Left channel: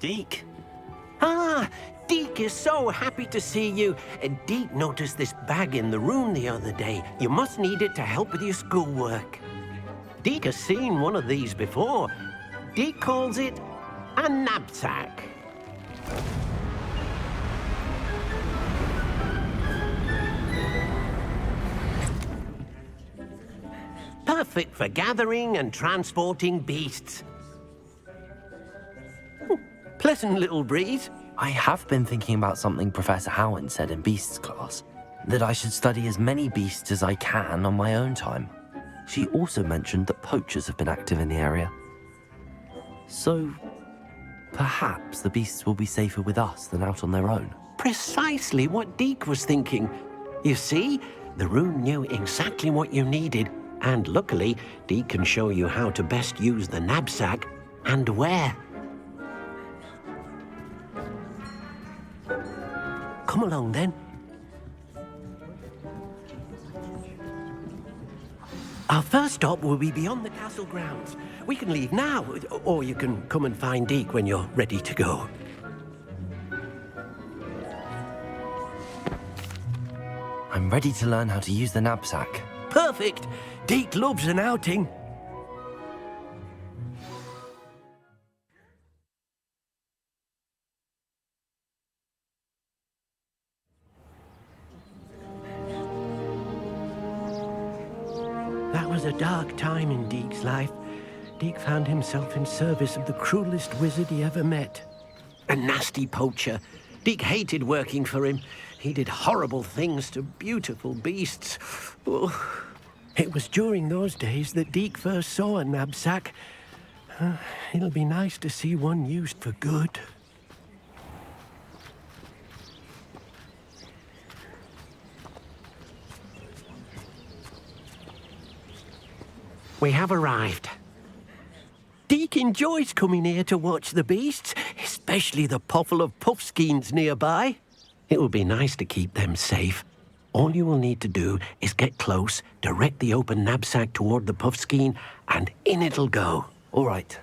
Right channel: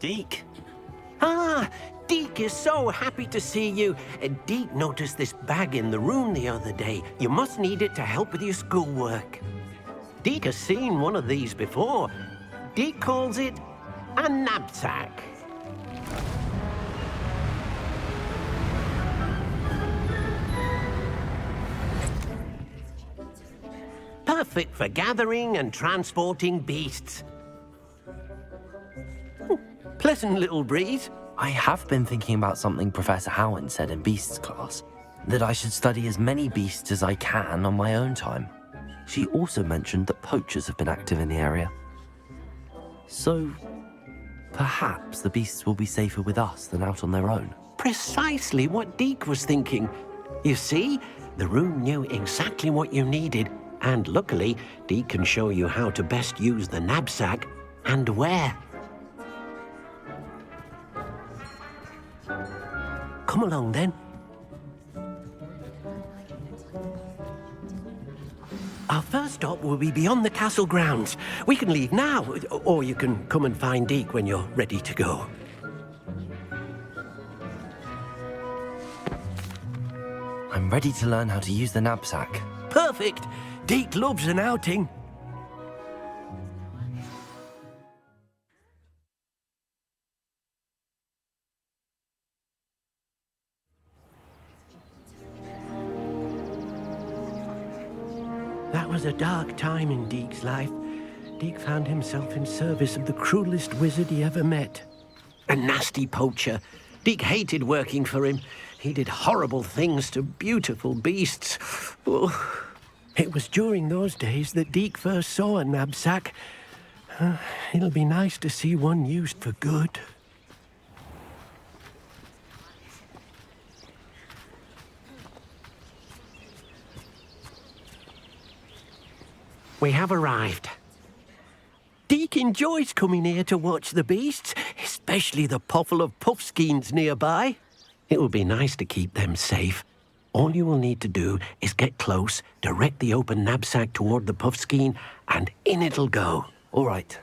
Deke. Ah, Deke is so happy to see you. Deke noticed this bag in the room the other day. You must need it to help with your schoolwork. Deke has seen one of these before. Deke calls it a knapsack. Perfect for gathering and transporting beasts. Pleasant little breeze. I have been thinking about something Professor Howard said in Beasts class, that I should study as many beasts as I can on my own time. She also mentioned that poachers have been active in the area. So, perhaps the beasts will be safer with us than out on their own. Precisely what Deke was thinking. You see, the room knew exactly what you needed, and luckily, Deke can show you how to best use the knapsack and where. Come along then. Our first stop will be beyond the castle grounds. We can leave now, or you can come and find Deke when you're ready to go. I'm ready to learn how to use the knapsack. Perfect! Deke loves an outing. That was a dark time in Deke's life. Deke found himself in service of the cruelest wizard he ever met. A nasty poacher. Deke hated working for him. He did horrible things to beautiful beasts. Oh. It was during those days that Deke first saw a knapsack. It'll be nice to see one used for good. We have arrived. Deke enjoys coming here to watch the beasts, especially the potful of puffskeins nearby. It will be nice to keep them safe. All you will need to do is get close, direct the open knapsack toward the puffskein, and in it'll go. All right.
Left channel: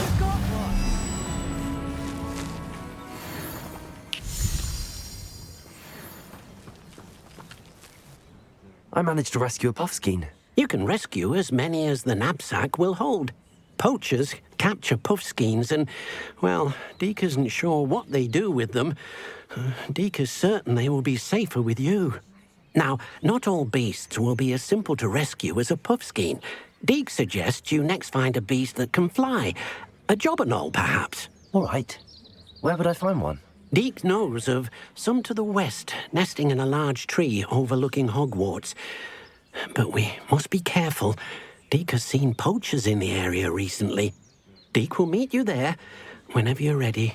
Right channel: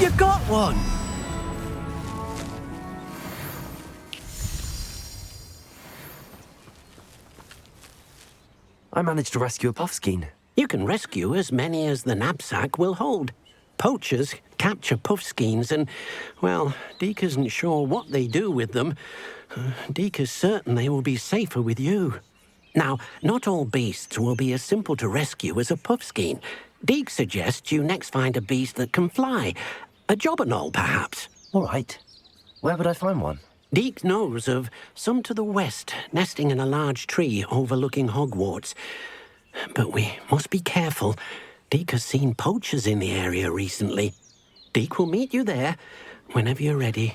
You got one! I managed to rescue a puffskein. You can rescue as many as the knapsack will hold. Poachers capture puffskeins and, well, Deke isn't sure what they do with them. Deke is certain they will be safer with you. Now, not all beasts will be as simple to rescue as a puffskein. Deke suggests you next find a beast that can fly. A jobberknoll, perhaps. All right. Where would I find one? Deke knows of some to the west, nesting in a large tree overlooking Hogwarts. But we must be careful. Deke has seen poachers in the area recently. Deke will meet you there whenever you're ready.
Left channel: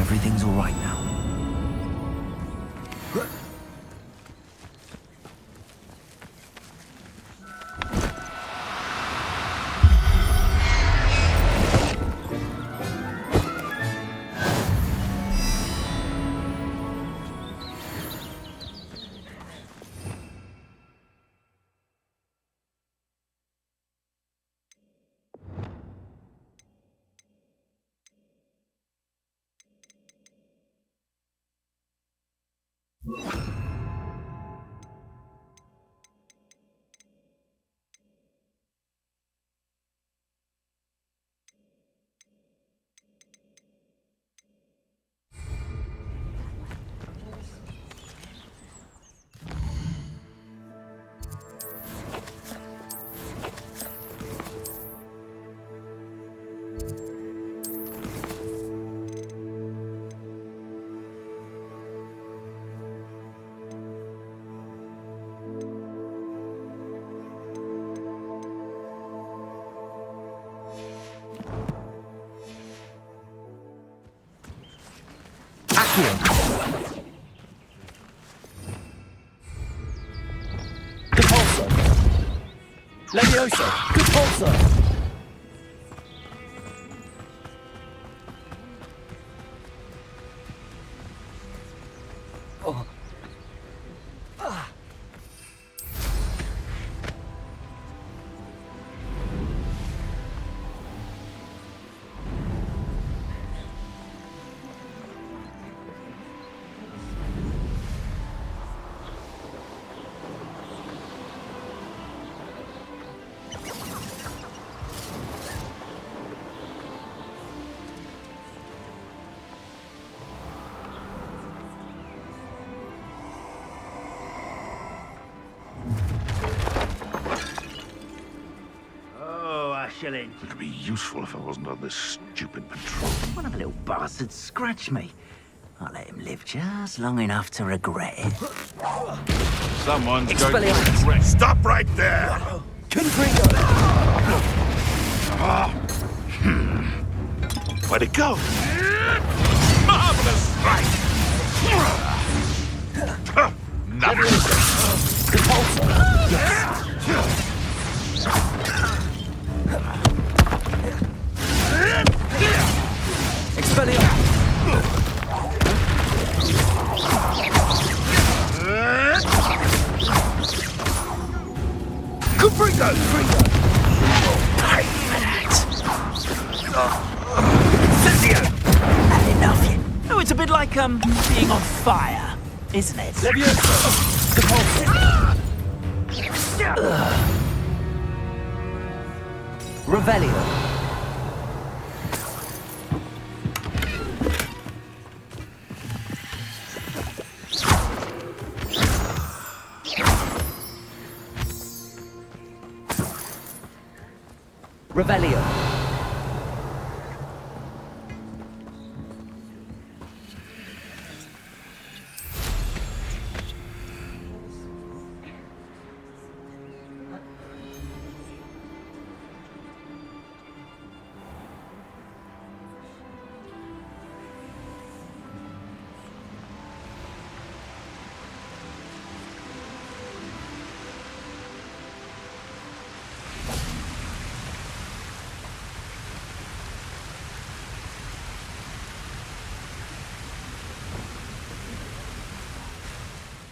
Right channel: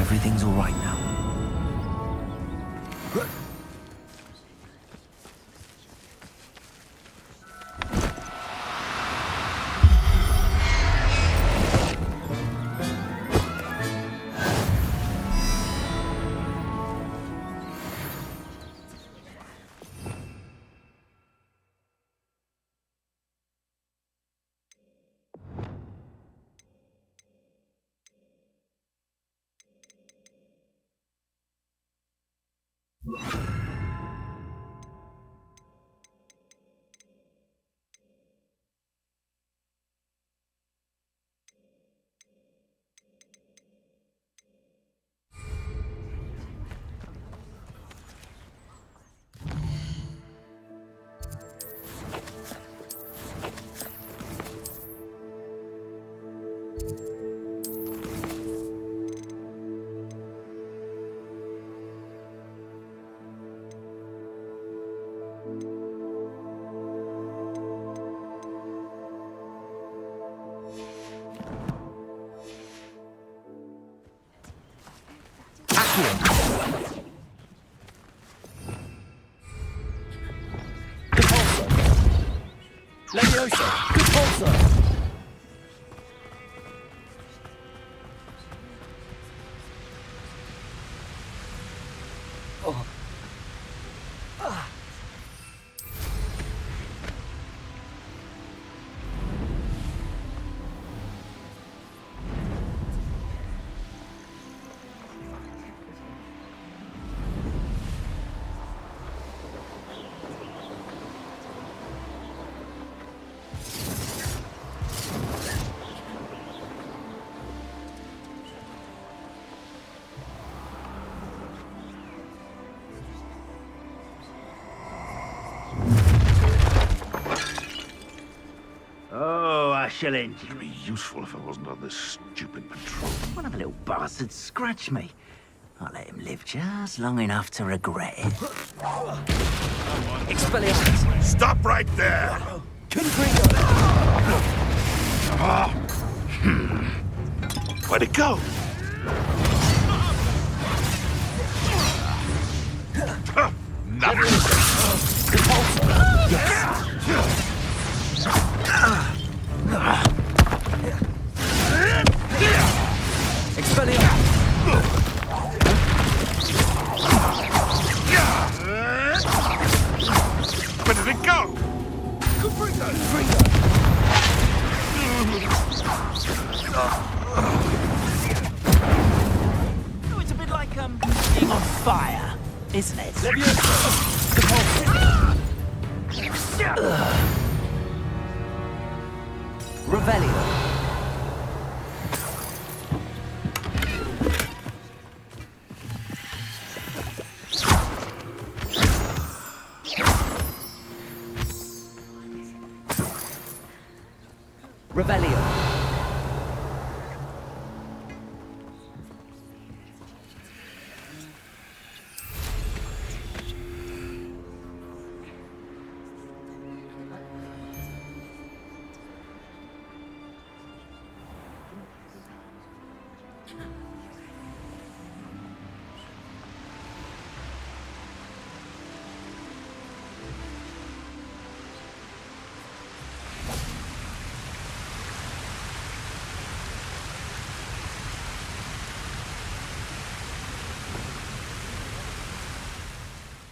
Everything's all right now. Rescue. Repulsor. Levioso. Repulsor. Shilling. It'd be useful if I wasn't on this stupid patrol. One of the little bastards scratched me. I'll let him live just long enough to regret it. Someone's Expelliarmus. going to... Stop right there! Confringo. Where'd it go? Marvelous strike! Nothing. Repulsor. Yes. Expelliarmus. Where did it go? Confringo. Enough. Oh, it's a bit like, being on fire, isn't it? Levioso. Repulsor. Revelio. Revelio.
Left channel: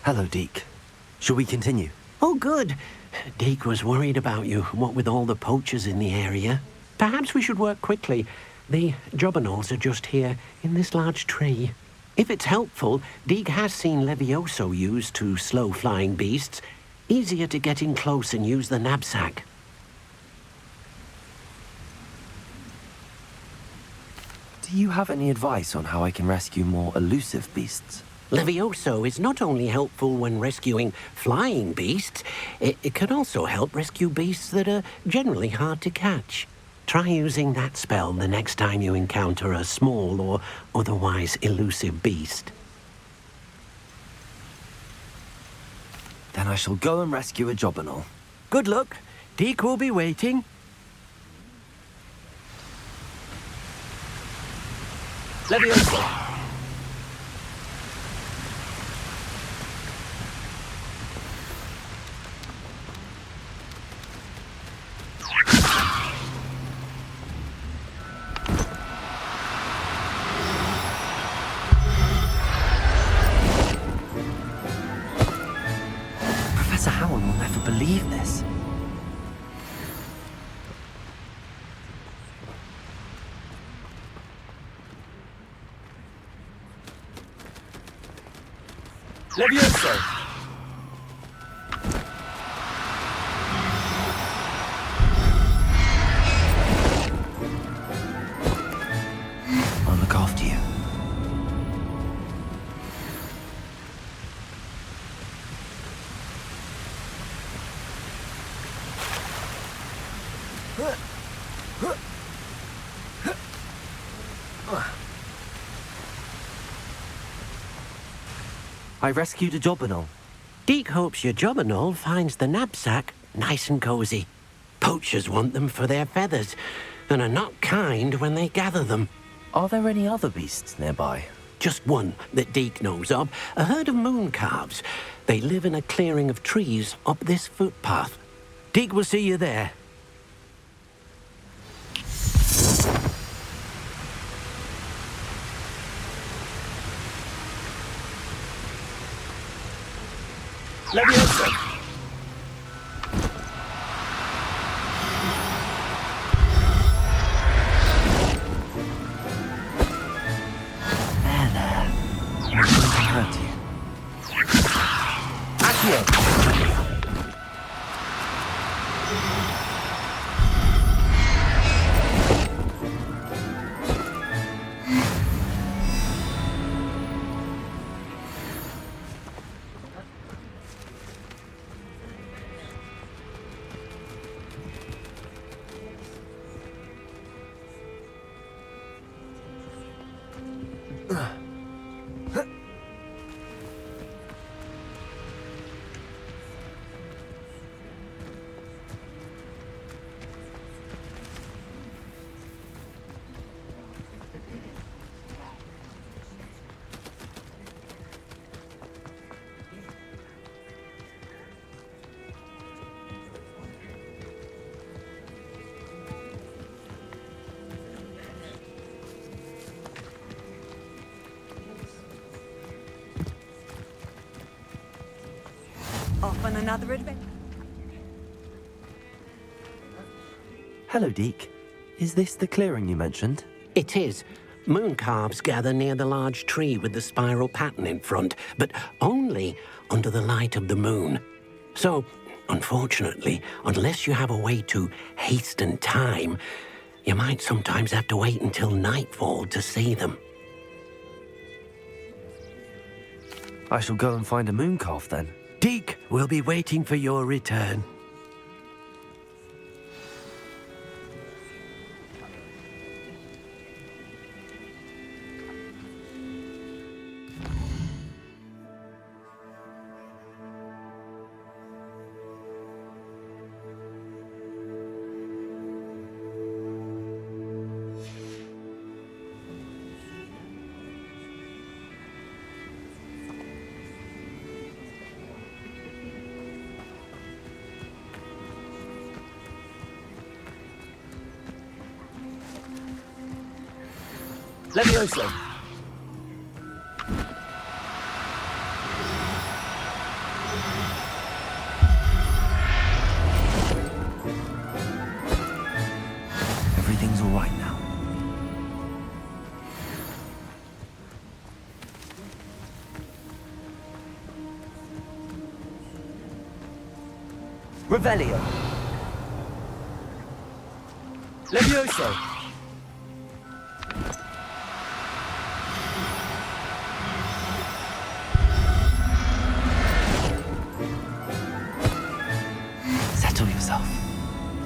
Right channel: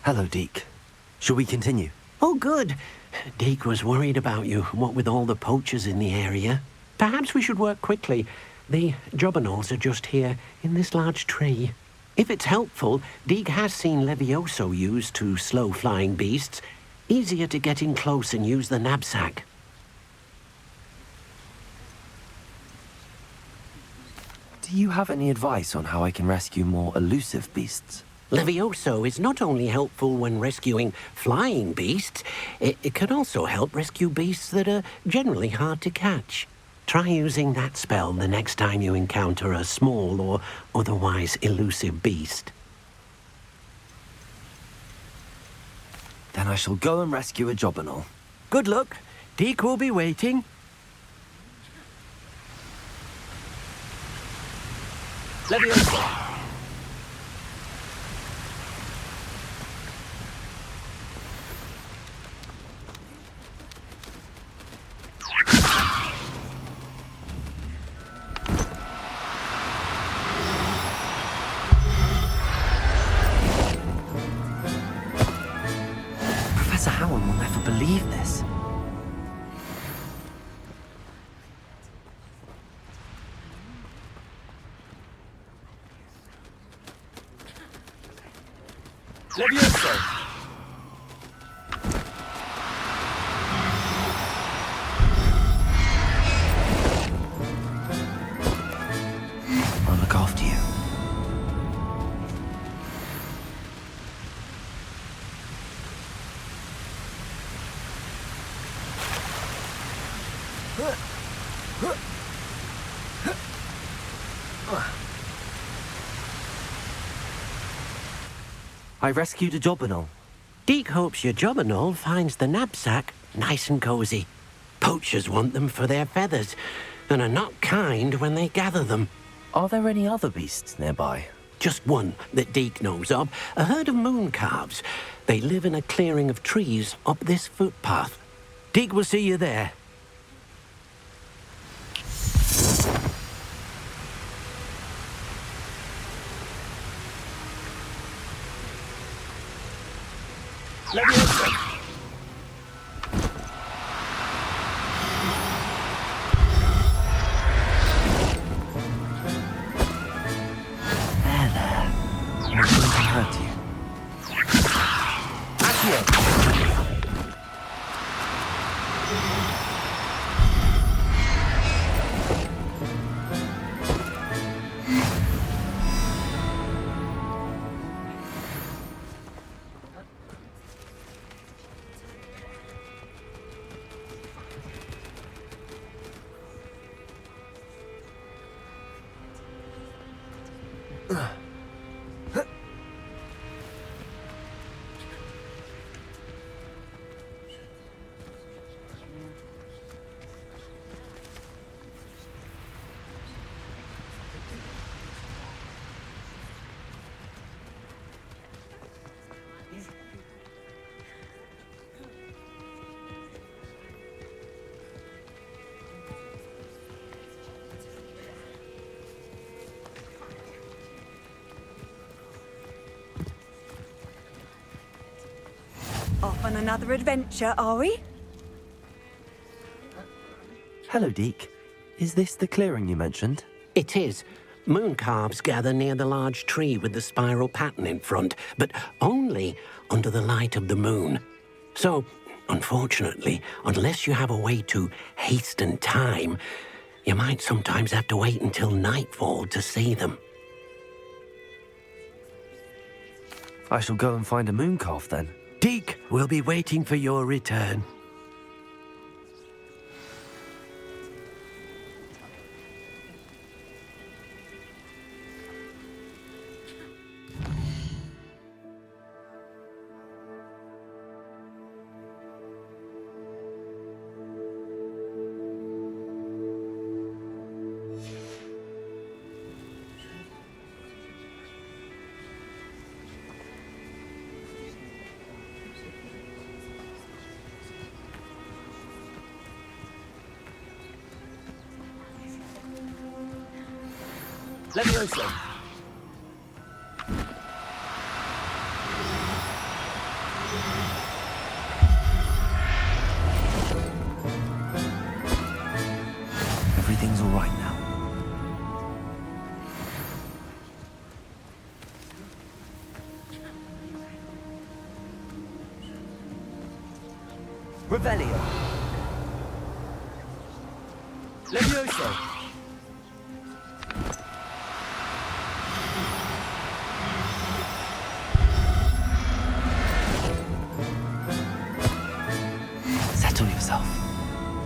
Hello, Deke. Shall we continue? Oh, good. Deke was worried about you, what with all the poachers in the area. Perhaps we should work quickly. The jobberknolls are just here, in this large tree. If it's helpful, Deke has seen Levioso used to slow flying beasts. Easier to get in close and use the knapsack. Do you have any advice on how I can rescue more elusive beasts? Levioso is not only helpful when rescuing flying beasts, it can also help rescue beasts that are generally hard to catch. Try using that spell the next time you encounter a small or otherwise elusive beast. Then I shall go and rescue a jobberknoll. Good luck. Deke will be waiting. Levioso. Professor Howard will never believe this. Levioso. I'll look after you. I rescued a jobberknoll. Deke hopes your jobberknoll finds the knapsack nice and cozy. Poachers want them for their feathers and are not kind when they gather them. Are there any other beasts nearby? just one that Deke knows of, a herd of moon calves. They live in a clearing of trees up this footpath. Deke will see you there. Levioso! I'm not going to hurt you. Accio! Off on another adventure, are we? Hello, Deke. Is this the clearing you mentioned? It is. Moon calves gather near the large tree with the spiral pattern in front, but only under the light of the moon. So, unfortunately, unless you have a way to hasten time, you might sometimes have to wait until nightfall to see them. I shall go and find a moon calf then. Deke will be waiting for your return. Levioso! Everything's all right now. Revelio! Levioso! Settle yourself.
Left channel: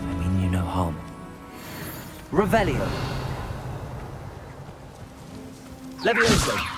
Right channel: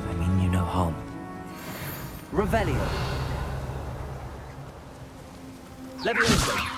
I mean you no harm. Revelio! Levioso!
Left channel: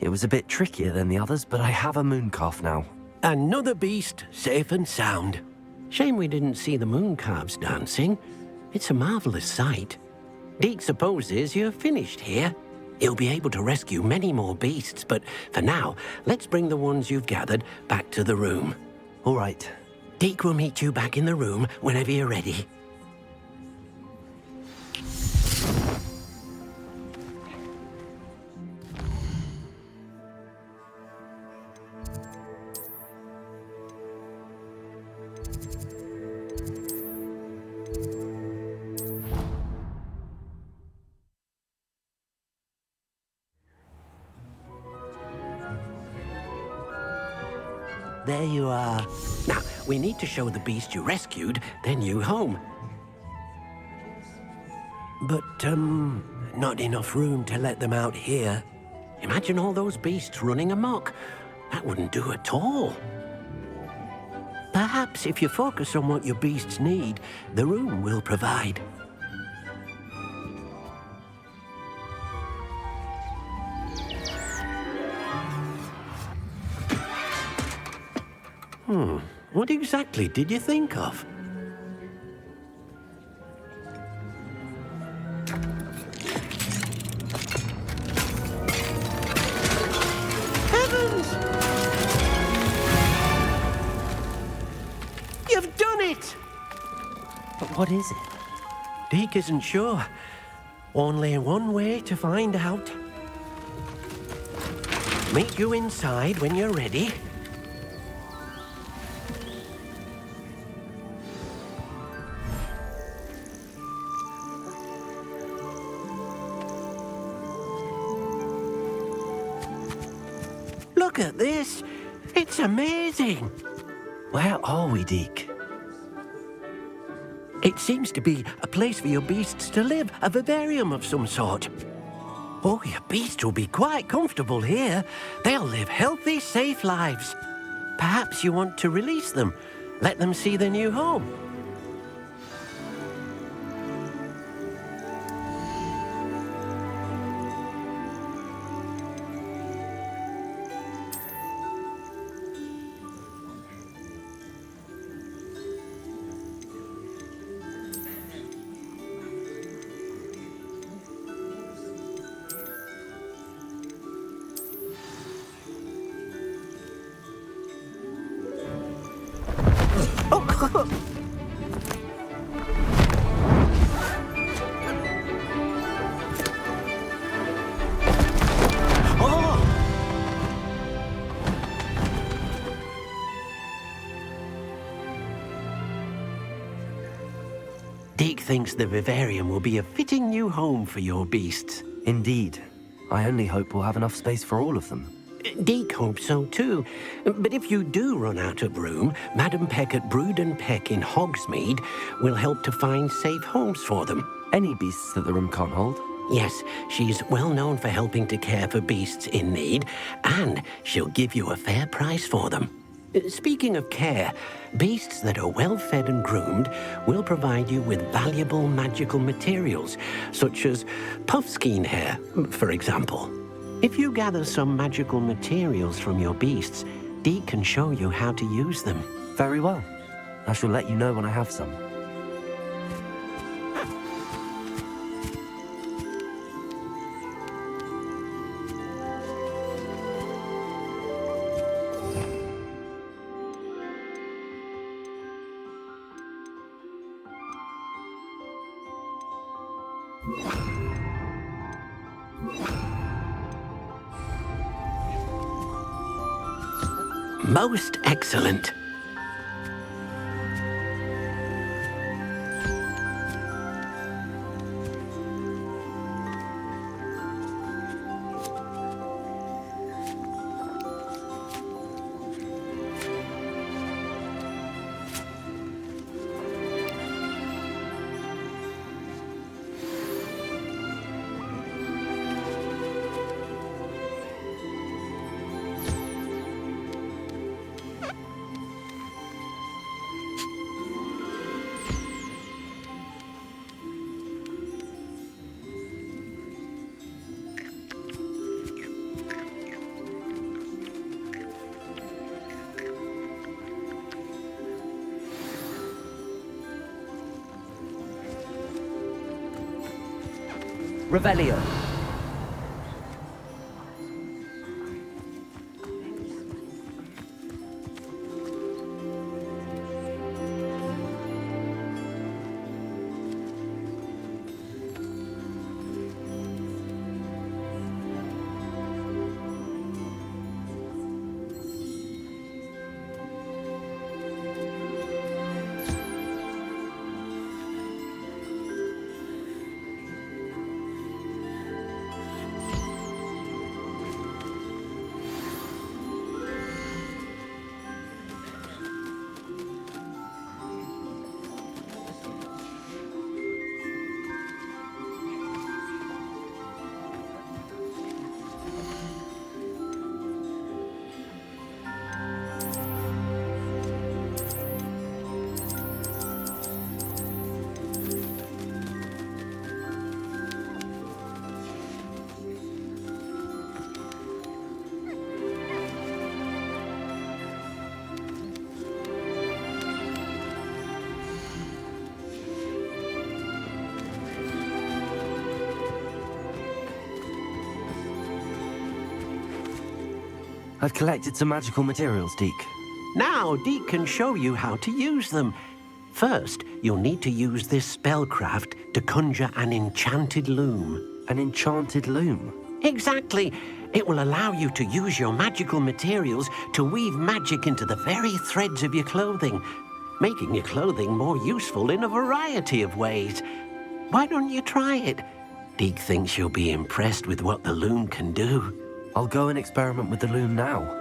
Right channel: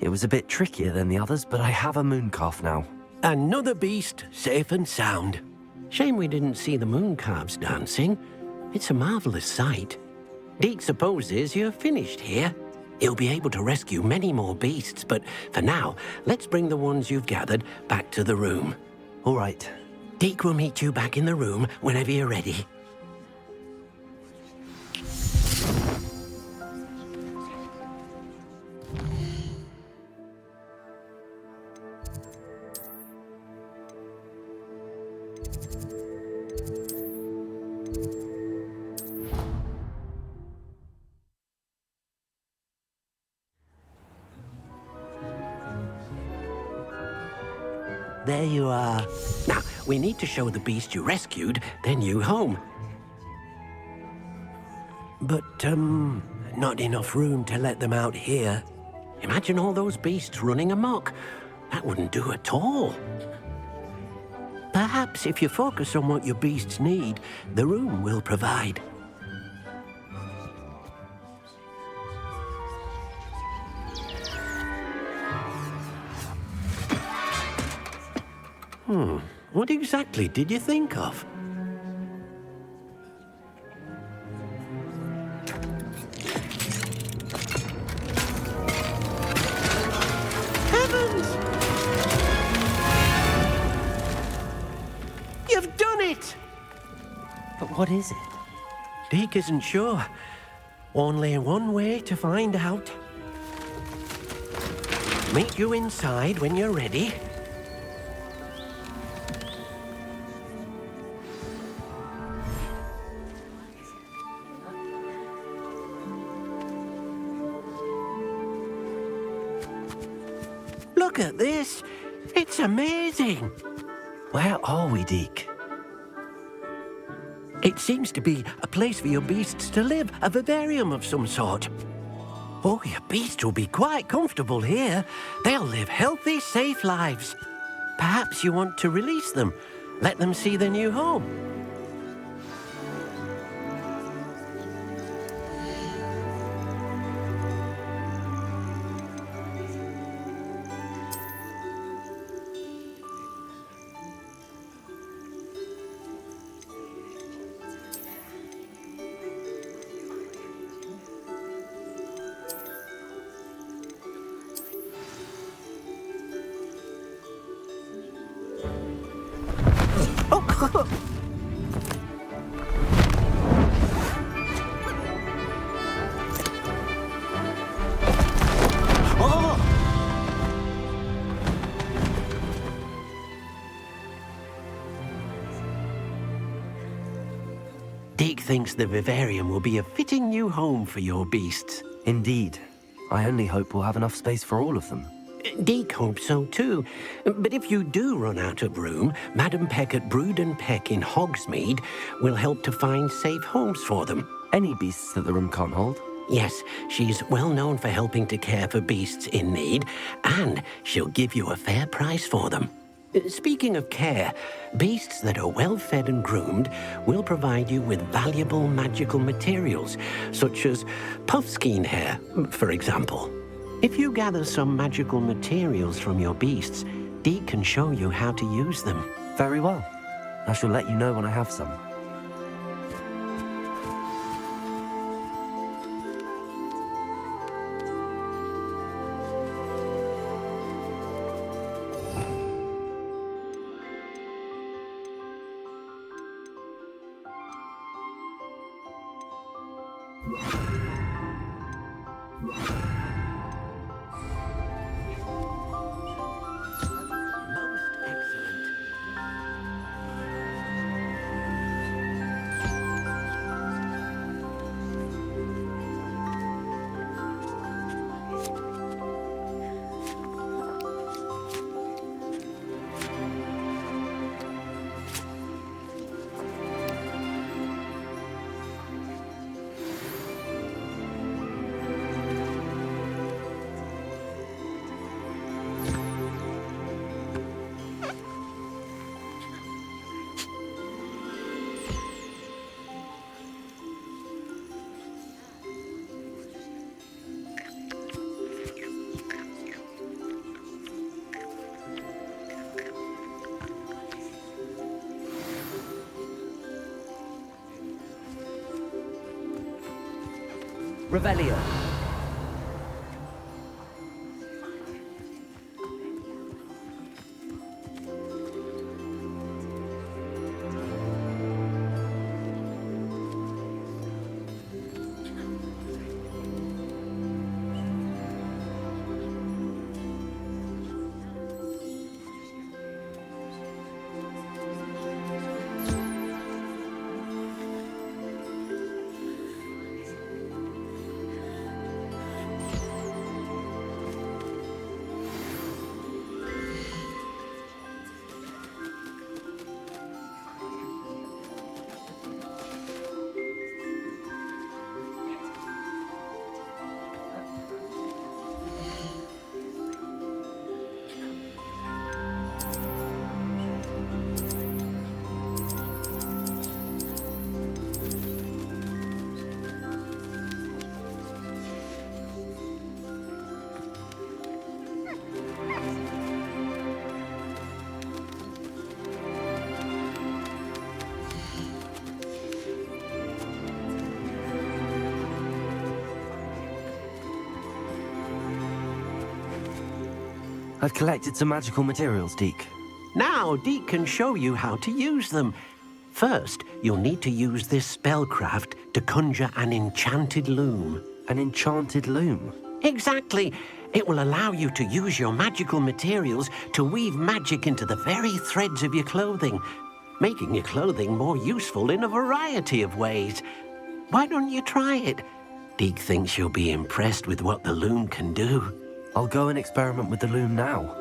It was a bit trickier than the others, but I have a moon calf now. Another beast, safe and sound. Shame we didn't see the moon calves dancing. It's a marvelous sight. Deke supposes you're finished here. He'll be able to rescue many more beasts, but for now, let's bring the ones you've gathered back to the room. All right. Deke will meet you back in the room whenever you're ready. There you are. Now, we need to show the beast you rescued their new home. But, not enough room to let them out here. Imagine all those beasts running amok. That wouldn't do at all. Perhaps if you focus on what your beasts need, the room will provide. What exactly did you think of? Heavens! You've done it! But what is it? Deke isn't sure. Only one way to find out. Meet you inside when you're ready. Look at this. It's amazing. Where are we, Deke? It seems to be a place for your beasts to live, a vivarium of some sort. Oh, your beasts will be quite comfortable here. They'll live healthy, safe lives. Perhaps you want to release them, let them see their new home. Oh! Deke thinks the vivarium will be a fitting new home for your beasts. Indeed. I only hope we'll have enough space for all of them. Deke hopes so too. But if you do run out of room, Madam Peck at Brood and Peck in Hogsmeade will help to find safe homes for them. Any beasts that the room can't hold? Yes, she's well known for helping to care for beasts in need, and she'll give you a fair price for them. Speaking of care, beasts that are well fed and groomed will provide you with valuable magical materials, such as puffskein hair, for example. If you gather some magical materials from your beasts, Deke can show you how to use them. Very well. I shall let you know when I have some. Most excellent. Revelio. I've collected some magical materials, Deke. Now, Deke can show you how to use them. First, you'll need to use this spellcraft to conjure an enchanted loom. An enchanted loom? Exactly. It will allow you to use your magical materials to weave magic into the very threads of your clothing, making your clothing more useful in a variety of ways. Why don't you try it? Deke thinks you'll be impressed with what the loom can do. I'll go and experiment with the loom now.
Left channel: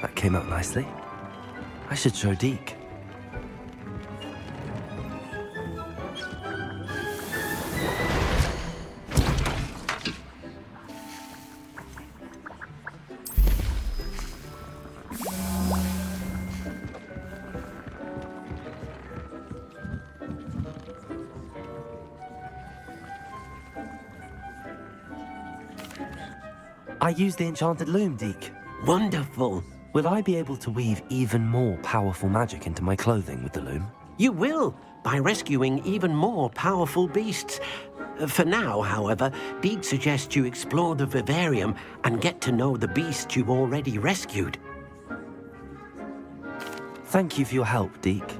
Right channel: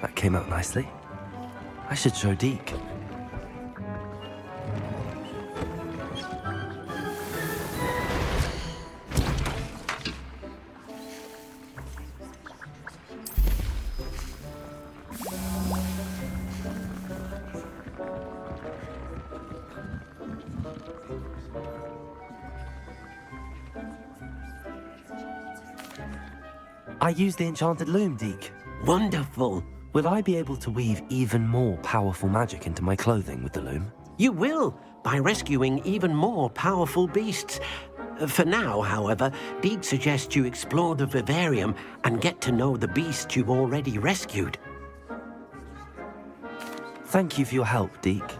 That came out nicely. I should show Deke. I used the enchanted loom, Deke. Wonderful. Will I be able to weave even more powerful magic into my clothing with the loom? You will, by rescuing even more powerful beasts. For now, however, Deke suggests you explore the vivarium and get to know the beasts you've already rescued. Thank you for your help, Deke.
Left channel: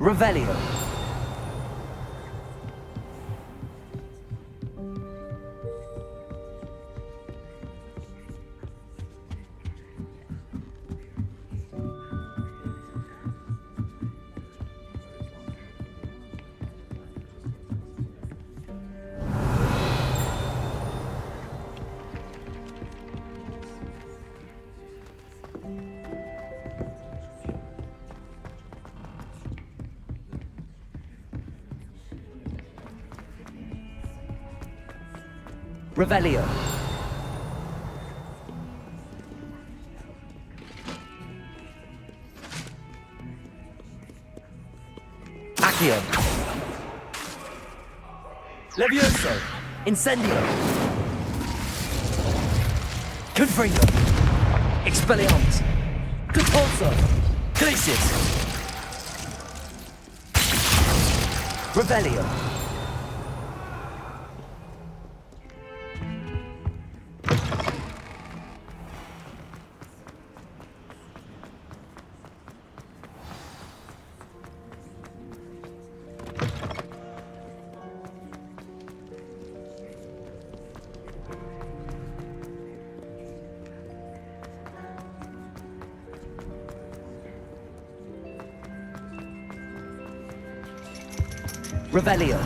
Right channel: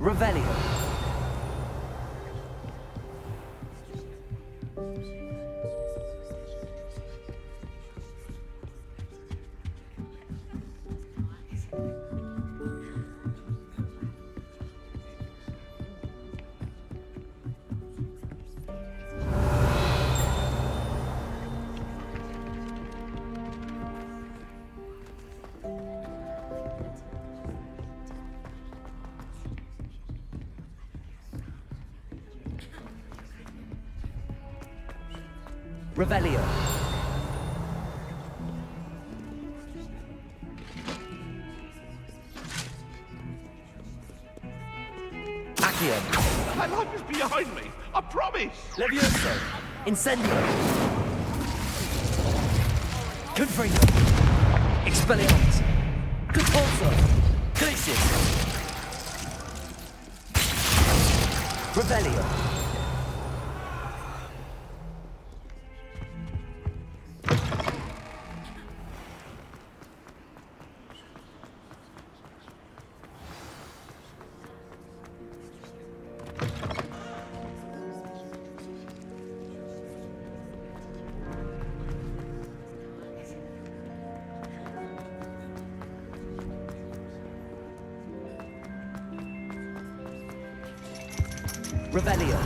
Revelio. Revelio. Accio. My home is behind me. I promise. Levioso. Incendio. Confringo. Expelliarmus. Compulso. Glacius. Revelio. Revelio.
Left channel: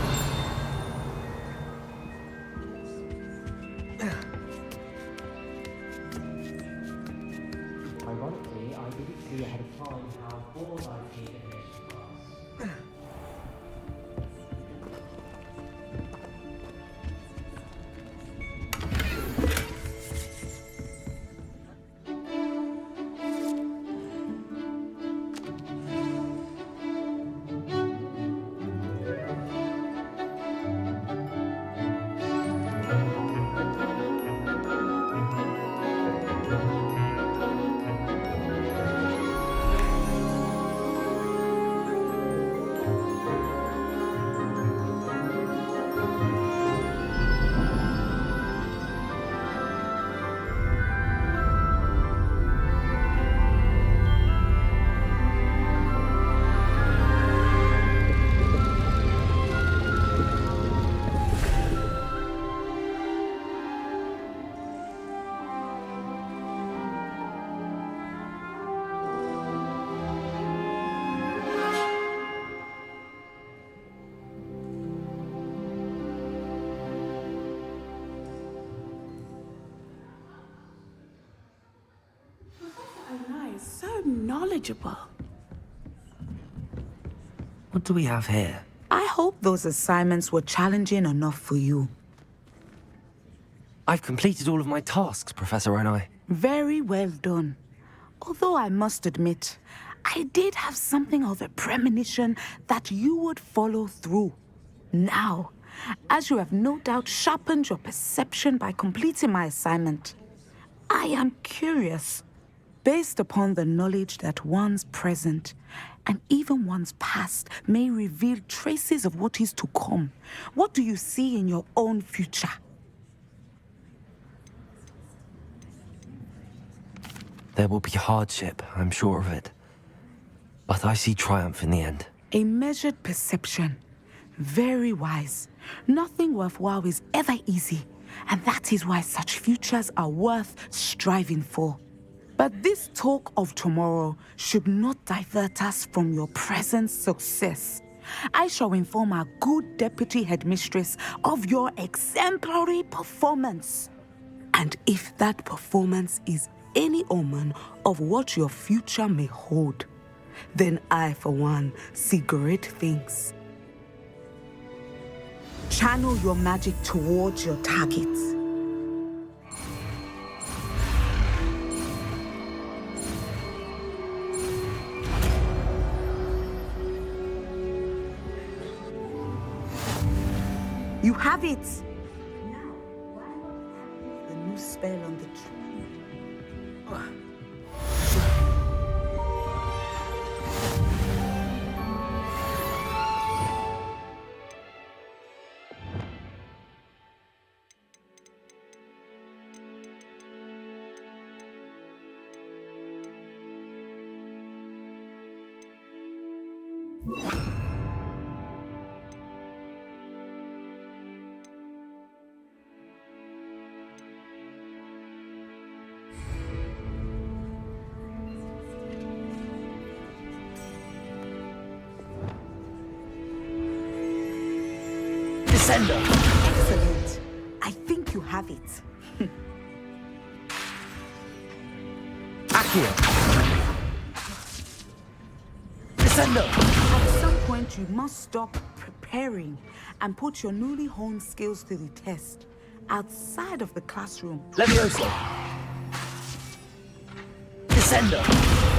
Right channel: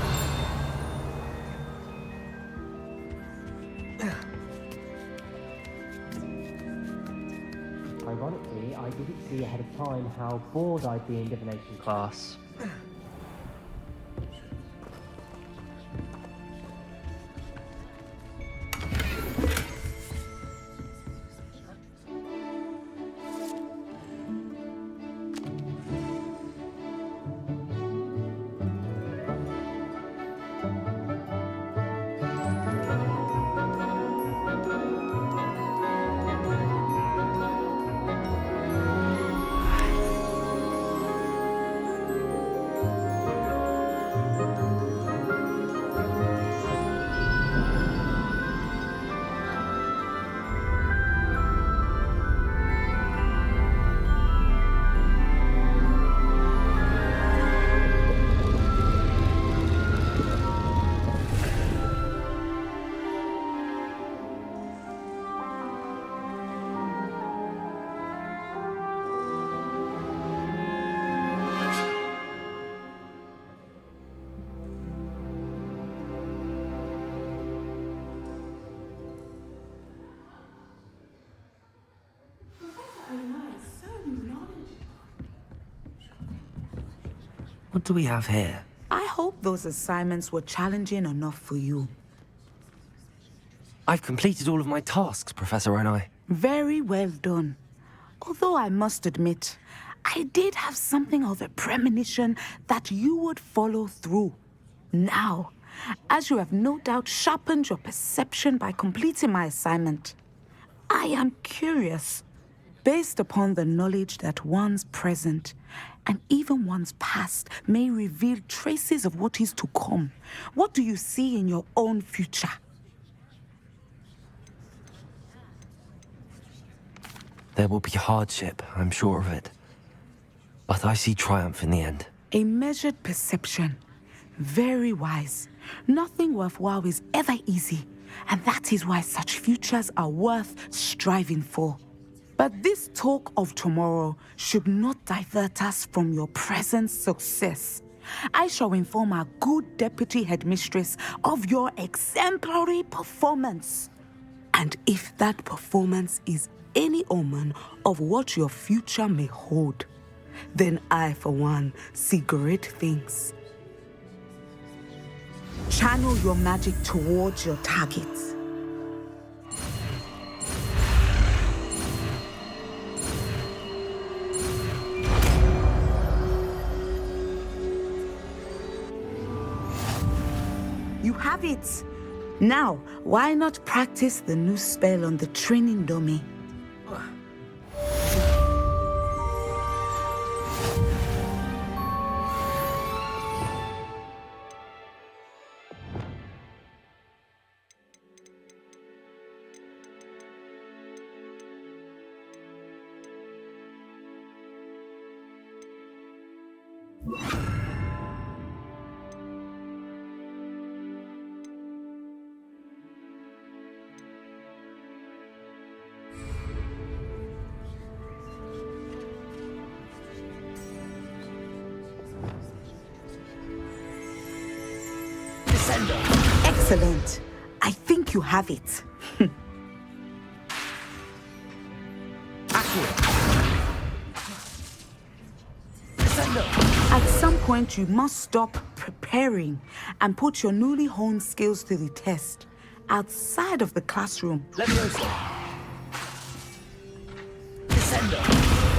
Ironically, I didn't see ahead of time how bored I'd be in divination class. knowledgeable. What do we have here? I hope those assignments were challenging enough for you. I've completed all of my tasks, Professor Onai. Very well done. Although I must admit, I did have something of a premonition that you would follow through. Now, as you have no doubt sharpened your perception by completing my assignment, I am curious, based upon the knowledge that one's present and even one's past may reveal traces of what is to come. What do you see in your own future? There will be hardship, I'm sure of it. But I see triumph in the end. A measured perception. Very wise. Nothing worthwhile is ever easy, and that is why such futures are worth striving for. But this talk of tomorrow should not divert us from your present success. I shall inform our good deputy headmistress of your exemplary performance. And if that performance is any omen of what your future may hold, then I, for one, see great things. Channel your magic towards your targets. You have it! Now, why not practice the new spell on the training dummy? Descender! Excellent. I think you have it. Accio! Descender! At some point, you must stop preparing and put your newly honed skills to the test outside of the classroom. Levioso! Descender!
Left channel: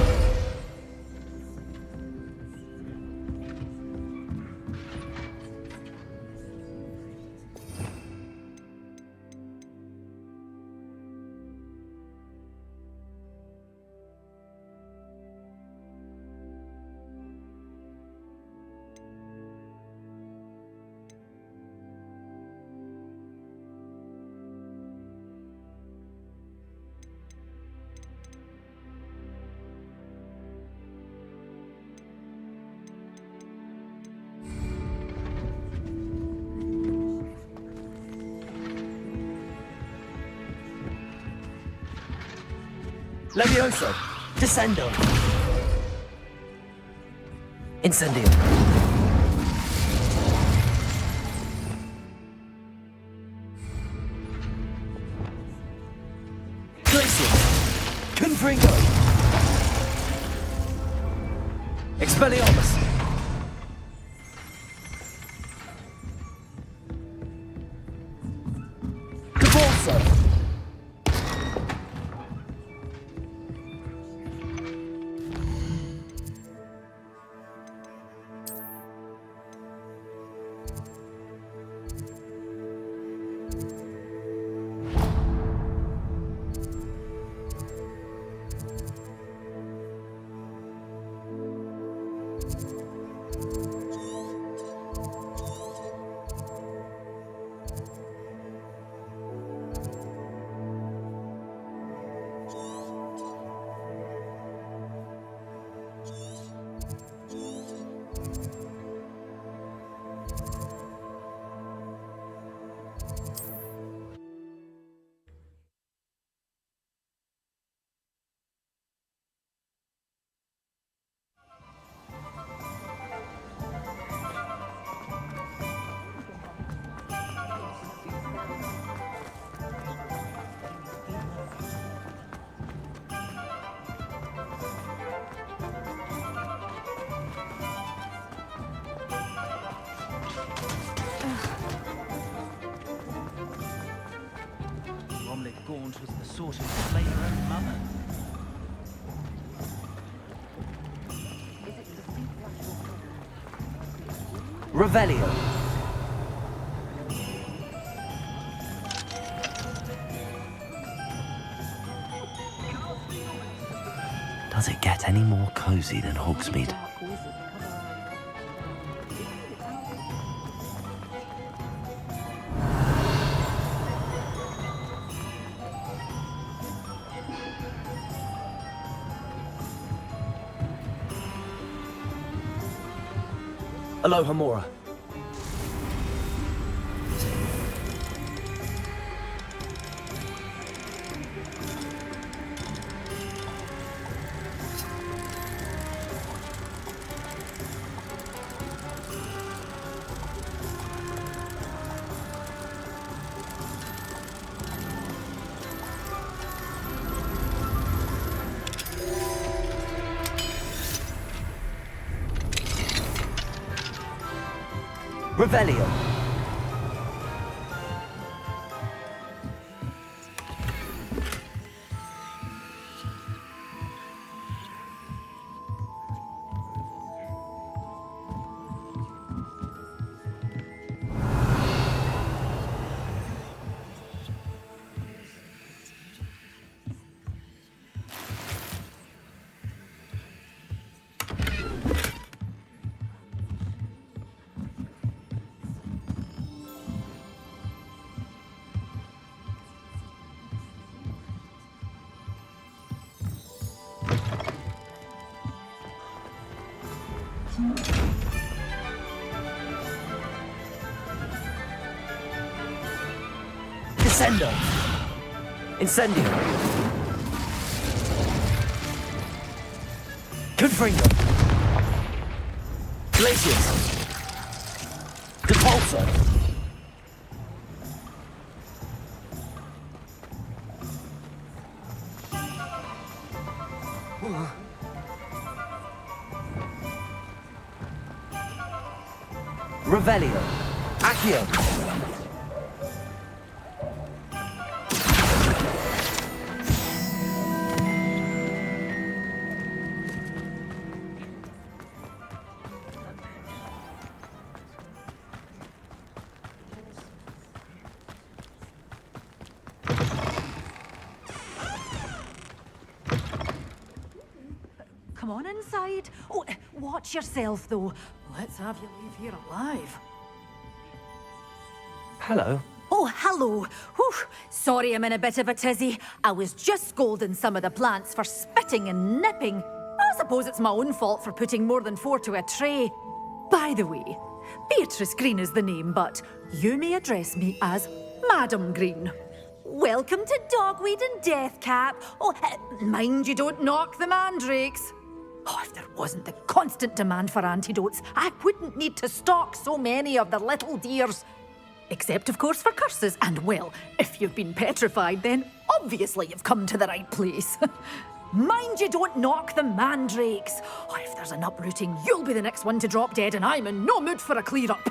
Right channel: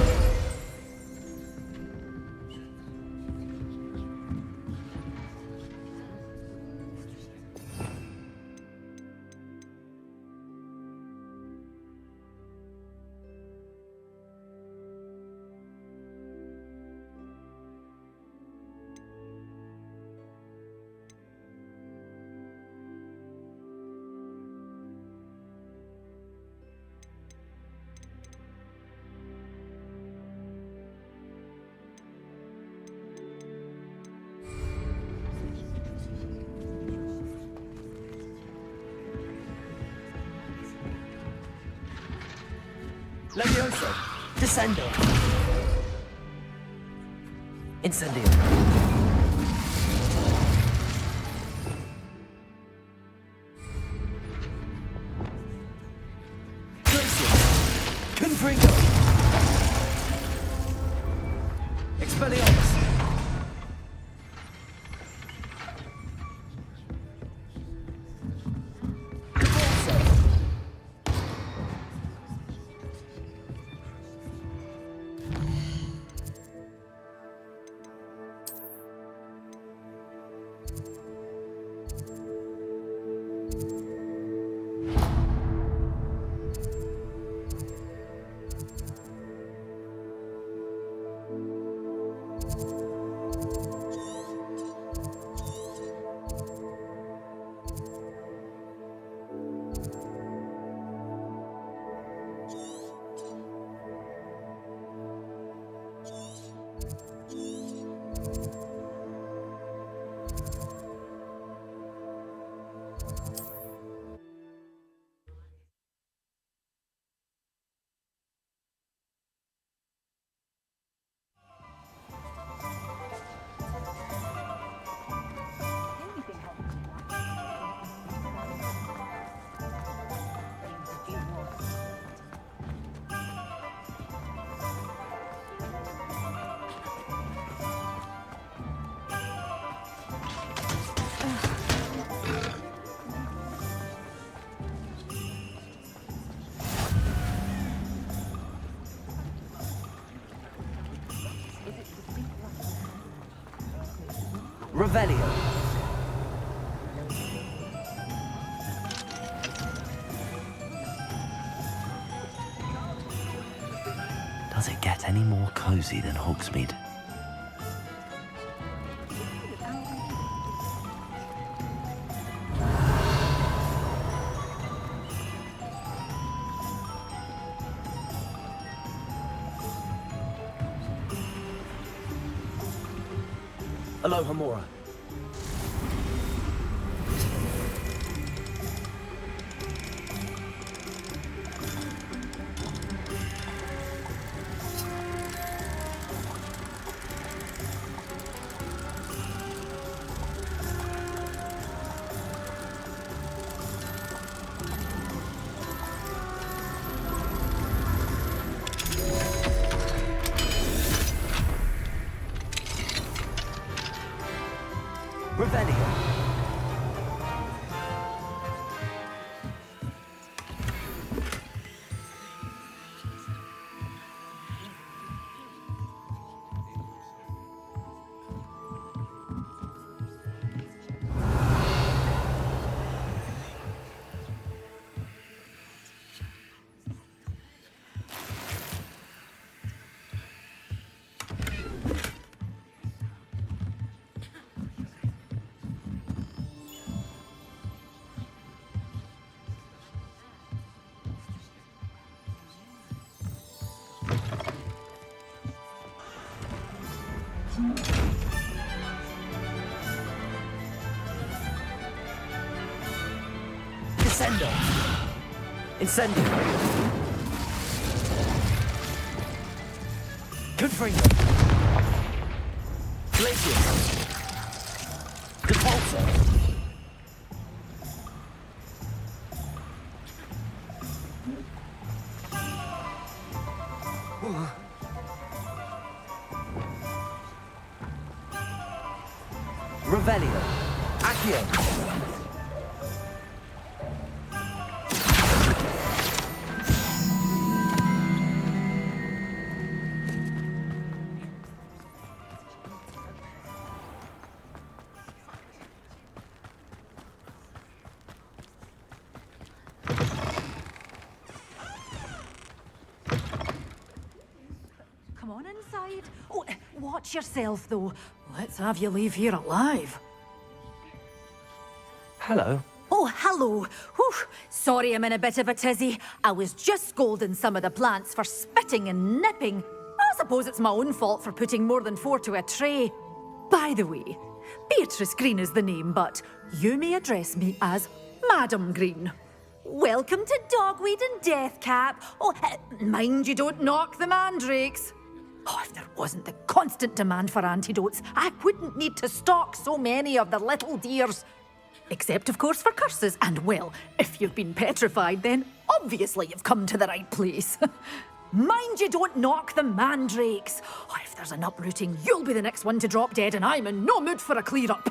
Levioso! Descendo! Incendio! Glacius! Confringo! Expelliarmus! Cabalso! Revelio. Does it get any more cozy than Hogsmeade? Aloha Mora. Revelio. Descendo. Incendio. Confringo. Glacius. Depulso. Revelio. Accio. Come on inside. Oh, watch yourself, though. Let's have you leave here alive. Hello. Oh, hello. Whew. Sorry I'm in a bit of a tizzy. I was just scolding some of the plants for spitting and nipping. I suppose it's my own fault for putting more than 4 to a tray. By the way, Beatrice Green is the name, but you may address me as Madam Green. Welcome to Dogweed and Deathcap. Oh, mind you don't knock the mandrakes. Oh, if there wasn't the constant demand for antidotes, I wouldn't need to stock so many of the little dears. Except, of course, for curses. And, well, if you've been petrified, then obviously you've come to the right place. Mind you don't knock the mandrakes. Oh, if there's an uprooting, you'll be the next one to drop dead, and I'm in no mood for a clear-up.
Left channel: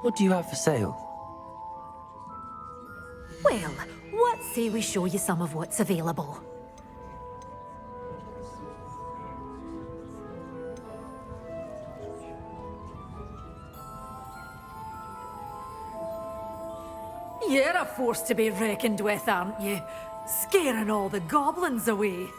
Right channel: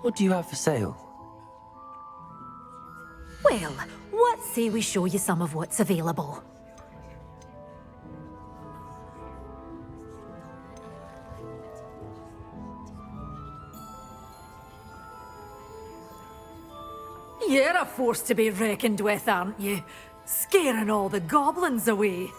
What do you have for sale? Well, what say we show you some of what's available? You're a force to be reckoned with, aren't you? Scaring all the goblins away.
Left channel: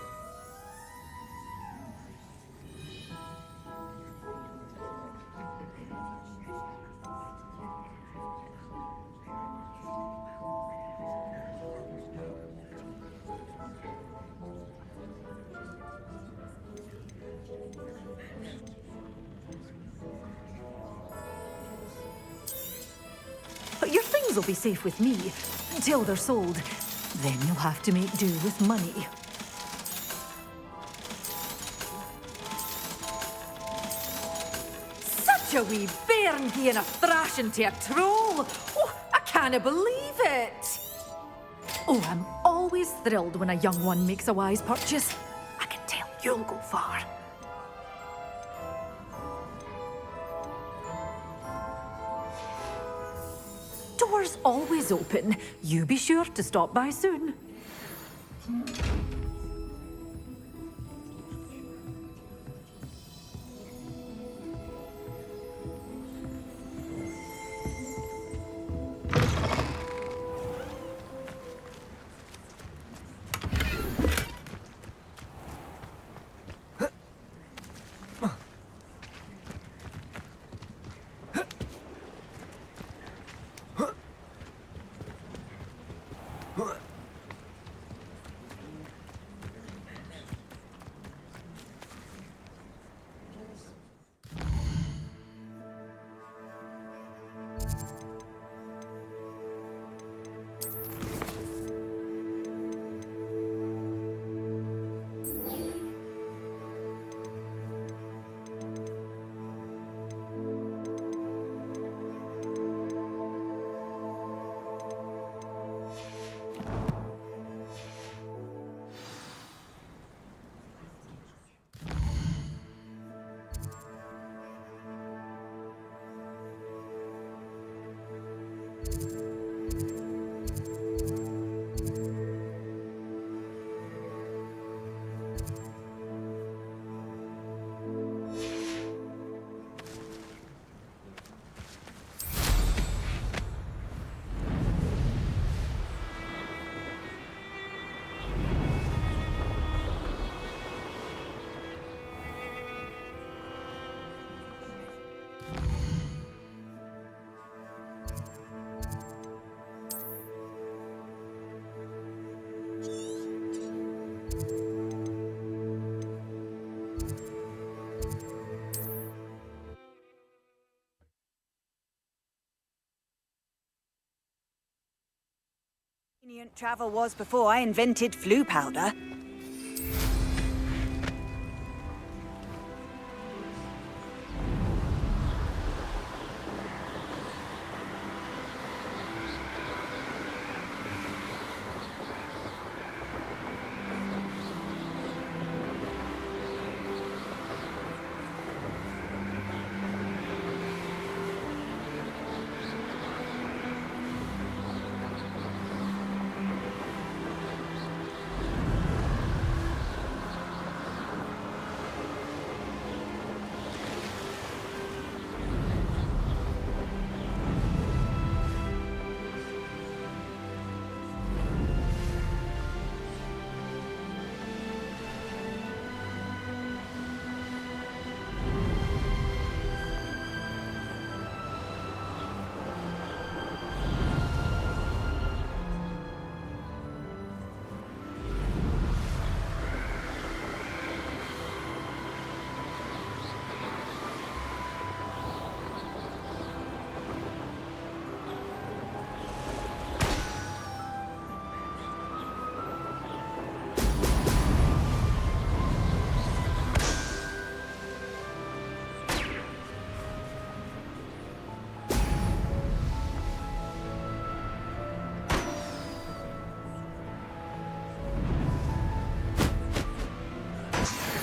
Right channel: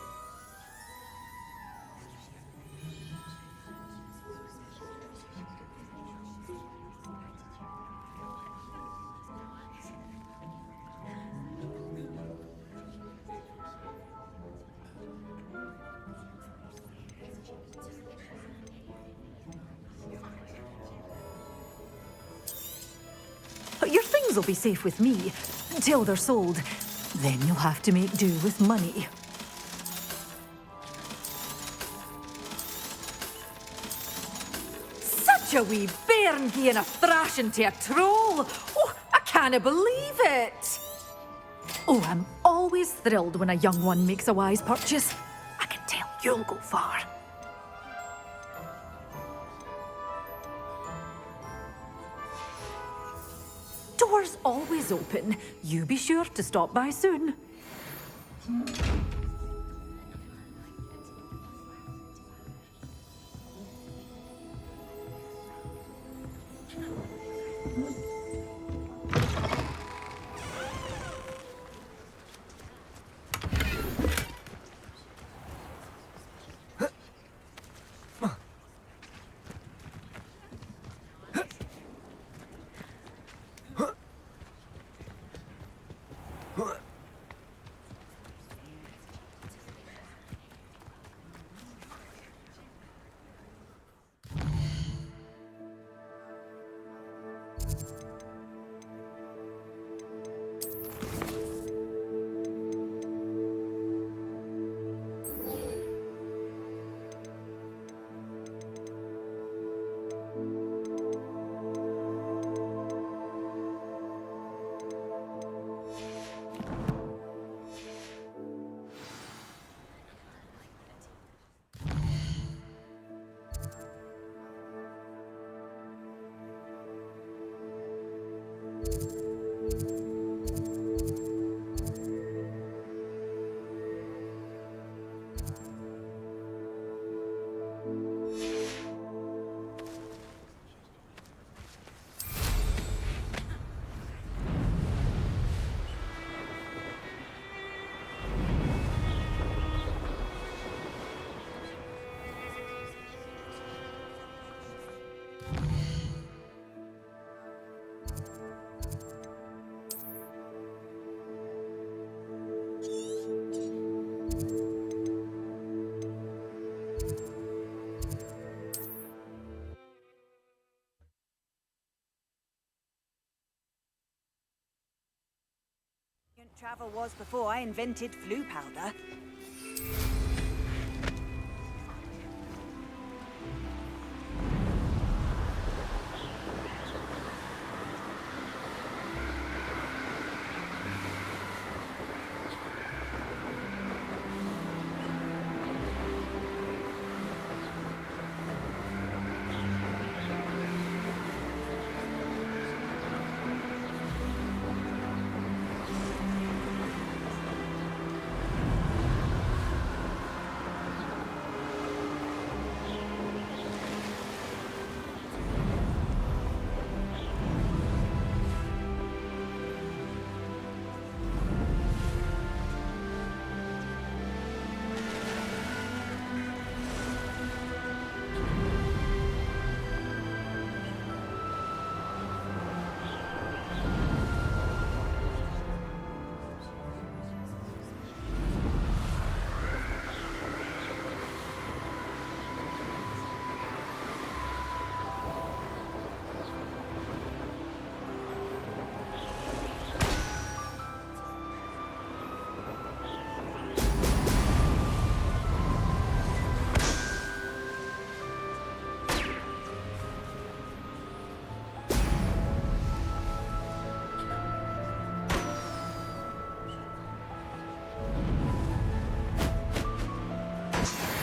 Your things will be safe with me, until they're sold. Then you'll have to make do with money. Such a wee bairn gieing a thrashing to a troll! Oh, I can't believe it! Oh, I'm always thrilled when a young one makes a wise purchase. I can tell you'll go far. Doors always open. You be sure to stop by soon. Convenient travel was before I invented flu powder.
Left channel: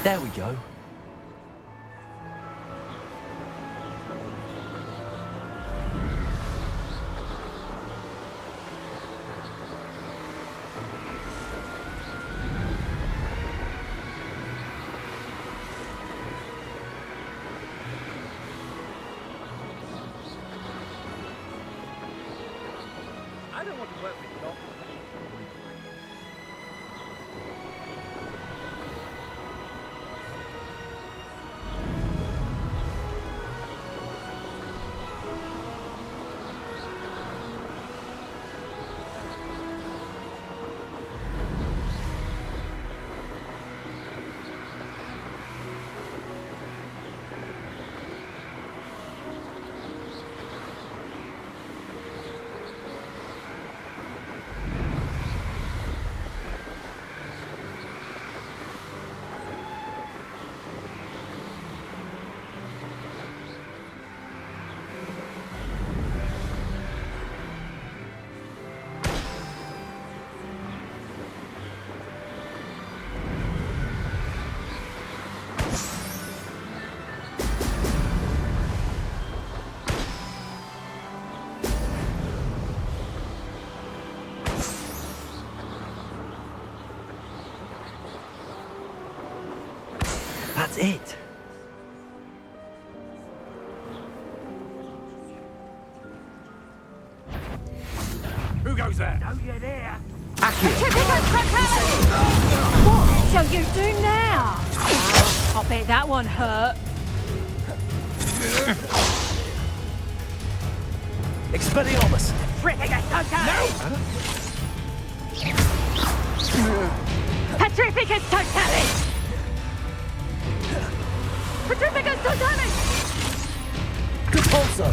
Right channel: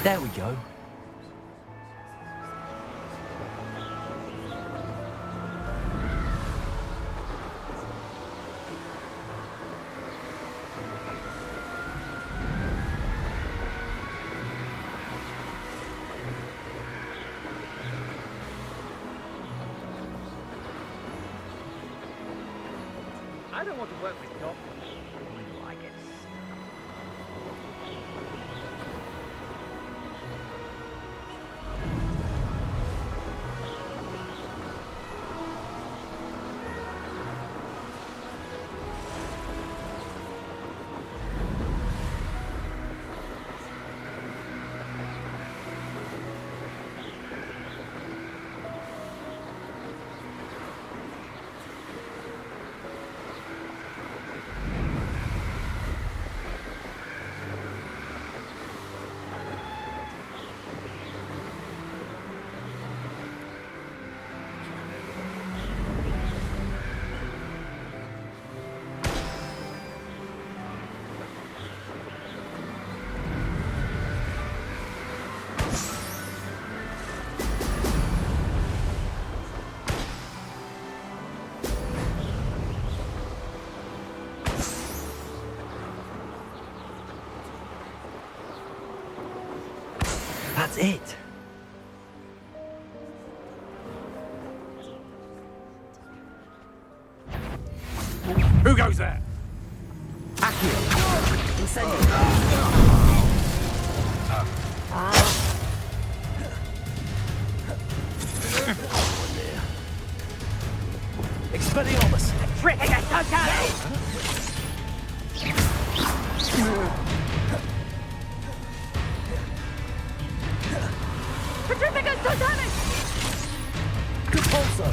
There we go. I don't want to work with goblins. That's it. Who goes there? Accio. What are you doing now? Oh, I bet that one hurt. Expelliarmus. Petrificus totalis! Petrificus totalis! Compulso.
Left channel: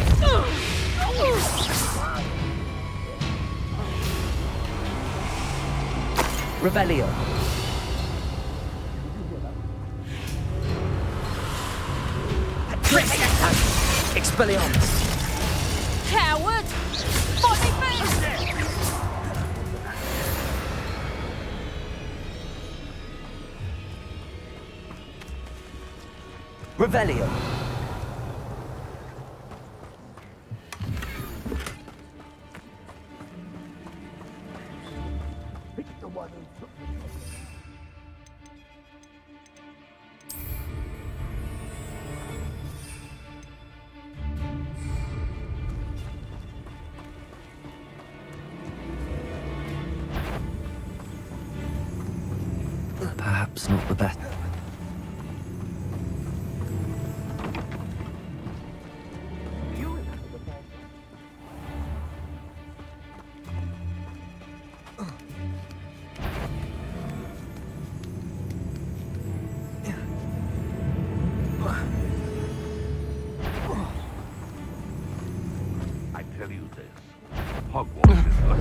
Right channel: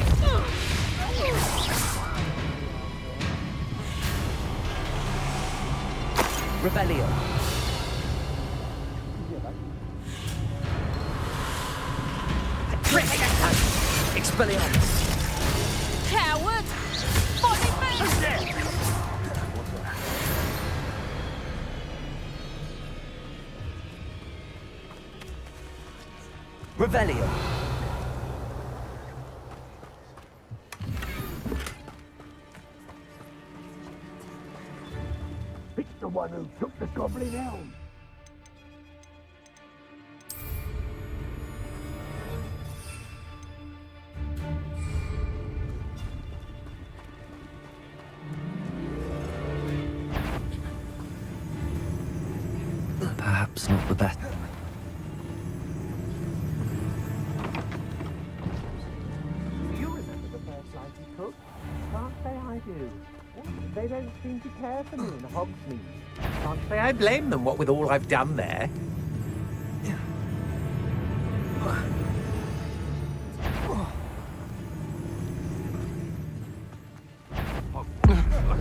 Rebellion. Expelliarmus. Coward! Body me! Revelio. Perhaps not the best. You remember the first life you took? Can't say I do. They don't seem to care for me in the Hogsmeade. Can't say I blame them, what with all I've done there. I tell you this. Hogwarts is like...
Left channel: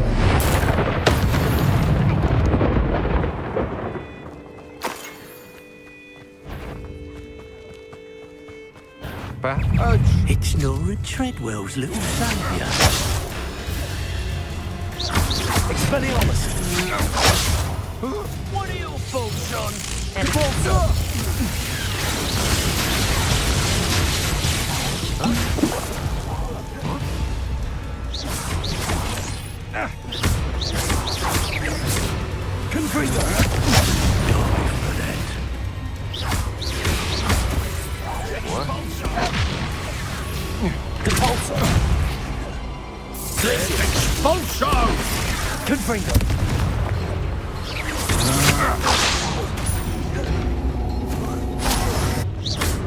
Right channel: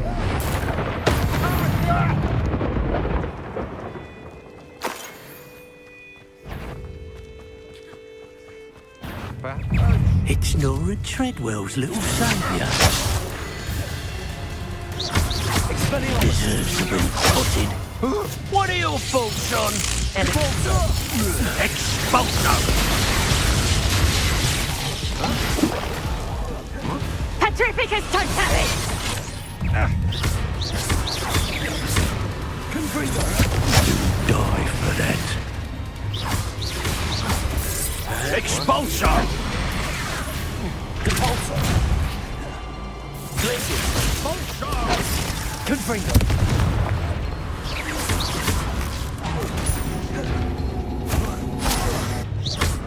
It's Nora Treadwell's little saviour. Expelliarmus! What are your faults, John? Petrificus totalis! Confringo! Die for that. Expulsor! Compulsor! Expulsor! Confringo!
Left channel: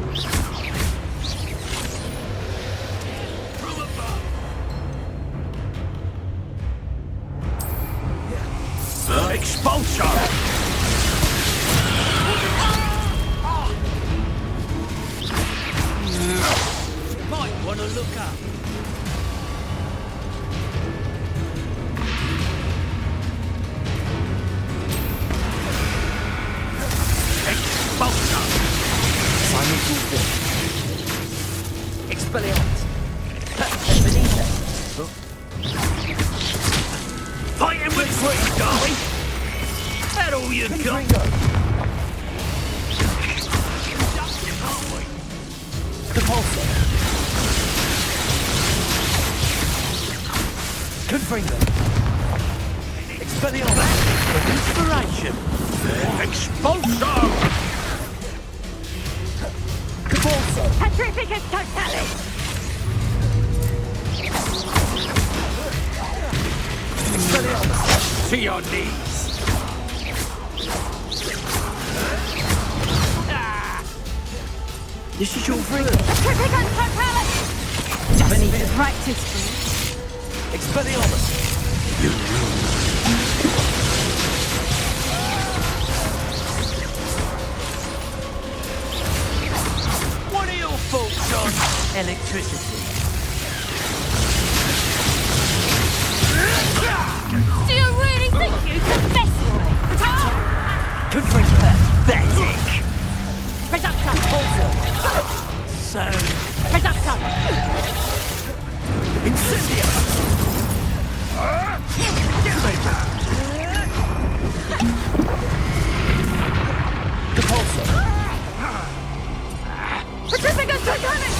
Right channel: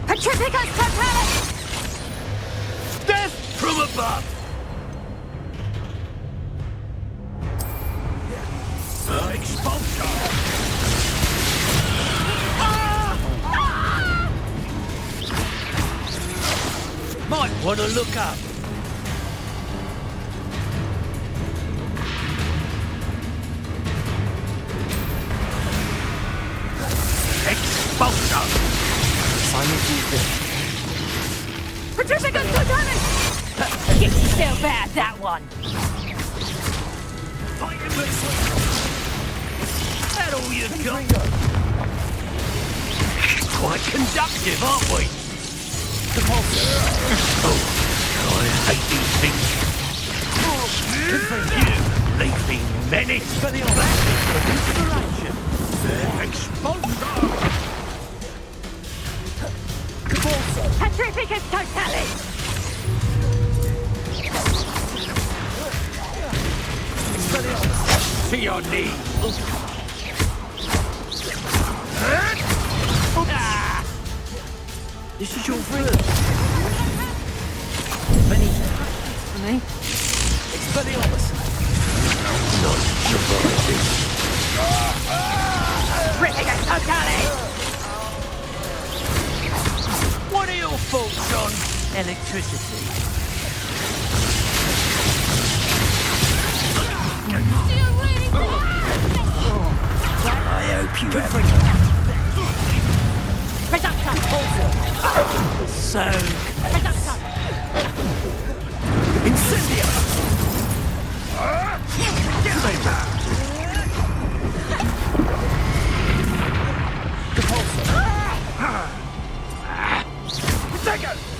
Petrificus totalis! Death from above! Expulsor! Might want to look up. Expulsor! Simon Fulfil. Petrificus totalis! You didn't feel bad, that one. Fighting with sweet, darling. That all you got? Confringo! Quite conductive, aren't we? Compulsor! Confringo! Leave me many. Expelliarmus! Inspiration. Expulsor! Compulsor! Petrificus totalis! Expelliarmus! To your knees. This is your friend. Petrificus totalis! Benito. Practice for me. Expelliarmus! Petrificus totalis! What are your faults on electricity? Do you really think you can mess with Confringo! Pathetic. Reductor! So Reductor! Incendio! Compulsor! Petrificus totalis!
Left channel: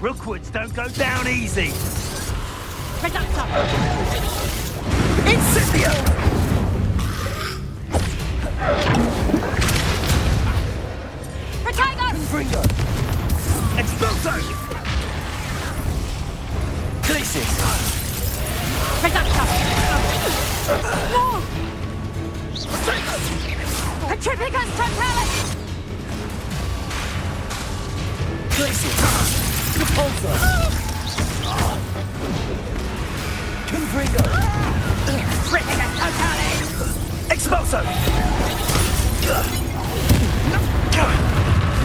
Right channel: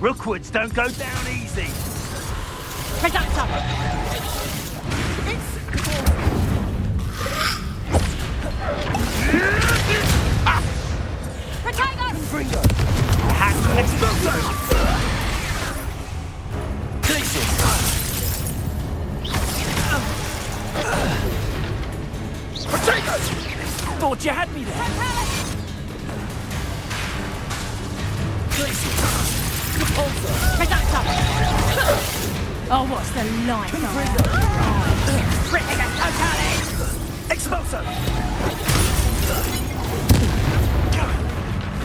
Rookwoods don't go down easy. Reductor! Incendio! Protego! Confringo! Expulso! Glacius! Reductor! Protego! Petrificus totalis! Glacius! Compulsor! Reductor! Oh, what's the line? Confringo! Petrificus totalis! Expulso!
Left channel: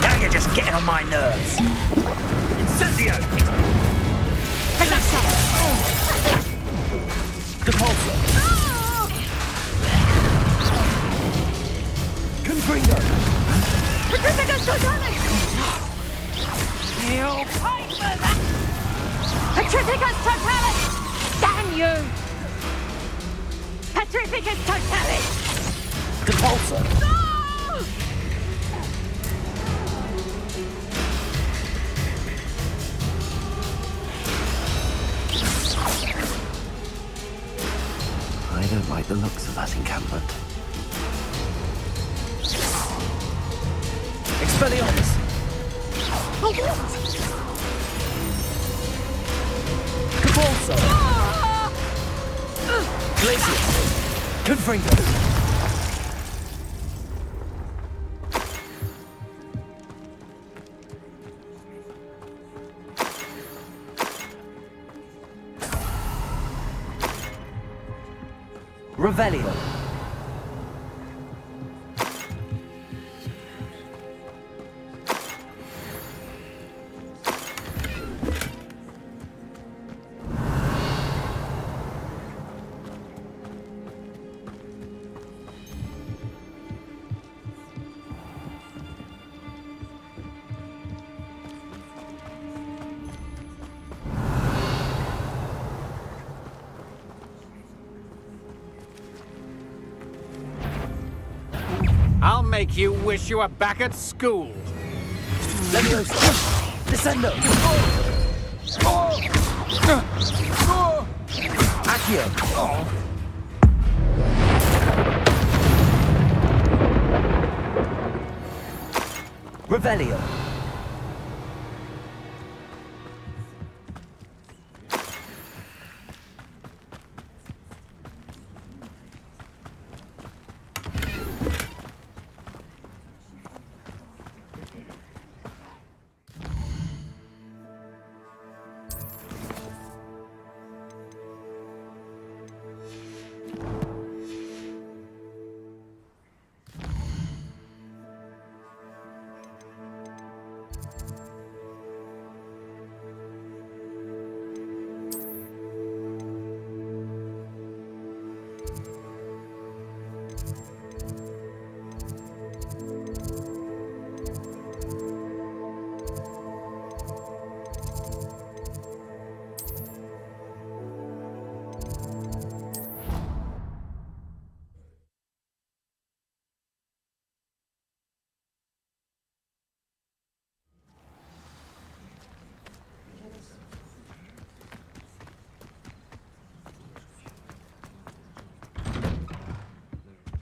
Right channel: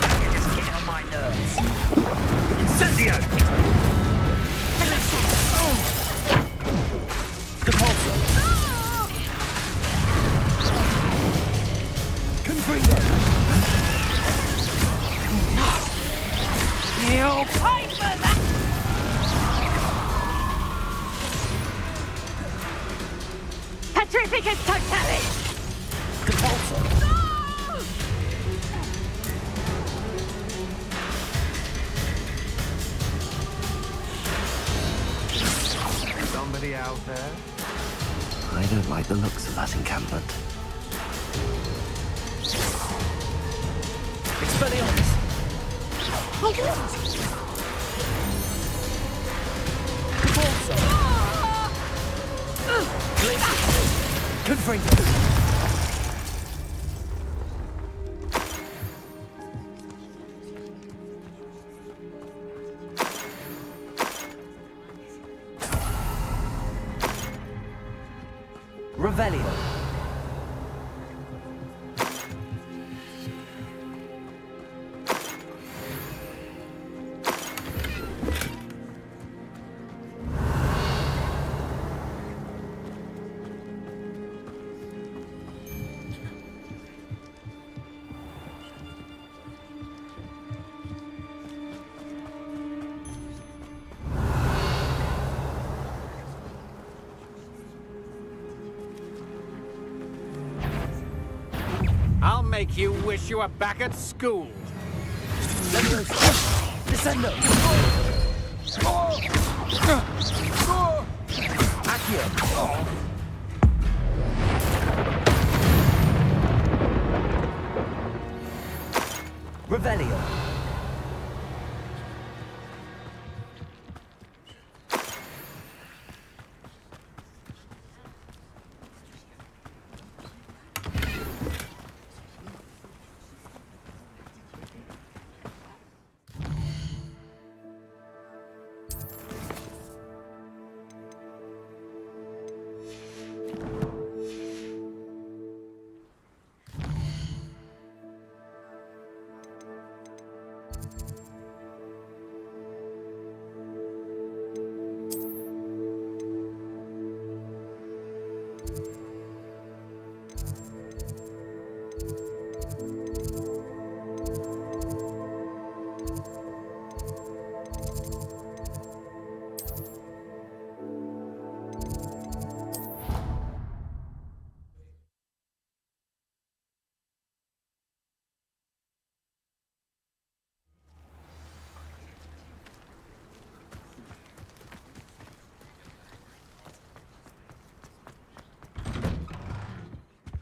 Now you're just getting on my nerves. Incendio! Reductor! Compulsor! Confringo! Petrificus totalis! You'll pay for that! Petrificus totalis! Damn you! Petrificus totalis! Compulsor! No! I don't like the looks of that encampment. Expelliarmus! Convulso! Glacius! Confringo! Revelio. I'll make you wish you were back at school. Leviosa! Descendo! Accio! Revelio!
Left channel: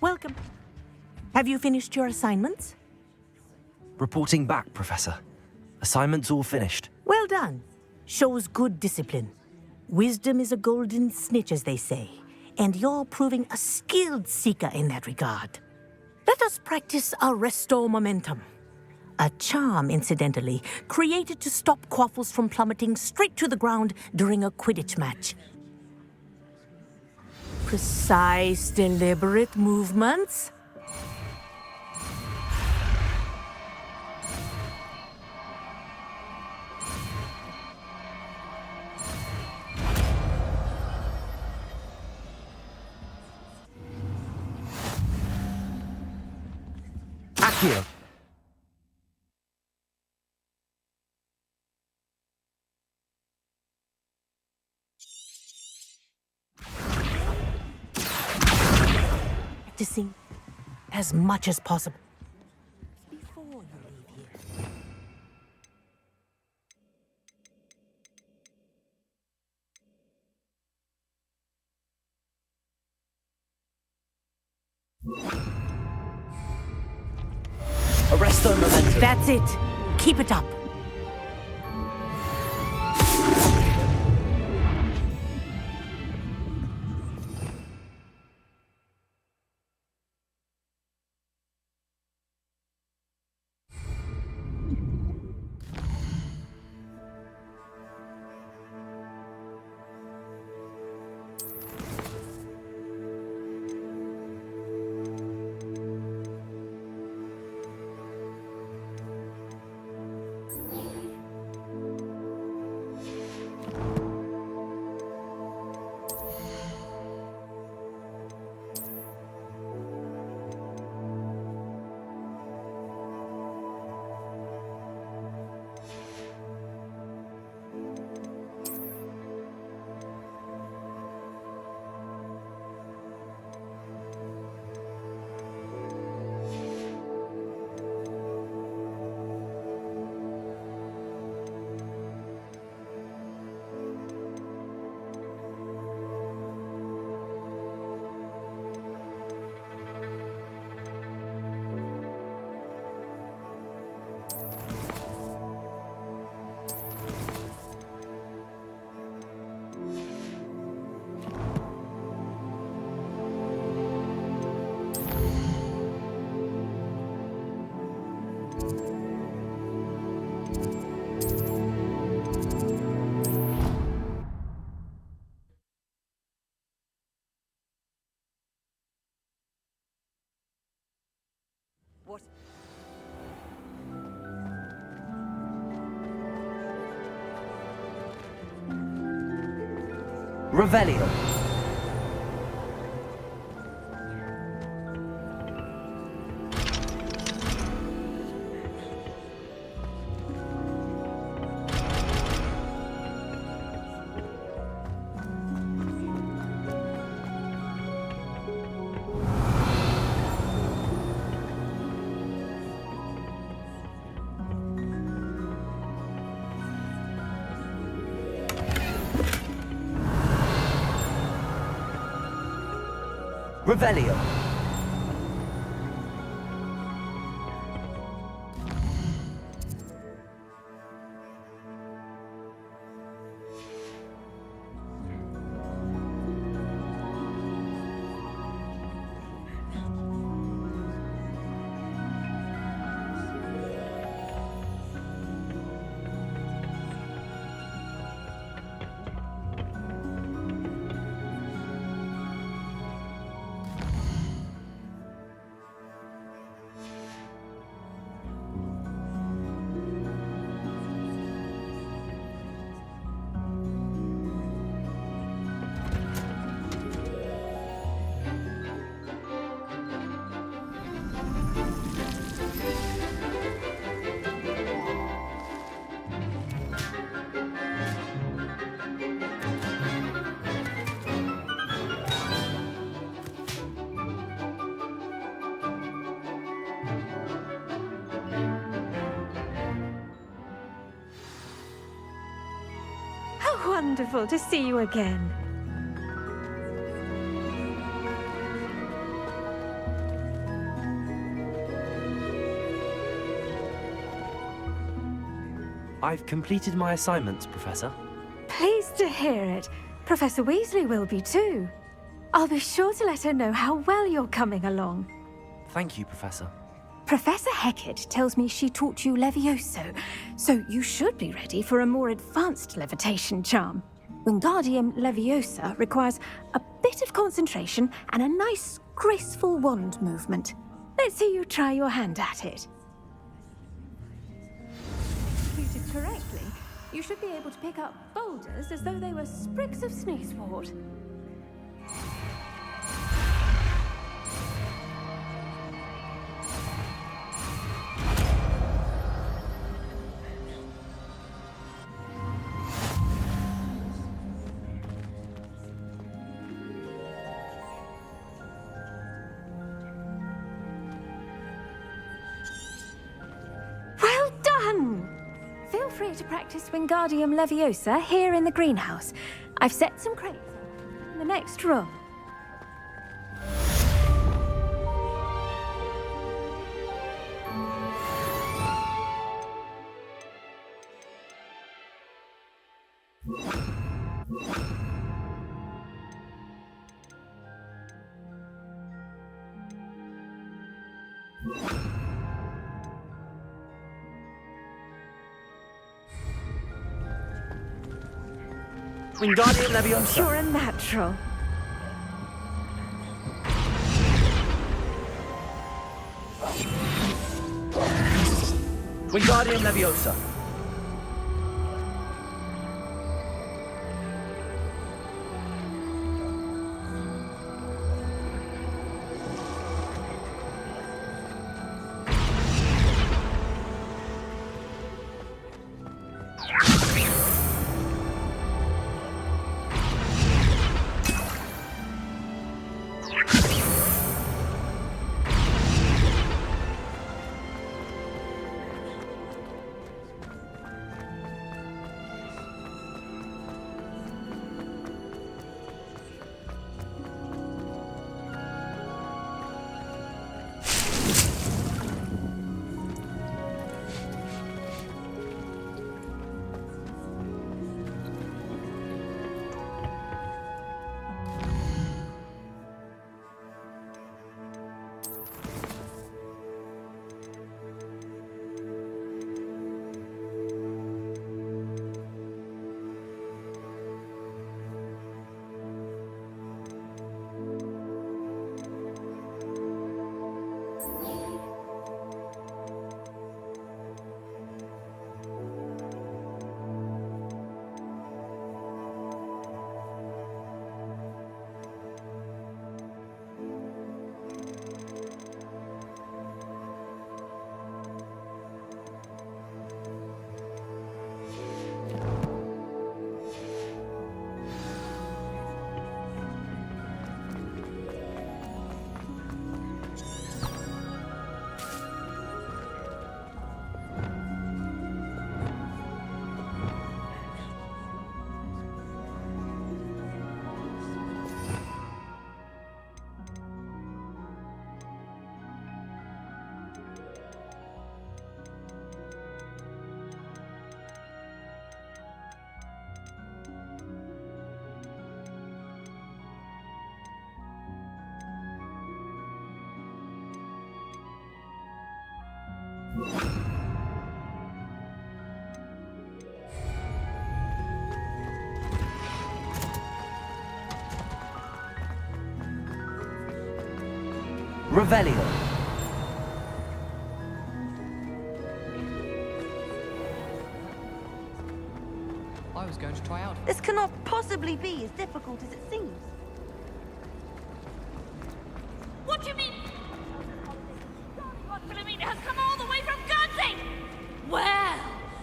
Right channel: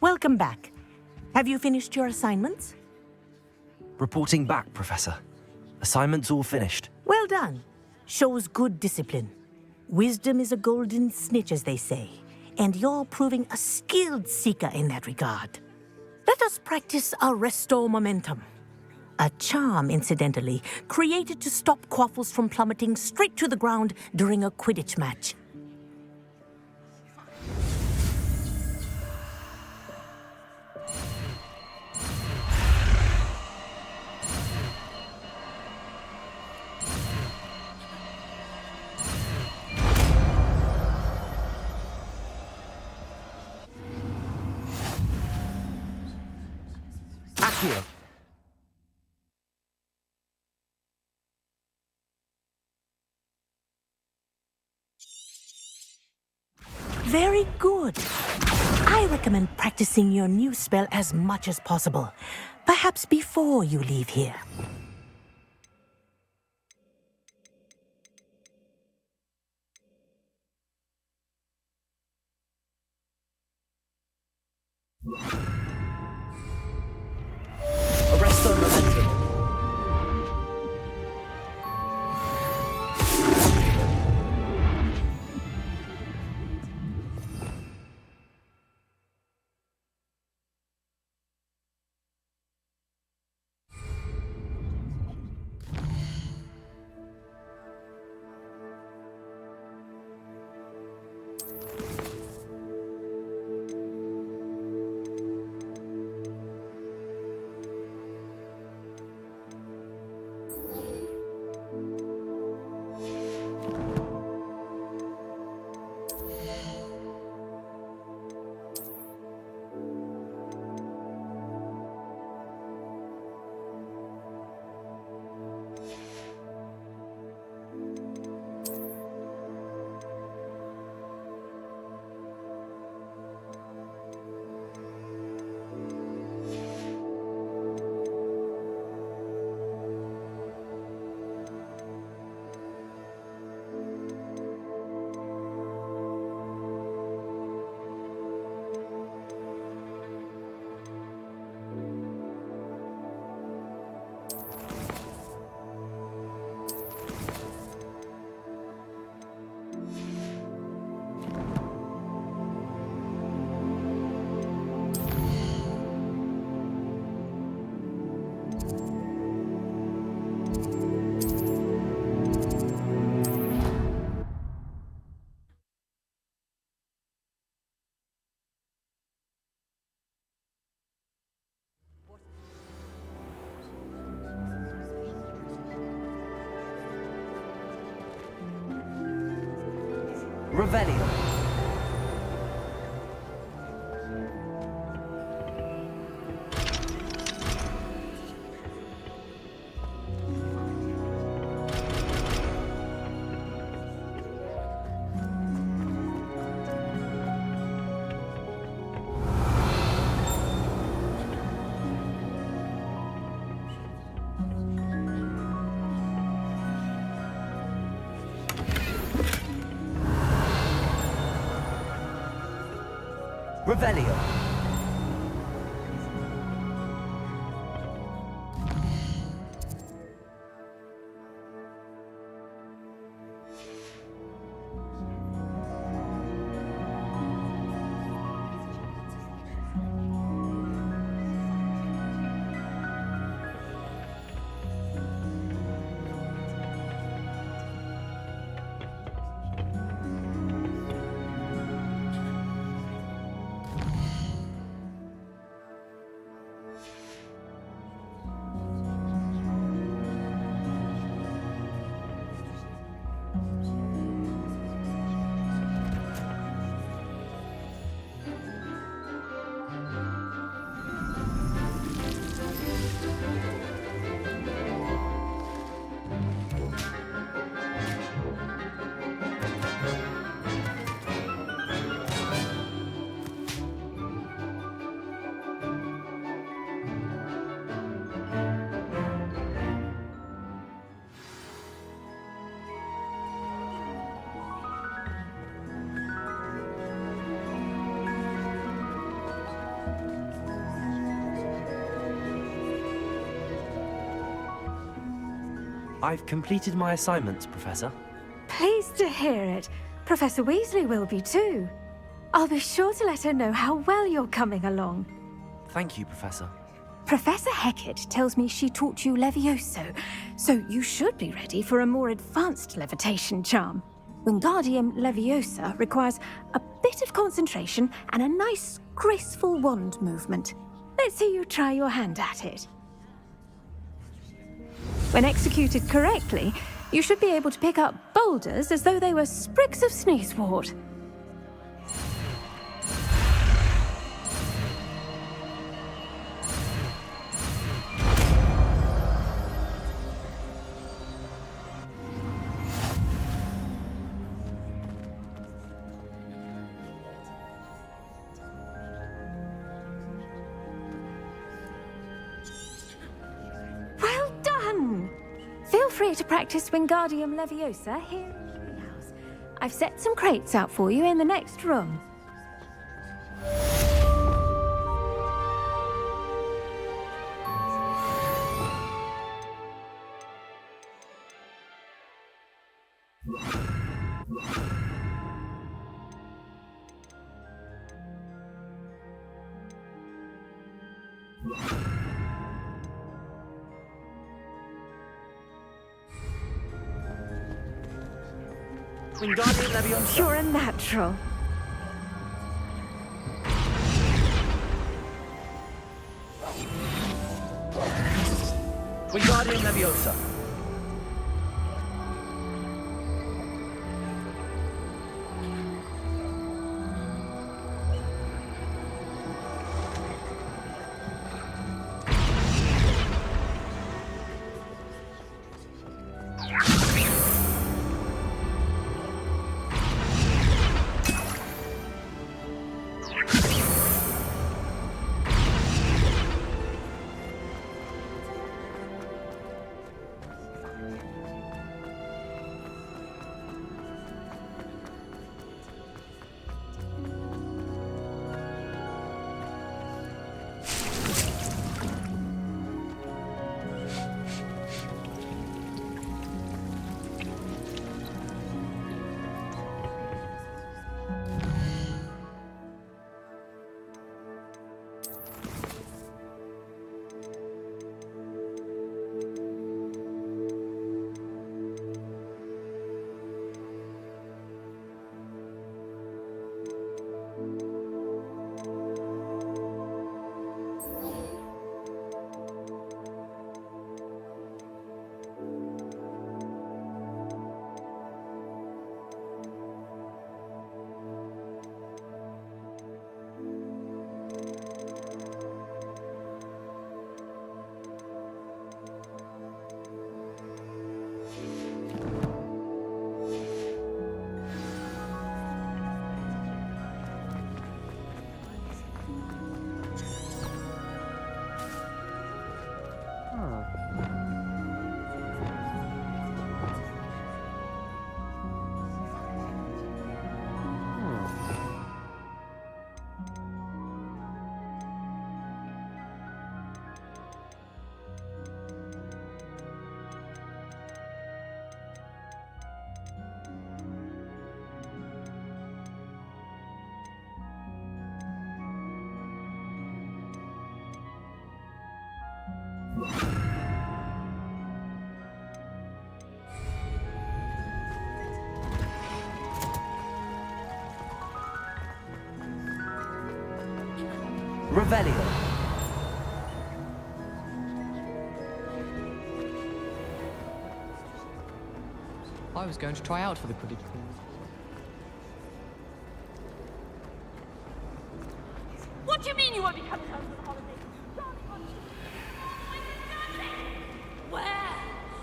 Welcome back. Have you finished your assignments? Reporting back, Professor. Assignment's all finished. Well done. Shows good discipline. Wisdom is a golden snitch, as they say, and you're proving a skilled seeker in that regard. Let us practice Arresto Momentum. A charm, incidentally, created to stop quaffles from plummeting straight to the ground during a Quidditch match. Precise, deliberate movements. Accio! Very good. I recommend practicing your new spell as much as possible. Perhaps before you leave here. Arresto Momentum! That's it. Keep it up. What? Revelio. Revelio. How wonderful to see you again. I've completed my assignments, Professor. Pleased to hear it. Professor Weasley will be too. I'll be sure to let her know how well you're coming along. Thank you, Professor. Professor Hecat tells me she taught you Levioso, so you should be ready for a more advanced levitation charm. Wingardium Leviosa requires a bit of concentration and a nice, graceful wand movement. Let's see you try your hand at it. When executed correctly, you should be able to pick up boulders as though they were sprigs of sneezewort. Well done! Feel free to practice Wingardium Leviosa here in the greenhouse. I've set some crates out for you in the next room. Wingardium Leviosa. You're a natural. Wingardium Leviosa. Revelio. I was going to try out for... This cannot possibly be as difficult as it seems. What do you mean you won't be coming home for the holidays? Darling Aunt Philomena has come all the way from Guernsey! Well,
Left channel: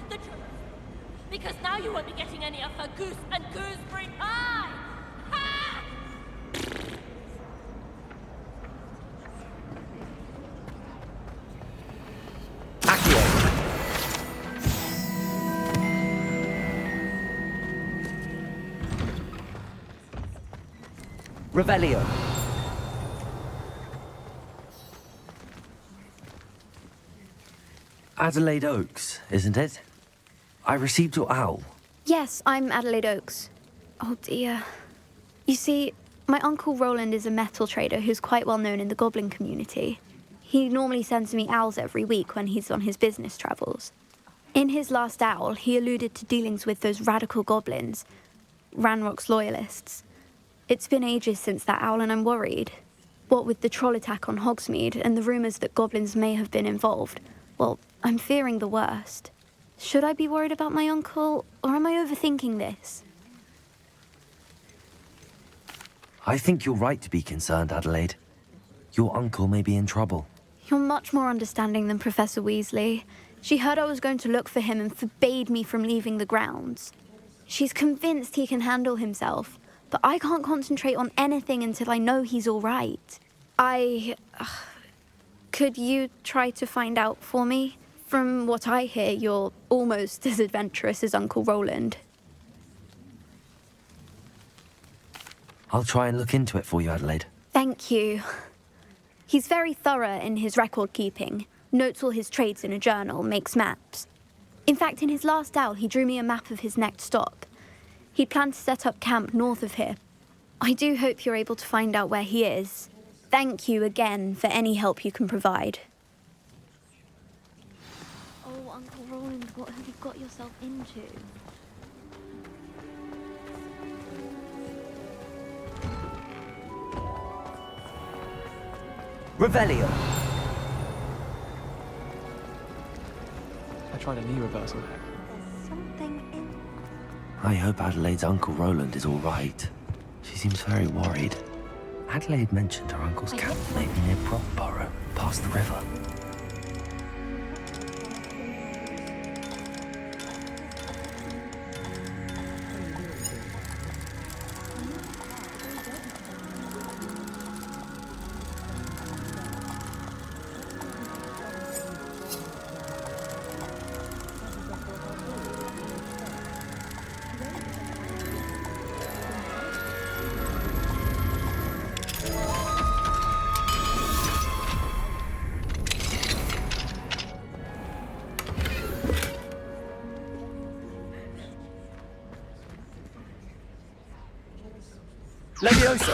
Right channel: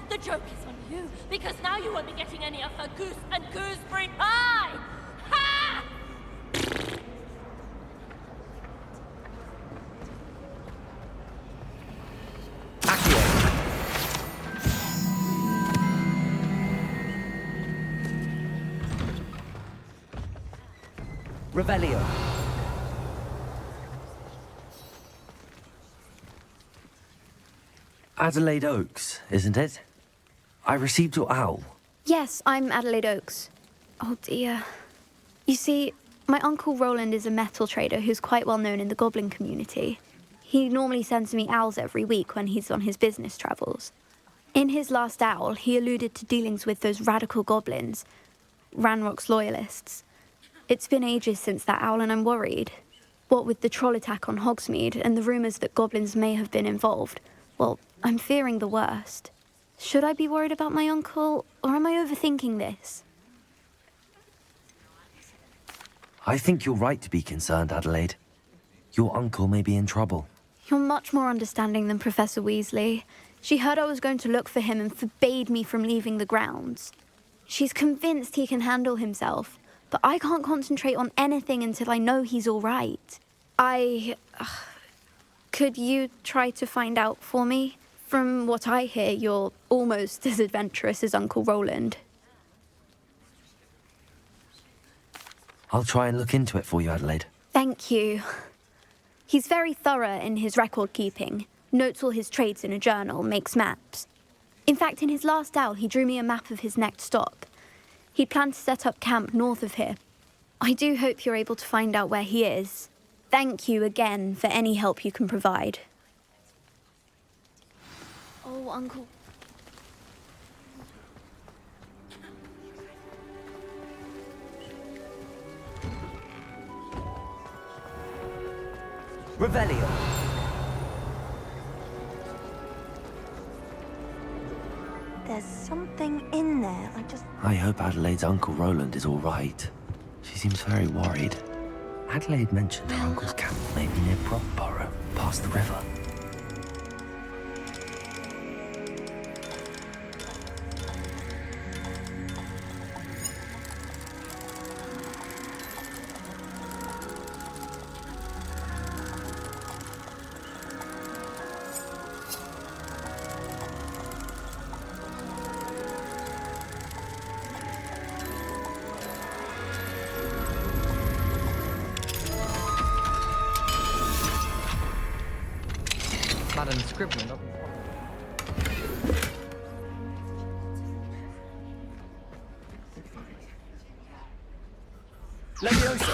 the joke is on you, because now you won't be getting any of her goose and gooseberry pie! Ha! Revelio. Adelaide Oaks, isn't it? I received your owl. Yes, I'm Adelaide Oaks. Oh dear. You see, my Uncle Roland is a metal trader who's quite well known in the goblin community. He normally sends me owls every week when he's on his business travels. In his last owl, he alluded to dealings with those radical goblins, Ranrock's loyalists. It's been ages since that owl and I'm worried. What with the troll attack on Hogsmeade and the rumours that goblins may have been involved, well, I'm fearing the worst. Should I be worried about my uncle, or am I overthinking this? I think you're right to be concerned, Adelaide. Your uncle may be in trouble. You're much more understanding than Professor Weasley. She heard I was going to look for him and forbade me from leaving the grounds. She's convinced he can handle himself, but I can't concentrate on anything until I know he's all right. Could you try to find out for me? From what I hear, you're almost as adventurous as Uncle Roland. I'll try and look into it for you, Adelaide. Thank you. He's very thorough in his record keeping, notes all his trades in a journal, makes maps. In fact, in his last owl, he drew me a map of his next stop. He planned to set up camp north of here. I do hope you're able to find out where he is. Thank you again for any help you can provide. Oh, Uncle Roland, what have you got yourself into? Revelio. I tried a new reversal. There's something in there. I hope Adelaide's Uncle Roland is all right. She seems very worried. Adelaide mentioned her uncle's camp may be near Brockborough, past the river. Levioso.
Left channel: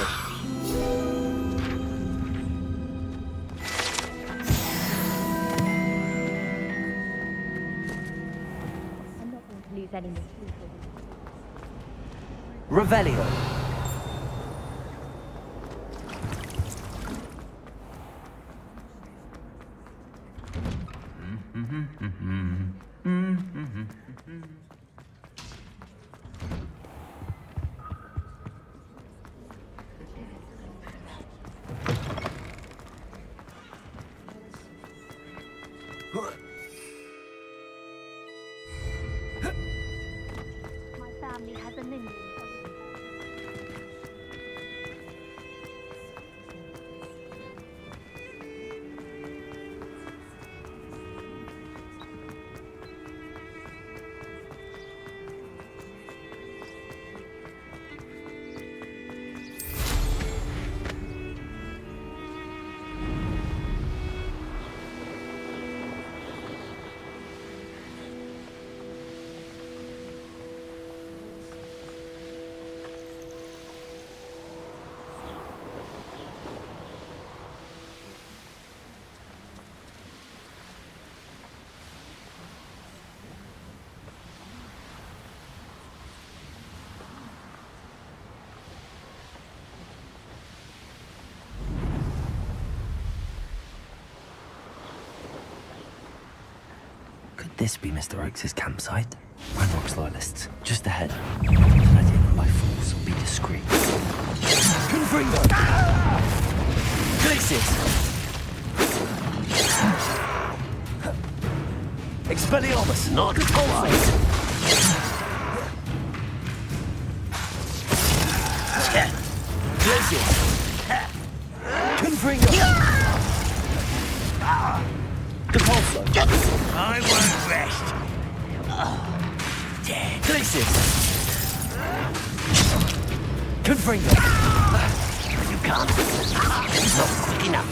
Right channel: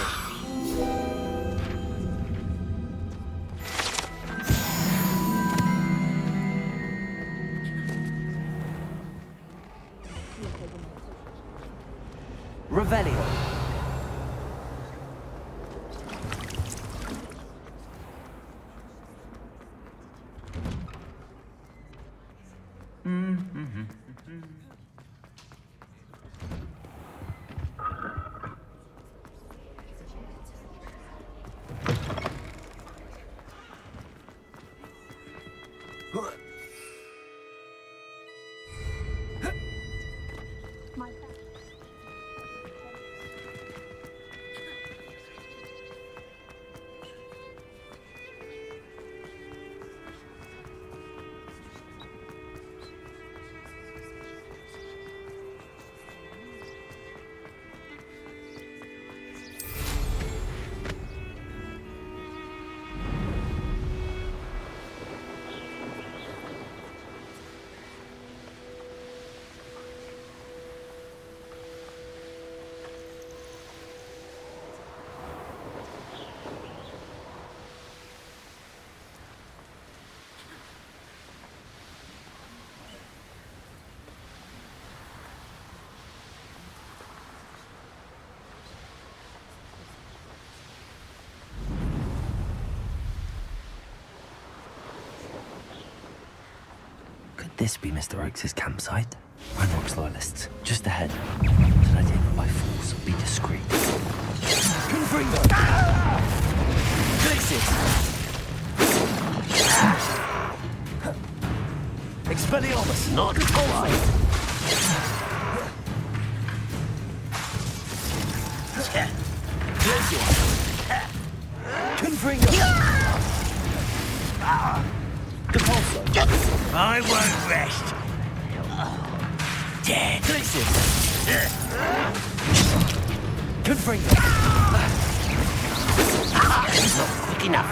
Revelio. My family has a minion. Could this be Mr. Oakes' campsite? Ranrock's loyalists, just ahead. Should I take them by force or be discreet? Confringo! Glacis! Expelliarmus! Not quite. Glacis! Confringo! Depulso! I won't rest. Dead! Glacis! Confringo! Not quick enough.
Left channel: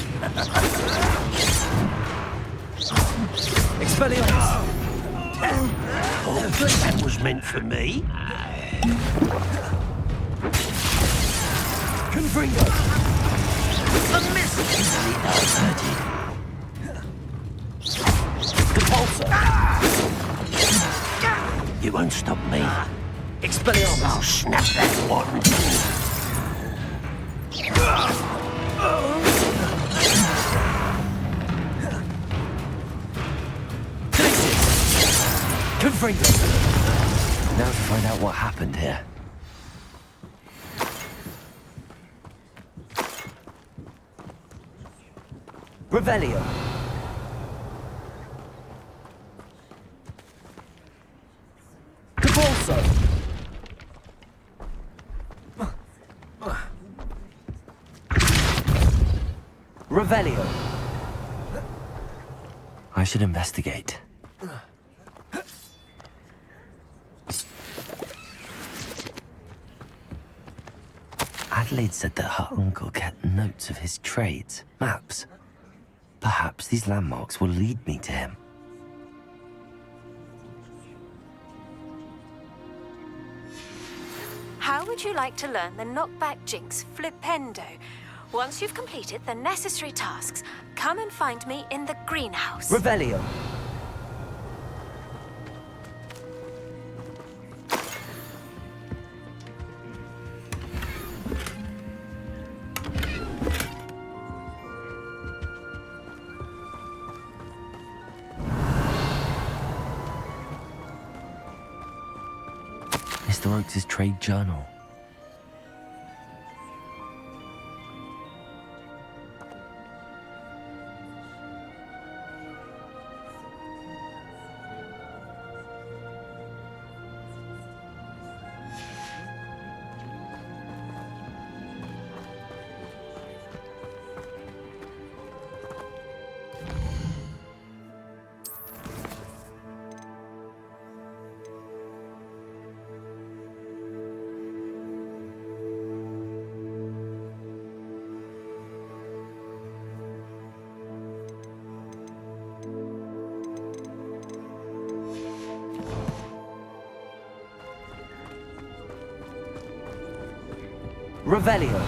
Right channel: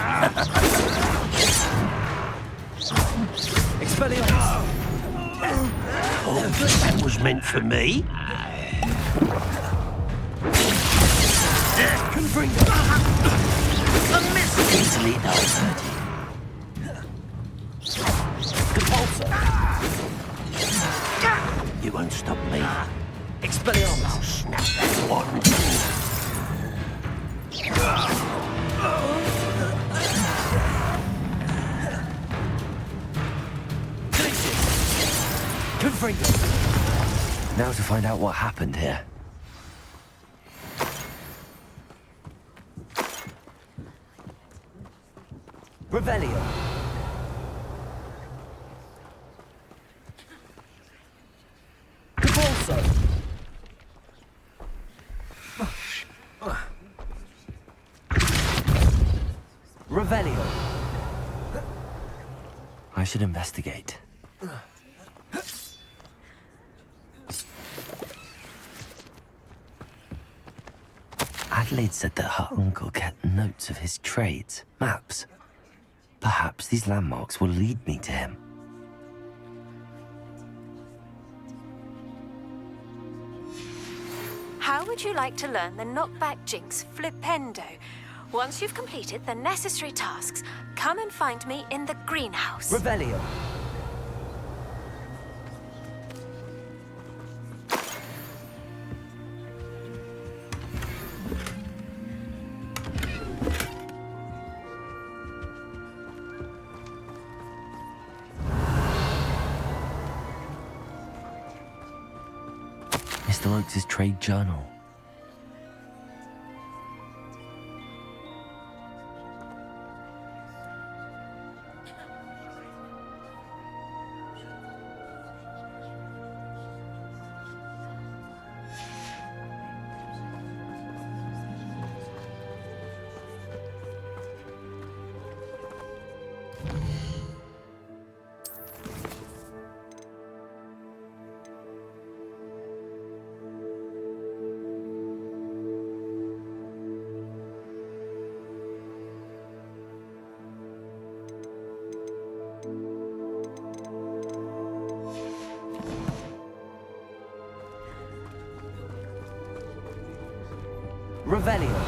Expelliarmus! Oh, that was meant for me. Confringo! A miss easily diverted. Depulso! You won't stop me. Expelliarmus! I'll snap that one. Confringo! Now to find out what happened here. Revelio! Depulso! Revelio! I should investigate. Adelaide said that her uncle kept notes of his trades, maps. Perhaps these landmarks will lead me to him. How would you like to learn the knockback jinx flipendo? Once you've completed the necessary tasks, come and find me in the greenhouse. Revelio! Mr. Oakes' trade journal. Revelio!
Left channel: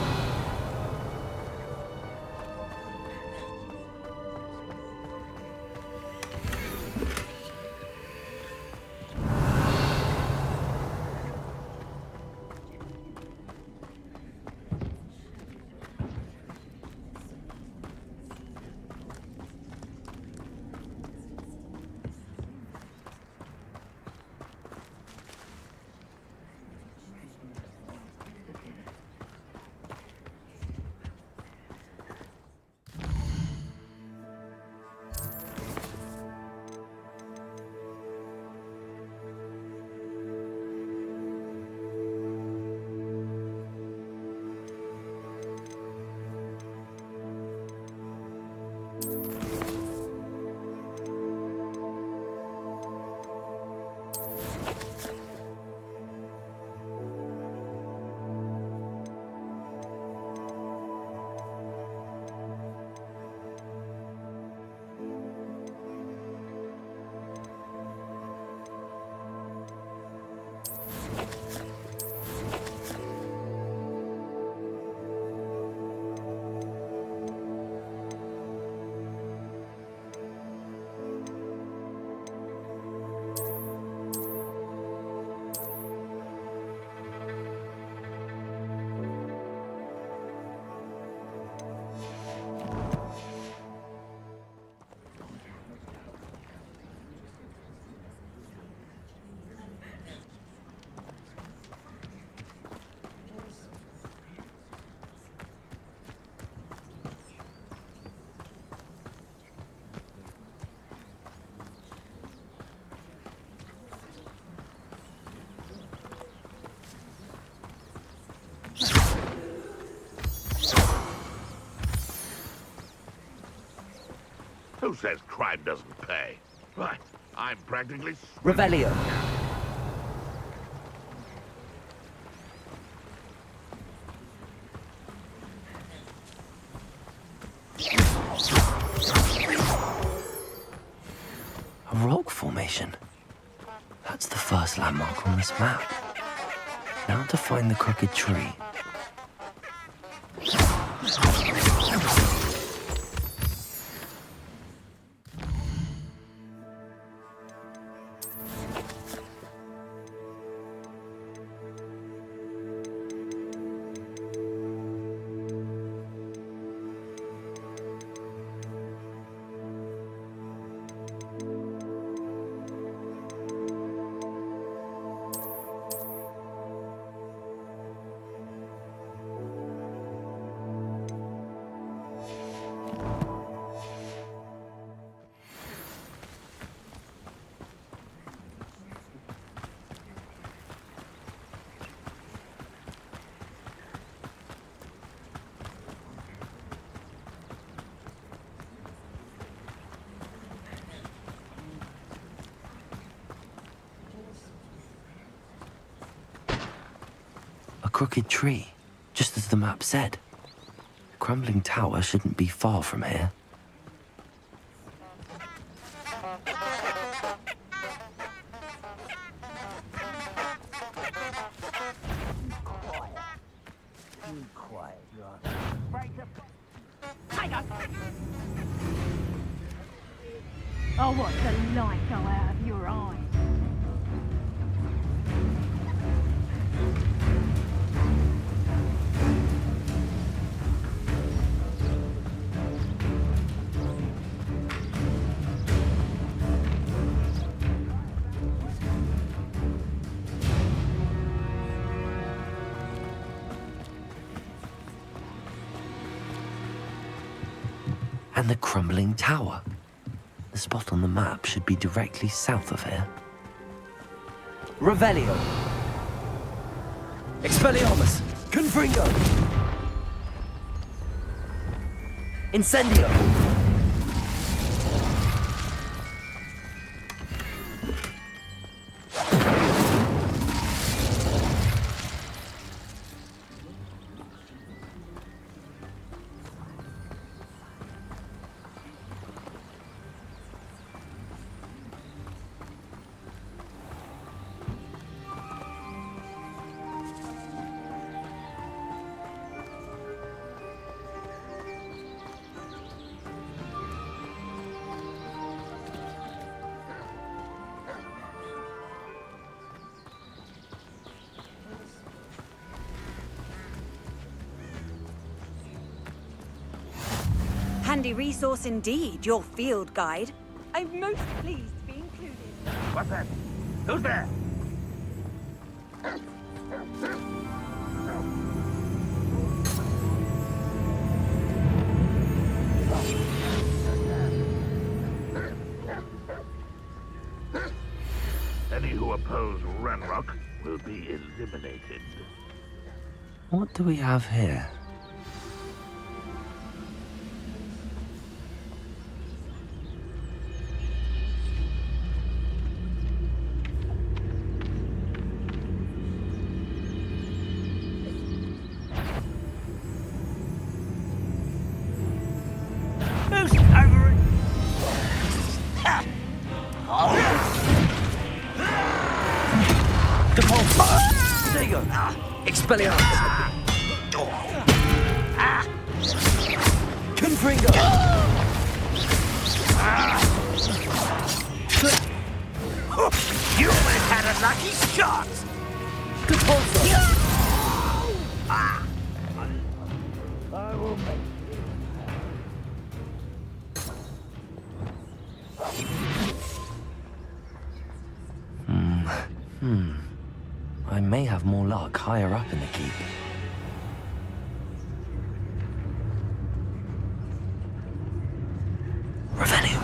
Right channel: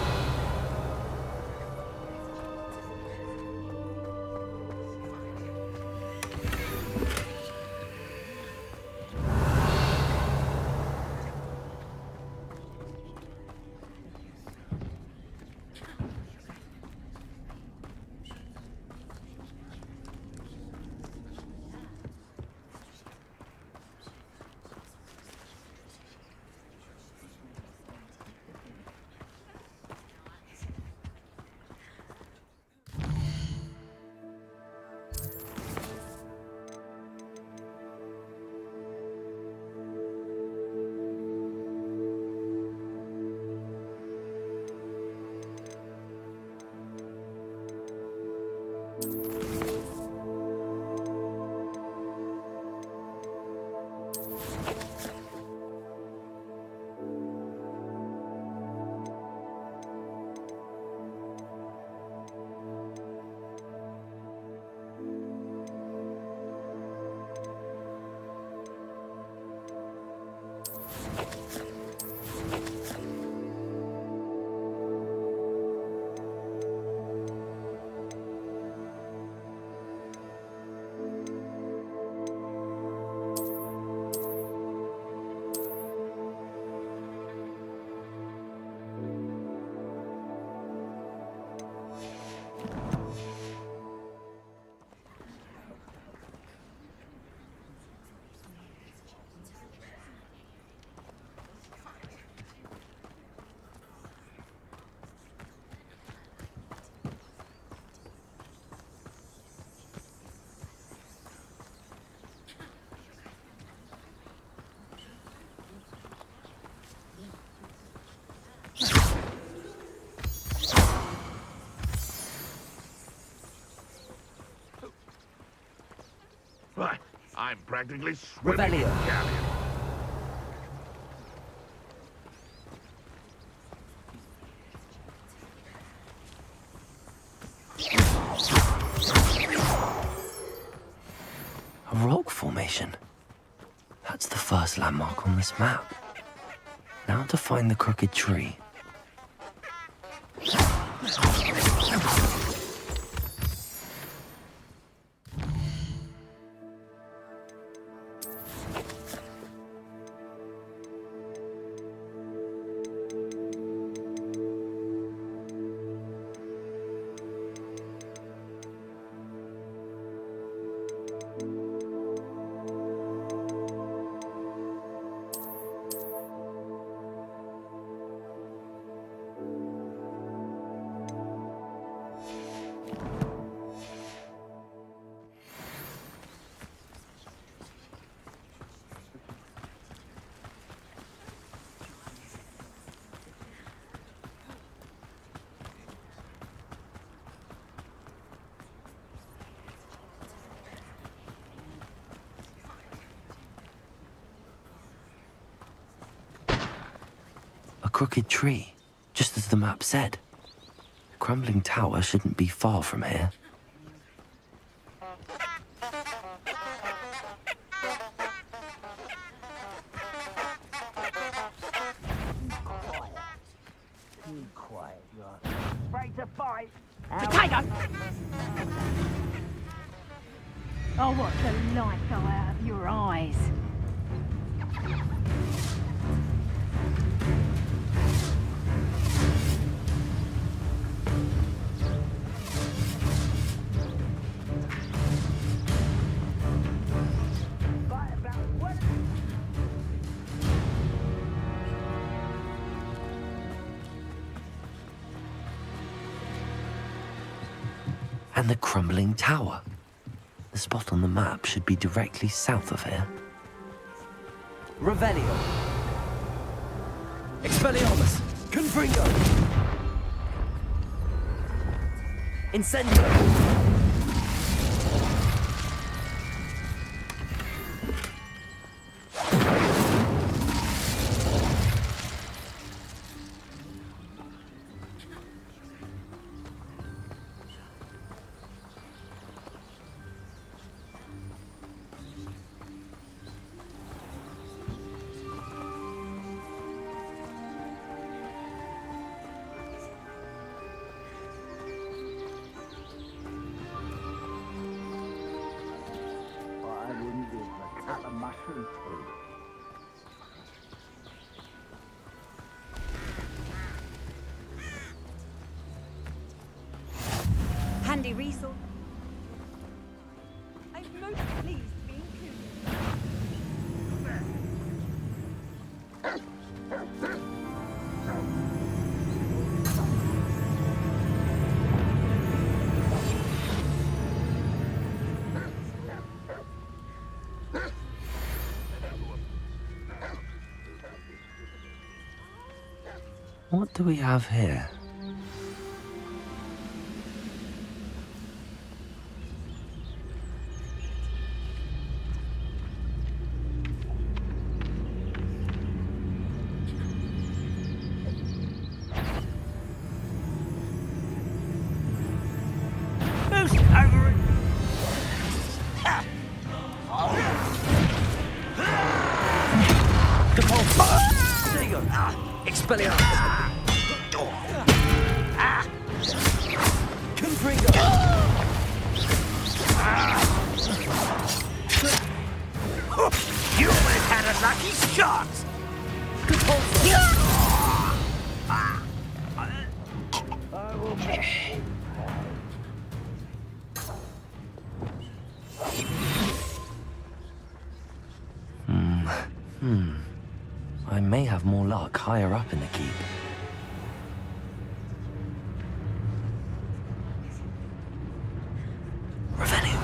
says crime doesn't pay? But I'm practically Revelio. A rock formation. That's the first landmark on this map. Now to find the crooked tree. Crooked tree, just as the map said. The crumbling tower shouldn't be far from here. Too quiet, you are. Afraid to fight. Potato! Oh, what the light go out of your eyes? And the crumbling tower. The spot on the map should be directly south of here. Revelio. Expelliarmus. Confringo. Incendio. Handy resource indeed, your field guide. I'm most pleased to be included. What's that? Who's there? Any who oppose Ranrock will be eliminated. What do we have here? There you go. Expelliarmus. Confringo. You almost had a lucky shot! I will miss. I may have more luck higher up in the keep. Revelio.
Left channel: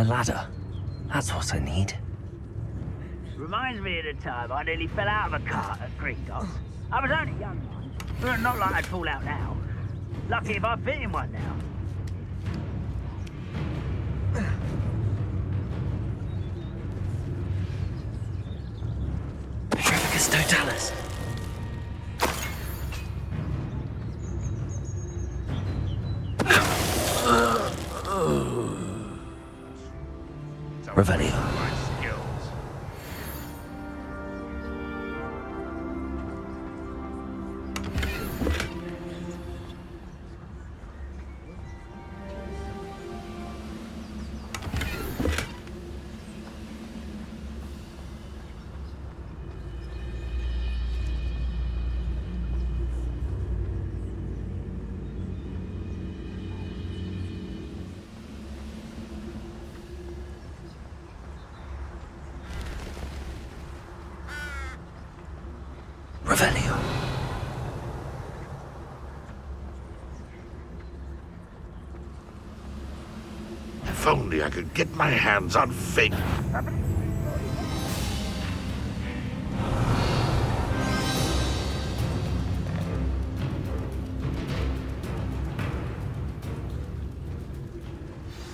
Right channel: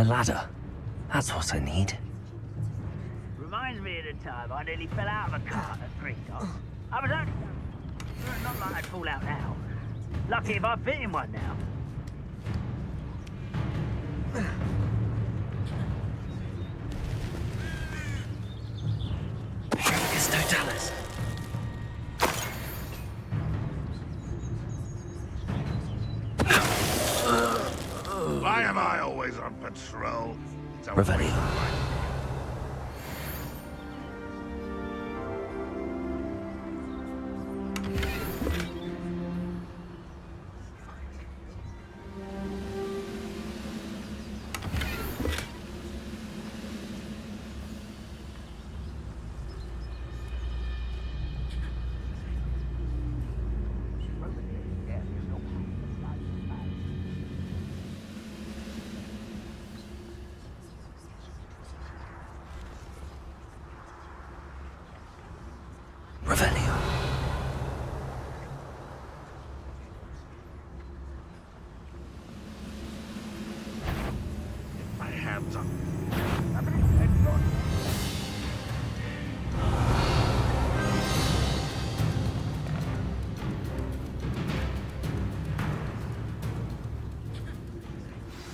A ladder. That's what I need. Reminds me of the time I nearly fell out of a cart at Green Dots. I was only young once, but not like I'd fall out now. Lucky if I fit in one now. Trevicus Totalis. Why am I always on patrol? It's a Revelio. waste of my skills. Revelio. If only I could get my hands on fake.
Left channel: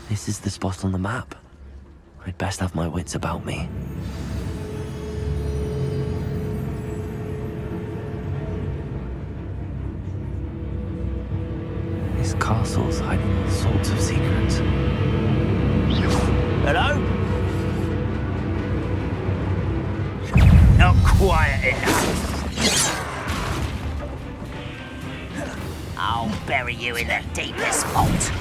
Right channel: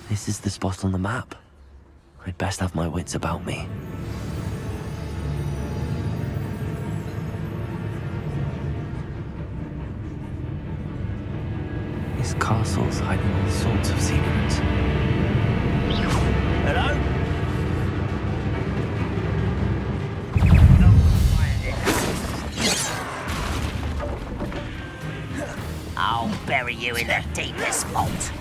This is the spot on the map. I'd best have my wits about me. This castle's hiding all sorts of secrets. Hello? Not quiet enough. I'll bury you in the deepest vault.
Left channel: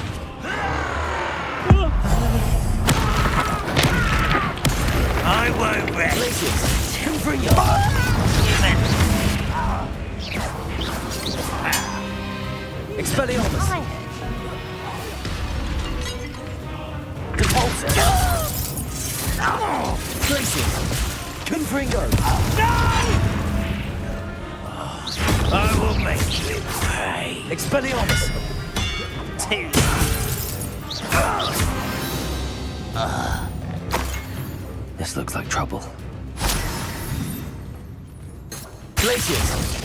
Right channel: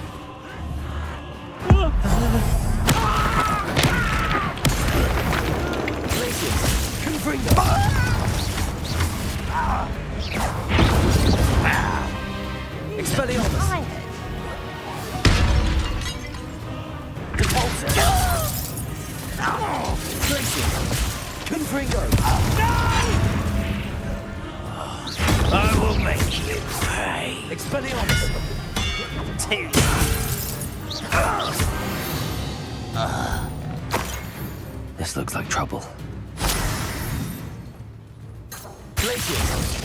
I won't rest. Expelliarmus! Repulsor! Glacius! Confringo! I will make you pay. Expelliarmus! This looks like trouble. Glacius!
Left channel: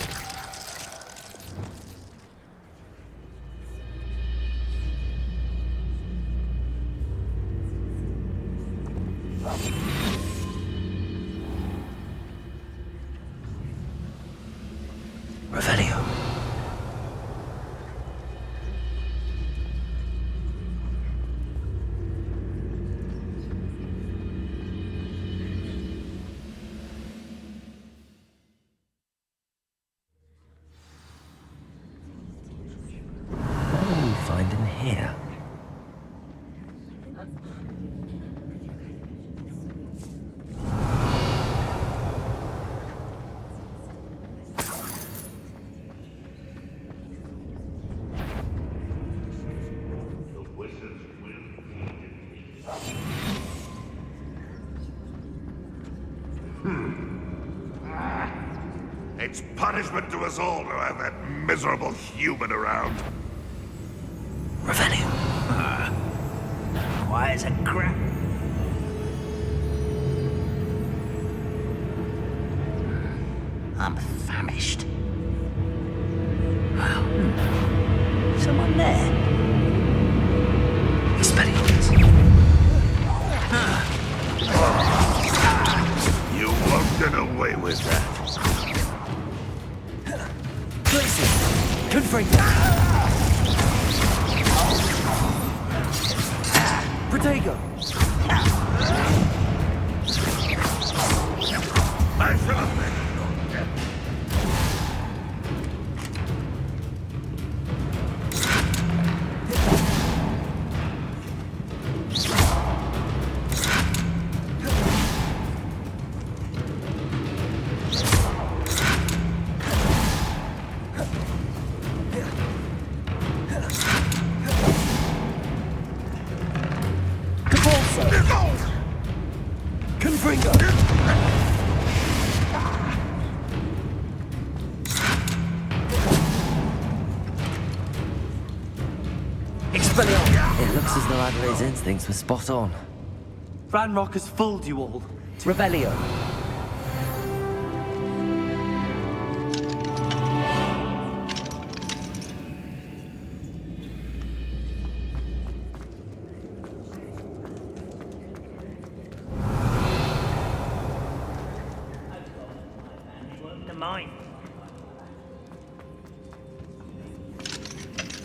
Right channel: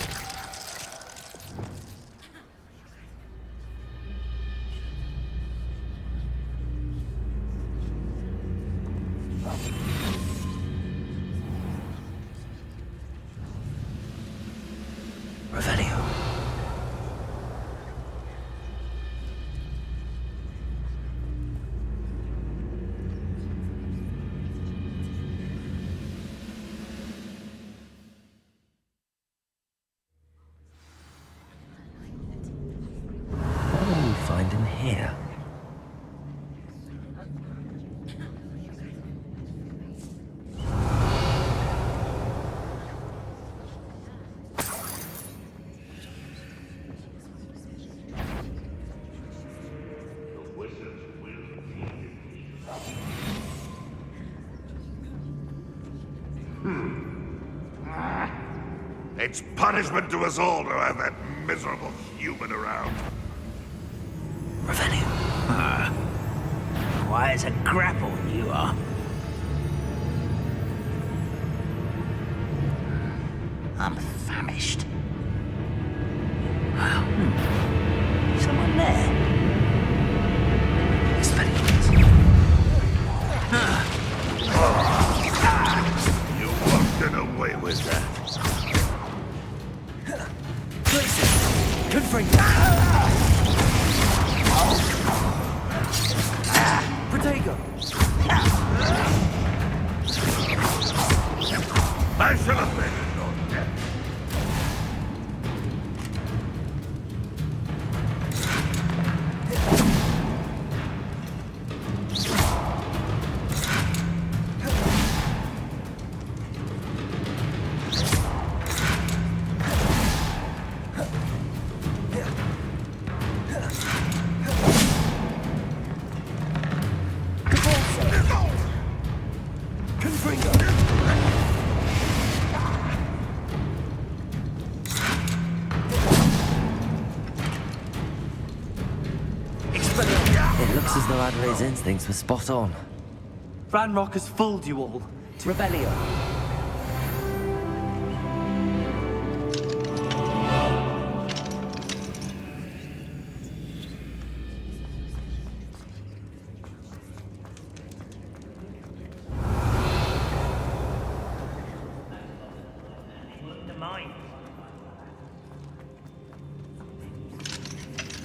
Revelio. What will we find in here? It's punishment to us all to have that miserable human around. Revelio. Quiet as a grapple, you are. I'm famished. Someone there? Expelliarmus. You won't get away with that. Glacius! Confringo! Protego! I should have been your death. Confringo! It looks as though Adelaide's instincts were spot on. Ranrock has fooled you all. Revelio. Mine.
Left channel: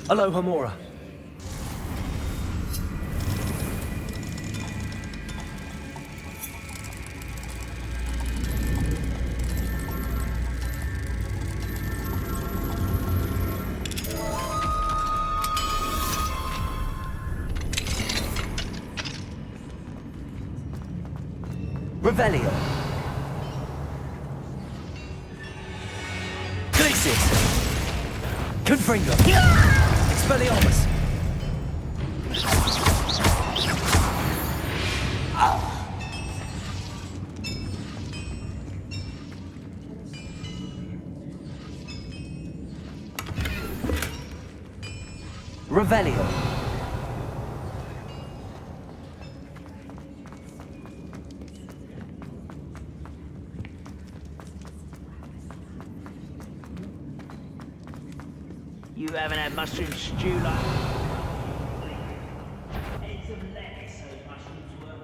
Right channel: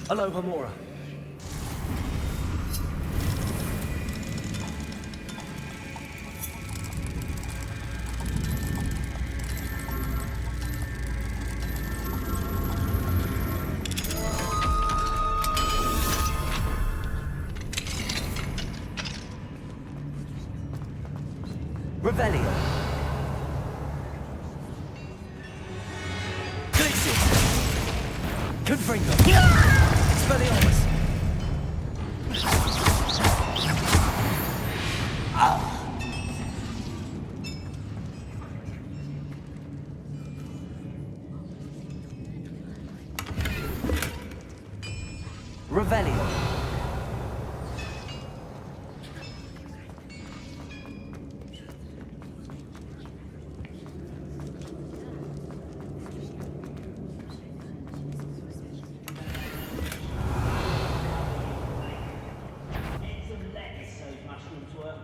Hello, Hamora. Revelio. Confringo. Expelliarmus. Revelio. You haven't had mushroom stew like eggs and lettuce, those mushrooms were.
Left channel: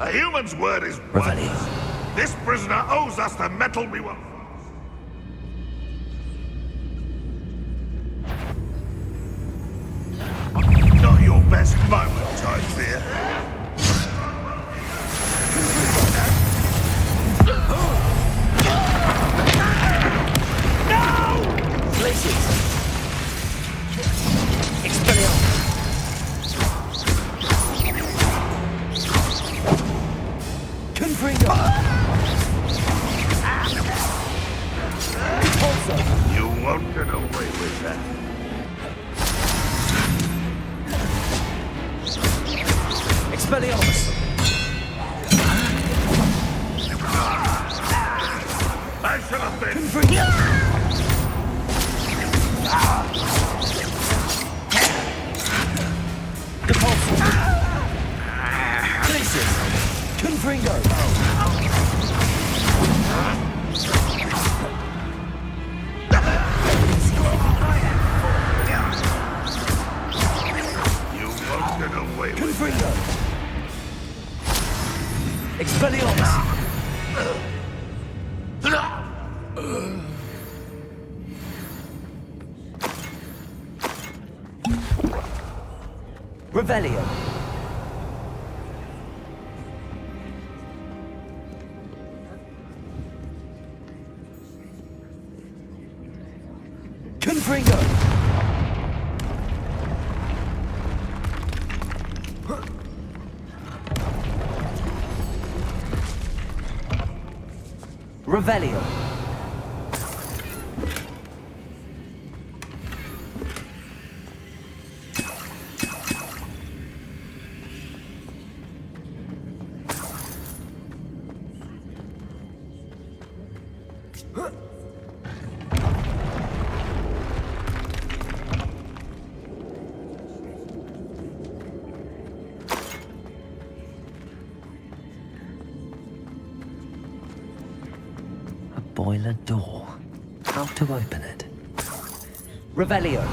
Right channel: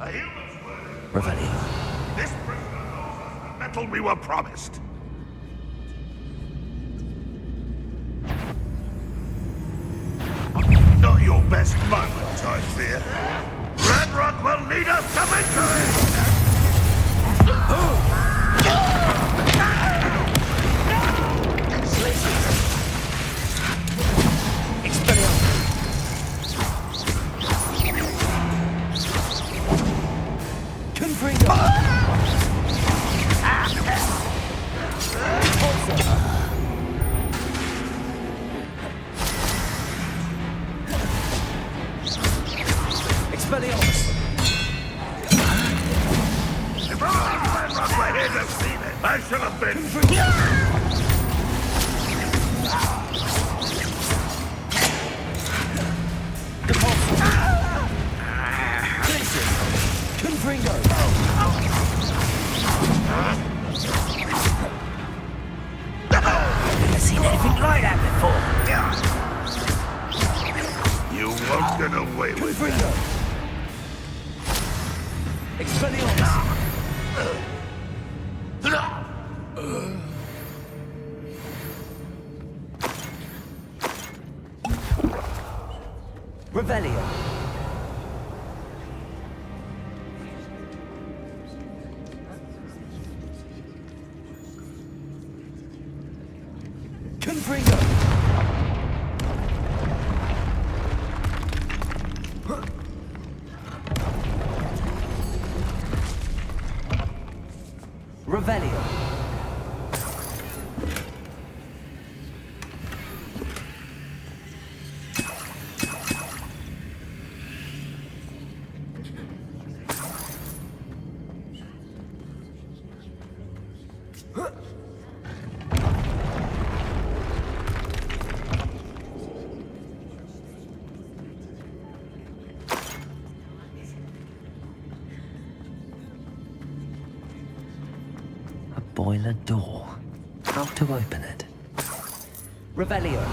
A human's word is Revelio. worthless. This prisoner owes us the metal we were promised. Not your best moment, I fear. Ranrock will need us to Glaciers. Expelliarmus. Confringo. You won't get away with that. Expelliarmus. I should have been. Glaciers. Confringo. I've seen anything like that before. You won't get away with Confringo. Expelliarmus. Revelio. Confringo. Revelio. Boiler door. How to open it? Revelio.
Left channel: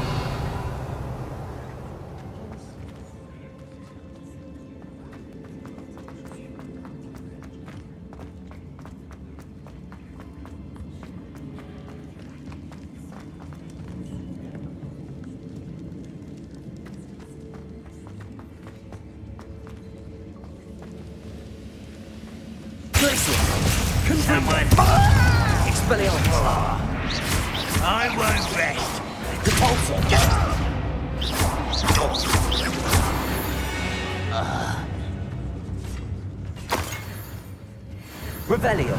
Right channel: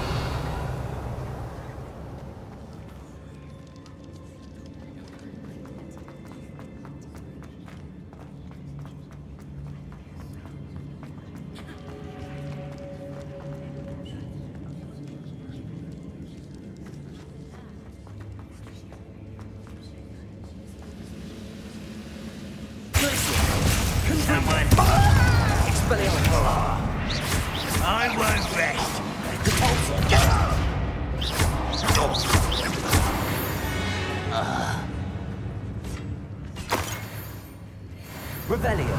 I won't rest. Revelio.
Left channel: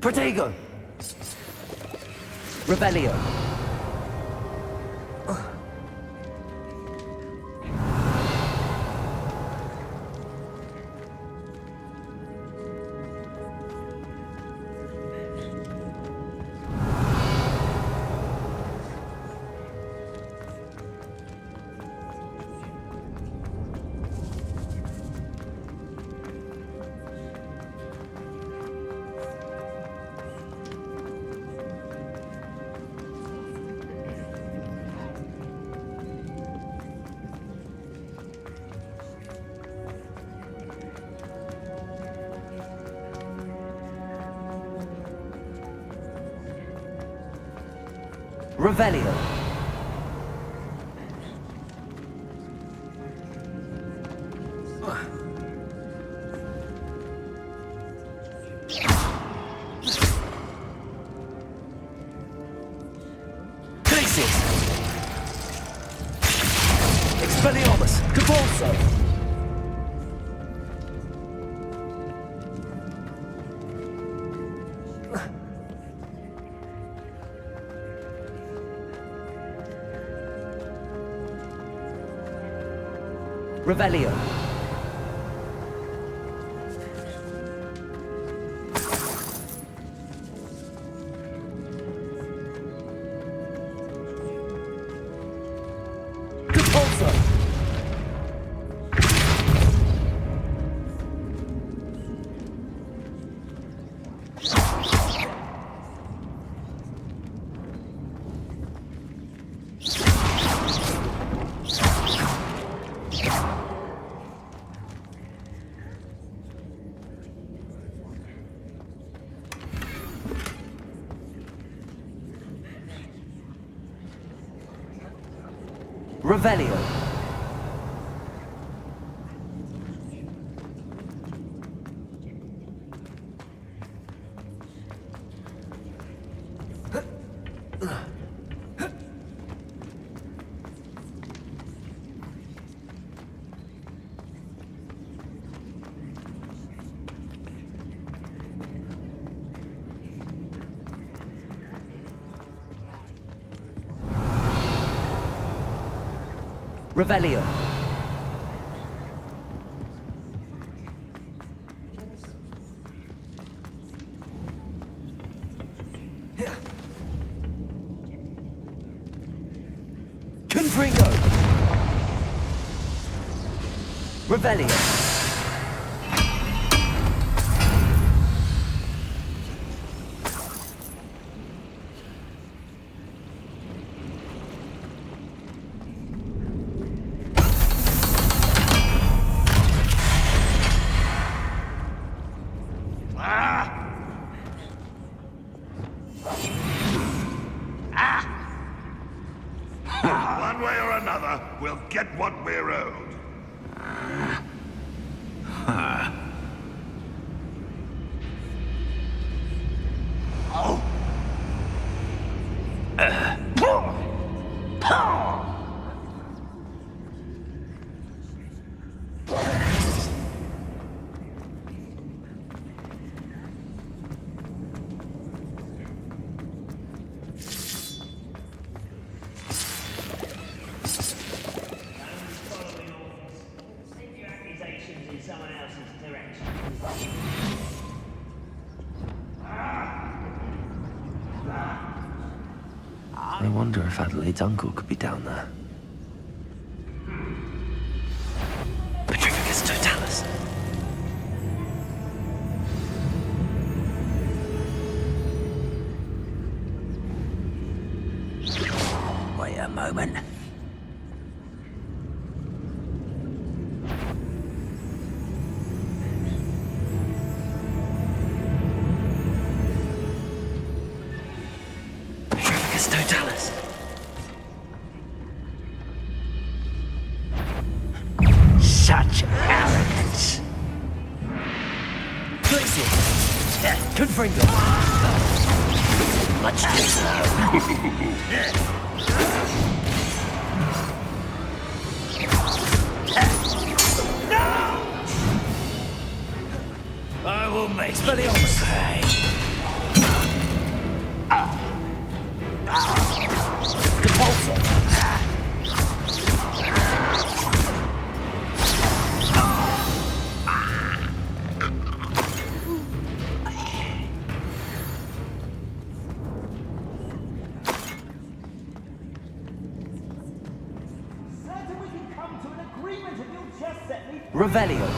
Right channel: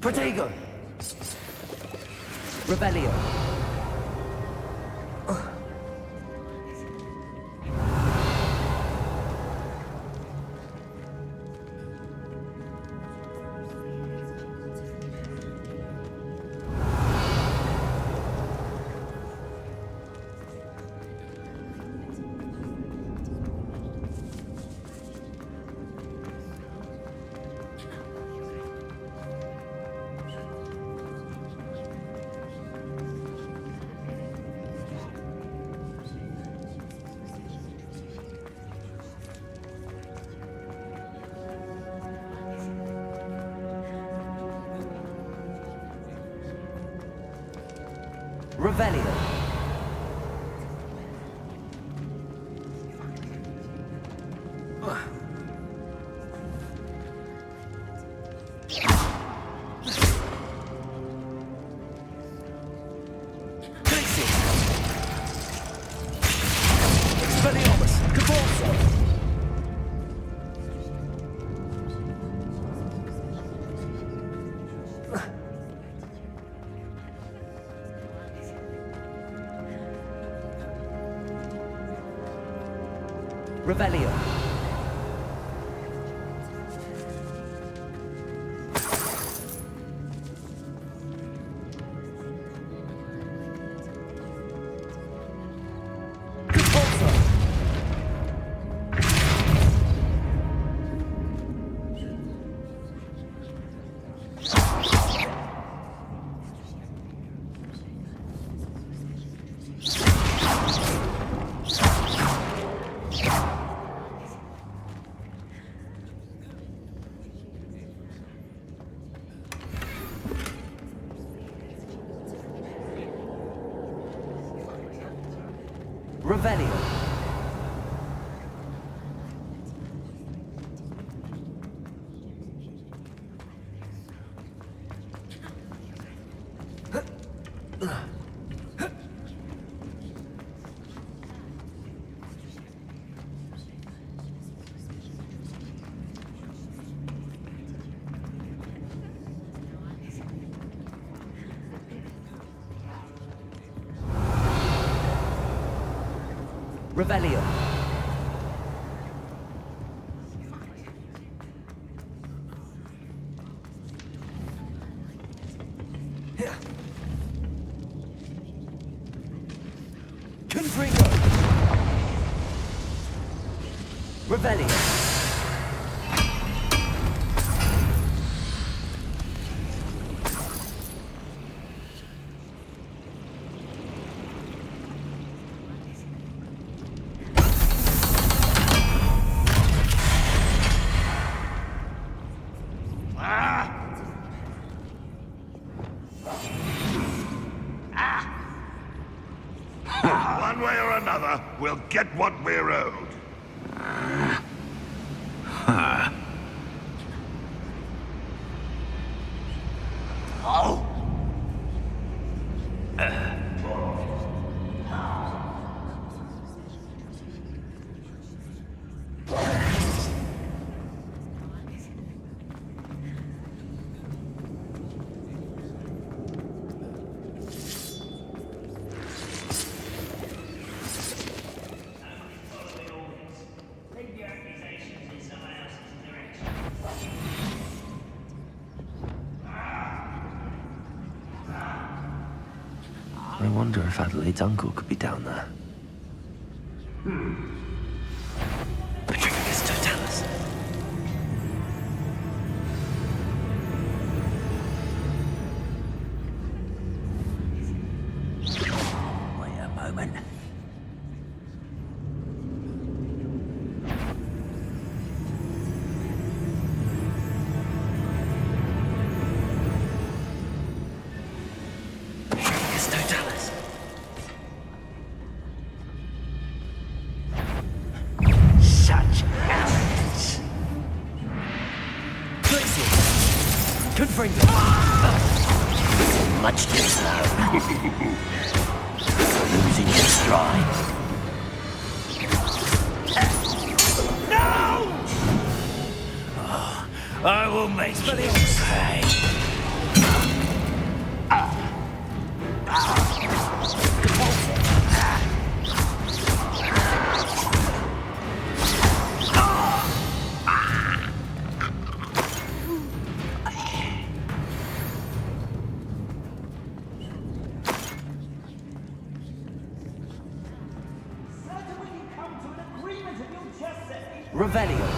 Protego. Revelio. Revelio. Crisis. Expelliarmus. Convulso. Revelio. Compulso. Revelio. Revelio. Confringo. Revelio. One way or another, we'll get what we're owed. Oh. I wonder if Adelaide's uncle could be down there. Petrificus Totalis. Wait a moment. Petrificus Totalis. Such arrogance. Crisis. Confringo. Much too slow. Losing your stride. No! I will make you pay. Revelio.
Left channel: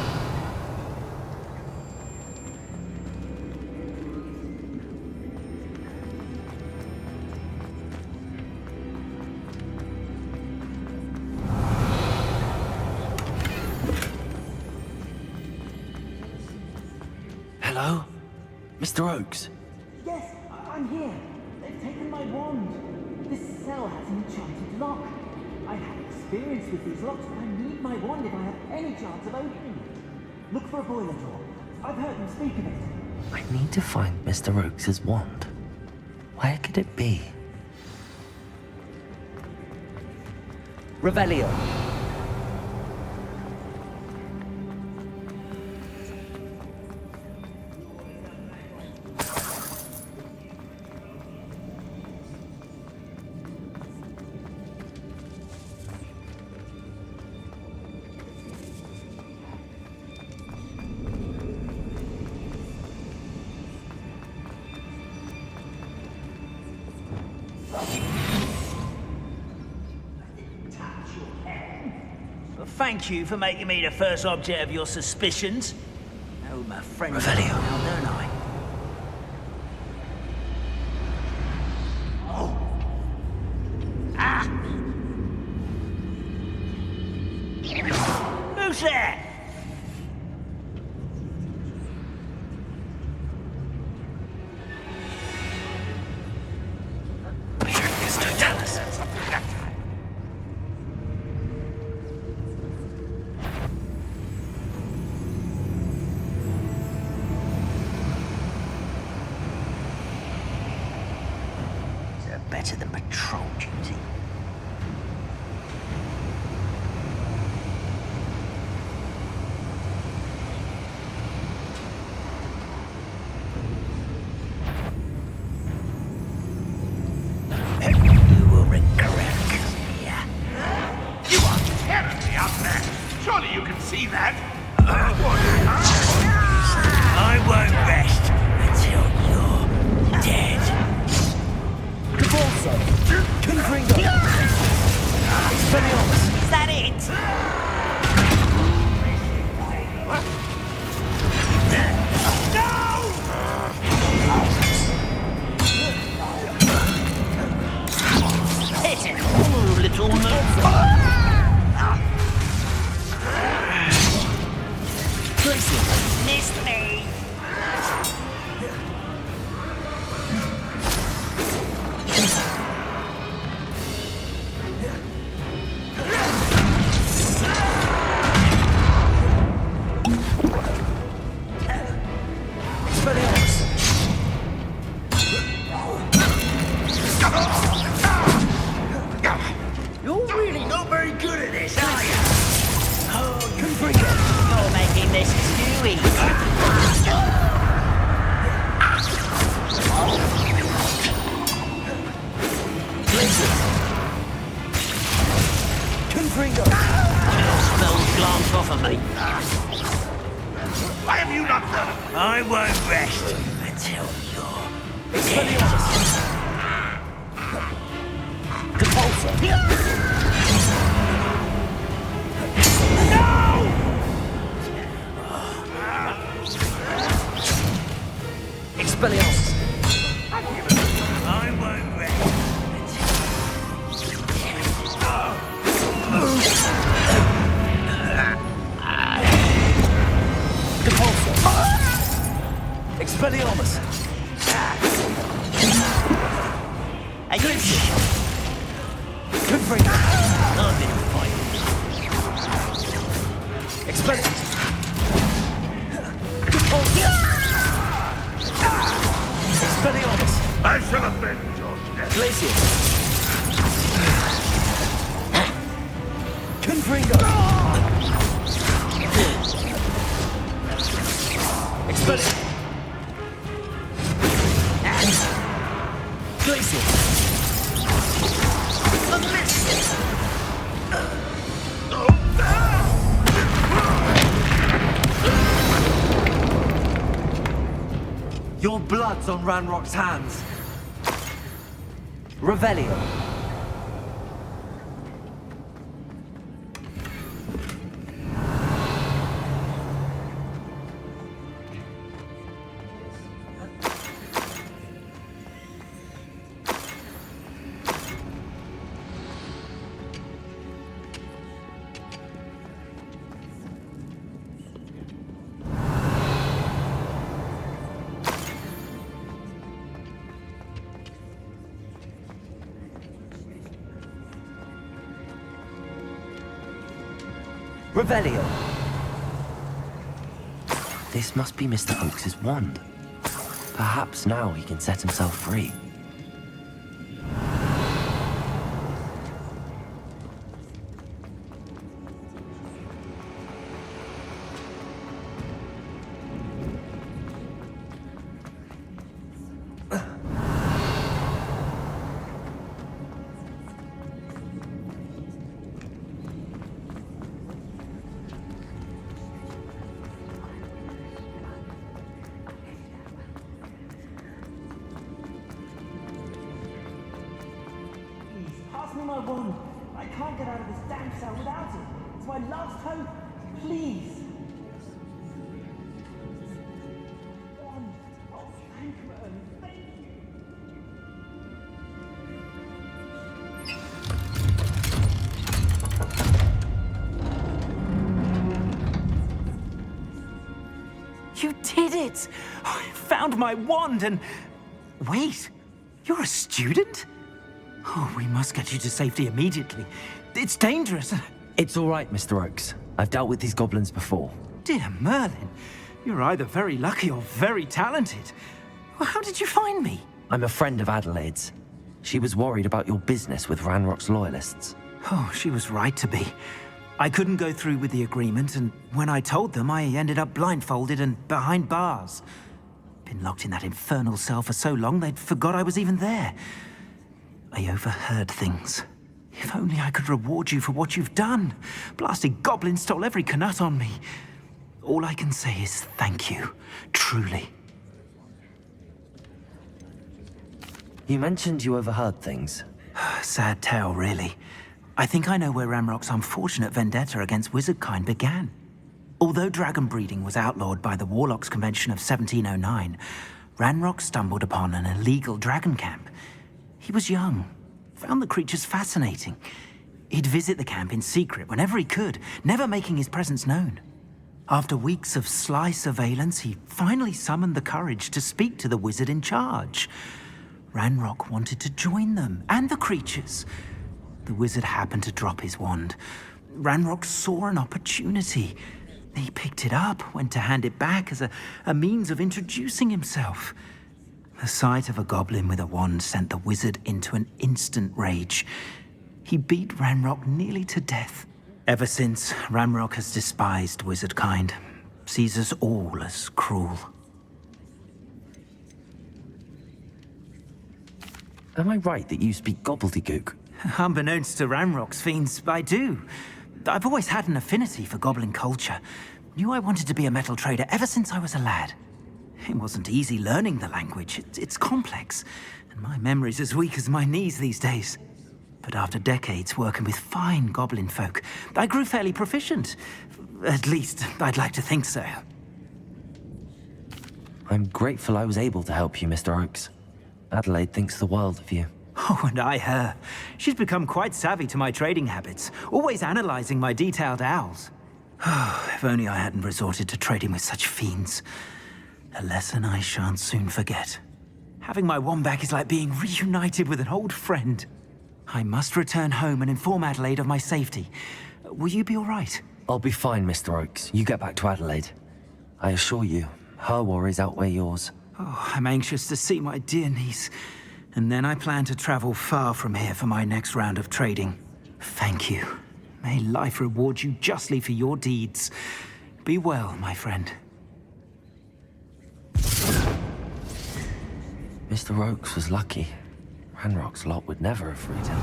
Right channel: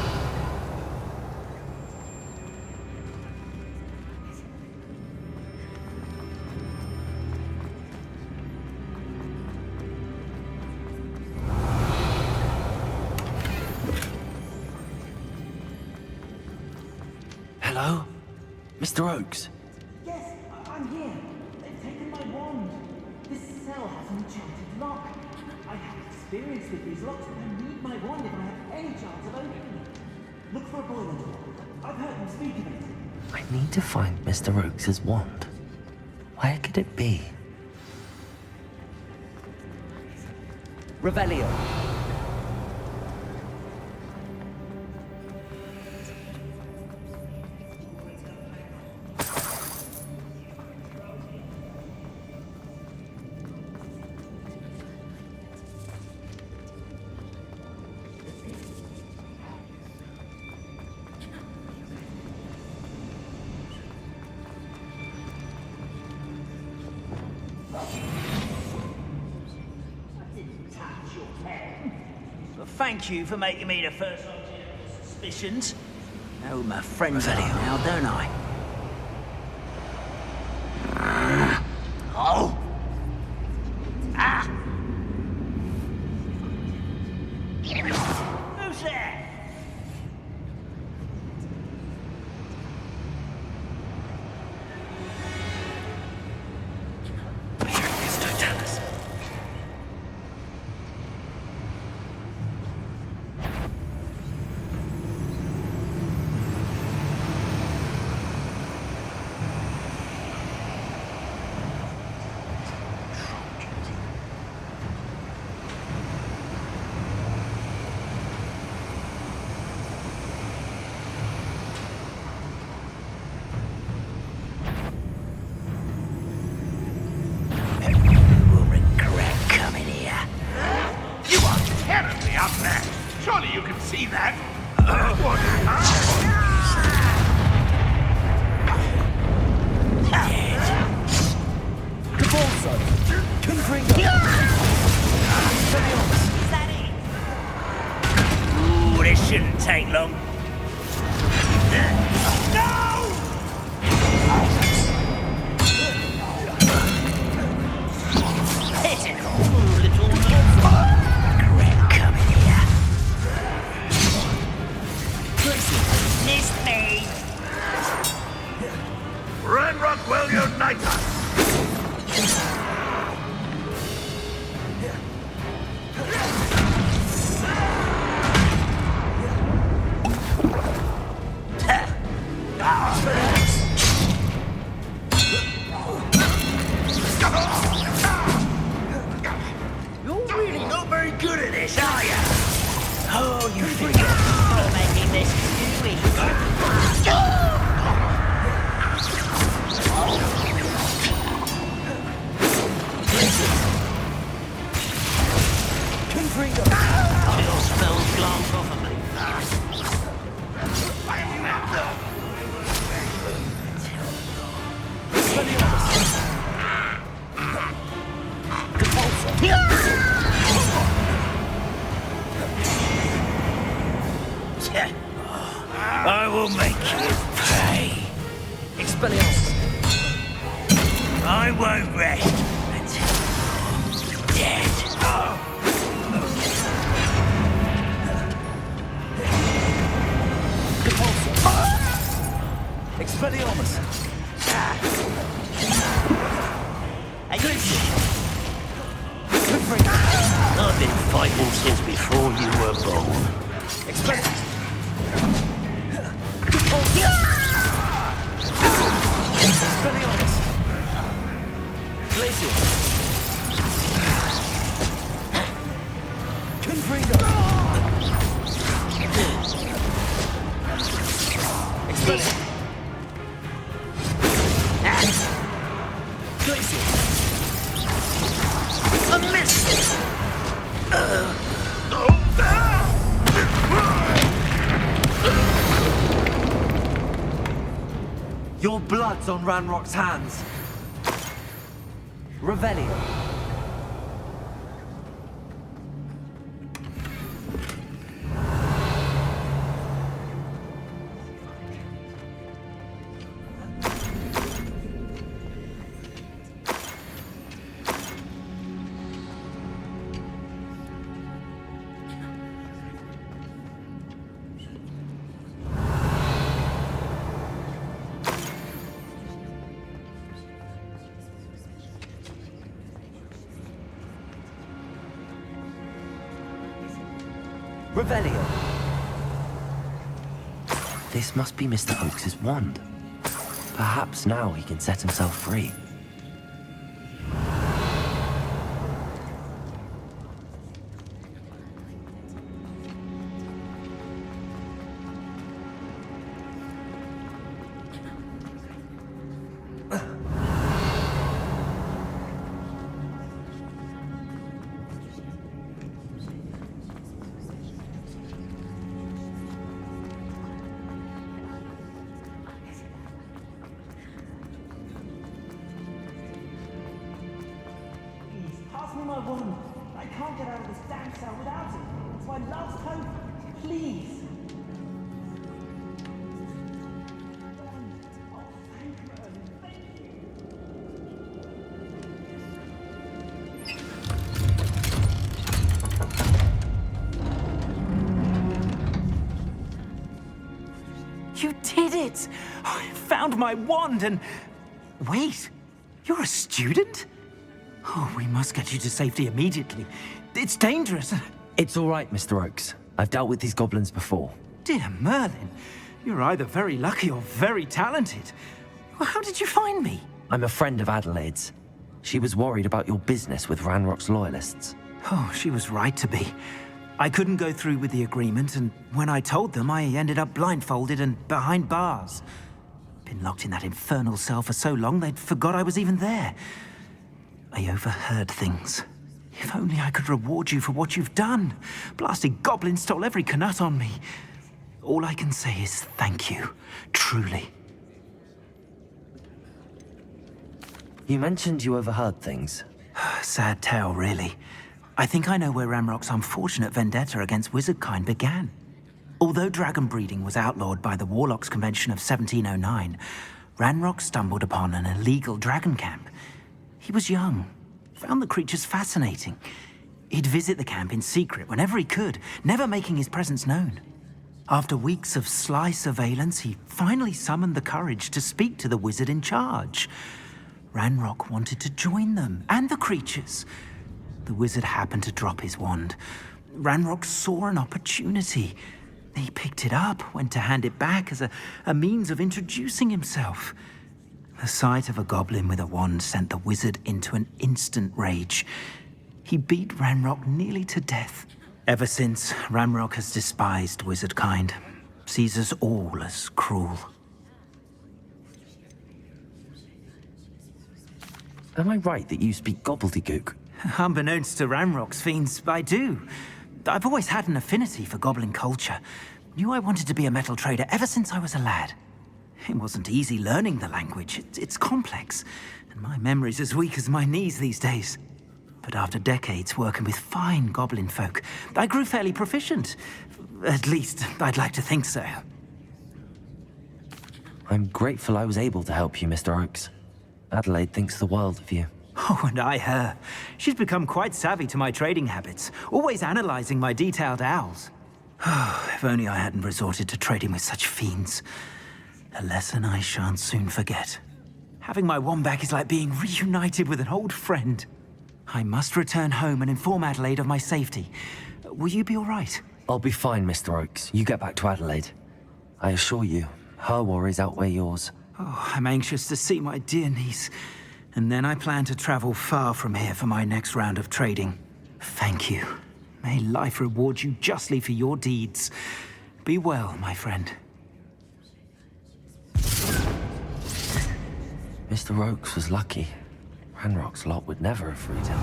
Hello? Mr. Oakes? Yes, I'm here. They've taken my wand. This cell has an enchanted lock. I have experience with these locks, but I need my wand if I have any chance of opening it. Look for a boiler door. I've heard them speak of it. I need to find Mr. Oakes' wand. Where could it be? Revelio. But thank you for making me the first object of your suspicions. Oh, my friend Revelio. now, don't I? Oh! Ah! Who's there? Better than patrol duty. You will regret coming here. You are terribly up there. Surely you can see that. I won't rest until you're dead. Cabalso. Confringo. Expelliarmus. Is that it? Ooh, this shouldn't take long. No! Pitiful little noob. Missed me. Red Rockwell unite. You're really not very good at this, are you? Oh, you think you're making this too easy. Confringo. Your spells glance off of me. Why have you not done? I won't rest until you're Expelliarmus. Cabalso. I will make you pay. Expelliarmus. I won't rest until you're dead. Cabalso. Expelliarmus. Are you Confringo. I've been fighting since before you were born. Expelliarmus. Expelliarmus. I shall avenge your death. Glacius. Confringo. Expelliarmus. Glacius. A miss! Your blood's on Ranrock's hands. Revelio. Revelio. This must be Mr. Oakes's wand. Perhaps now he can set himself free. Please, pass me my wand. I can't get out of this damn cell without it. It's my last hope. Please. Wand. Oh, thank Merlin. Thank you. You did it! I found my wand and... Wait, you're a student? Oh, we must get you to safety immediately. It's dangerous. It's all right, Mr. Oakes. I've dealt with these goblins before. Dear Merlin, you're either very lucky or very talented. Well, how did you find me? I'm a friend of Adelaide's. She was worried about your business with Ranrock's loyalists. Oh, she was right to be. I couldn't go through with the agreement, and when I told them, I ended up blindfolded and behind bars. Been locked in that infernal cell for so long, they'd forgot I was even there. I overheard things. If only I could reward you for what you've done. Blasted goblins stole every canut on me. All I can say is thank you, truly. You mentioned you overheard things. Sad tale, really. I think I know where Ranrock's unfortunate vendetta against wizardkind began. Although dragon breeding was outlawed by the Warlocks Convention of 1709, Ranrock stumbled upon an illegal dragon camp. He was young, found the creatures fascinating. He'd visit the camp in secret whenever he could, never making his presence known. After weeks of sly surveillance, he finally summoned the courage to speak to the wizard in charge. Ranrock wanted to join them, and the creatures. The wizard happened to drop his wand. Ranrock saw an opportunity. He picked it up, went to hand it back as a means of introducing himself. The sight of a goblin with a wand sent the wizard into an instant rage. He beat Ranrock nearly to death. Ever since, Ranrock has despised wizardkind, sees us all as cruel. Am I right that you speak gobbledygook? Unbeknownst to Ranrock's fiends, I do. I've always had an affinity for goblin culture. Knew I wanted to be a metal trader ever since I was a lad. It wasn't easy learning the language. It's complex, and my memory's as weak as my knees these days. But after decades working with fine goblin folk, I grew fairly proficient. At least, I'd like to think so. I'm grateful I was able to help you, Mr. Oakes. Adelaide thinks the world of you. Oh, and I her. She's become quite savvy to my trading habits, always analyzing my detailed owls. Oh, if only I hadn't resorted to trading with such fiends. A lesson I shan't soon forget. Having my wand back is like being reunited with an old friend. I must return home and inform Adelaide of my safety. Will you be all right? I'll be fine, Mr. Oakes. You get back to Adelaide. I assure you, her worries outweigh yours. Oh, I'm anxious to see my dear niece. And then I plan to travel far from here for my next round of trading. Thank you. May life reward you justly for your deeds. Be well, my friend. Mr. Oakes was lucky. Ranrock's lot would never have freed him.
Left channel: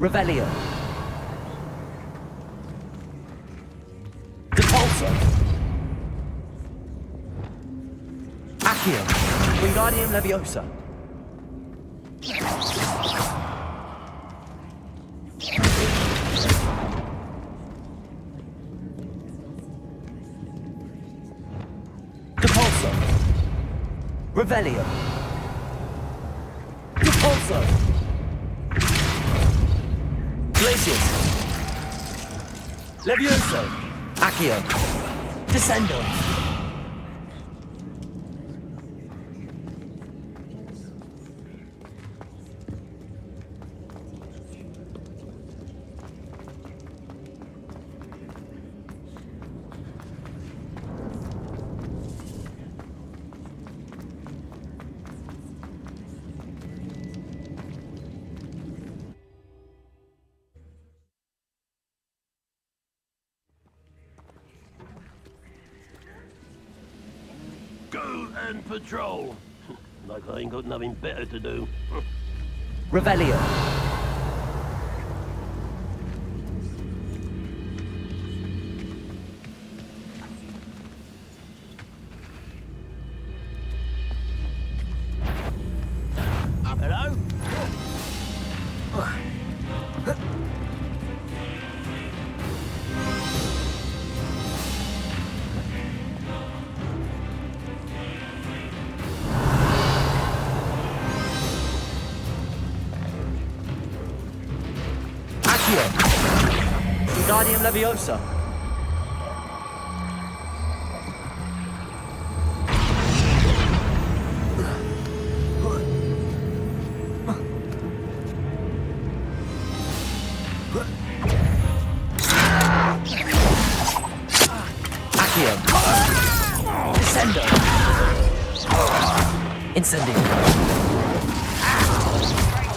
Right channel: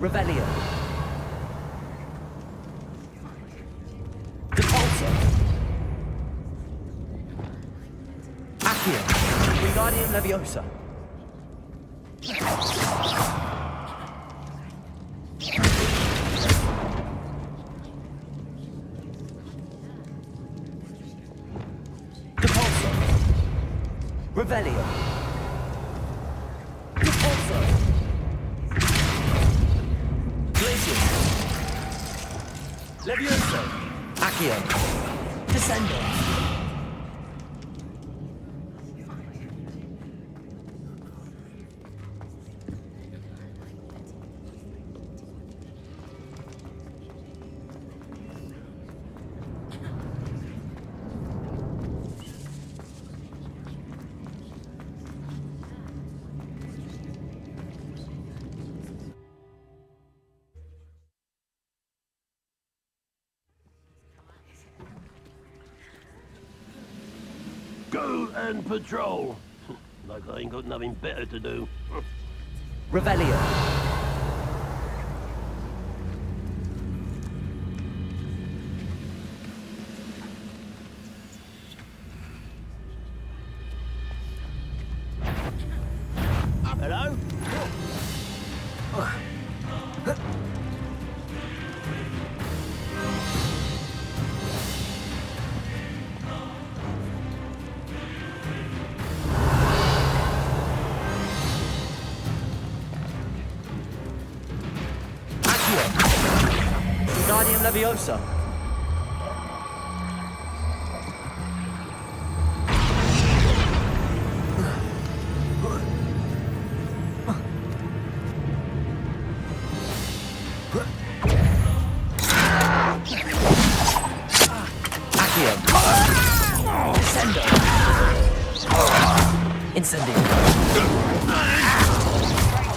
Revelio. Depulso. Wingardium Leviosa. Depulso. Revelio. Depulso. Glacius. Levioso. Accio. Descendo. Go and patrol. Like I ain't got nothing better to do. Revelio. Hello? Wingardium Leviosa. Accio. Descendo. Incendio.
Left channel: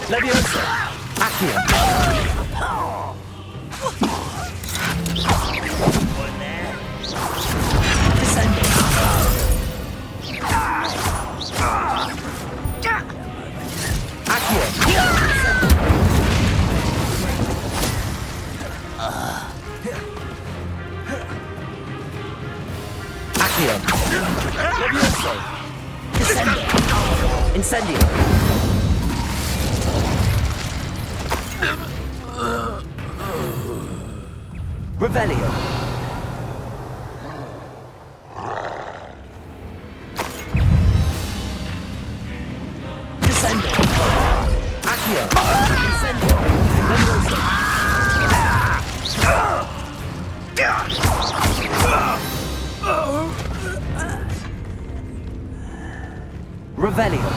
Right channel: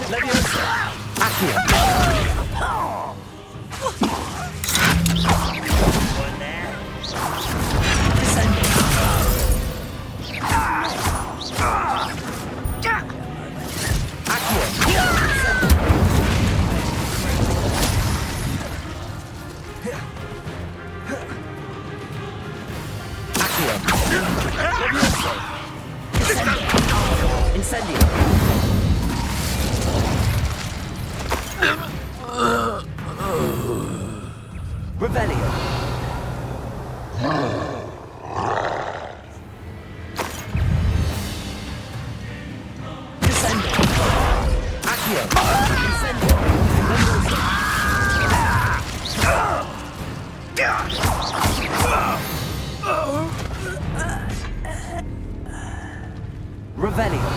Leviosa. Accio. Incendio. Revelio. Descendo. Accio. Incendio. Revelio.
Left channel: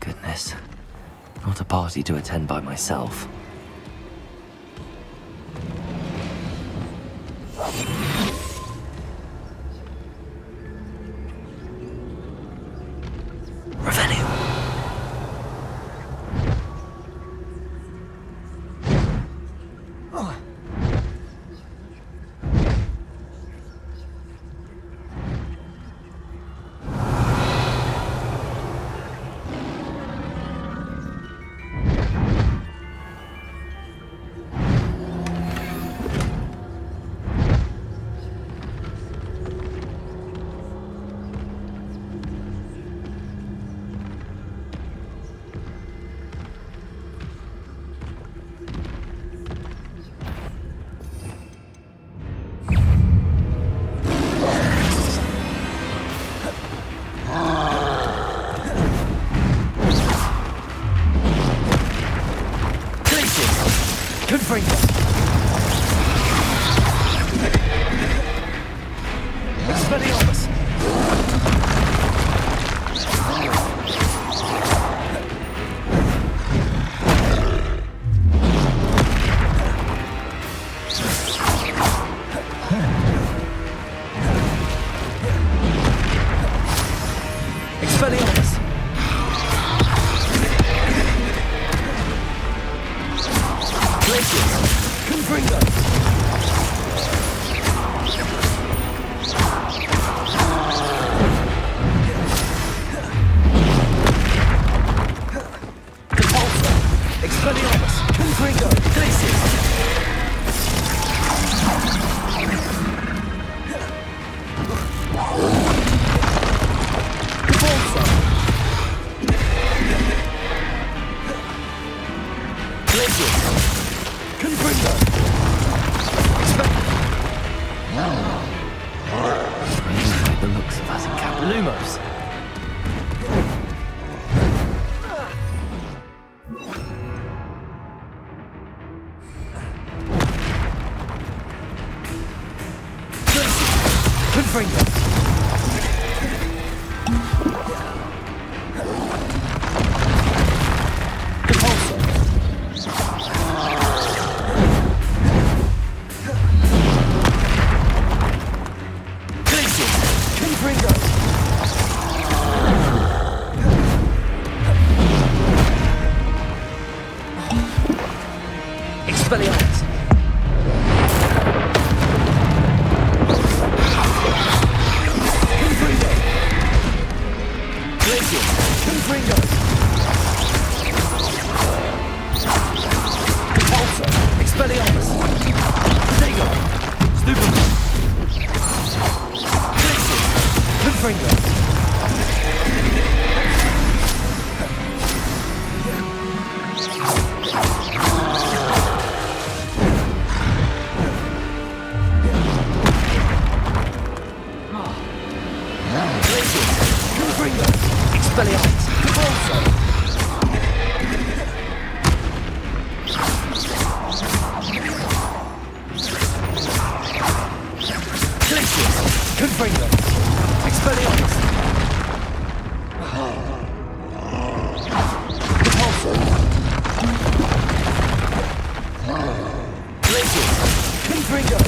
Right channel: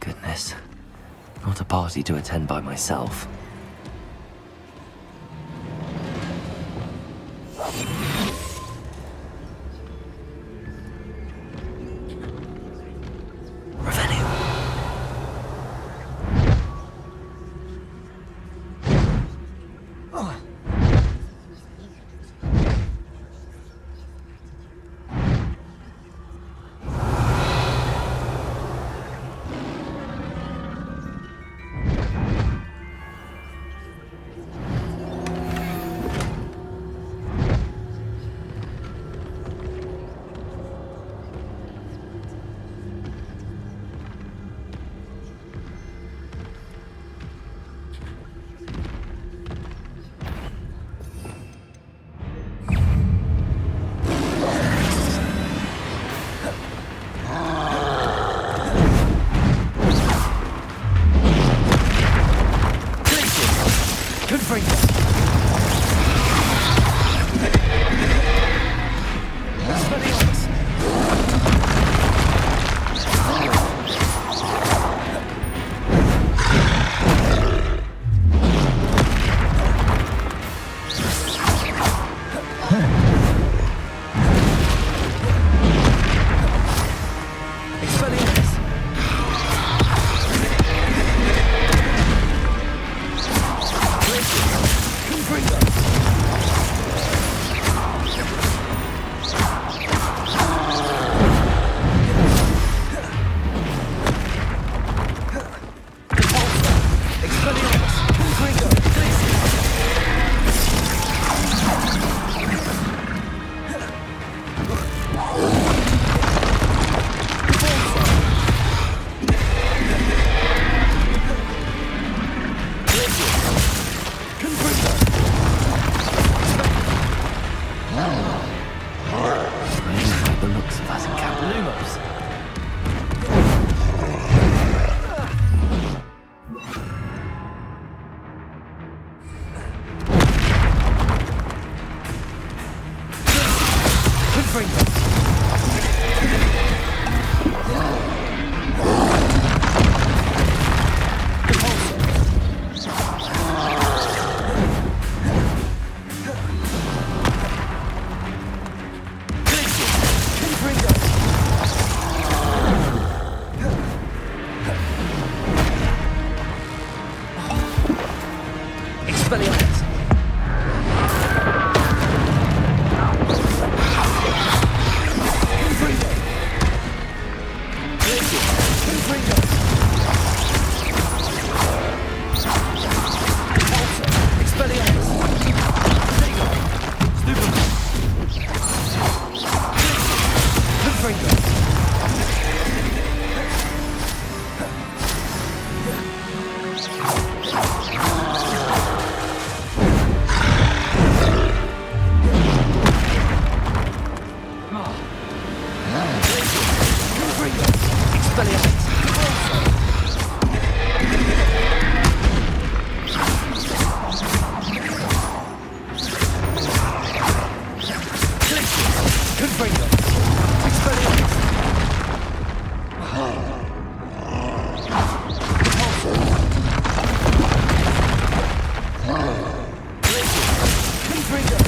Goodness. Not a party to attend by myself. The looks of us in Cap Lumos. Expelliarmus! Confringo! Glacius! Confringo! Repulsor! Expelliarmus! Protego! Stupefy! Glacius! Confringo! Expelliarmus! Repulsor! Glacius! Confringo! Expelliarmus! Repulsor! Glacius! Confringo!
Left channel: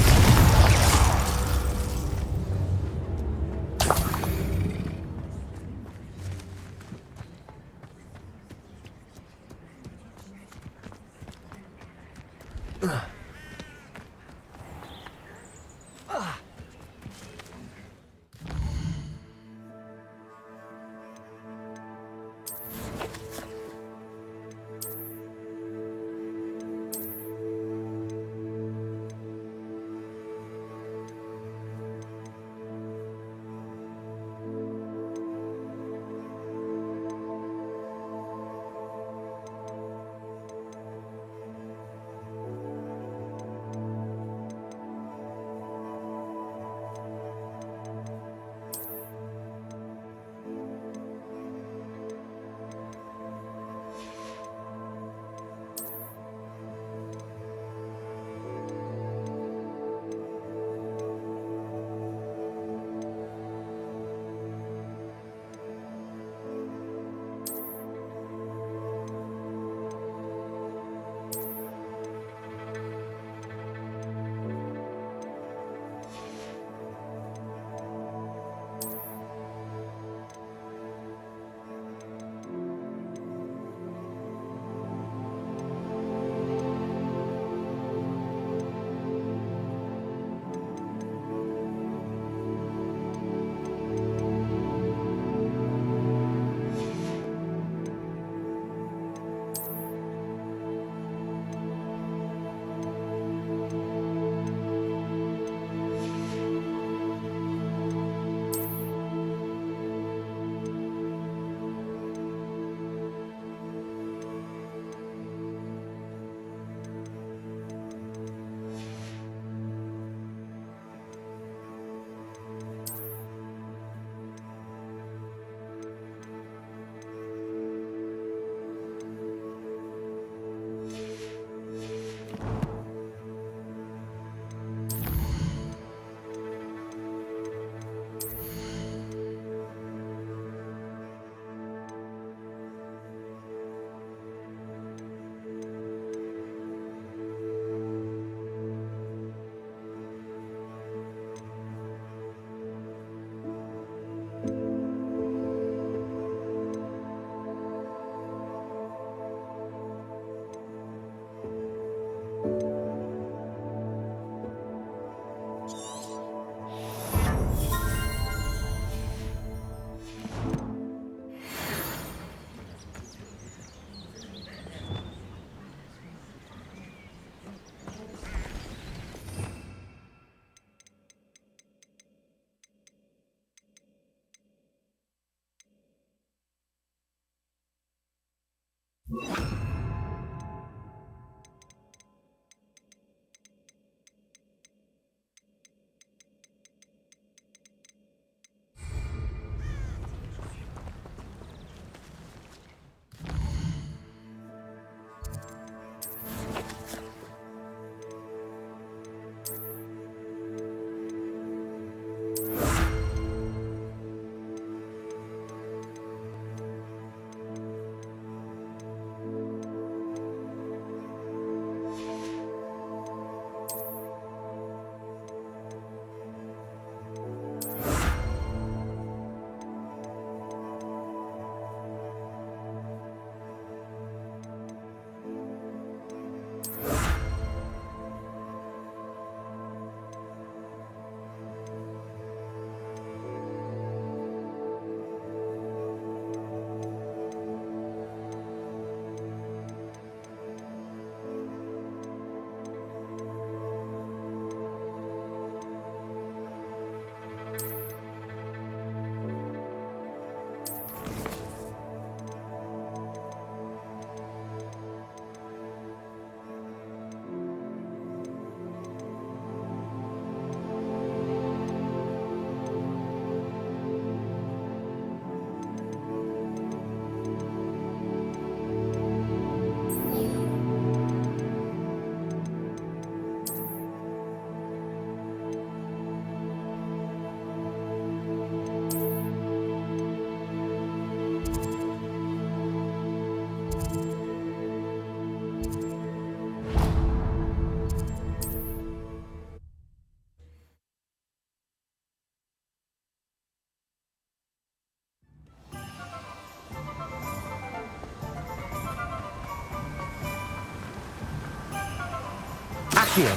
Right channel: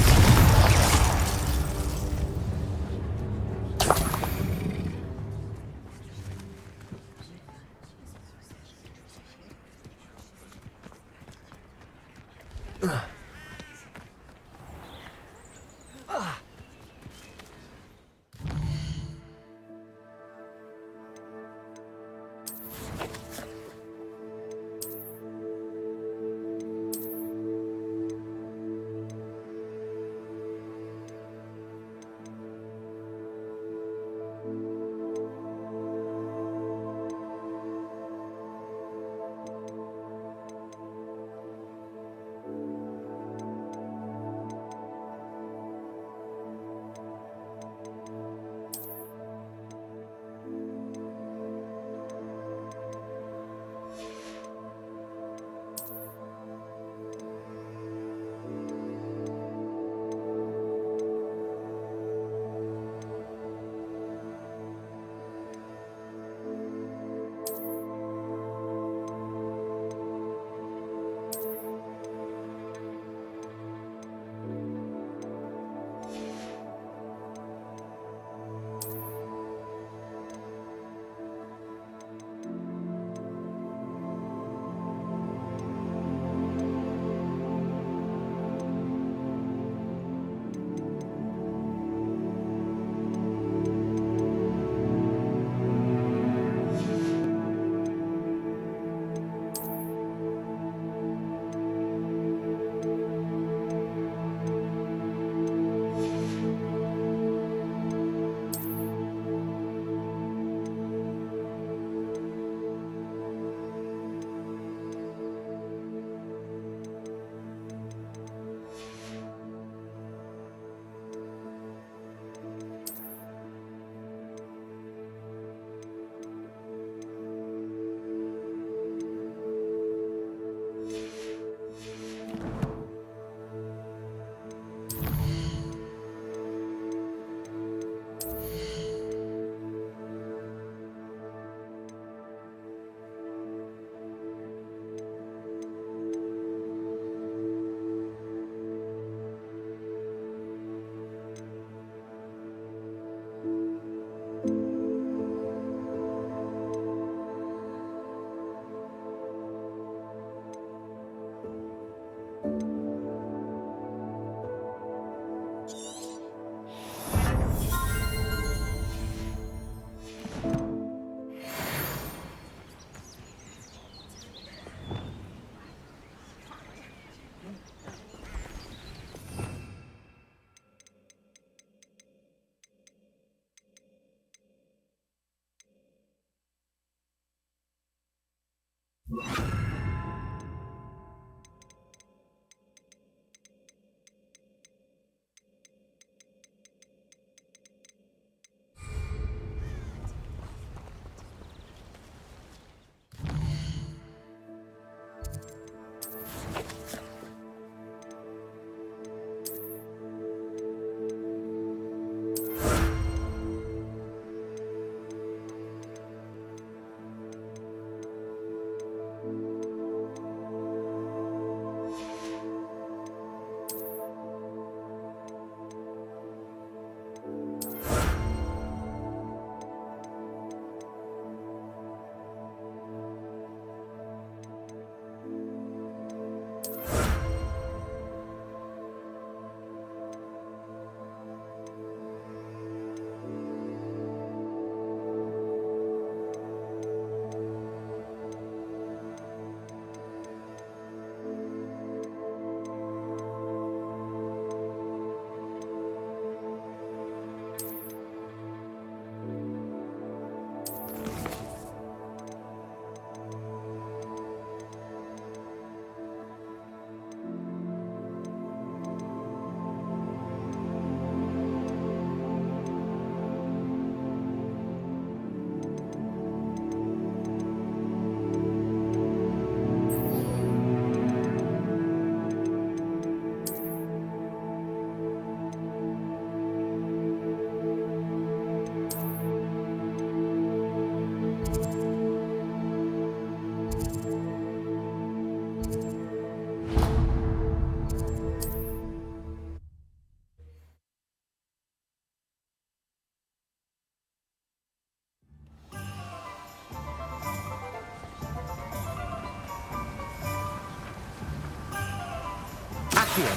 Accio.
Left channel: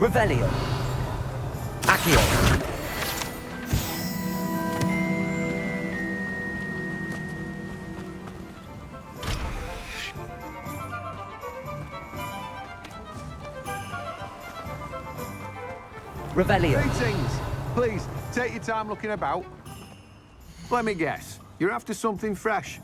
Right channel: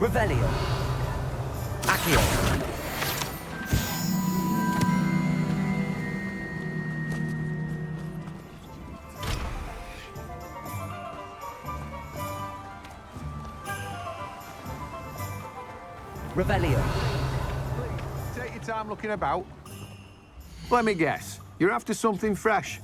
Revelio. Accio. Revelio. Greetings. Please, take your time looking about. Let me guess. You're after something fresh.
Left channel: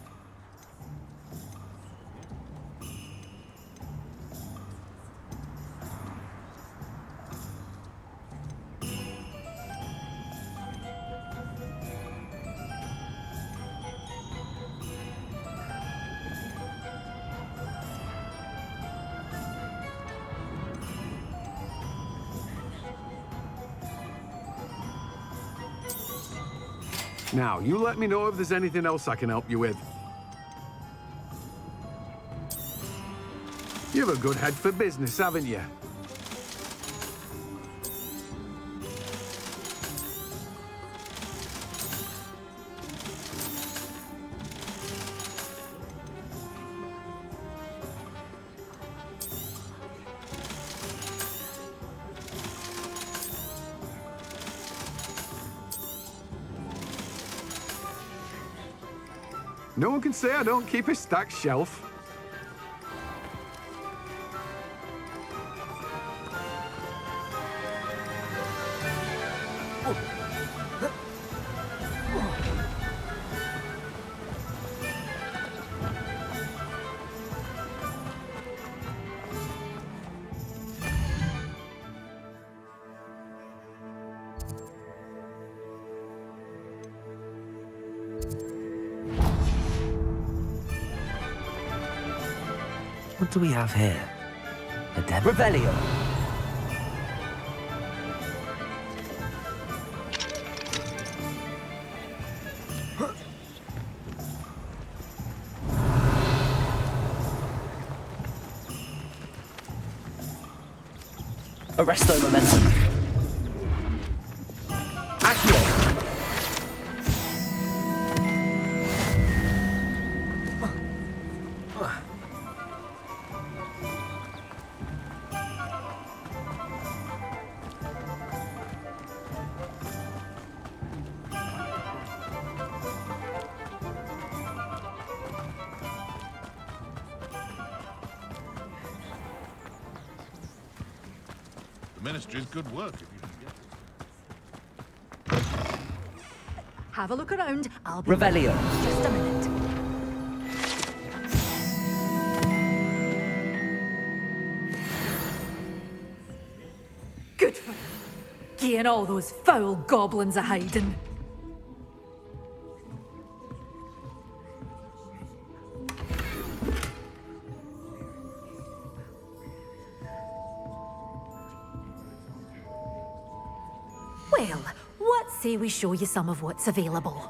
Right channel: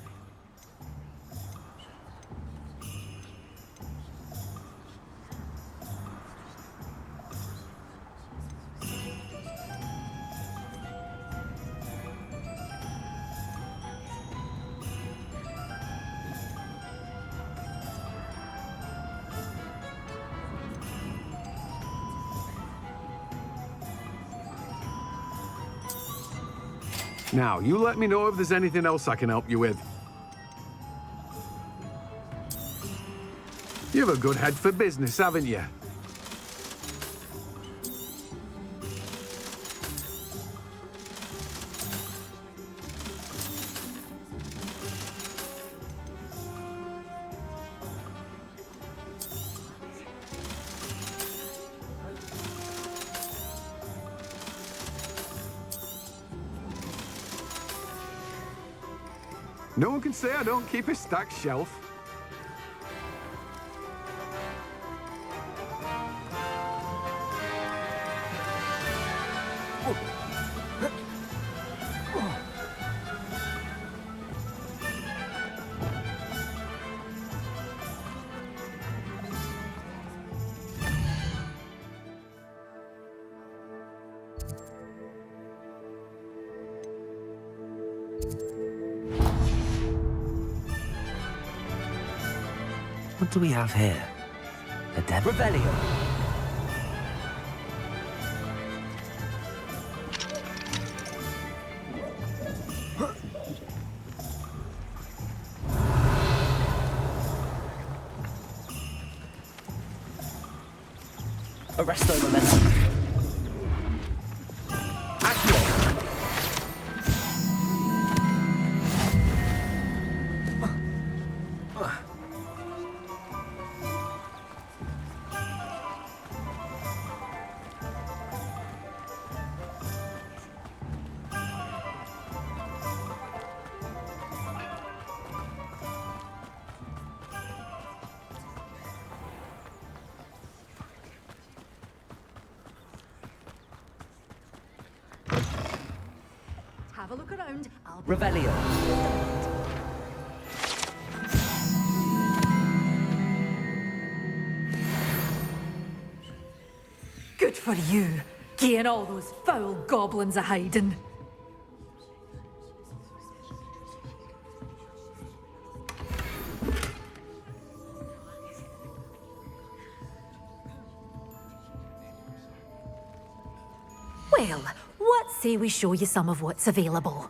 Now, you let me know if there's anything else I can help you with. You have a good head for business, haven't you? No one can say I don't keep a stacked shelf. What do we have here? A demo? Revelio. Arresto momentum. Accio. The Ministry's good work. Have a look around. I'll be Revelio. just a minute. Good for you, getting all those foul goblins a hiding. Well, what say we show you some of what's available?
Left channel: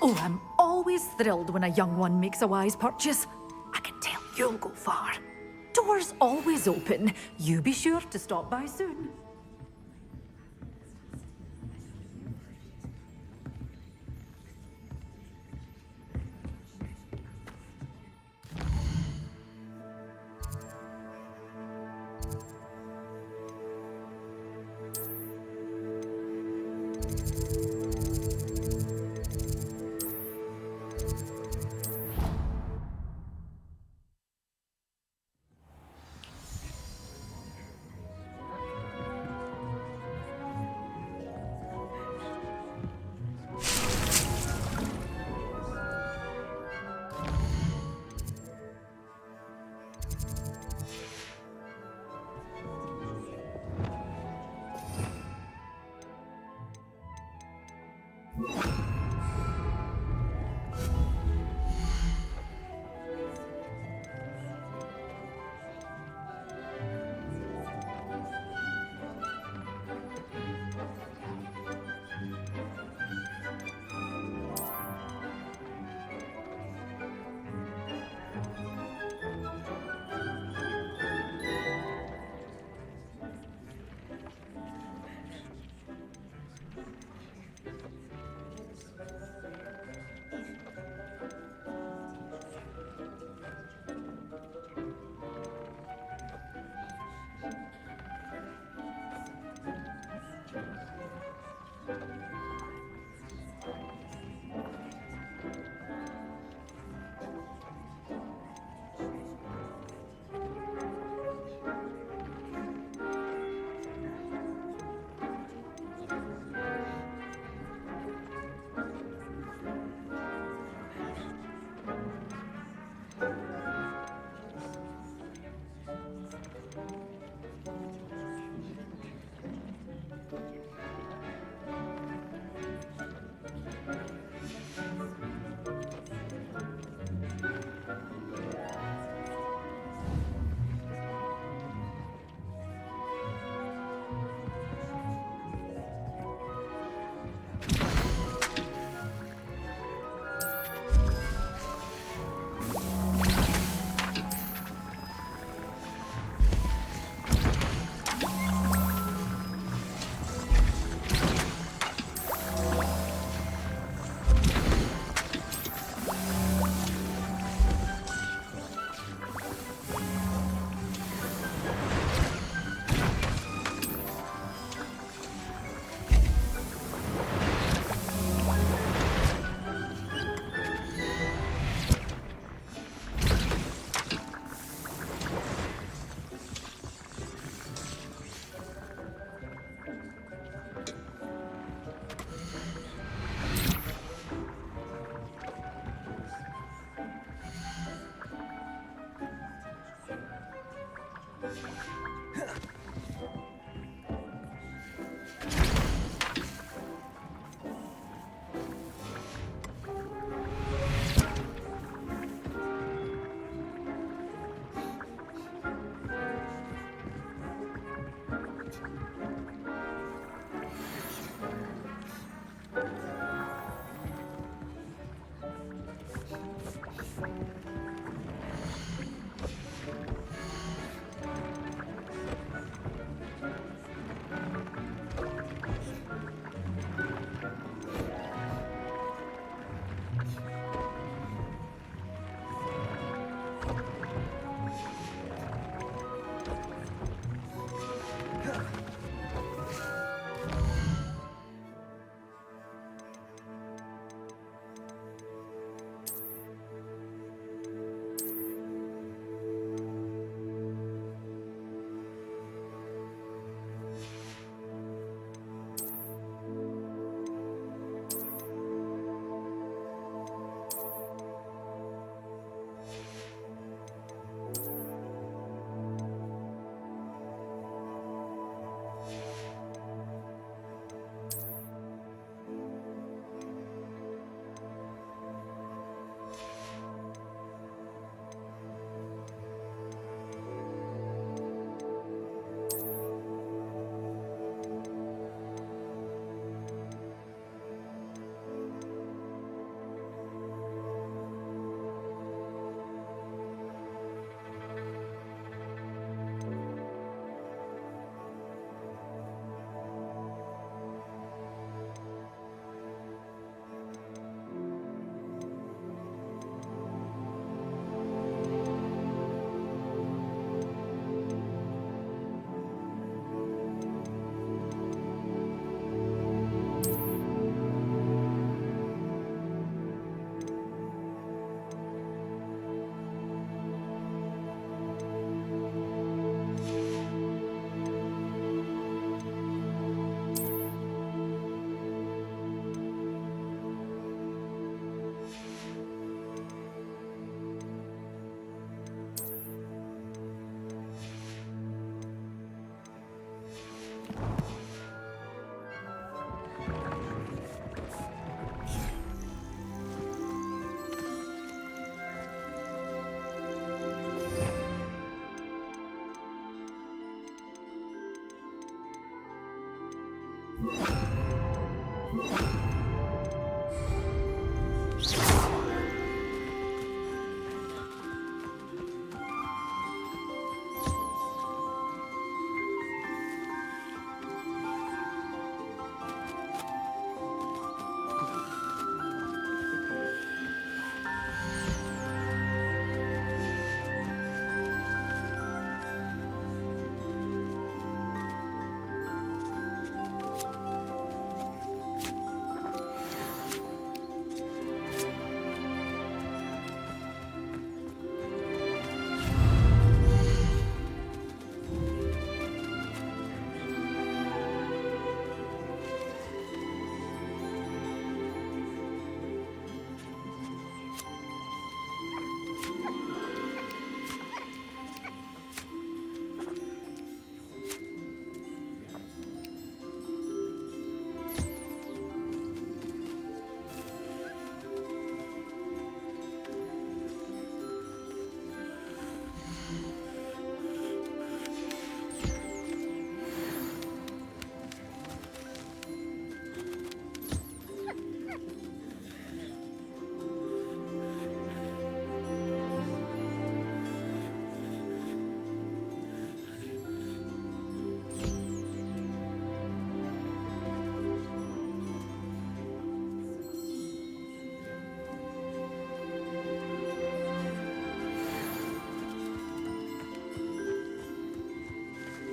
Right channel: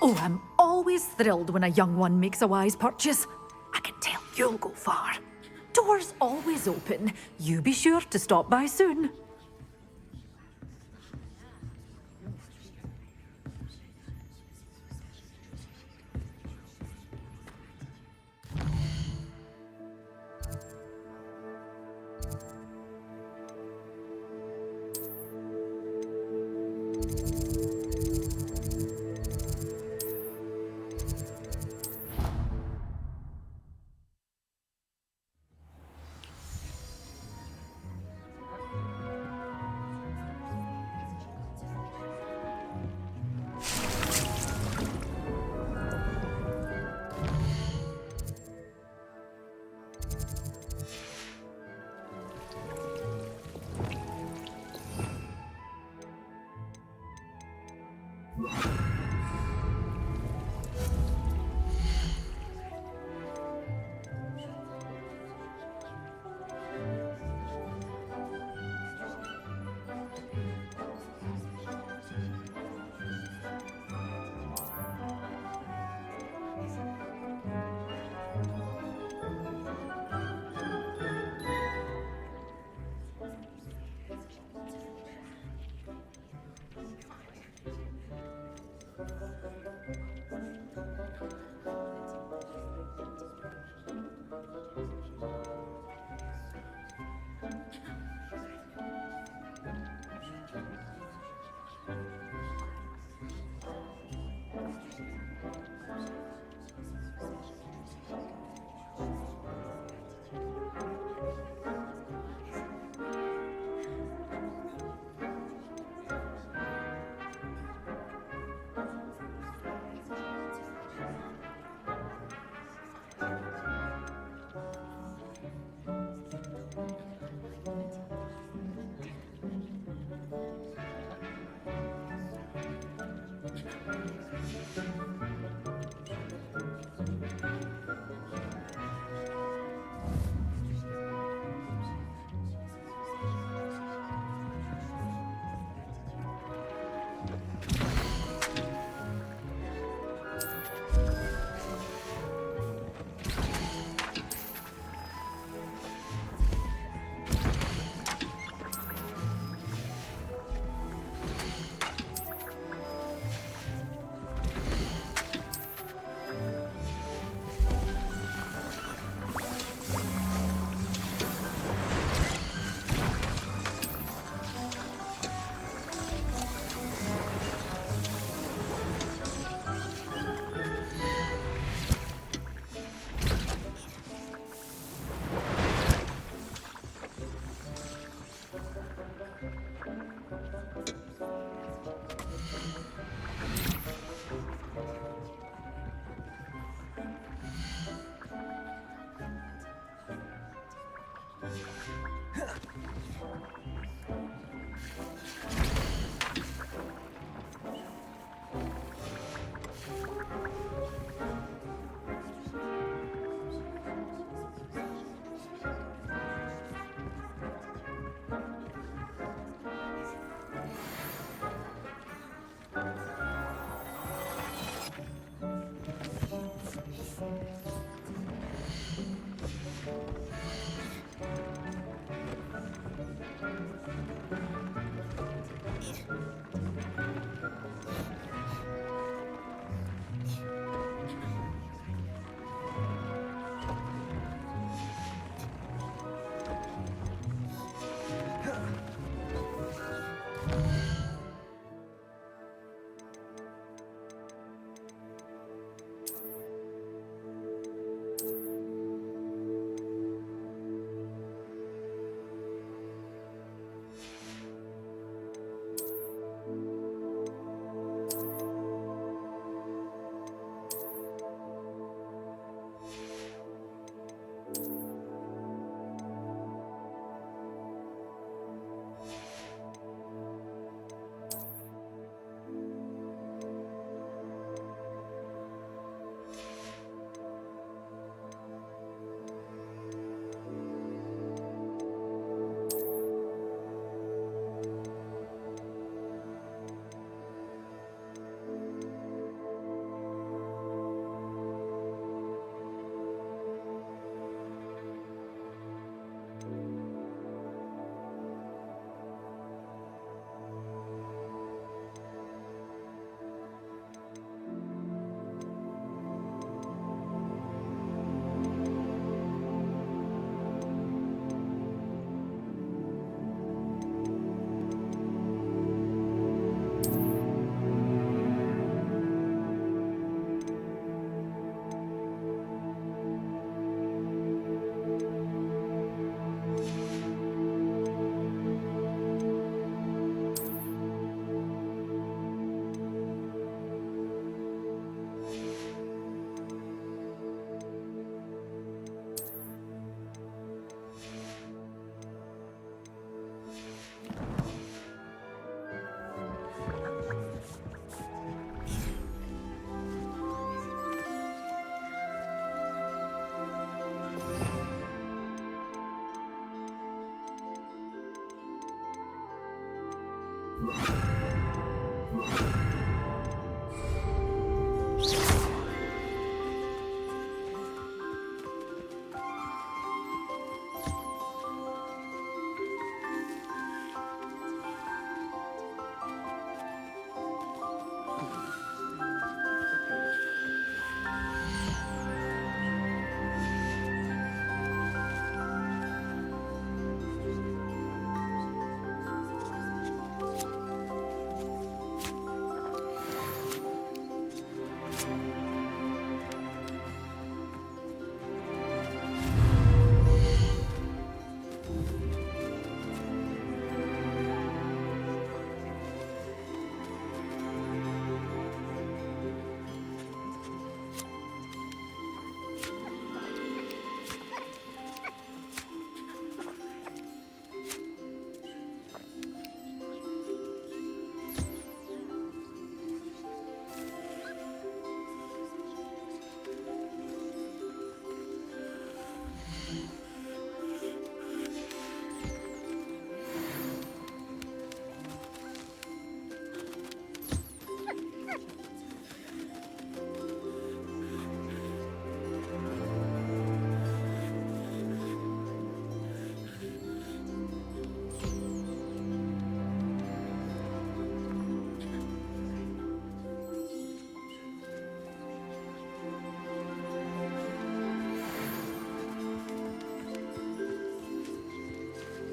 Oh, I'm always thrilled when a young one makes a wise purchase. I can tell you'll go far. Doors always open. You be sure to stop by soon.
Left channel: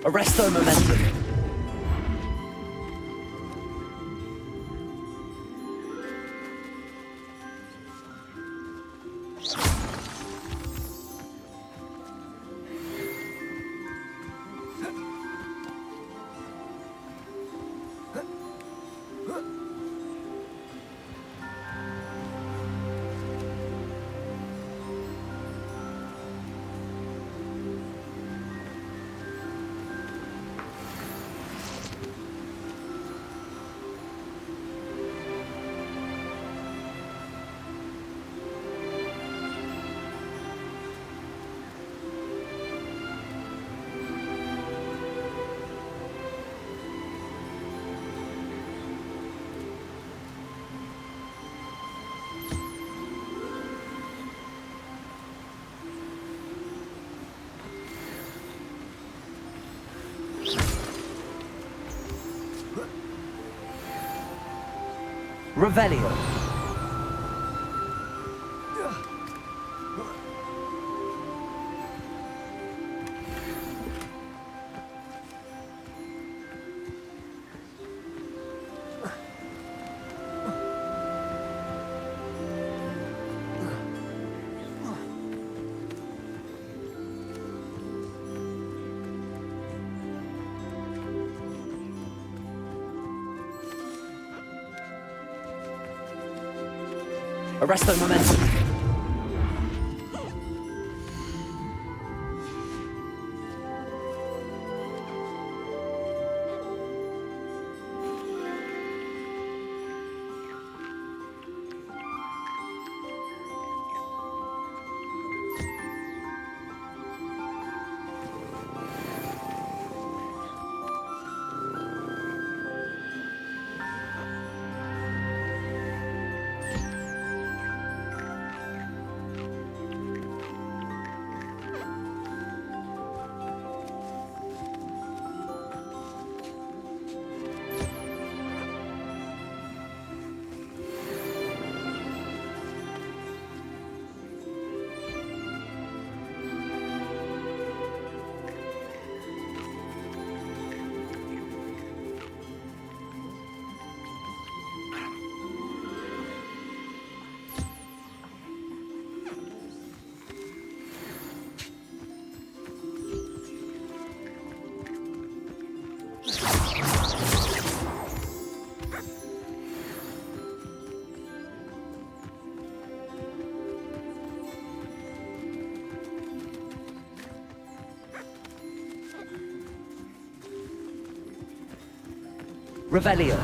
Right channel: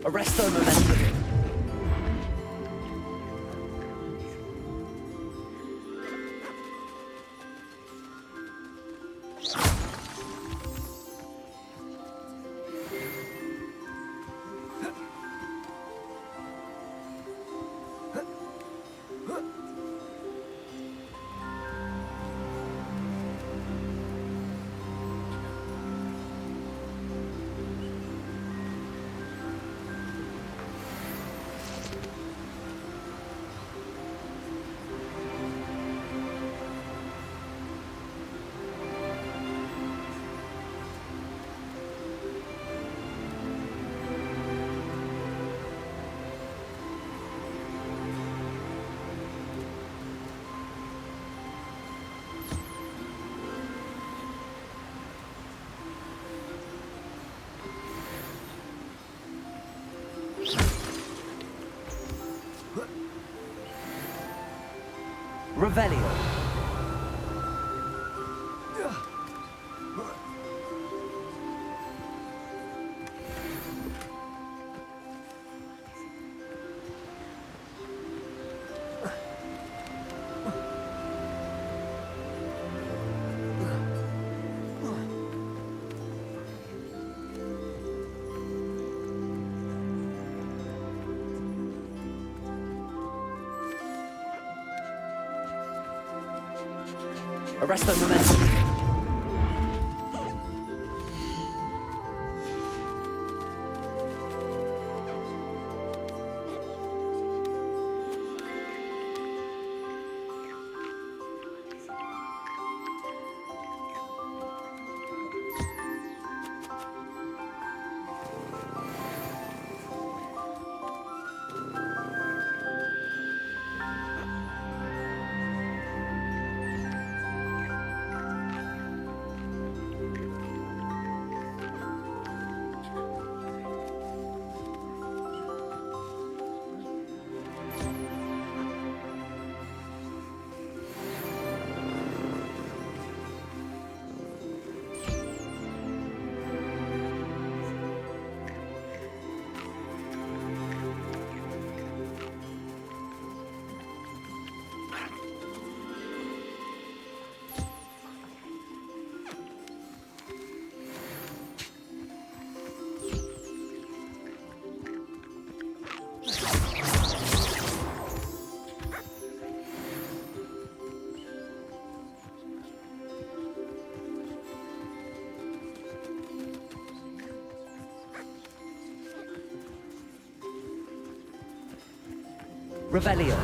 Arresto momentum. Revelio. Arresto momentum. Revelio.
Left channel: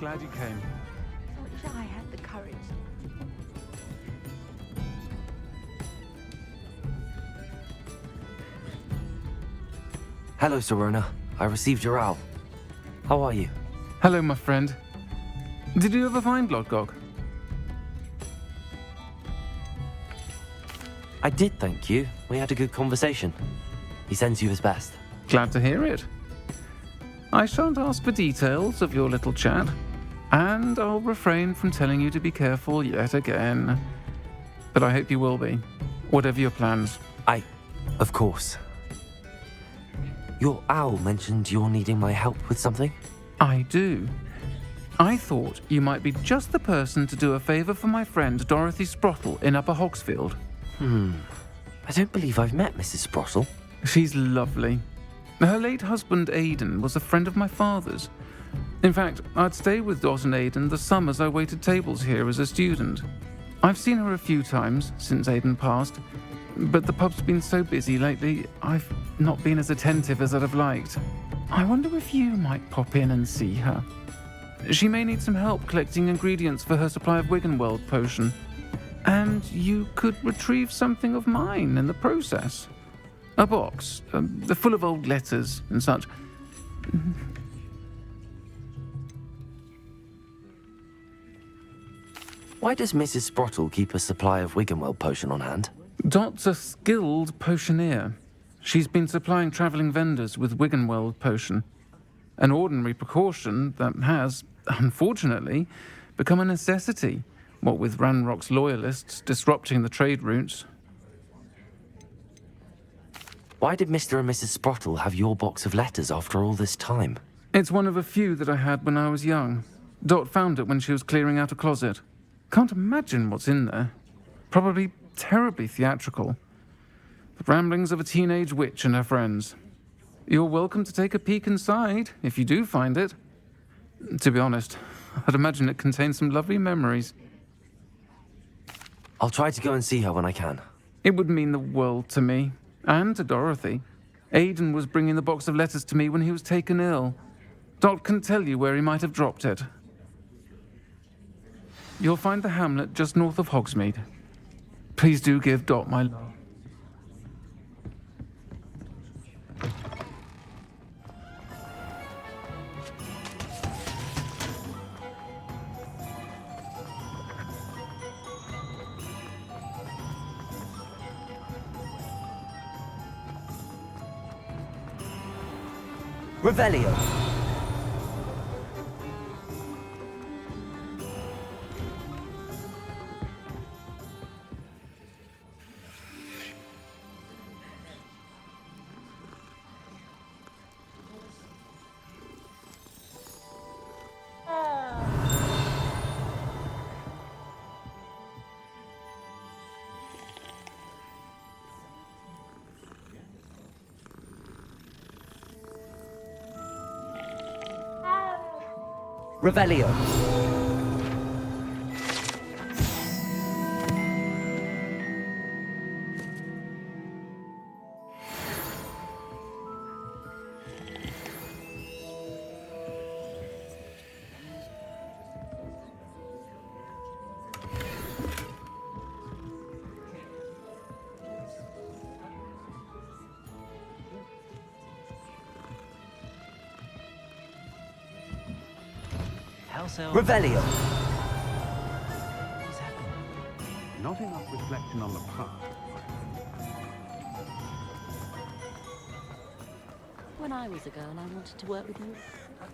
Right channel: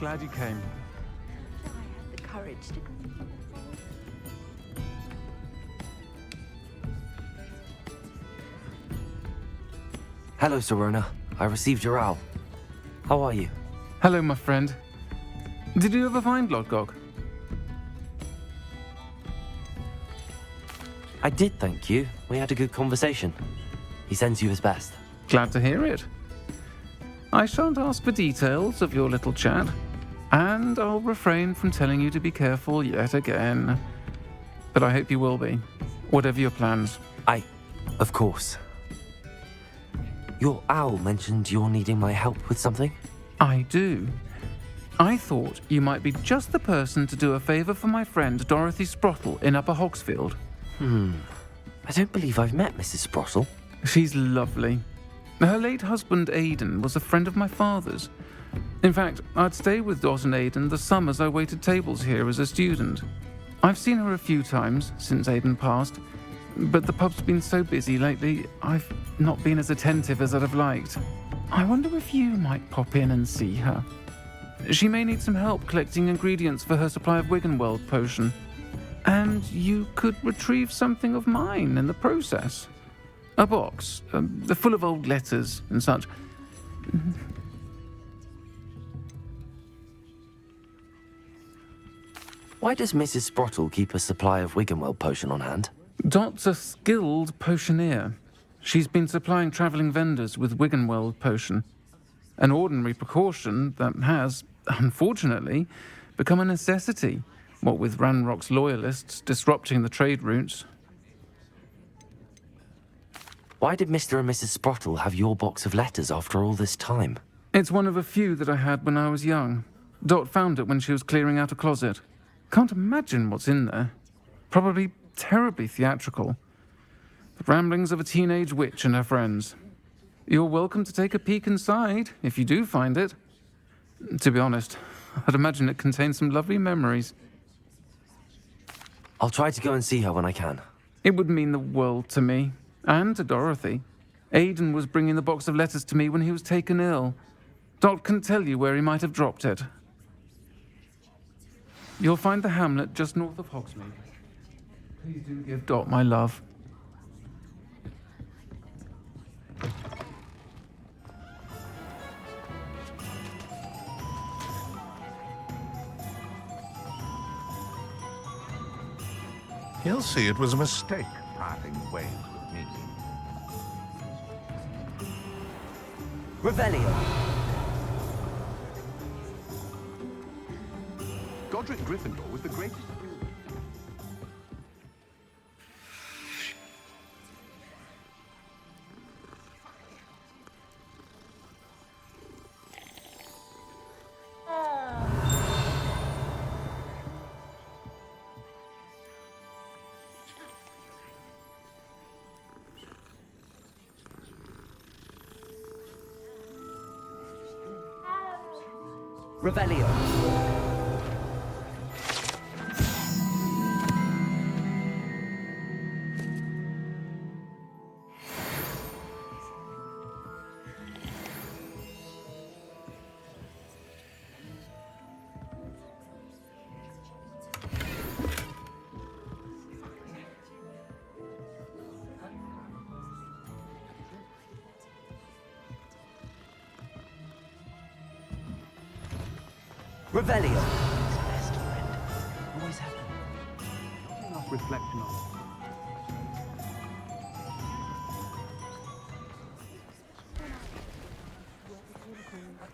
Glad you came. Wish I had the courage to... Hello, Serona. I received your owl. How are you? Hello, my friend. Did you ever find Lodgok? I did, thank you. We had a good conversation. He sends you his best. Glad to hear it. I shan't ask for details of your little chat, and I'll refrain from telling you to be careful yet again. But I hope you will be, whatever your plans. Of course. Your owl mentioned you're needing my help with something? I do. I thought you might be just the person to do a favour for my friend Dorothy Sprottle in Upper Hogsfield. I don't believe I've met Mrs. Sprottle. She's lovely. Her late husband Aidan was a friend of my father's. In fact, I'd stay with Dot and Aidan the summers I waited tables here as a student. I've seen her a few times since Aidan passed, but the pub's been so busy lately, I've not been as attentive as I'd have liked. I wonder if you might pop in and see her. She may need some help collecting ingredients for her supply of Wiggenweld potion. And you could retrieve something of mine in the process. A box, full of old letters and such. Why does Mrs. Sprottle keep a supply of Wiggenweld potion on hand? Dot's a skilled potioneer. She's been supplying travelling vendors with Wiggenweld potion. An ordinary precaution that has, unfortunately, become a necessity, what with Ranrock's loyalists disrupting the trade routes. Why did Mr. and Mrs. Sprottle have your box of letters after all this time? It's one of a few that I had when I was young. Dot found it when she was clearing out a closet. Can't imagine what's in there. Probably terribly theatrical. The ramblings of a teenage witch and her friends. You're welcome to take a peek inside, if you do find it. To be honest, I'd imagine it contains some lovely memories. I'll try to go and see her when I can. It would mean the world to me, and to Dorothy. Aidan was bringing the box of letters to me when he was taken ill. Dot can tell you where he might have dropped it. You'll find the hamlet just north of Hogsmeade. Please do give Dot my love. He'll see it was a mistake parting ways with me. Revelio. Godric Gryffindor was the greatest. Revelio. Revelio. Always happen. Not enough reflection on the past. When I was a girl, I wanted to work with unicorns.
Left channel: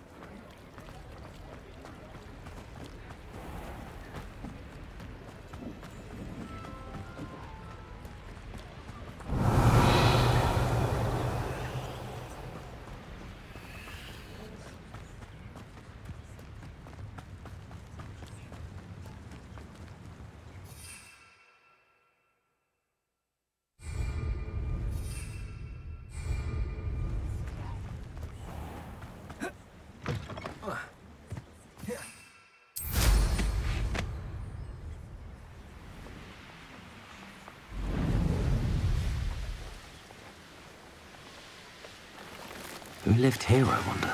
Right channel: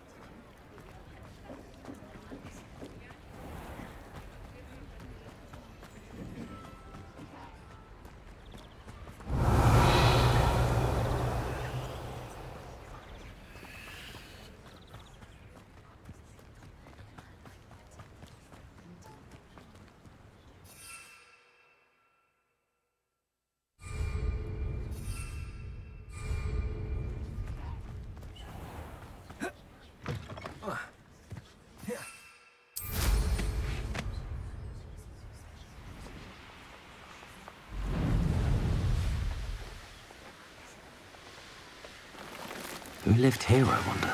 Who lived here, I wonder?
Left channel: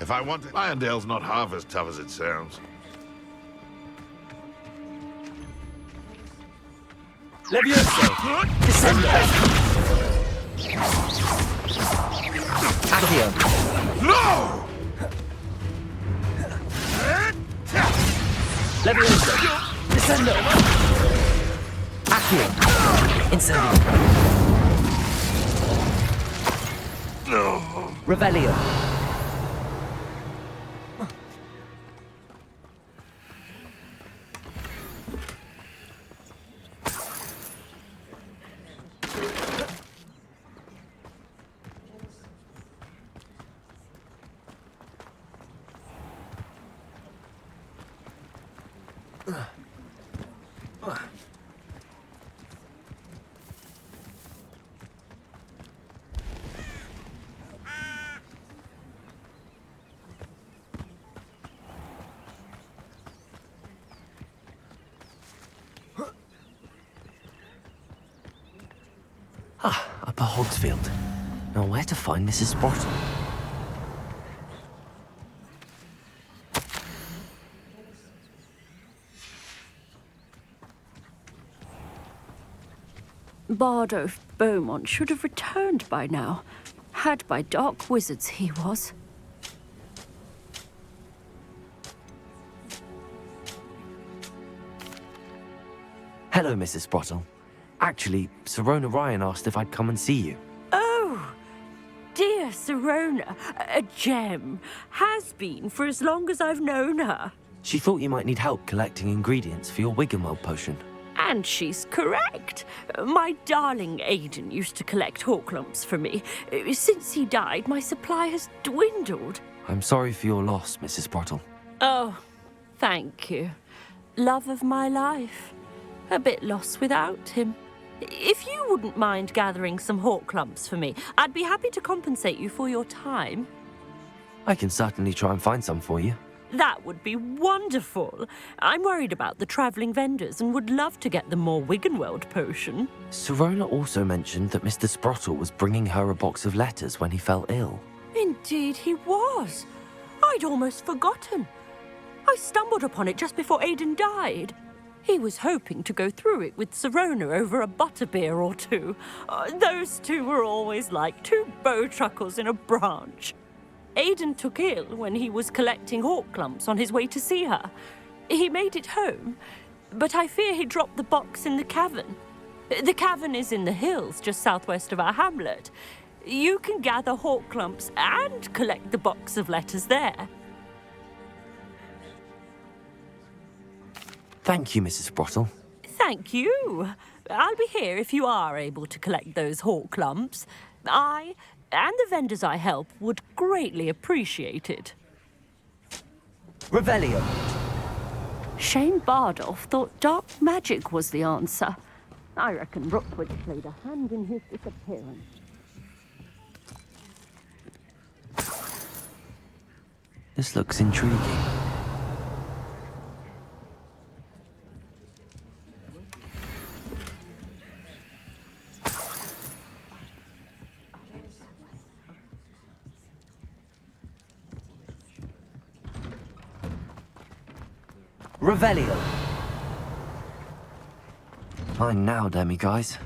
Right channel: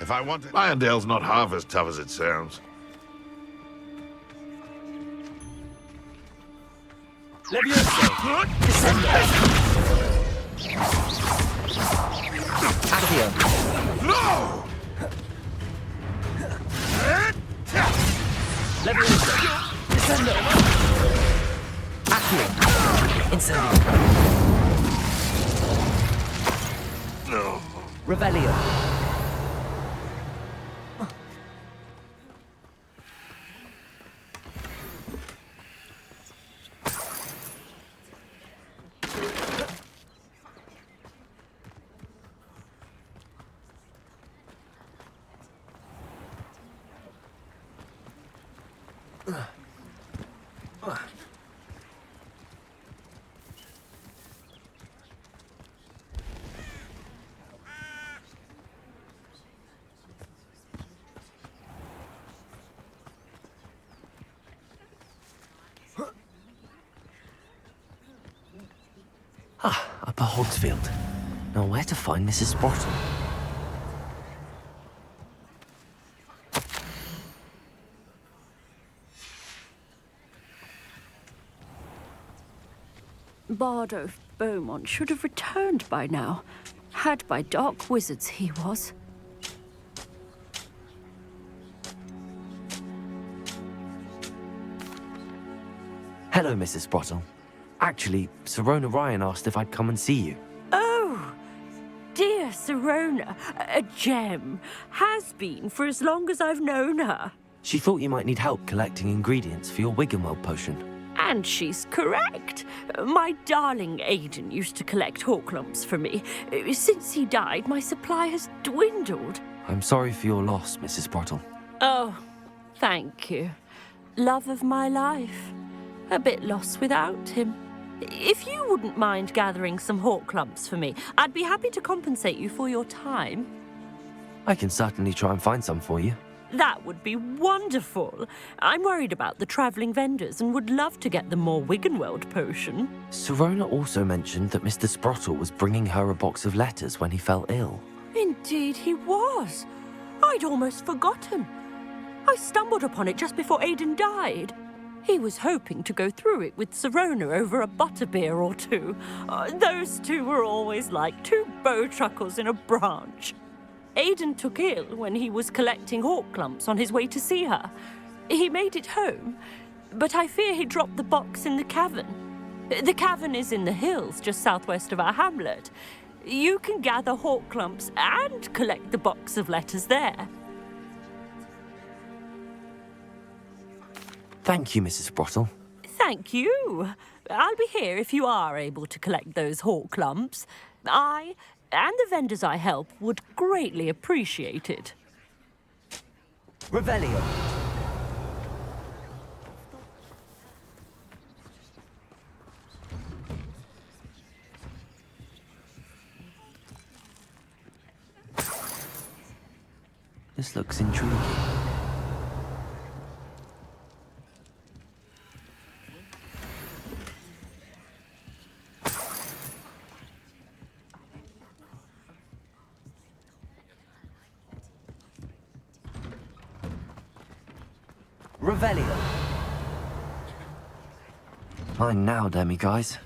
If I wanted, Irondale's not half as tough as it sounds. Levioso. Descendo. Accio. No! Levioso. Descendo. Accio. Incendio. No. Revelio. Upper Hogsfield. Now, where to find Mrs. Sprottle? Bardolph Beaumont should have returned by now. Had by dark wizards he was. Hello, Mrs. Sprottle. Actually, Sirona Ryan asked if I'd come and see you. Oh, dear Sirona, a gem. Has been for as long as I've known her. She thought you might need help collecting ingredients for your Wiggenweld potion. And she's correct. My darling Aidan used to collect Horklumps for me. Since he died, my supply has dwindled. I'm sorry for your loss, Mrs. Sprottle. Oh, thank you. Love of my life. A bit lost without him. If you wouldn't mind gathering some Horklumps for me, I'd be happy to compensate you for your time. I can certainly try and find some for you. That would be wonderful. I'm worried about the travelling vendors and would love to get them more Wiggenweld potion. Sirona also mentioned that Mr. Sprottle was bringing her a box of letters when he fell ill. Indeed he was. I'd almost forgotten. I stumbled upon it just before Aidan died. He was hoping to go through it with Sirona over a butterbeer or two. Those two were always like two bowtruckles in a branch. Aidan took ill when he was collecting Horklumps on his way to see her. He made it home, but I fear he dropped the box in the cavern. The cavern is in the hills just southwest of our hamlet. You can gather Horklumps and collect the box of letters there. Thank you, Mrs. Sprottle. Thank you. I'll be here if you are able to collect those Horklumps. I and the vendors I help would greatly appreciate it. Revelio. Shane Bardolph thought dark magic was the answer. I reckon Rookwood played a hand in his disappearance. This looks intriguing. Revelio. Fine now, demi-guys.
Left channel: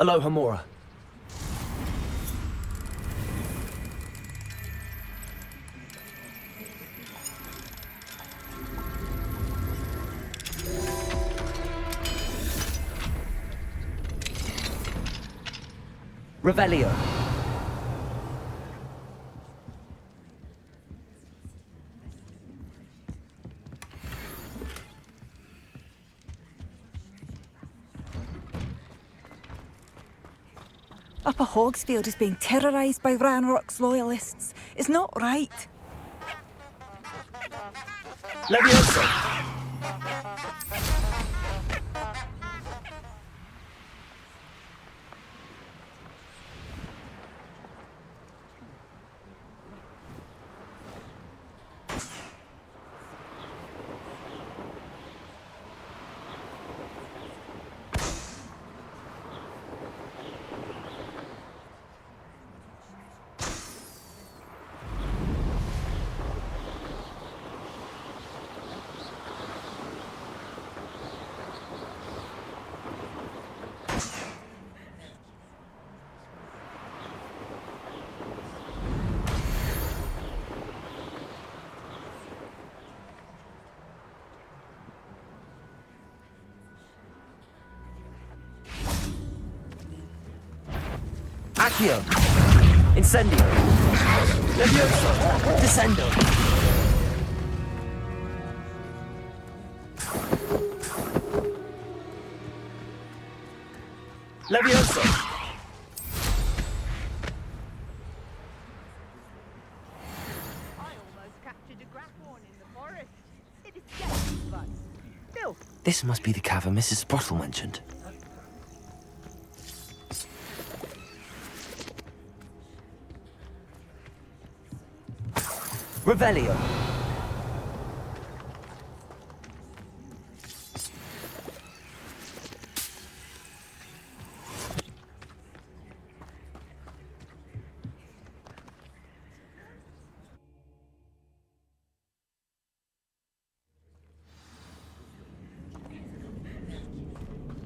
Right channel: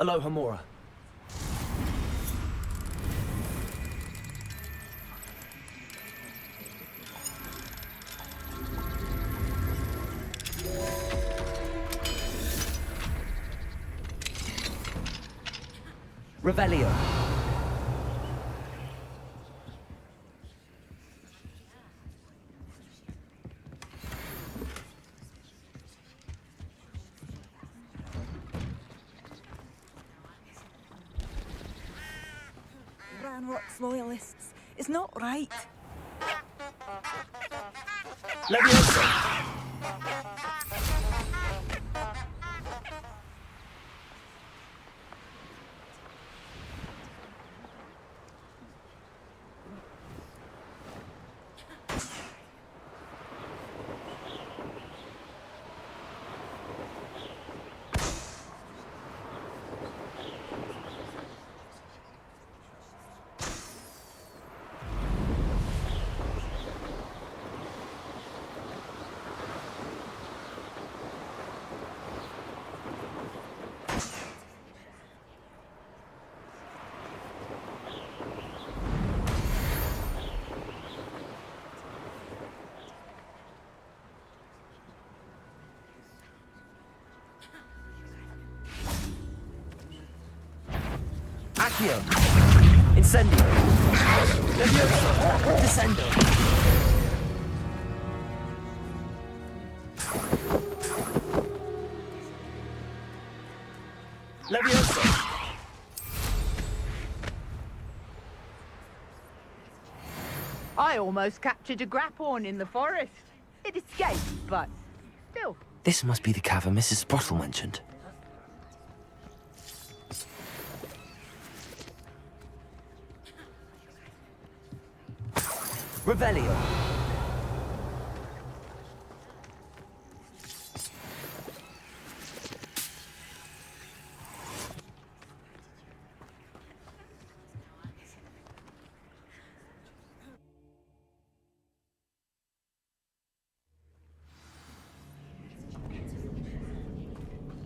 Aloha Mora. Revelio. Upper Hogsfield is being terrorised by Ranrock's loyalists. It's not right. Levioso. Accio. Incendio. Levioso. Descendo. Levioso. I almost captured a grapphorn in the forest. It escaped, but still. This must be the cavern Mrs. Sprottle mentioned. Revelio.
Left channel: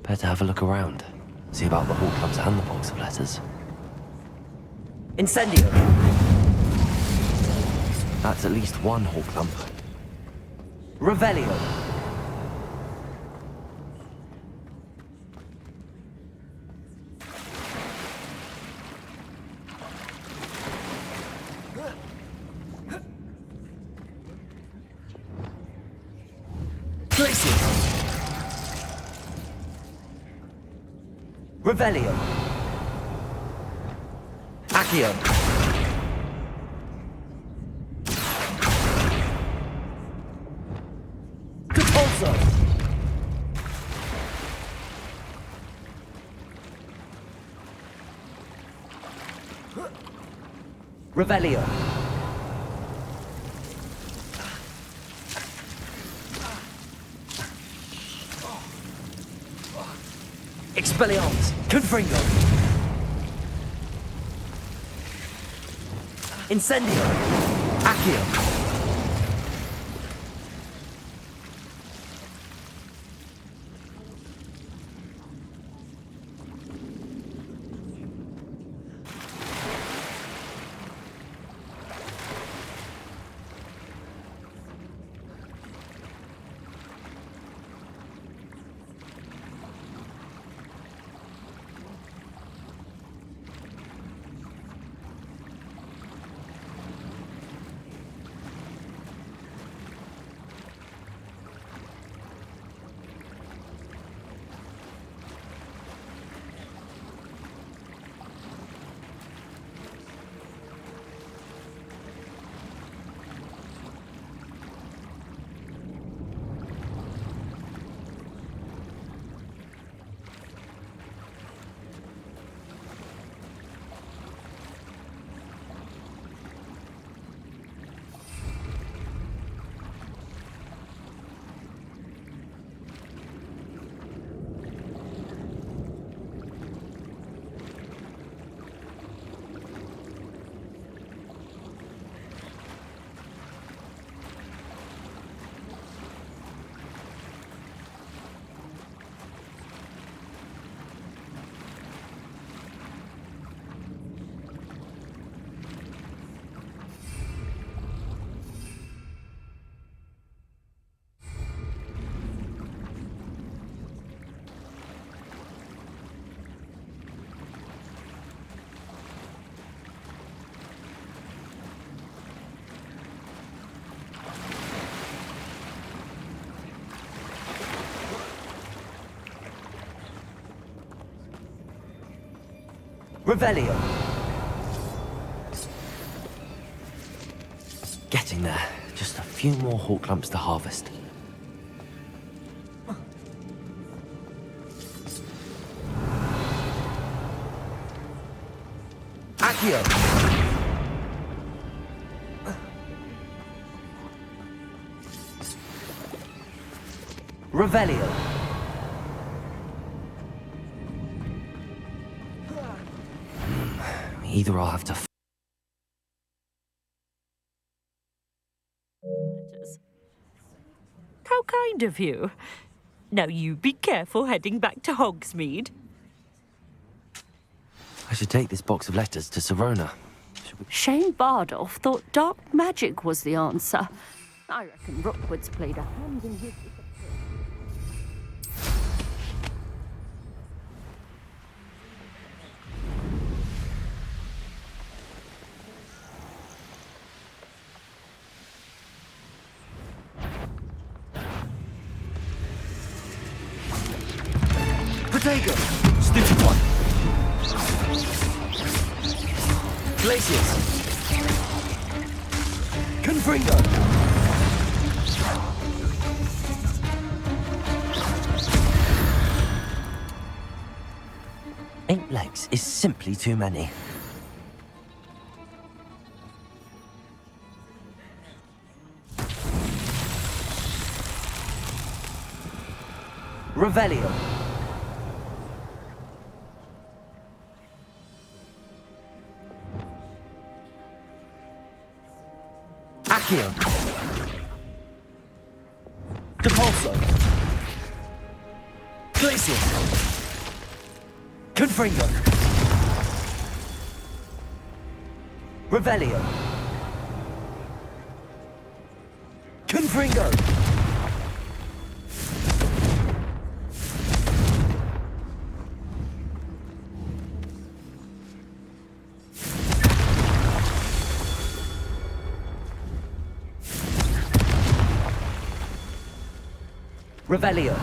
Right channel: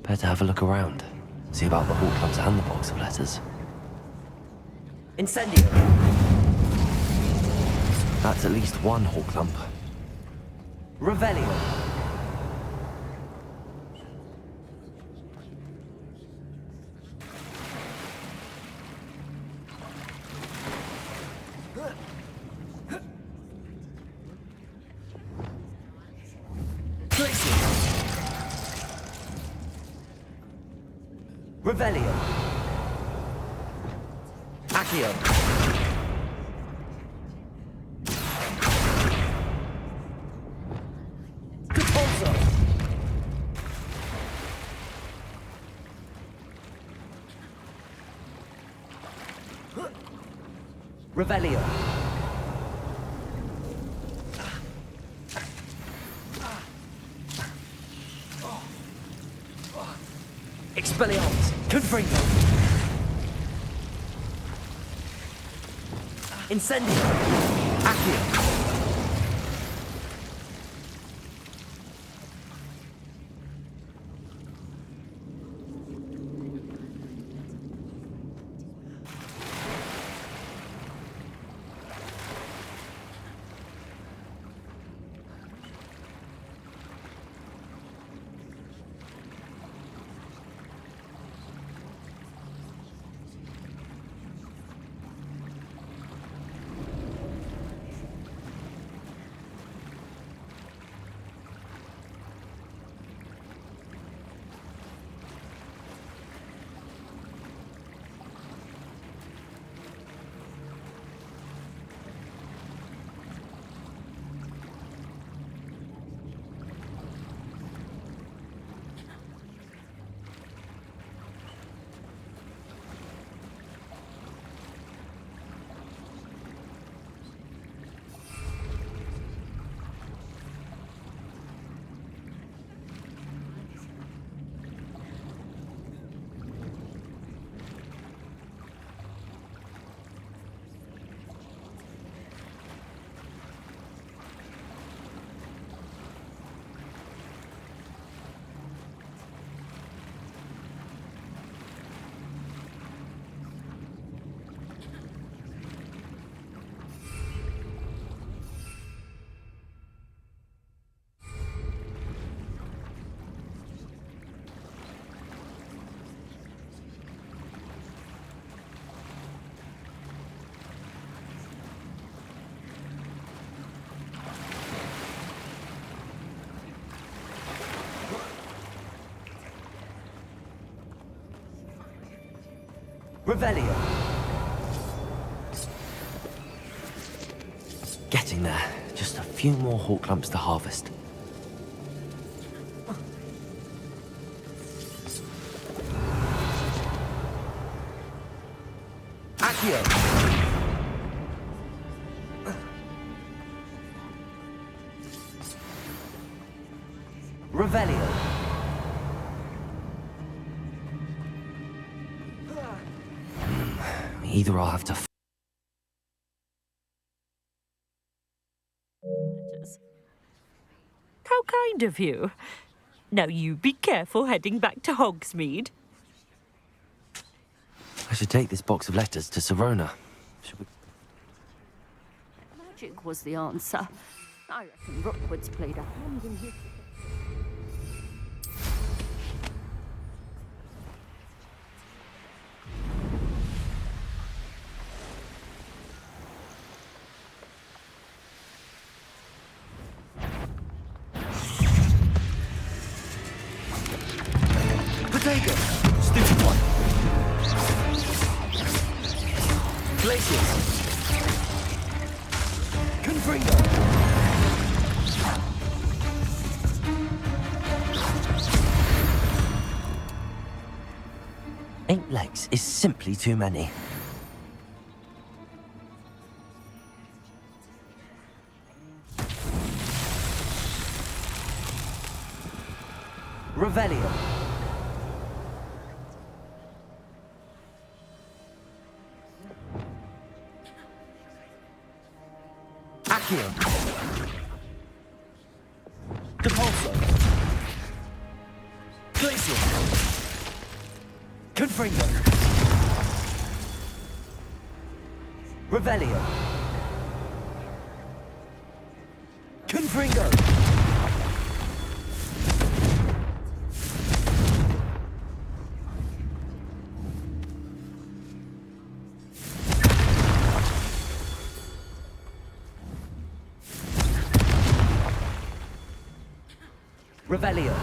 Better have a look around. See about the hall clubs and the box of letters. Incendio. That's at least one hall clump. Revelio. Glacier. Revelio. Accio. Depulso. Revelio. Expelliarmus. Confringo. Incendio. Accio. Revelio. Getting there. Just a few more hall clumps to harvest. Accio. Revelio. Either I'll have to How kind of you. Now you be careful heading back to Hogsmeade. I should take this box of letters to Serona. Shane Bardolph thought dark magic was the answer. I reckon Rookwood's played a hand in his... Fuego! Stupid one! Glacius! Confringo! Eight legs is simply too many. Revelio! Accio! Depulso! Glacius! Confringo! Revelio! Confringo! Revelio!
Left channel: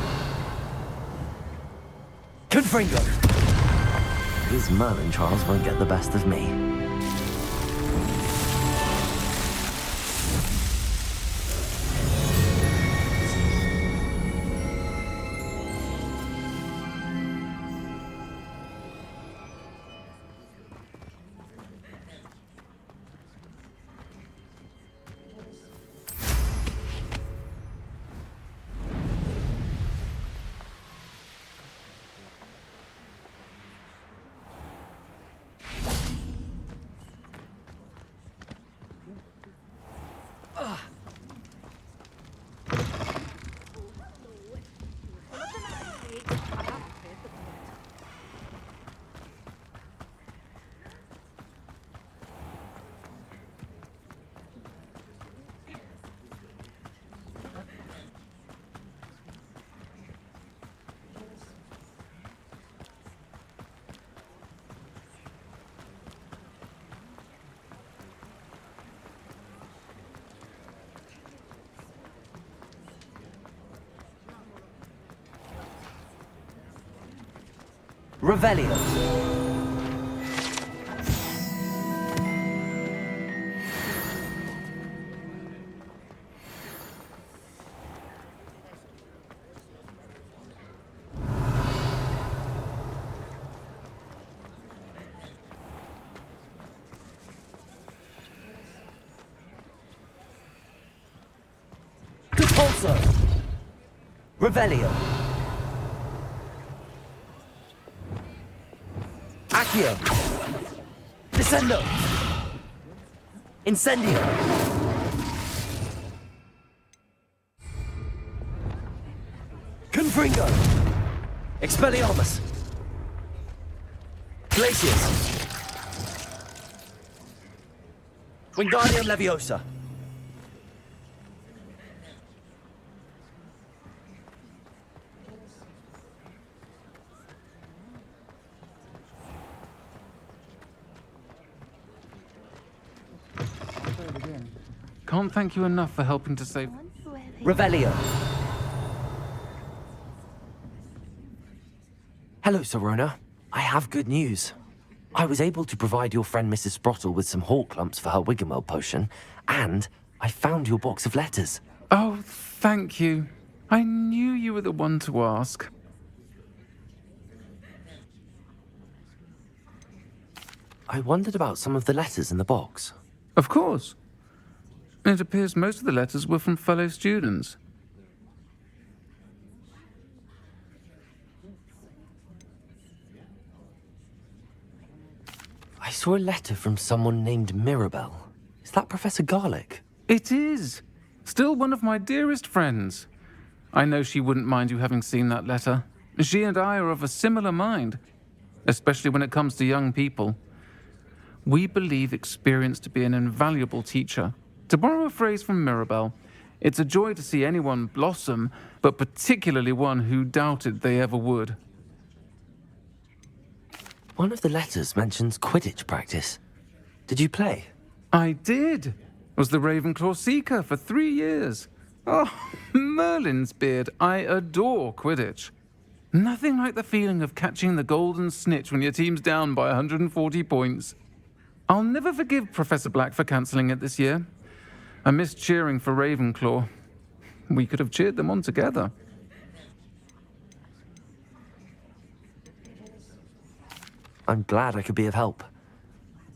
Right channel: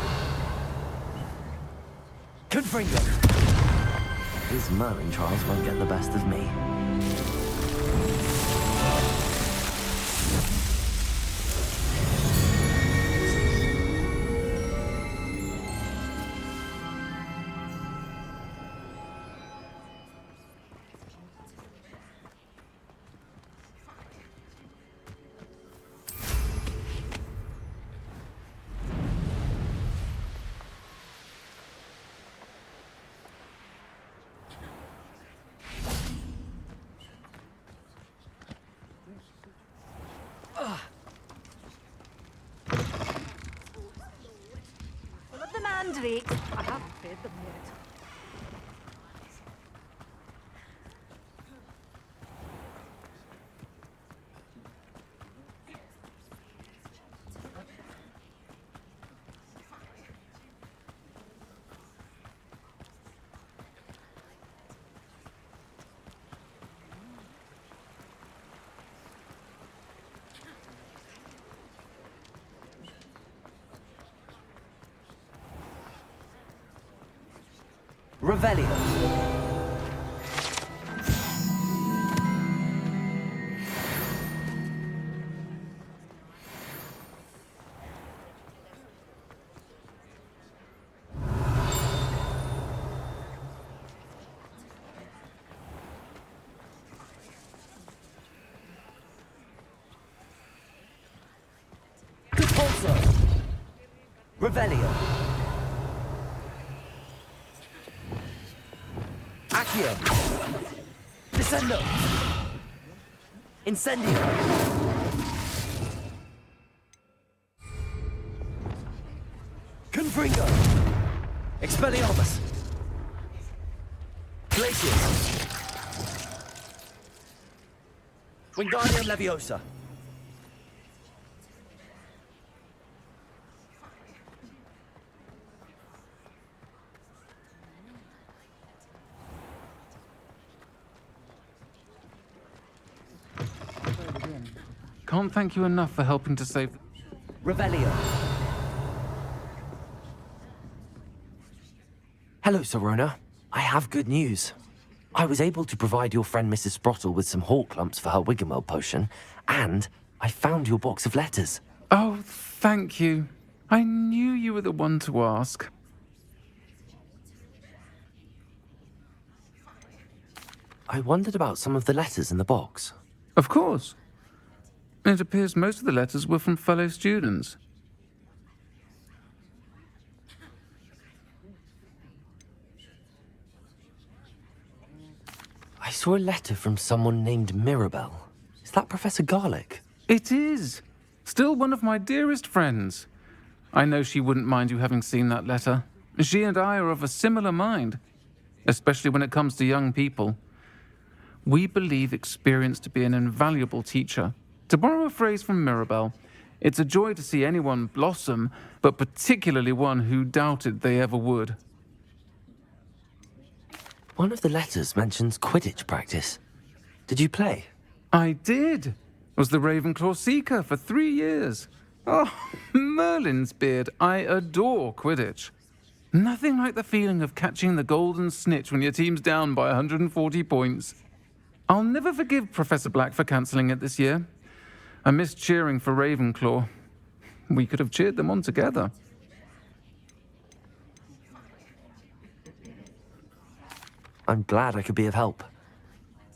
Confringo! His Merlin trials won't get the best of me. Full of the mandrake. I haven't fed them yet. Revelio! Depulso! Revelio! Accio! Descendo! Incendio! Confringo! Expelliarmus! Glacius! Wingardium Leviosa! Can't thank you enough for helping to save... Revelio! Hello, Sorona. I have good news. I was able to provide your friend Mrs. Sprottle with some hawk lumps for her Wiggenweld potion, and I found your box of letters. Oh, thank you. I knew you were the one to ask. I wondered about some of the letters in the box. Of course. It appears most of the letters were from fellow students. I saw a letter from someone named Mirabelle. Is that Professor Garlick? It is. Still one of my dearest friends. I know she wouldn't mind you having seen that letter. She and I are of a similar mind, especially when it comes to young people. We believe experience to be an invaluable teacher. To borrow a phrase from Mirabelle, it's a joy to see anyone blossom, but particularly one who doubted they ever would. One of the letters mentions Quidditch practice. Did you play? I did. Was the Ravenclaw Seeker for 3 years. Oh, Merlin's beard. I adore Quidditch. Nothing like the feeling of catching the golden snitch when your team's down by 140 points. I'll never forgive Professor Black for cancelling it this year. I missed cheering for Ravenclaw. We could have cheered them on together. I'm glad I could be of help.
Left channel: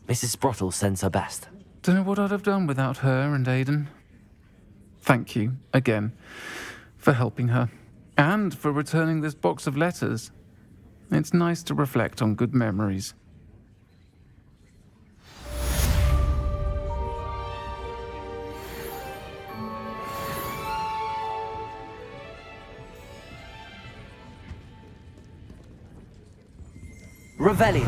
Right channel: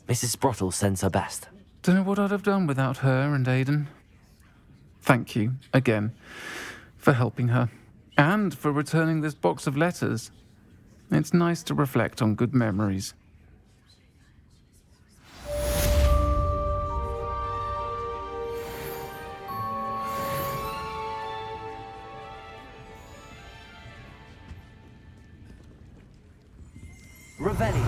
Mrs. Sprottle sends her best. Don't know what I'd have done without her and Aidan. Thank you, again, for helping her, and for returning this box of letters. It's nice to reflect on good memories. Revelio.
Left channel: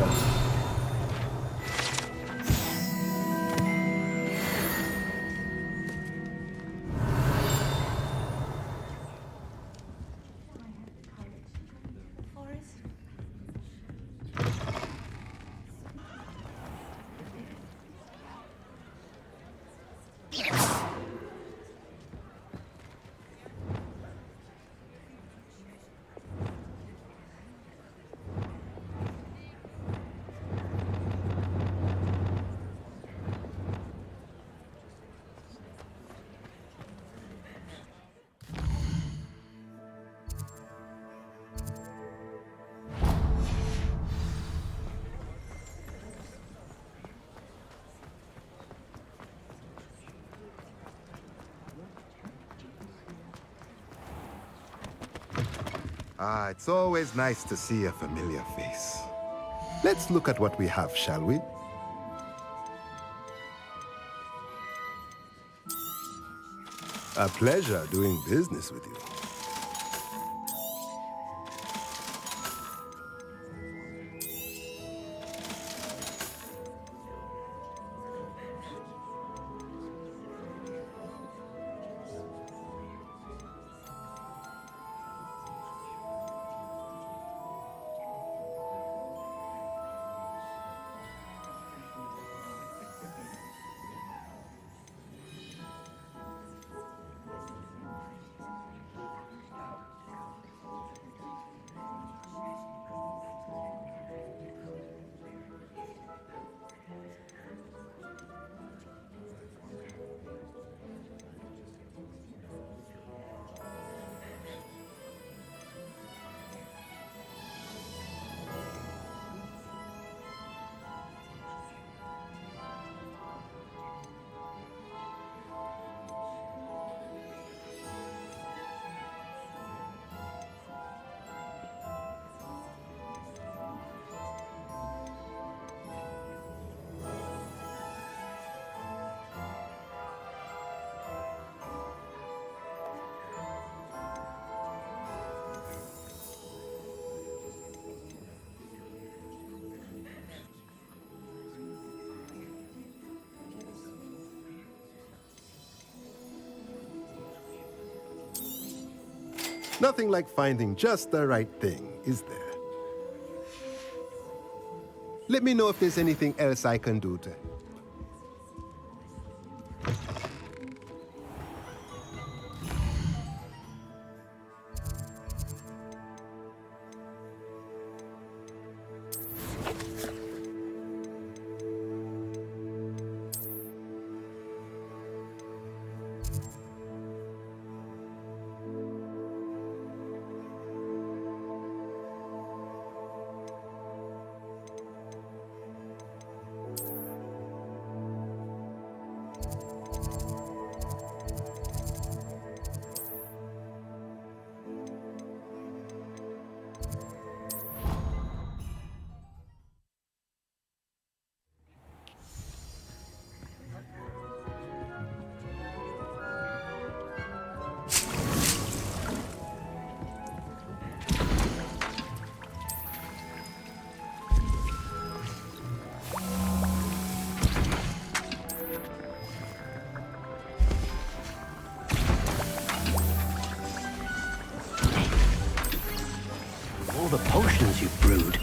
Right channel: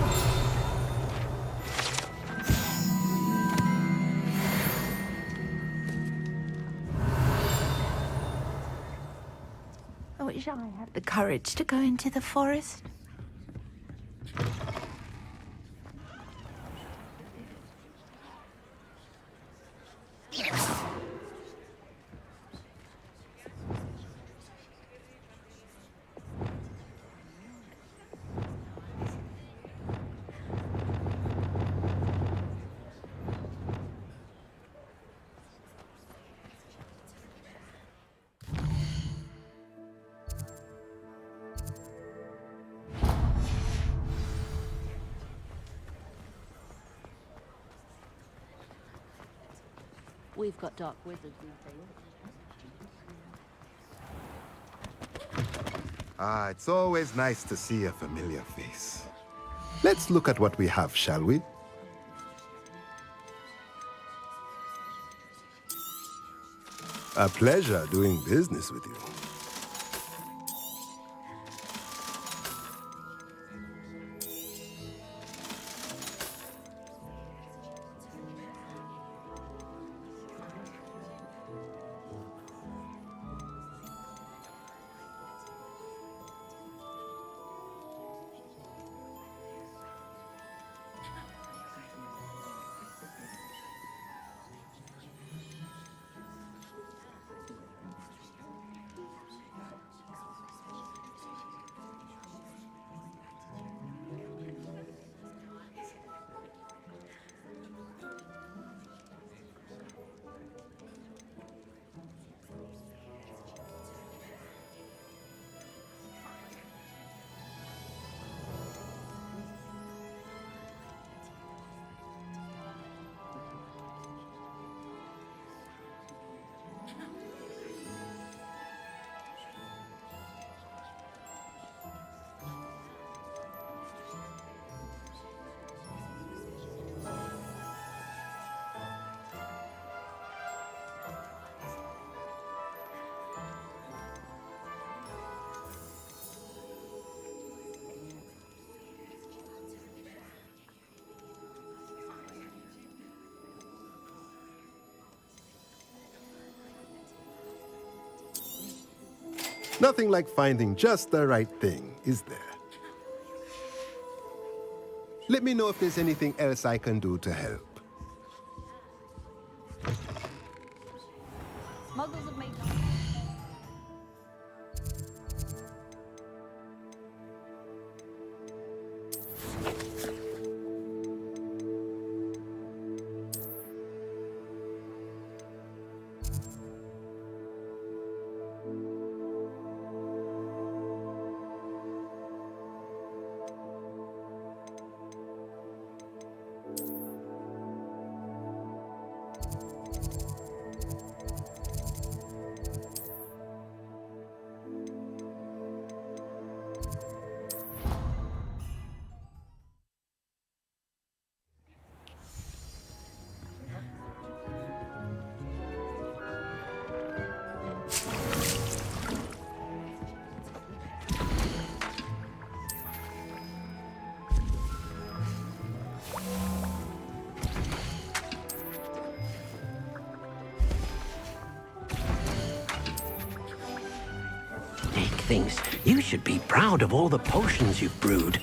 I wish I had the courage to go into the forest. We've got dark wizards. Ah, it's always nice to see a familiar face. Let's look at what we have, shall we? A pleasure doing business with you. Nothing like finding just the right thing, is there? Let me know if there's anything else I can do to help. You should be proud of all the potions you've brewed.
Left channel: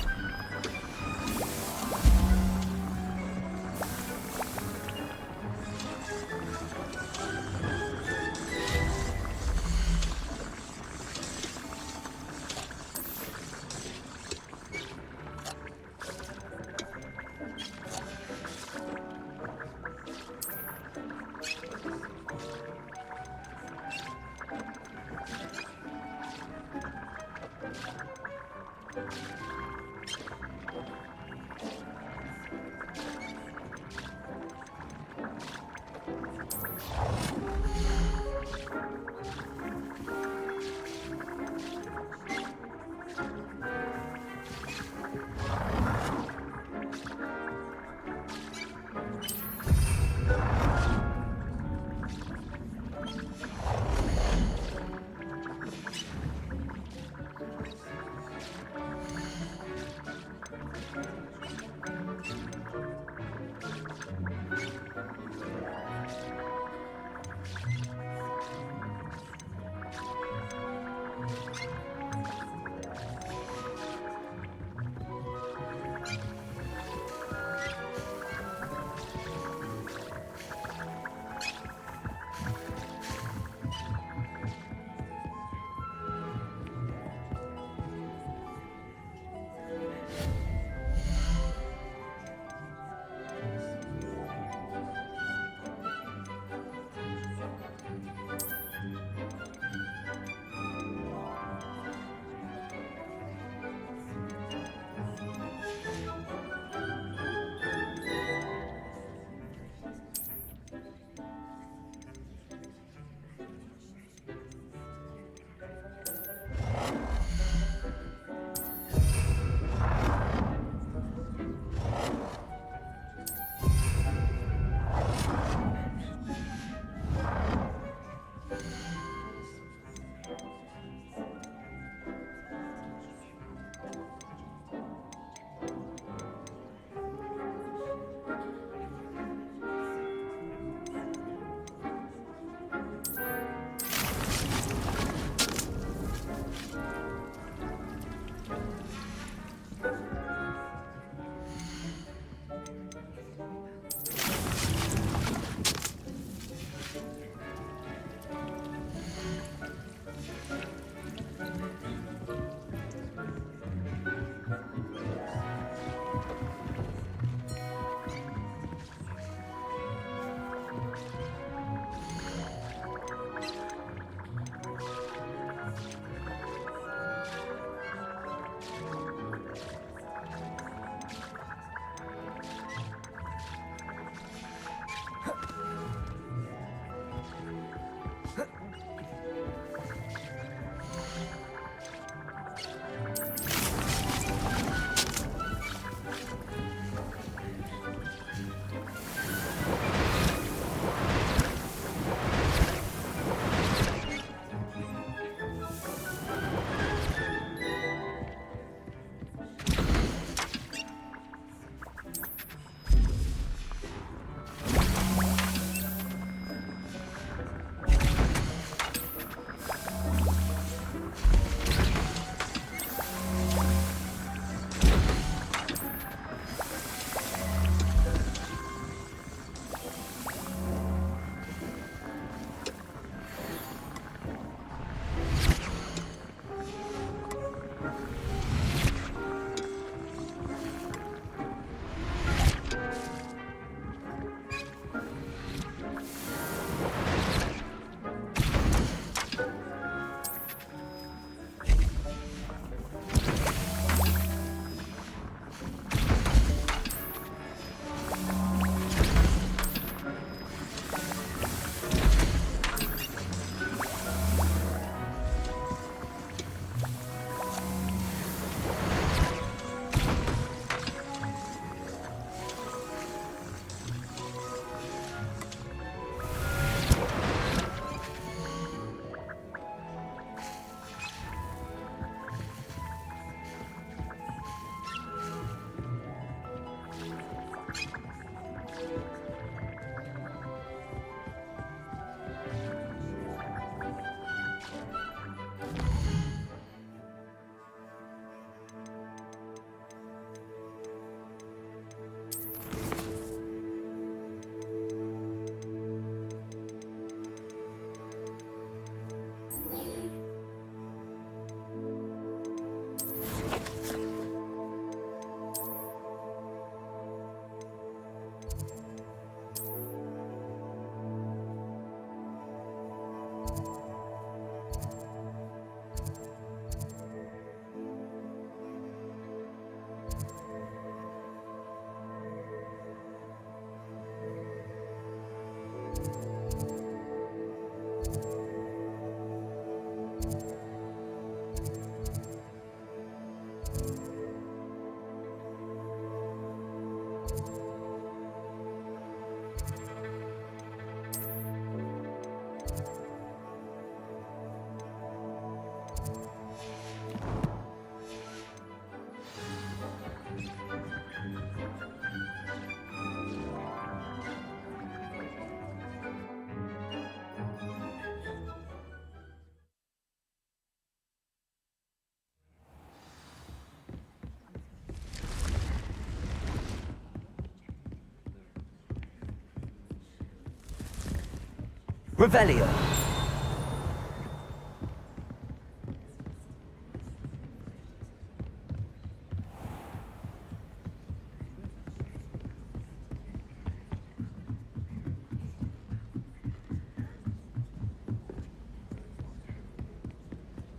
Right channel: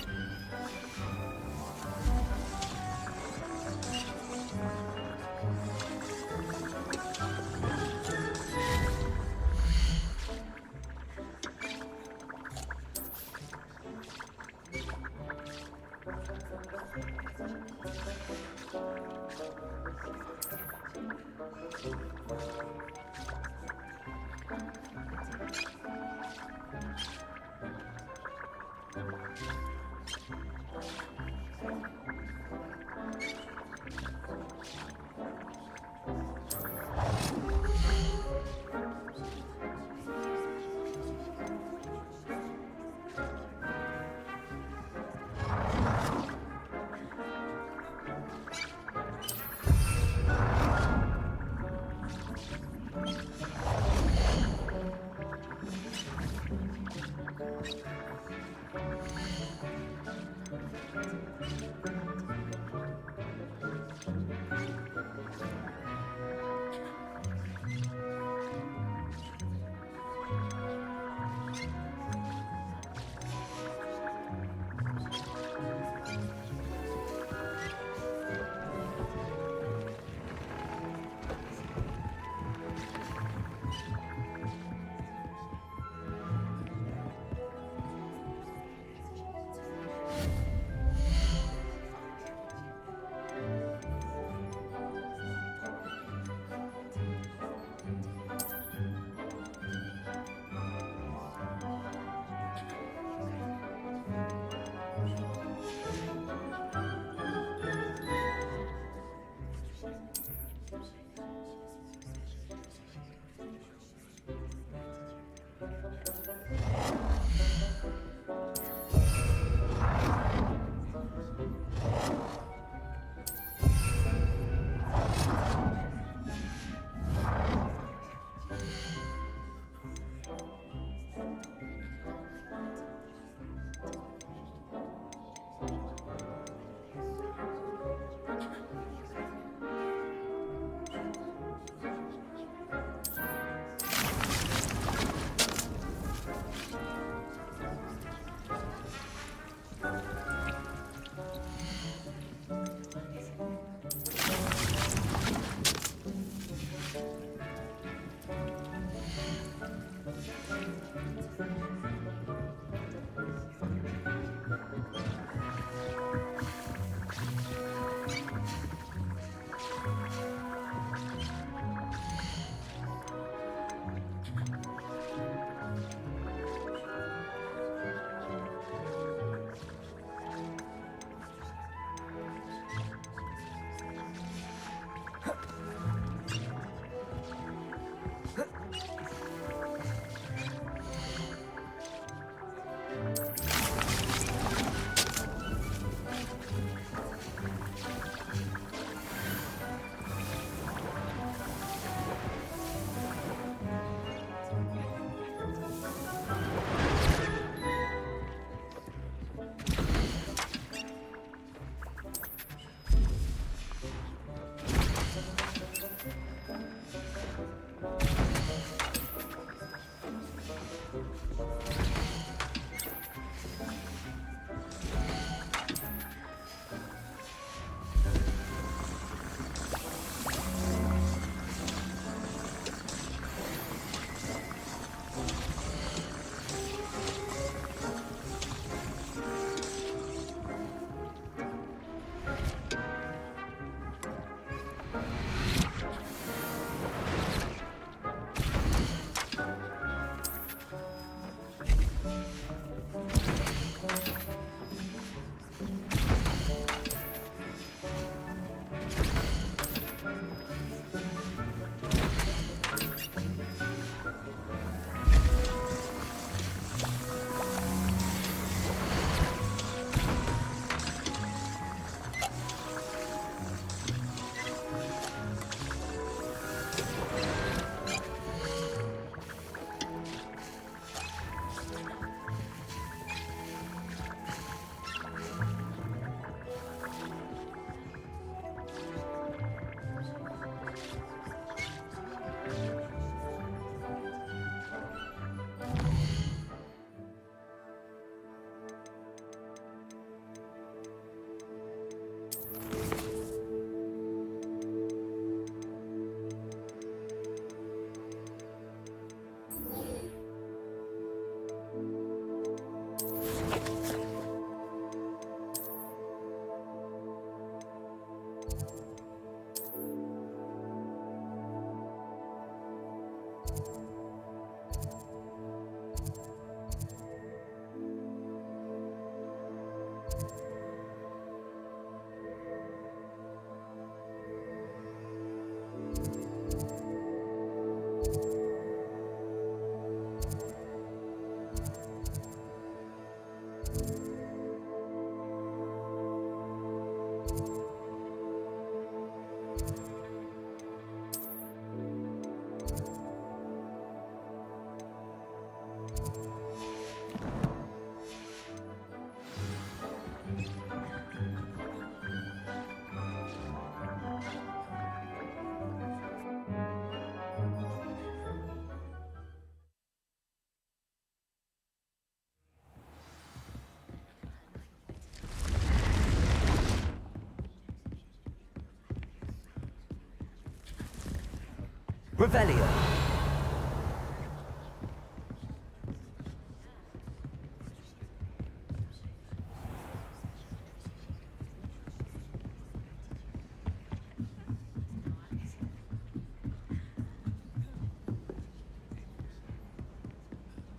Revelio.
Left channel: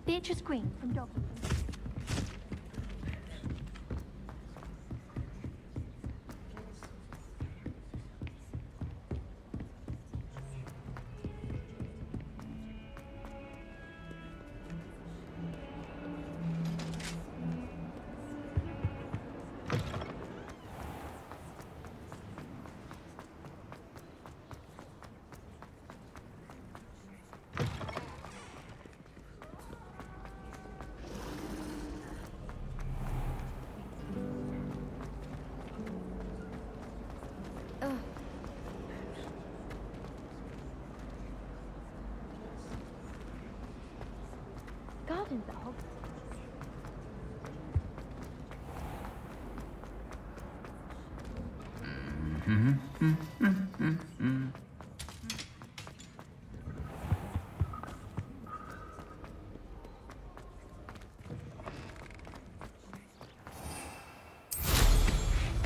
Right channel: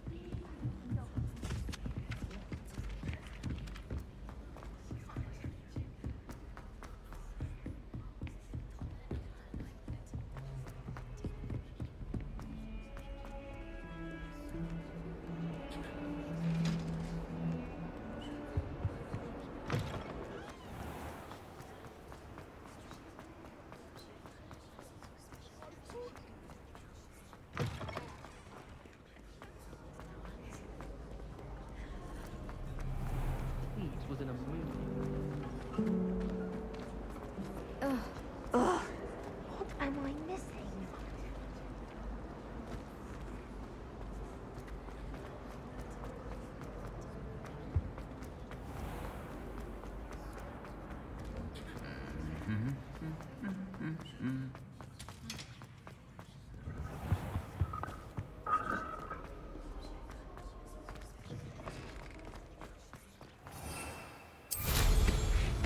Beatrice Green from Dublin.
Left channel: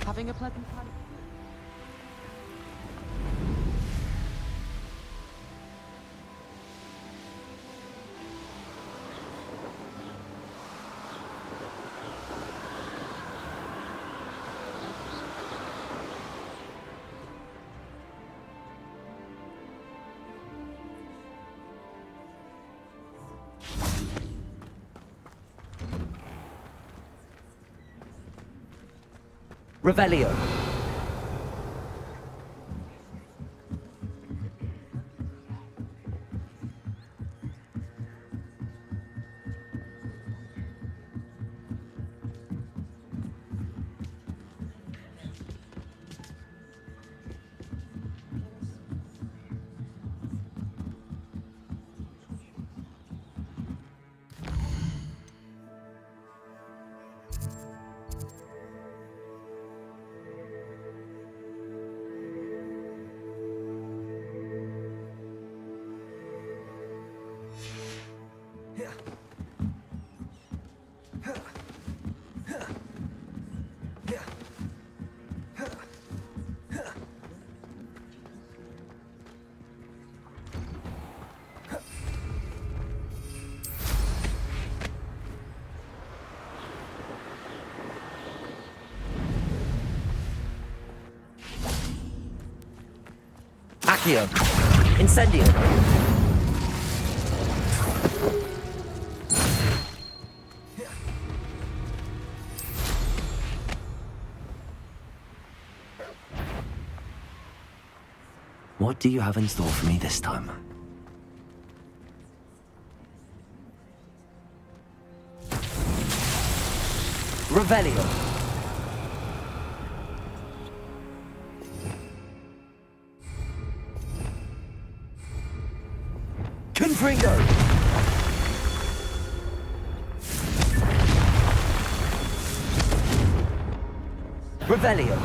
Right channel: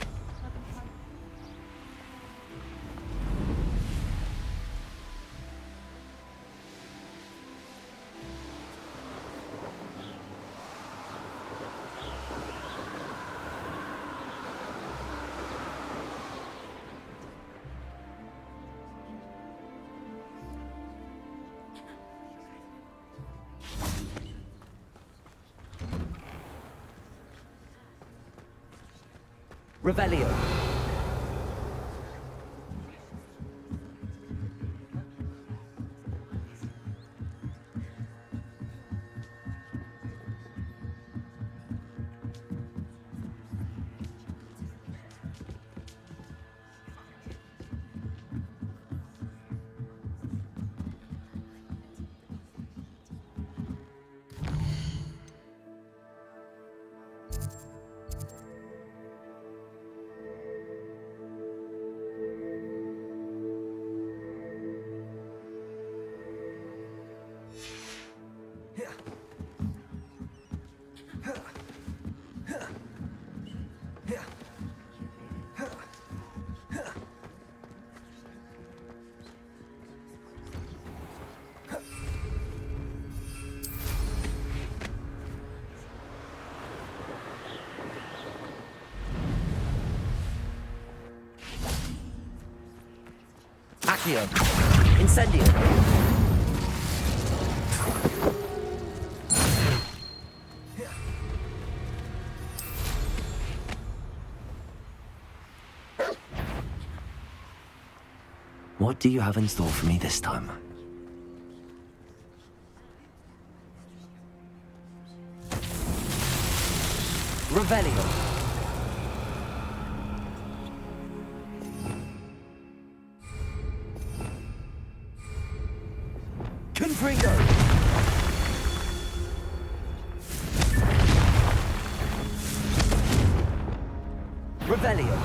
Having a pleasant time. Revelio. Accio. Incendio. What do you have in store for me this time? Revelio. Confringo. Revelio.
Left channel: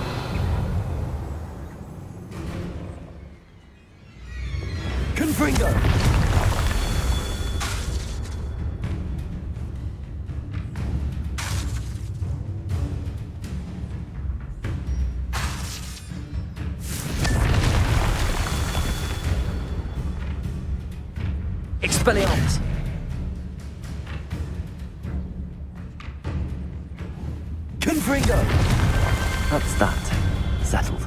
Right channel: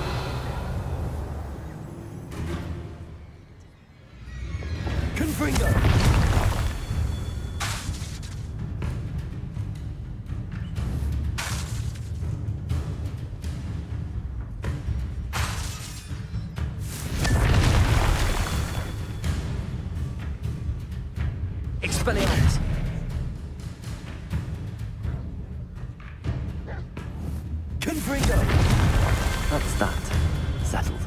Confringo. Expelliarmus! Confringo! That's that. Settled.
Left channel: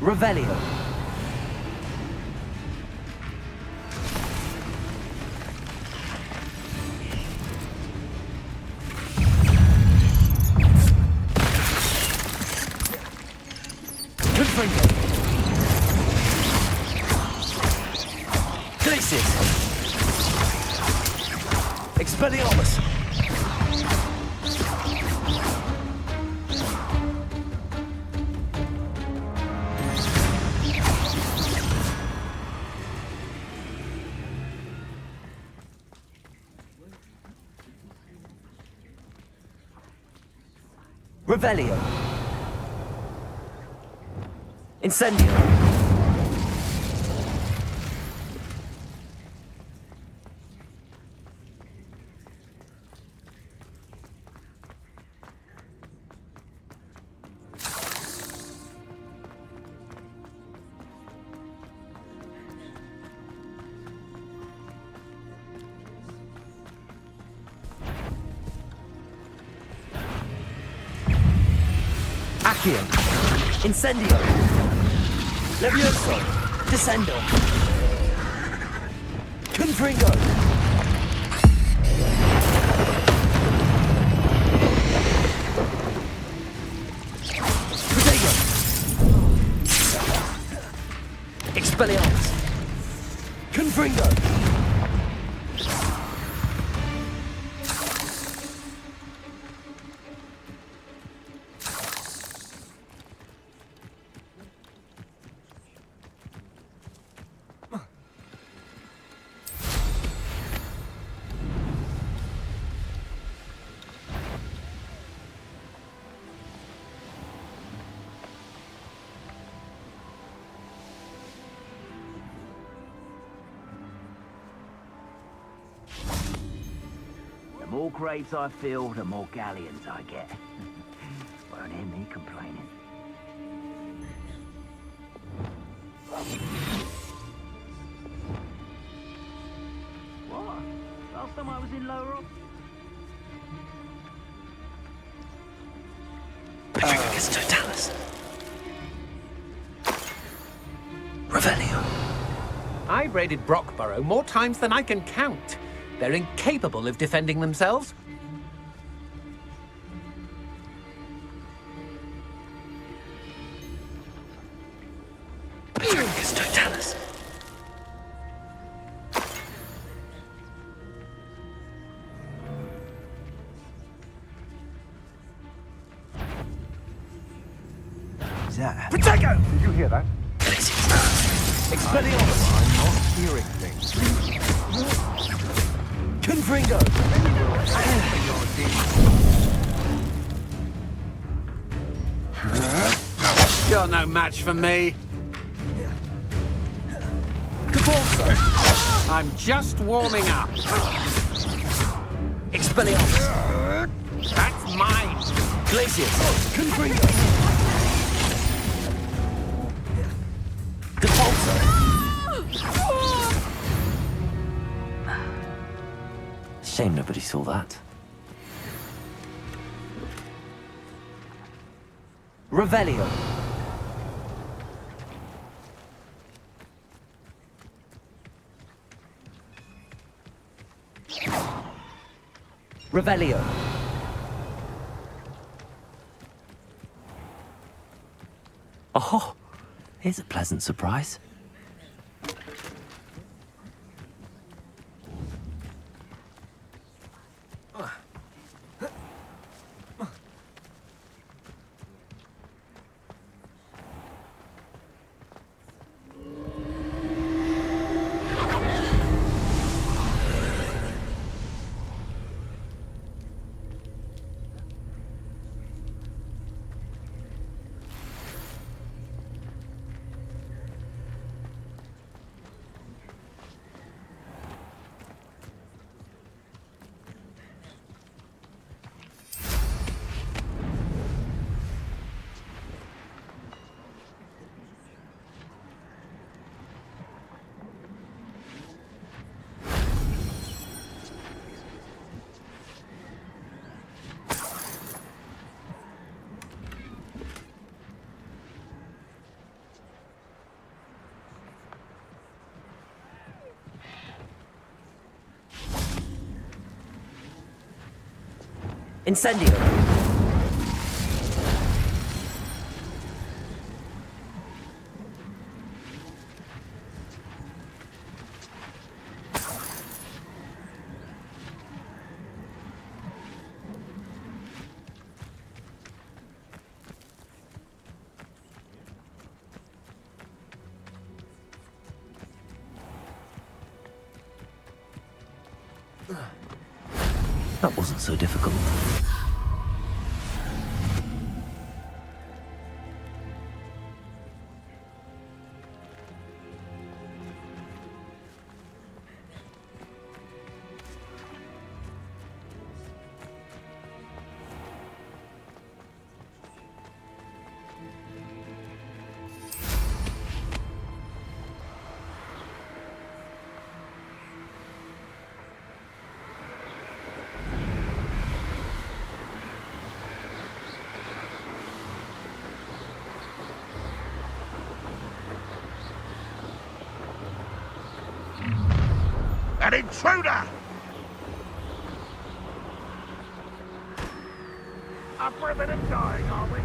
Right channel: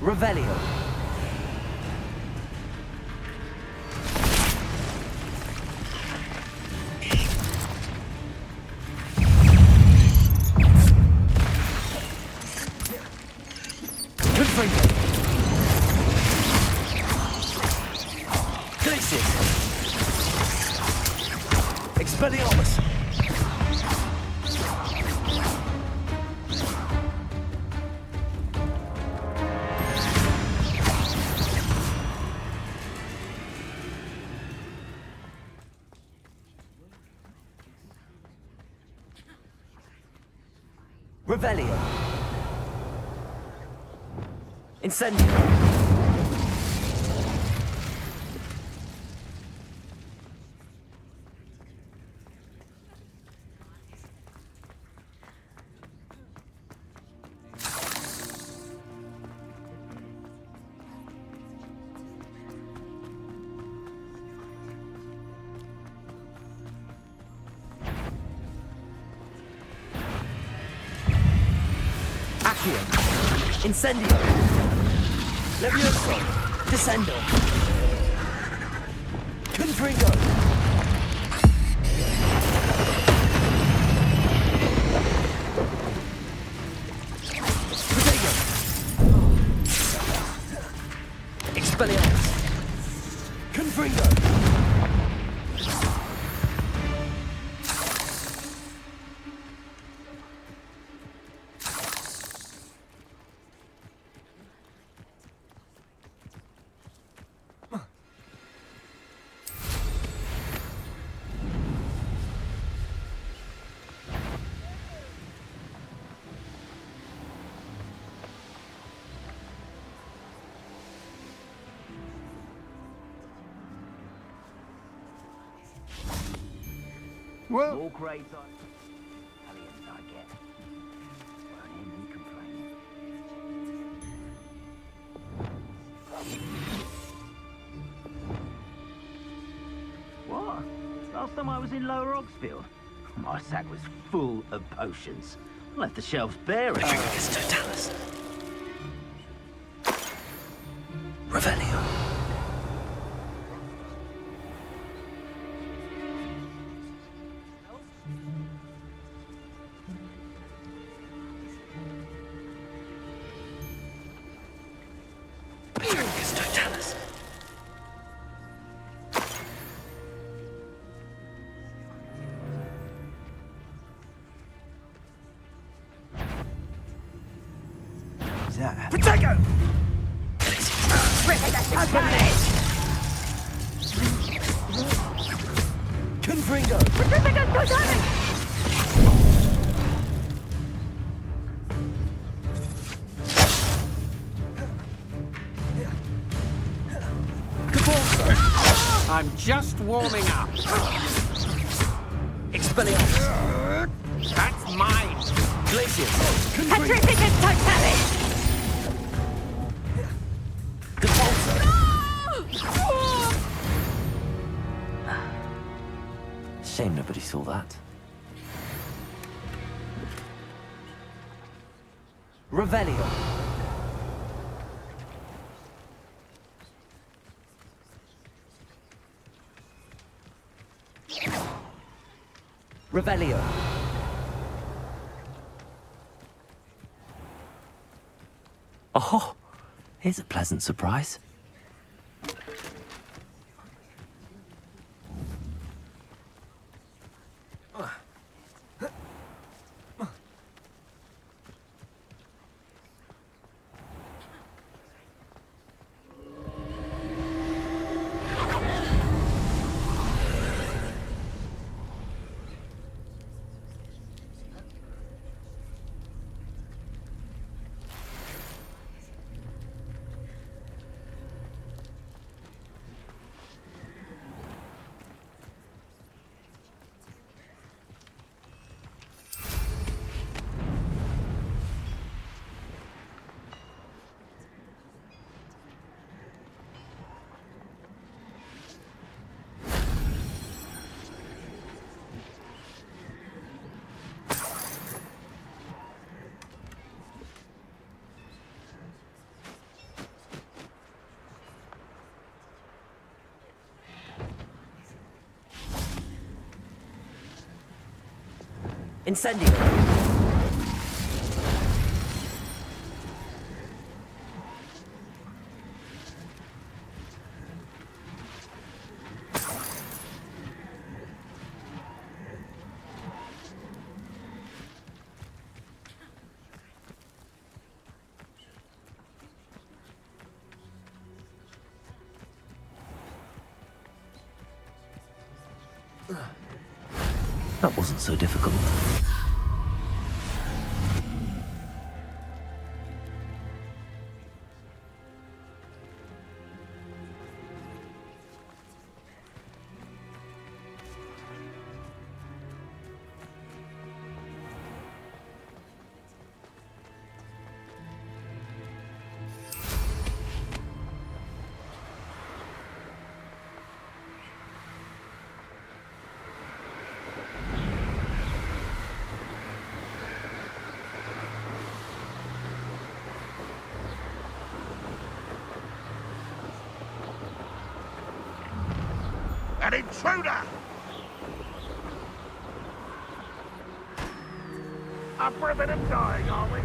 Revelio. Confringo. Glacius. Expelliarmus. Revelio. Incendio. Accio. Incendio. Levioso. Descendo. Confringo. Protego. Expelliarmus. Confringo. The more graves I fill, the more galleons I get. Won't hear me complaining. What? Last time I was in Lower Oxfield, my sack was full of potions. I left the shelves bare. Totalis. Revelio. I've raided Brockborough more times than I can count. They're incapable of defending themselves. Totalis. Is that? Protego! You hear that? Expelliarmus. Confringo. You're no match for me. Caborso. I'm just warming up. Expelliarmus. That's mine! Glacius! Confringo! Shame nobody saw that. Revelio. Revelio. Oh, here's a pleasant surprise. Incendio. That wasn't so difficult. An intruder! Up for a bit of dying, are we?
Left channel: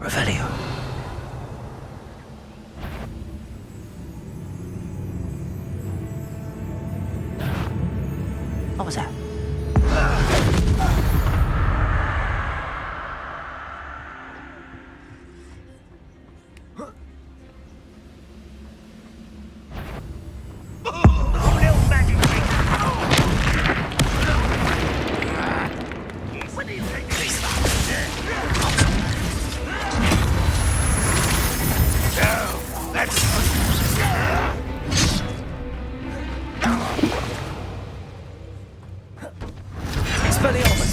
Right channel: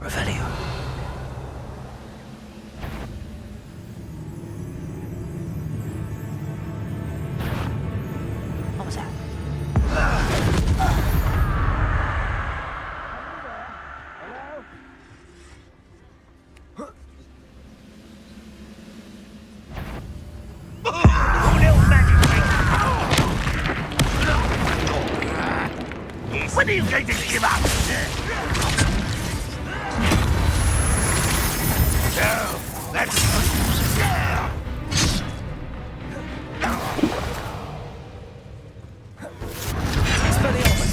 Revelio. What was that? When are you going to give up? No, that's... Expelliarmus.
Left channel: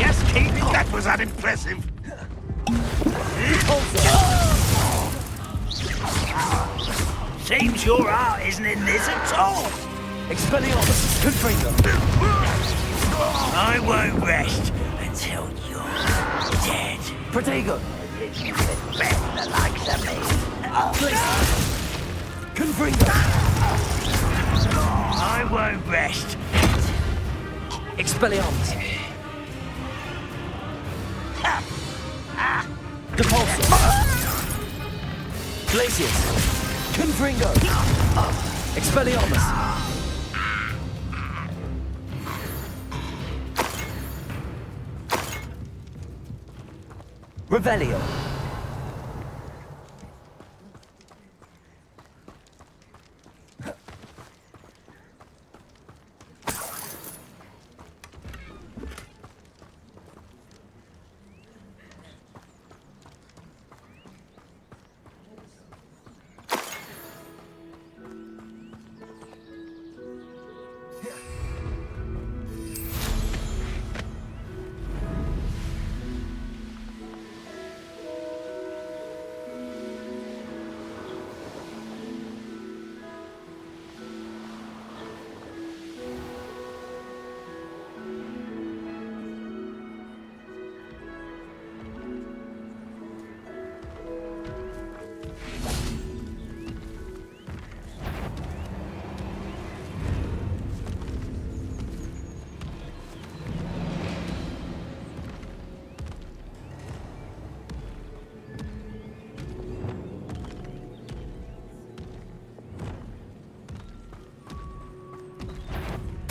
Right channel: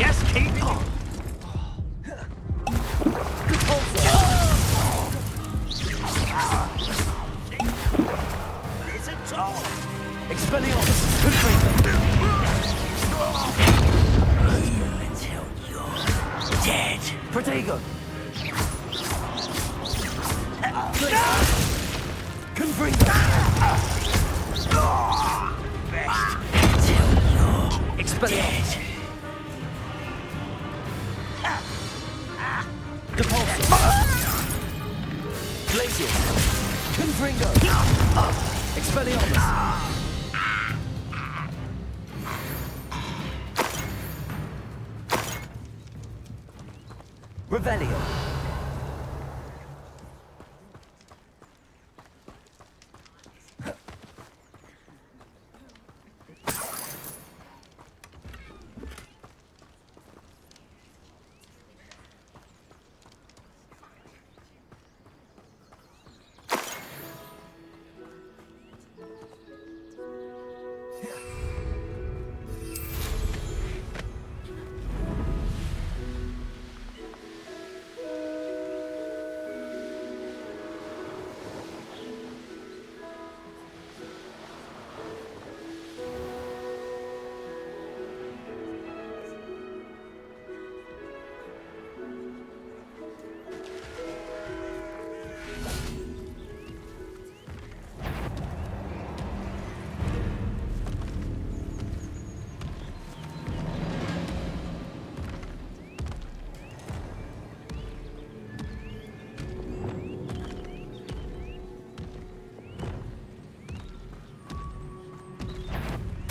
Just keep it. That was unimpressive. Seems your heart isn't in this at all. Expelliarmus. Confringo. I won't rest until you're dead. Protego. Confringo. I won't rest until you're Expelliarmus. Depulso. Glacius. Confringo! Expelliarmus! Revelio!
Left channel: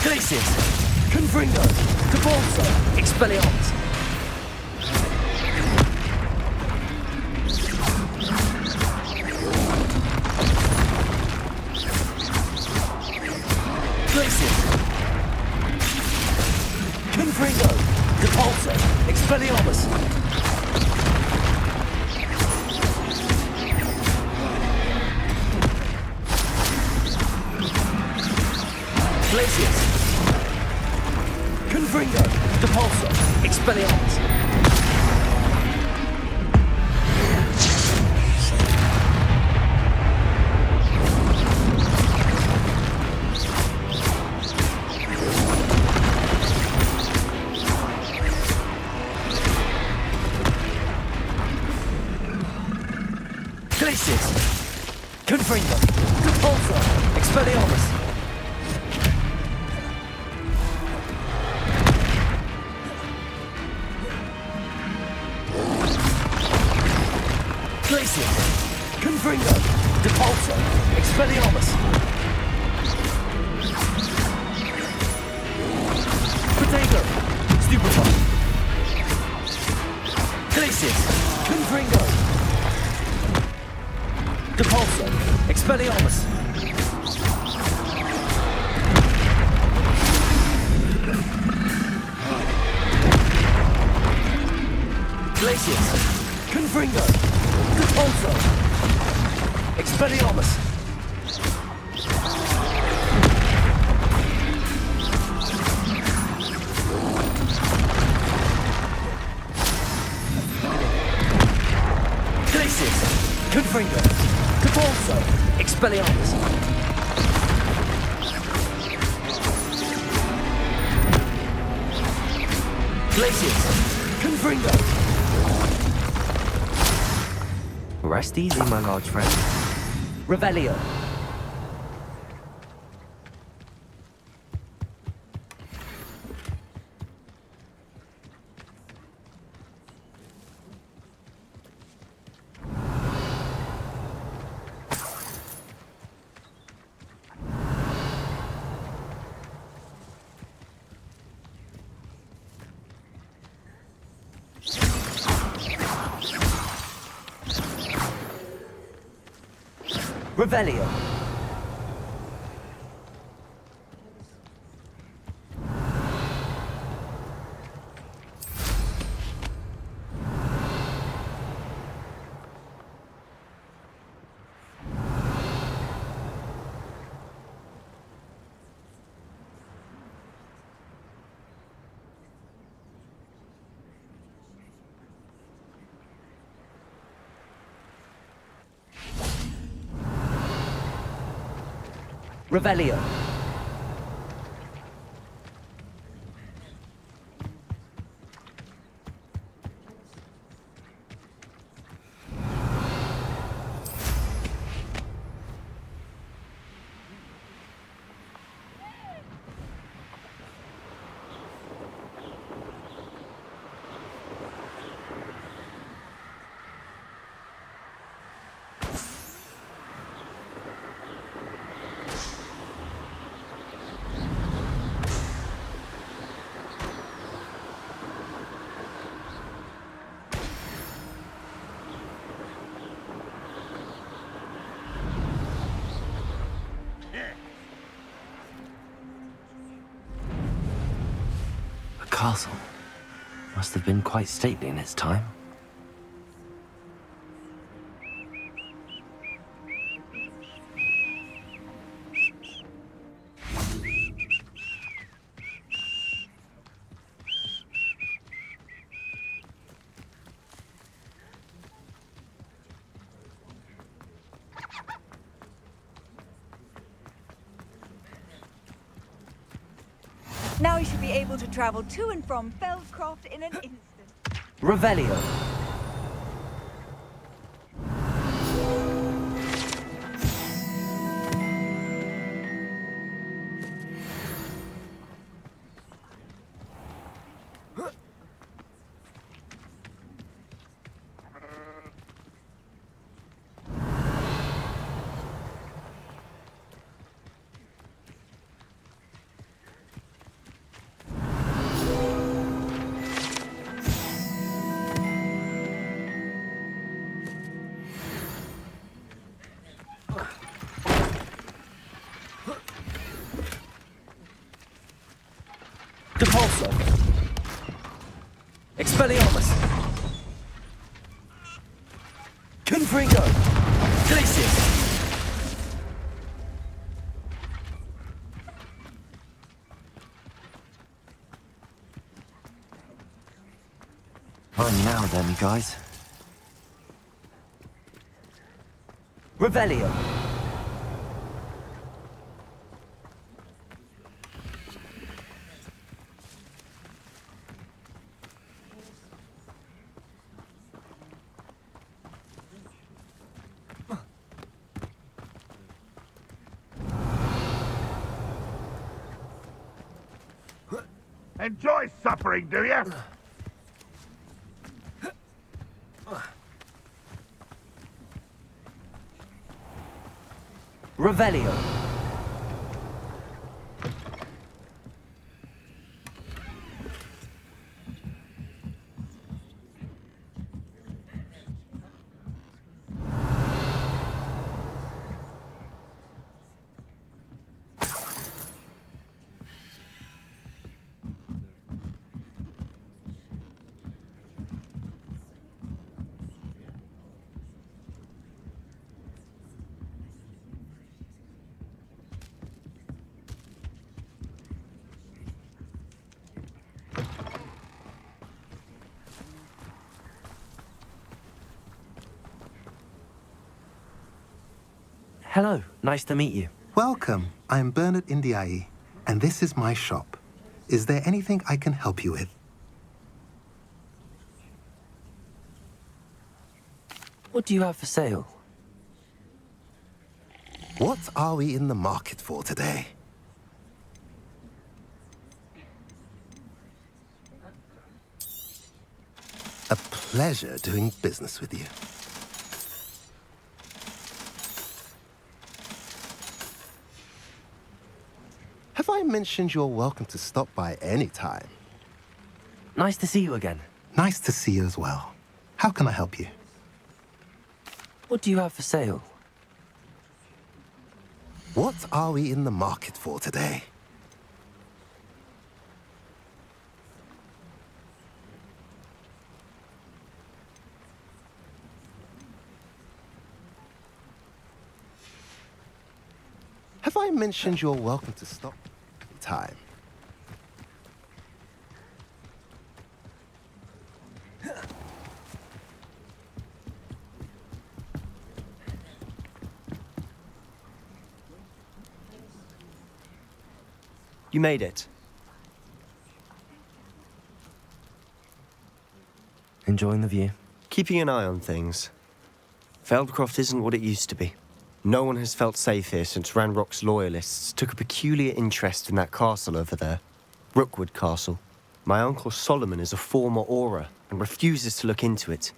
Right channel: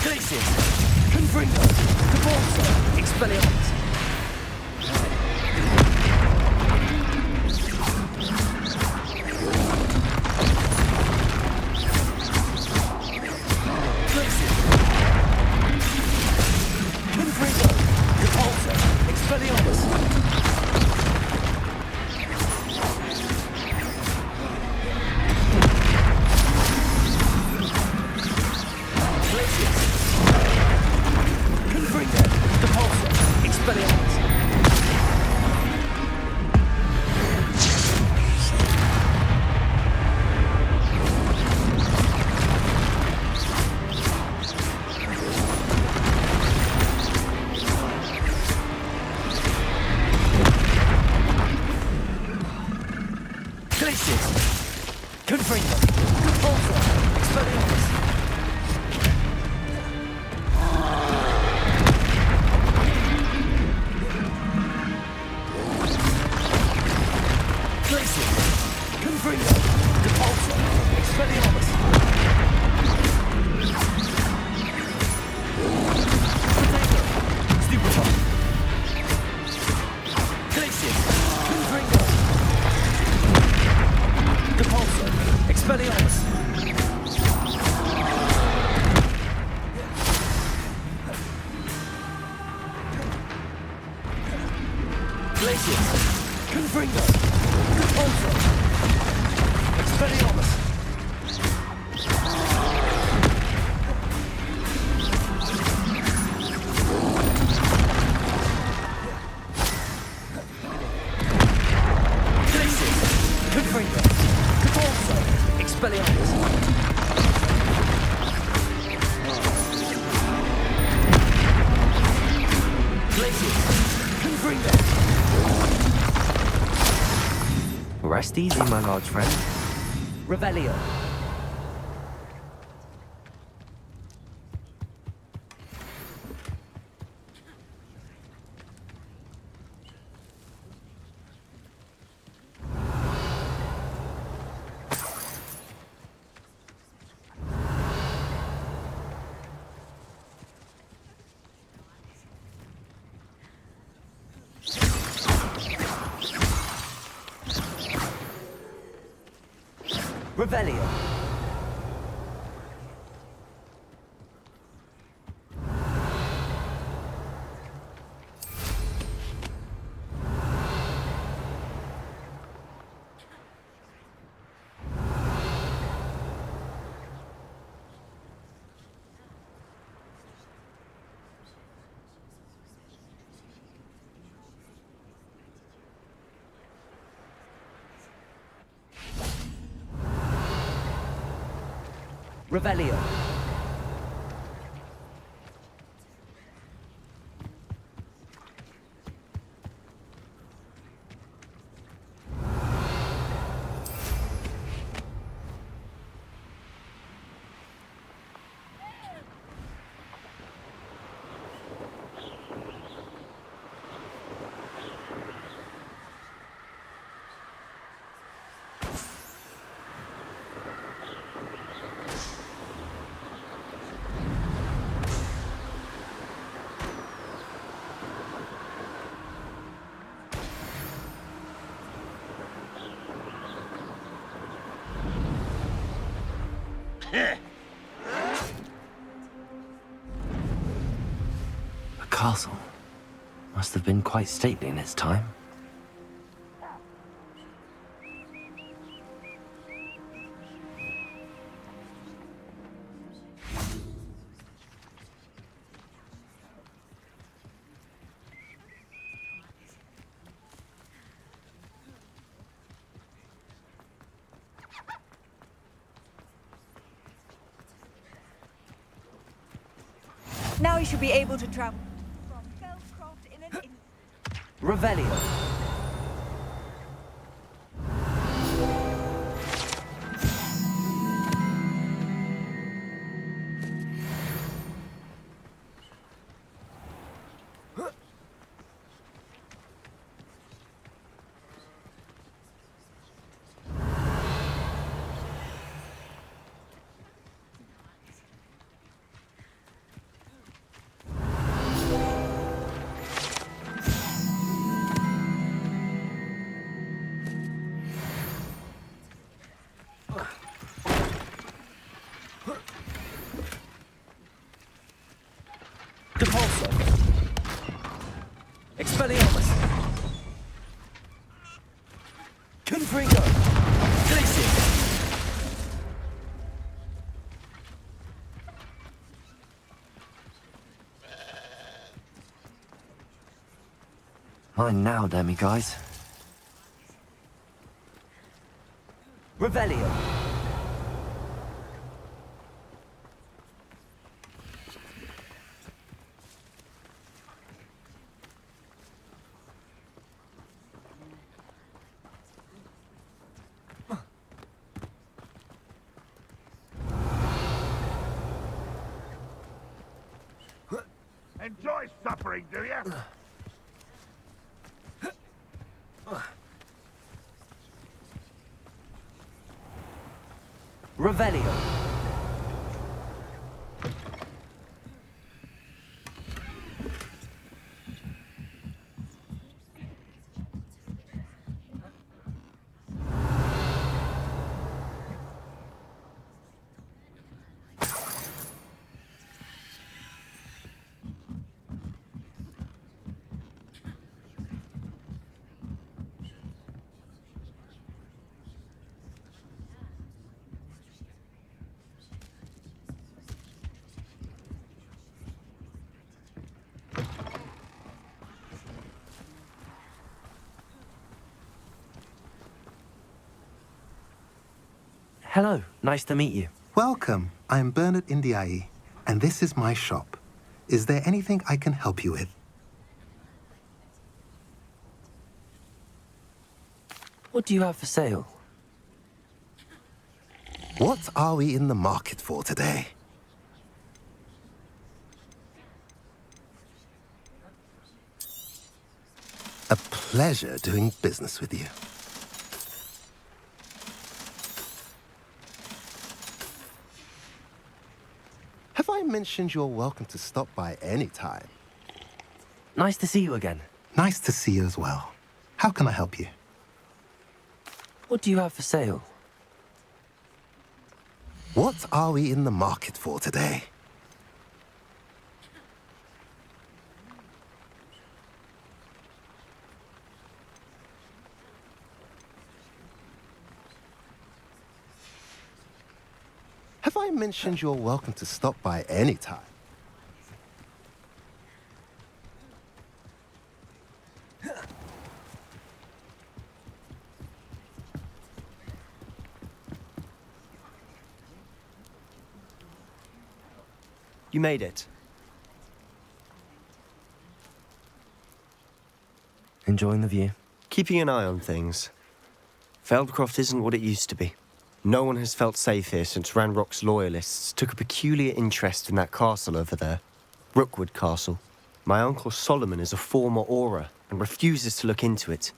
Glacius! Confringo! Cabalso! Expelliarmus! Glacius! Confringo! Cabalso! Expelliarmus! Glacius! Confringo! Depulso! Expelliarmus! Glacius! Confringo! Depulso! Expelliarmus! Glacius! Confringo! Depulso! Expelliarmus! Potato! Stupefy! Glacius! Confringo! Depulso! Expelliarmus! Glacius! Confringo! Depulso! Expelliarmus! Glacius! Confringo! Depulso! Expelliarmus! Glacius! Confringo! Rest easy, my large friend. Revelio! Revelio! Revelio! castle. Must have been quite stately in its time. Now you should be able to travel to and from Feldcroft in an instant. Revelio. Depulso. Expelliarmus. Confringo. Glacius. Fine now, then, me guys. Revelio. Enjoy suffering, do you? Revelio. Hello, nice to meet you. Welcome. I'm Bernard Indiai, and this is my shop. Is there anything I can help you with? What do you have for sale? What are we in the market for today? A pleasure doing business with you. Have I mentioned you're welcome to stop by any time? Nice to see you again. Nice to see you as well. How can I help you? What do you have for sale? What are we in the market for today? Have I mentioned you're welcome to stop by any time? You made it. Enjoying the view? Keeping an eye on things. Feldcroft isn't what it used to be. No one has felt safe here since Ranrock's loyalists took a peculiar interest in that castle over there. Rookwood Castle. My uncle Solomon is a former Auror and refuses to look into it,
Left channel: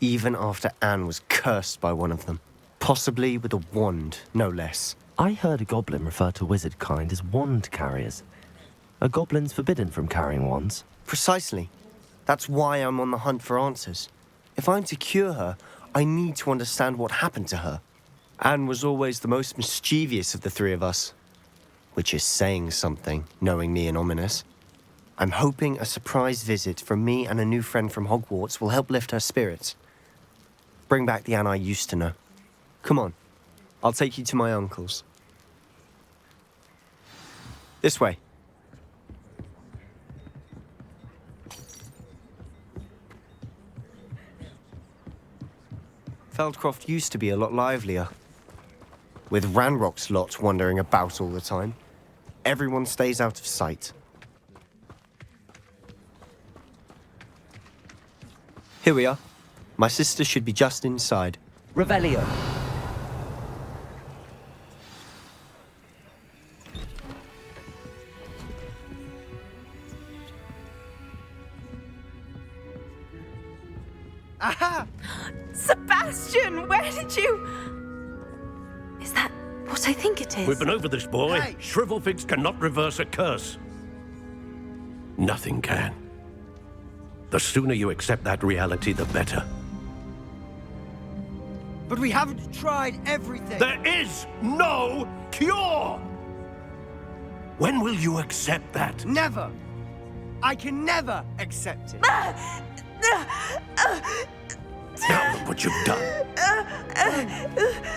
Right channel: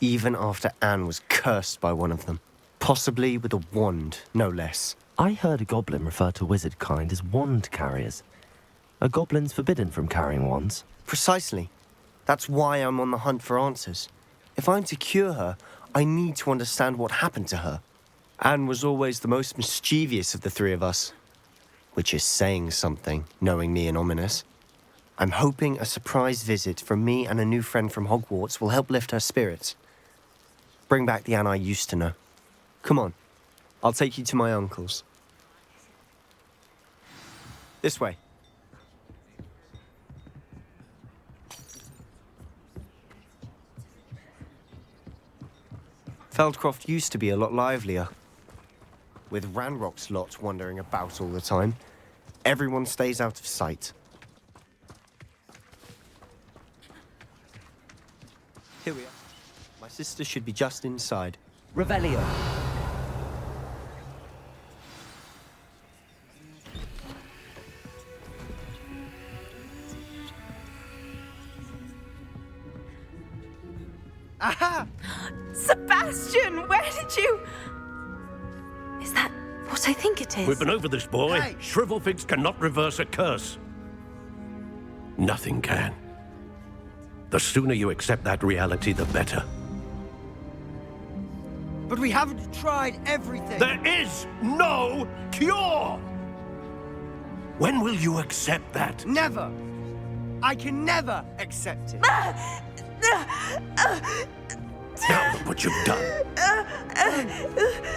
even after Anne was cursed by one of them. Possibly with a wand, no less. I heard a goblin refer to wizard kind as wand carriers. Are goblins forbidden from carrying wands? Precisely. That's why I'm on the hunt for answers. If I'm to cure her, I need to understand what happened to her. Anne was always the most mischievous of the three of us. Which is saying something, knowing me and Ominous. I'm hoping a surprise visit from me and a new friend from Hogwarts will help lift her spirits. Bring back the Anne I used to know. Come on, I'll take you to my uncle's. This way. Feldcroft used to be a lot livelier. With Ranrock's lot wandering about all the time, everyone stays out of sight. Here we are. My sister should be just inside. Revelio. Aha! Sebastian, where did you... Is that what I think it is? We've been over this, boy. Hey. Shrivelfigs cannot reverse a curse. Nothing can. The sooner you accept that reality, the better. But we haven't tried everything. There is no cure! When will you accept that? Never. I can never accept it. Now look what you've done.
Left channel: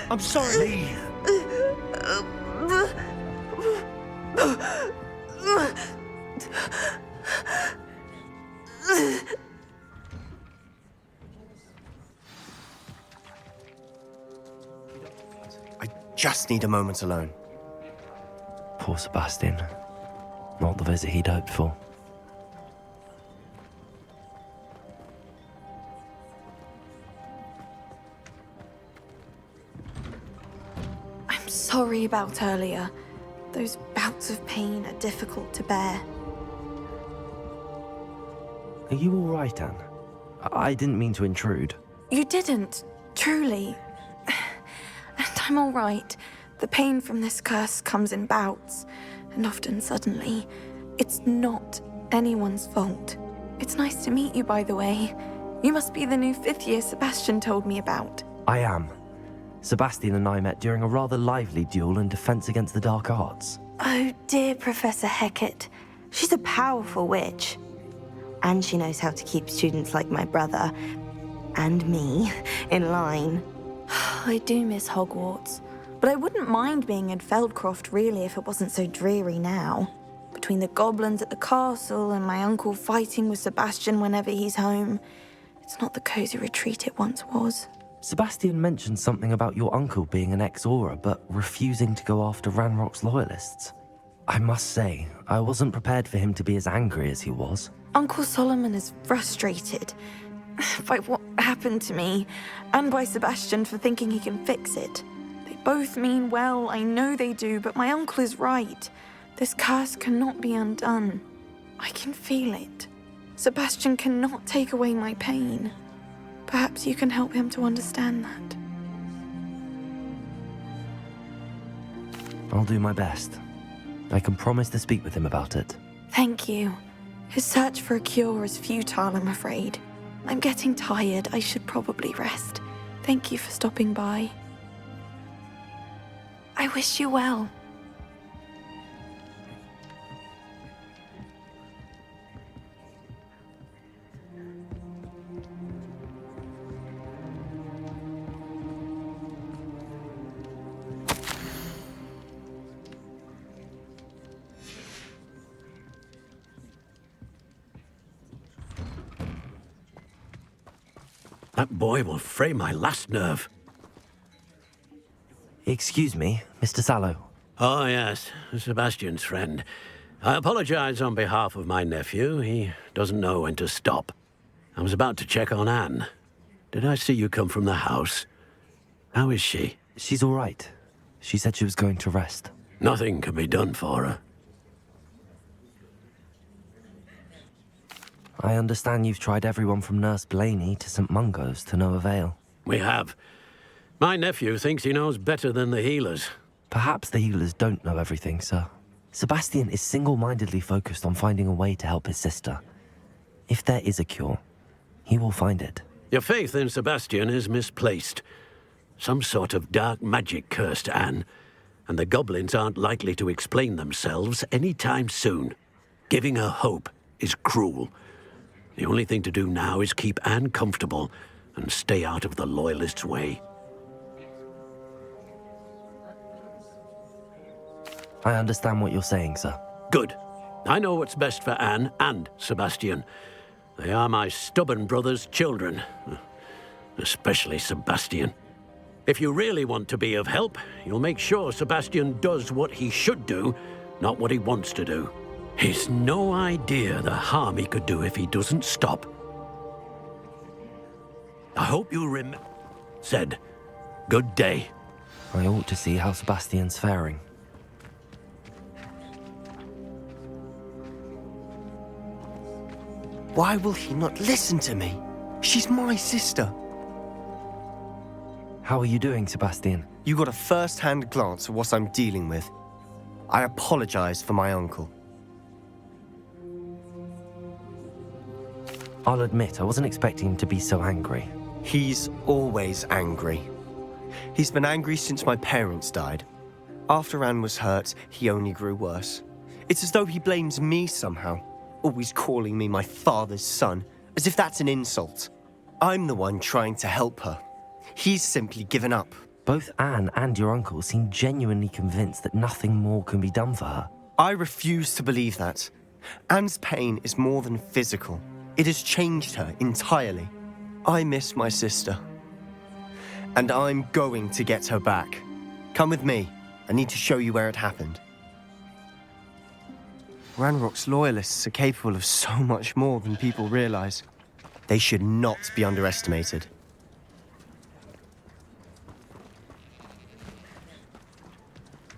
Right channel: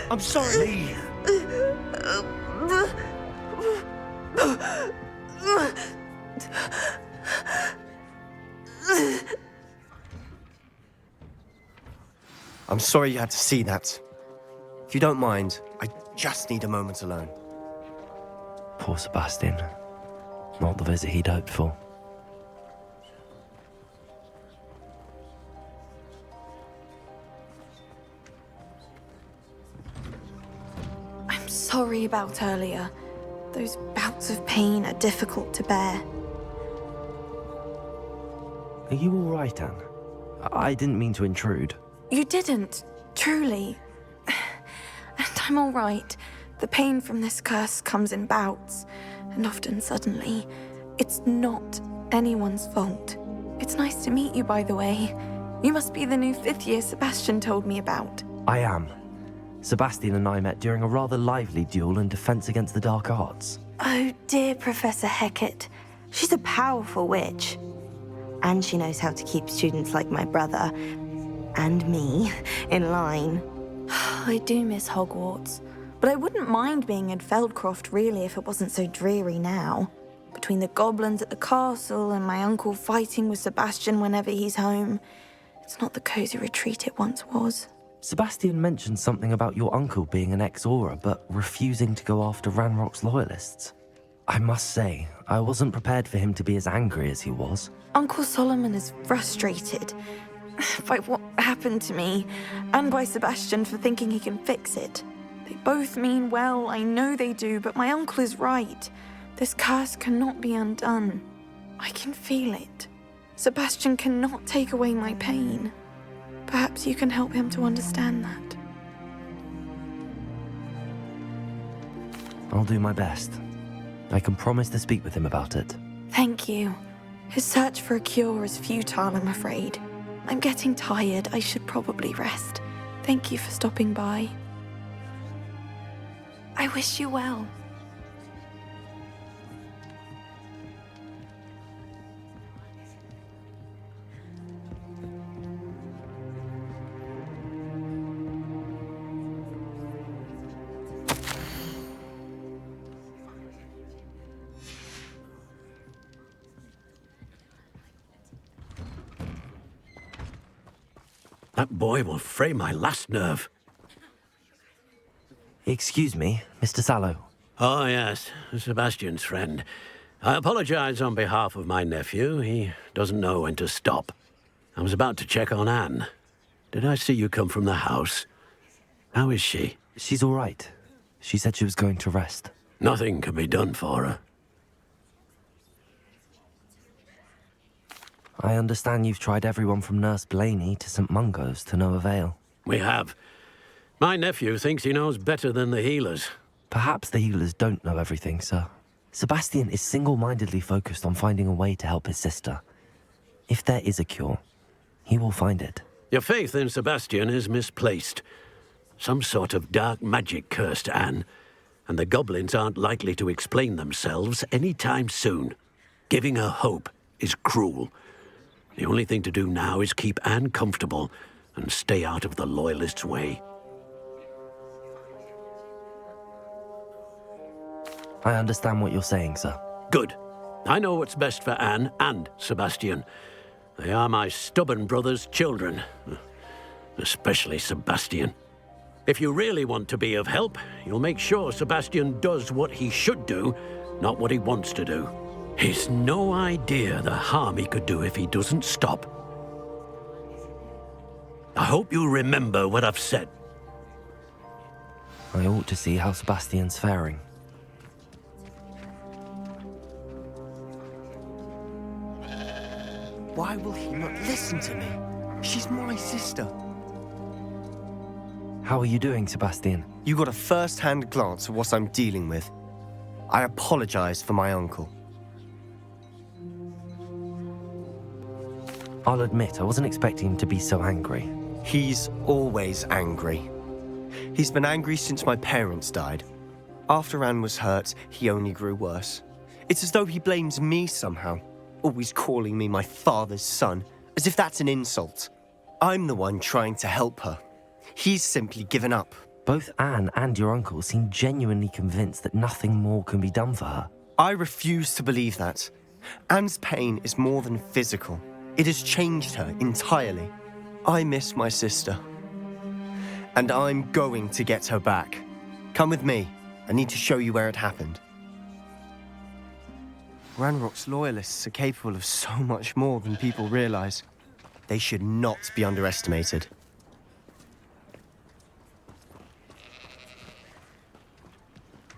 I'm sorry. I'm sorry you had to see that. If you don't mind, I just need a moment alone. Poor Sebastian. Not the visit he'd hoped for. I'm sorry about earlier. Those bouts of pain are difficult to bear. Are you all right, Anne? I didn't mean to intrude. You didn't, truly. And I'm all right. The pain from this curse comes in bouts, and often suddenly. It's not anyone's fault. It's nice to meet you, by the way. You must be the new fifth-year Sebastian told me about. I am. Sebastian and I met during a rather lively duel in defense against the dark arts. Oh, dear Professor Hecat. She's a powerful witch. And she knows how to keep students like my brother, and me, in line. I do miss Hogwarts, but I wouldn't mind being in Feldcroft, really, if it wasn't so dreary now. Between the goblins at the castle and my uncle fighting with Sebastian whenever he's home, it's not the cozy retreat it once was. Sebastian mentioned something about your uncle being an ex-Auror, but refusing to go after Ranrock's loyalists. I must say, I wasn't prepared for him to be as angry as he was. Uncle Solomon is frustrated by what happened to me, and by Sebastian for thinking he can fix it. They both mean well, I know they do, but my uncle is right. This curse cannot be undone. I can feel it. Sebastian cannot take away my pain. Perhaps you can help him to understand that. I'll do my best. I can promise to speak with him about it. Thank you. His search for a cure is futile, I'm afraid. I'm getting tired. I should probably rest. Thank you for stopping by. I wish you well. That boy will fray my last nerve. Excuse me, Mr. Sallow. Oh, yes, Sebastian's friend. I apologize on behalf of my nephew. He doesn't know when to stop. I was about to check on Anne. Did I see you come from the house? How is she? She's all right. She said she was going to rest. Nothing can be done for her. I understand you've tried everyone from Nurse Blaney to St. Mungo's to no avail. We have. My nephew thinks he knows better than the healers. Perhaps the healers don't know everything, sir. Sebastian is single-mindedly focused on finding a way to help his sister. If there is a cure, he will find it. Your faith in Sebastian is misplaced. Some sort of dark magic cursed Anne, and the goblins aren't likely to explain themselves any time soon. Giving her hope is cruel. The only thing to do now is keep Anne comfortable and stay out of the Loyalists' way. I understand what you're saying, sir. Good. I know what's best for Anne and Sebastian. They are my stubborn brother's children. Especially Sebastian. If you really want to be of help, you'll make sure Sebastian does what he should do, not what he wants to do. He's no idea the harm he could do if he doesn't stop. I hope you remember what I've said. Good day. I ought to see how Sebastian's faring. Why will he not listen to me? She's my sister. How are you doing, Sebastian? You got a first-hand glance at what I'm dealing with. I apologize for my uncle. I'll admit, I wasn't expecting him to be so angry. He's always angry. He's been angry since my parents died. After Anne was hurt, he only grew worse. It's as though he blames me somehow, always calling me my father's son, as if that's an insult. I'm the one trying to help her. He's simply given up. Both Anne and your uncle seem genuinely convinced that nothing more can be done for her. I refuse to believe that. Anne's pain is more than physical. It has changed her entirely. I miss my sister. And I'm going to get her back. Come with me. I need to show you where it happened. Ranrock's Loyalists are capable of so much more than people realize. They should not be underestimated.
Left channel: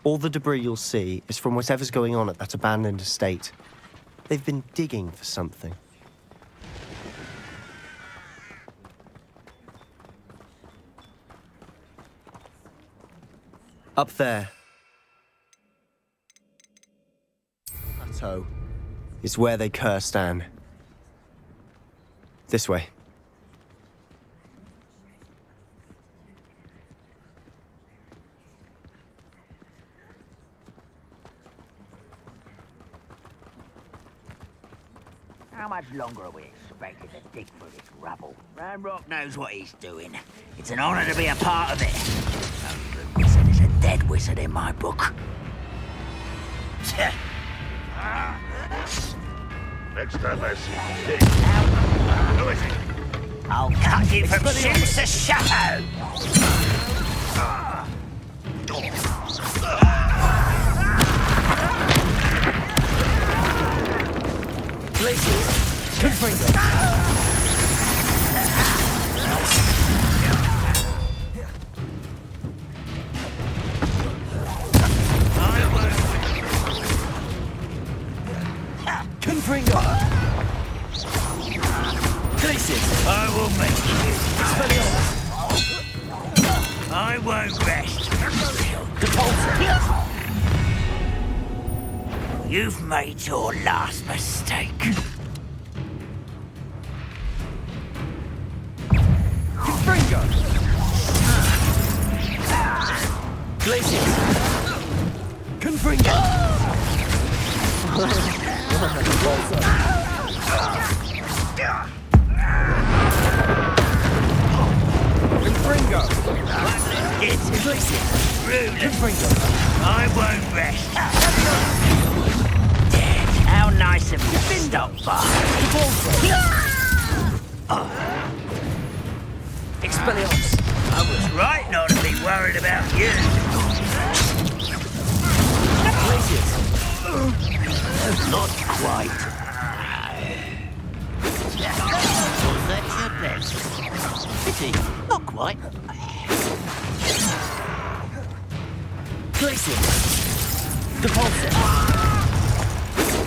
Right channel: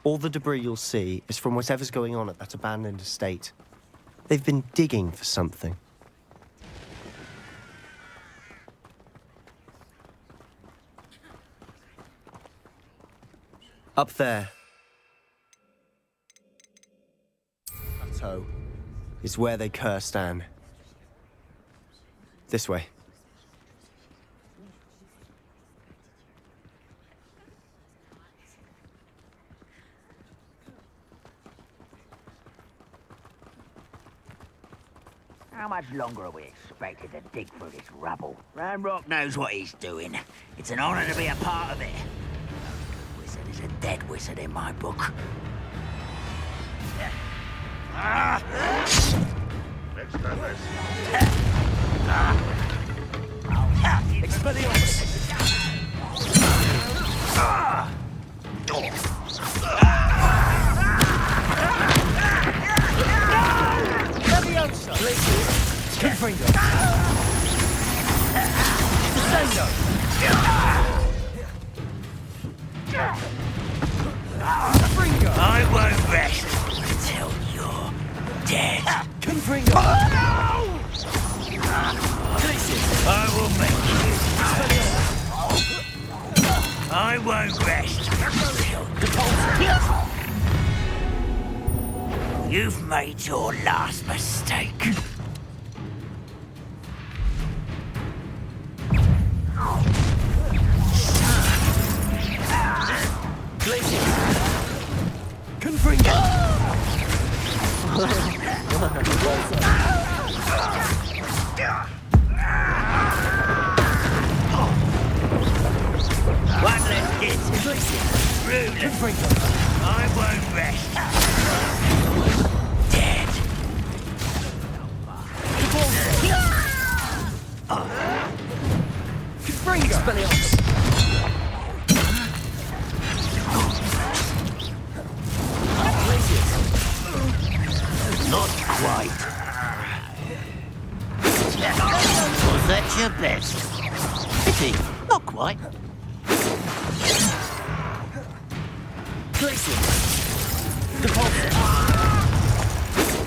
All the debris you'll see is from whatever's going on at that abandoned estate. They've been digging for something. Up there. Plateau is where they cursed Anne. This way. How much longer are we expected to dig through this rubble? Ranrock knows what he's doing. It's an honor to be a part of it. No good wizard is a dead wizard in my book. Next time I see I'll cut you from shit to shadow! I won't rest until you're dead. Confringo! I will make you. I won't rest until you've made your last mistake. I won't rest. Dead. How nice of you to stop by. Expelliarmus! Right not to be worried about you. Not quite. Was that your best? Pity, not quite. Glacius!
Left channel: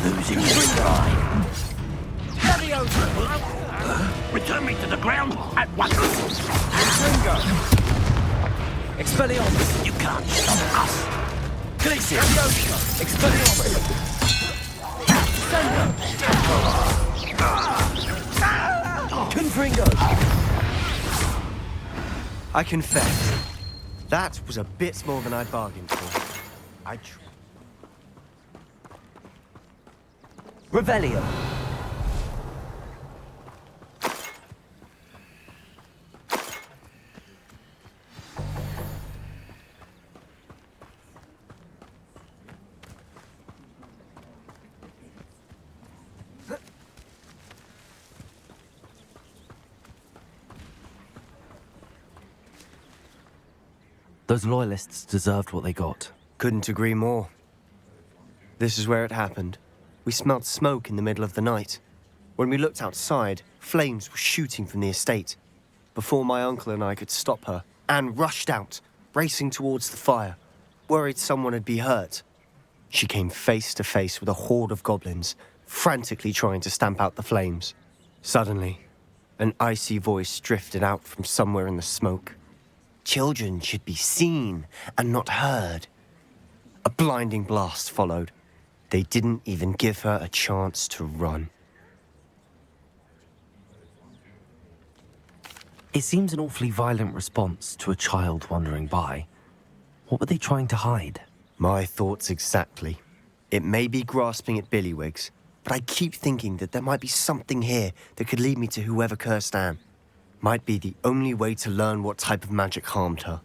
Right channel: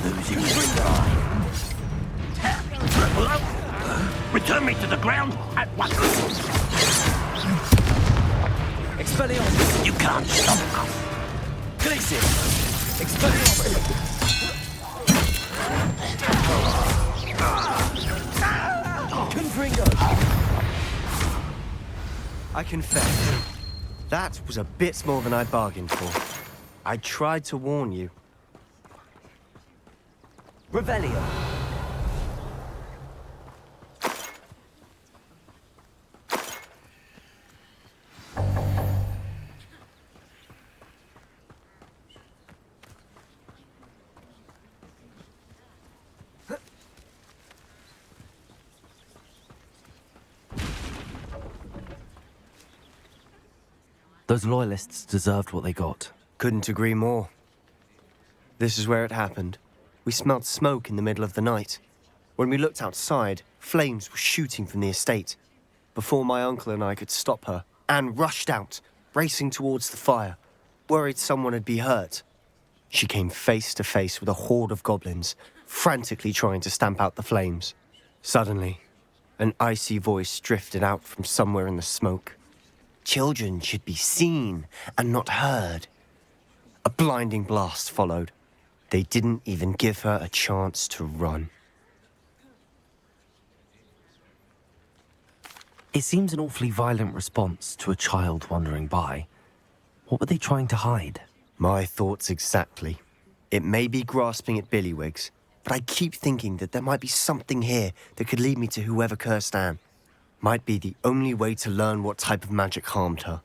Losing stride. Return me to the ground at once. Expelliarmus! You can't stop us. Glacius! Expelliarmus! Confringo! I confess, that was a bit more than I'd bargained for. I tried to warn you. Revelio! Those loyalists deserved what they got. Couldn't agree more. This is where it happened. We smelled smoke in the middle of the night. When we looked outside, flames were shooting from the estate. Before my uncle and I could stop her, Anne rushed out, racing towards the fire, worried someone had been hurt. She came face to face with a horde of goblins, frantically trying to stamp out the flames. Suddenly, an icy voice drifted out from somewhere in the smoke. Children should be seen and not heard. A blinding blast followed. They didn't even give her a chance to run. It seems an awfully violent response to a child wandering by. What were they trying to hide? My thoughts exactly. It may be grasping at Billywigs, but I keep thinking that there might be something here that could lead me to whoever cursed Anne. Might be the only way to learn what type of magic harmed her,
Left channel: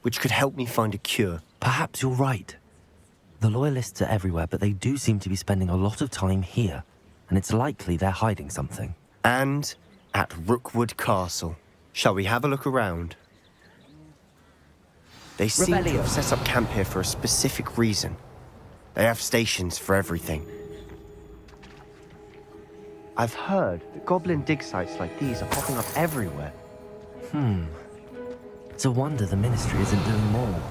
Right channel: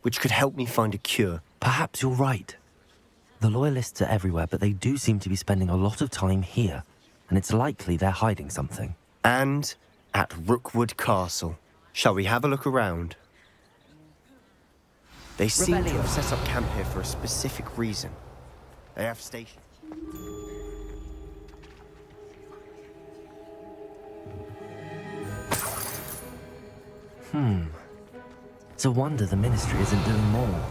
which could help me find a cure. Perhaps you're right. The Loyalists are everywhere, but they do seem to be spending a lot of time here, and it's likely they're hiding something. And at Rookwood Castle. Shall we have a look around? They seem to have set up camp here for a specific reason. They have stations for everything. I've heard that goblin dig sites like these are popping up everywhere. It's a wonder the Ministry isn't doing more.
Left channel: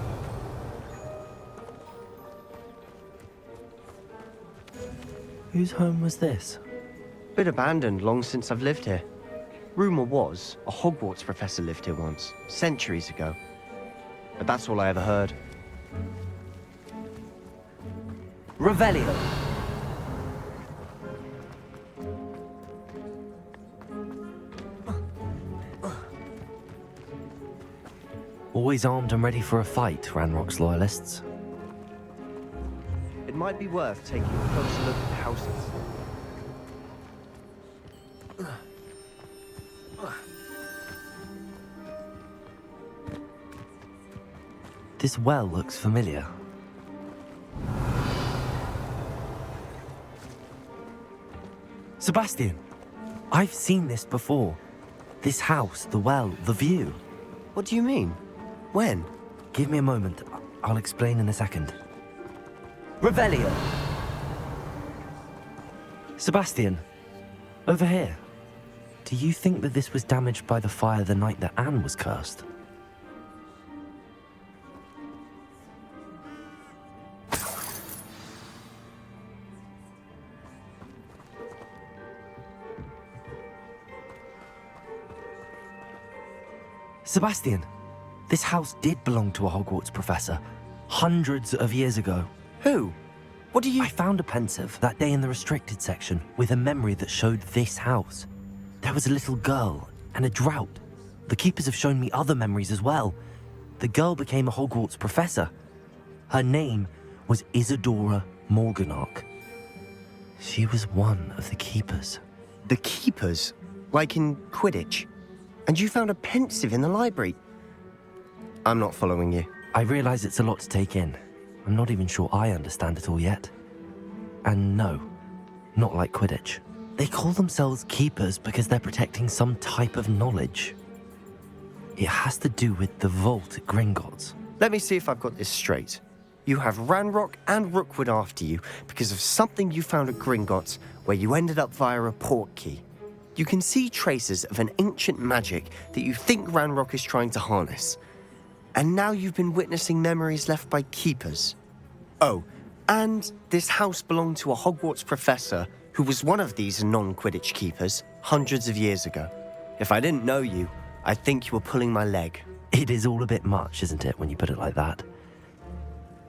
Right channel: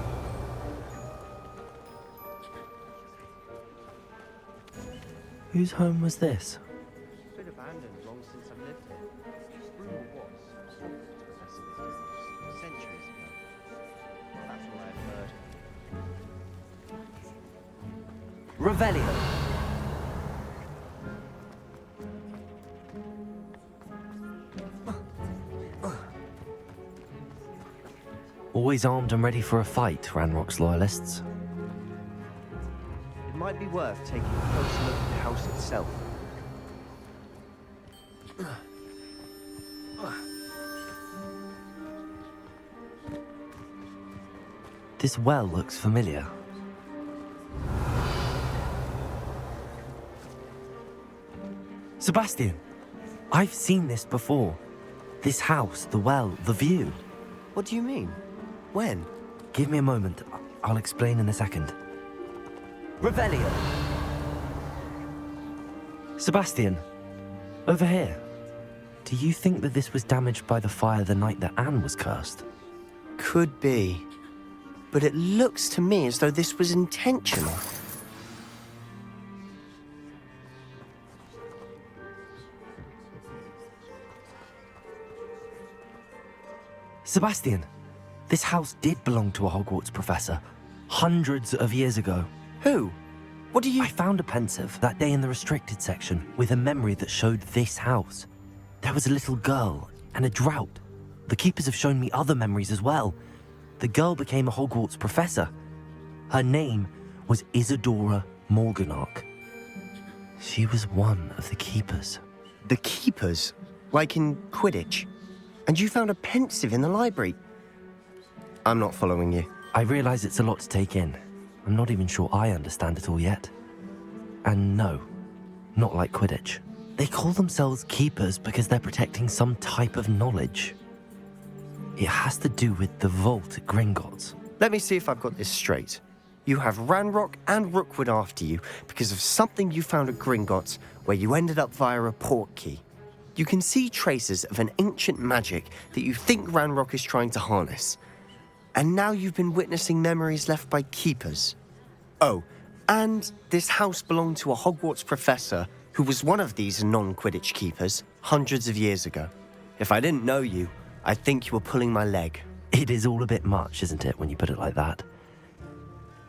Whose home was this? Been abandoned long since I've lived here. Rumour was, a Hogwarts professor lived here once, centuries ago. But that's all I ever heard. Revelio. Always armed and ready for a fight, Ranrock's Loyalists. It might be worth taking a closer look at the house itself. This well looks familiar. Sebastian, I've seen this before. This house, the well, the view. What do you mean? When? Give me a moment. I'll explain in a second. Revelio. Sebastian, over here. Do you think that this was damaged by the fire the night that Anne was cursed? Could be. But it looks to me as though this was intentional. Sebastian, this house did belong to a Hogwarts professor, hundreds of years ago. Who? What do you... I found a pensive that day in the restricted section with a memory that showed this house. There was a little girl and a drought. The keepers have shown me other memories as well. The girl became a Hogwarts professor. Her name was Isadora Morganach. She was one of the keepers. The keepers? Like in Quidditch? And you found a pensive in the library? I'm not following you. I realize it's a lot to take in. I'm not even sure I understand it all yet. And no, not like Quidditch. They call themselves keepers because they're protecting some type of knowledge. It has to do with the vault at Gringotts. Let me see if I've got this straight. You have Ranrock and Rookwood after you because of something you found at Gringotts where you ended up via a port key. You can see traces of an ancient magic that you think Ranrock is trying to harness. And now you've been witnessing memories left by keepers. Oh, and this house belonged to a Hogwarts professor who was one of these non-Quidditch keepers hundreds of years ago. If I didn't know you, I'd think you were pulling my leg. It is all a bit much, isn't it, when you put it like that?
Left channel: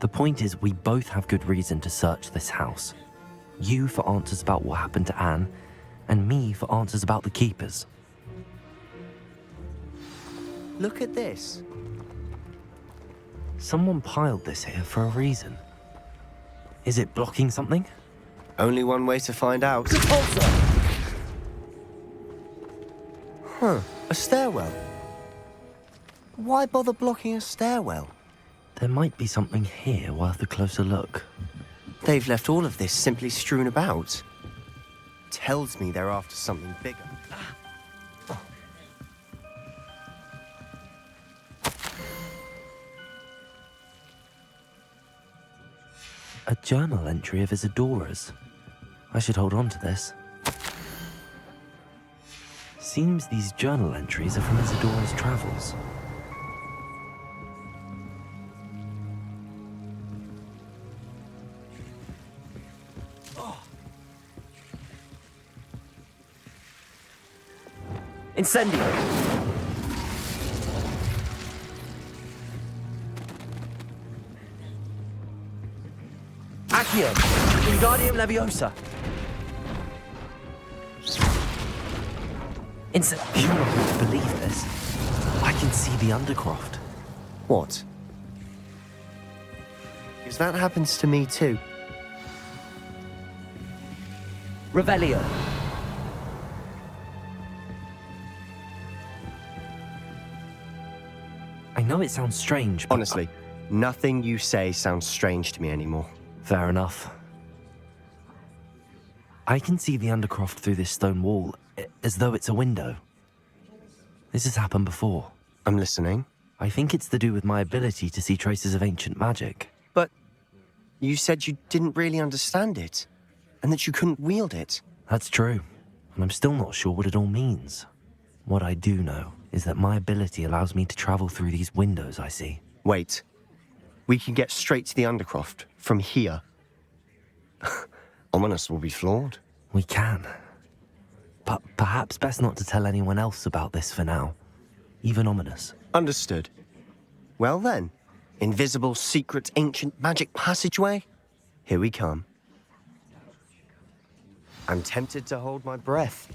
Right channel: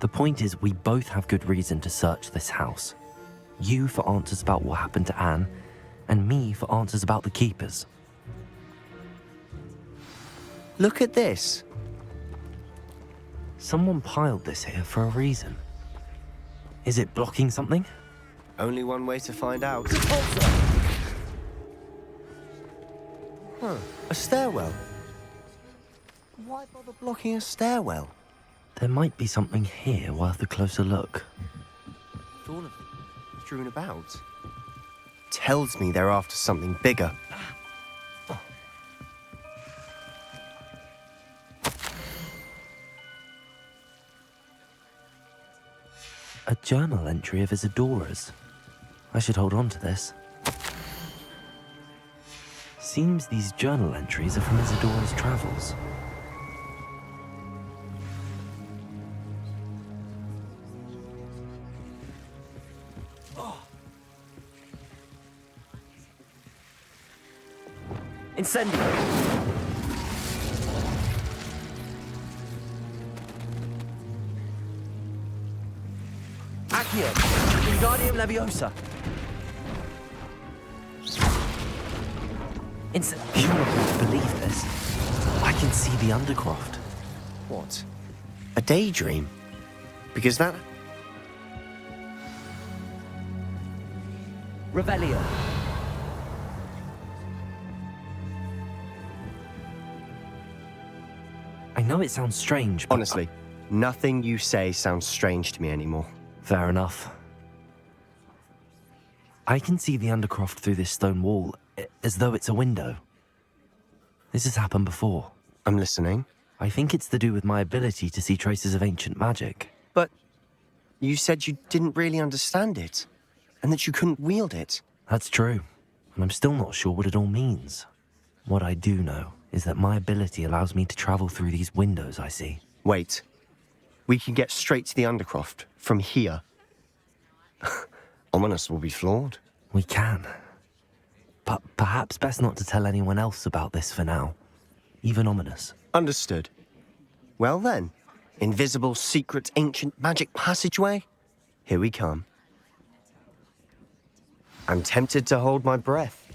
The point is, we both have good reason to search this house. You for answers about what happened to Anne, and me for answers about the keepers. Look at this. Someone piled this here for a reason. Is it blocking something? Only one way to find out. Huh, a stairwell. Why bother blocking a stairwell? There might be something here worth a closer look. They've left all of this simply strewn about. Tells me they're after something bigger. A journal entry of Isadora's. I should hold on to this. Seems these journal entries are from Isadora's travels. Incendio! Accio! Wingardium Leviosa! You won't believe this. I can see the Undercroft. What? A daydream? Because that happens to me too. Revelio. I know it sounds strange, but... Honestly, nothing you say sounds strange to me anymore. Fair enough. I can see the Undercroft through this stone wall, as though it's a window. This has happened before. I'm listening. I think it's to do with my ability to see traces of ancient magic. But you said you didn't really understand it, and that you couldn't wield it. That's true, and I'm still not sure what it all means. What I do know is that my ability allows me to travel through these windows I see. Wait. We can get straight to the Undercroft from here. Ominous will be floored. We can. But perhaps best not to tell anyone else about this for now. Even Ominous. Understood. Well then, invisible, secret, ancient magic passageway? Here we come. I'm tempted to hold my breath.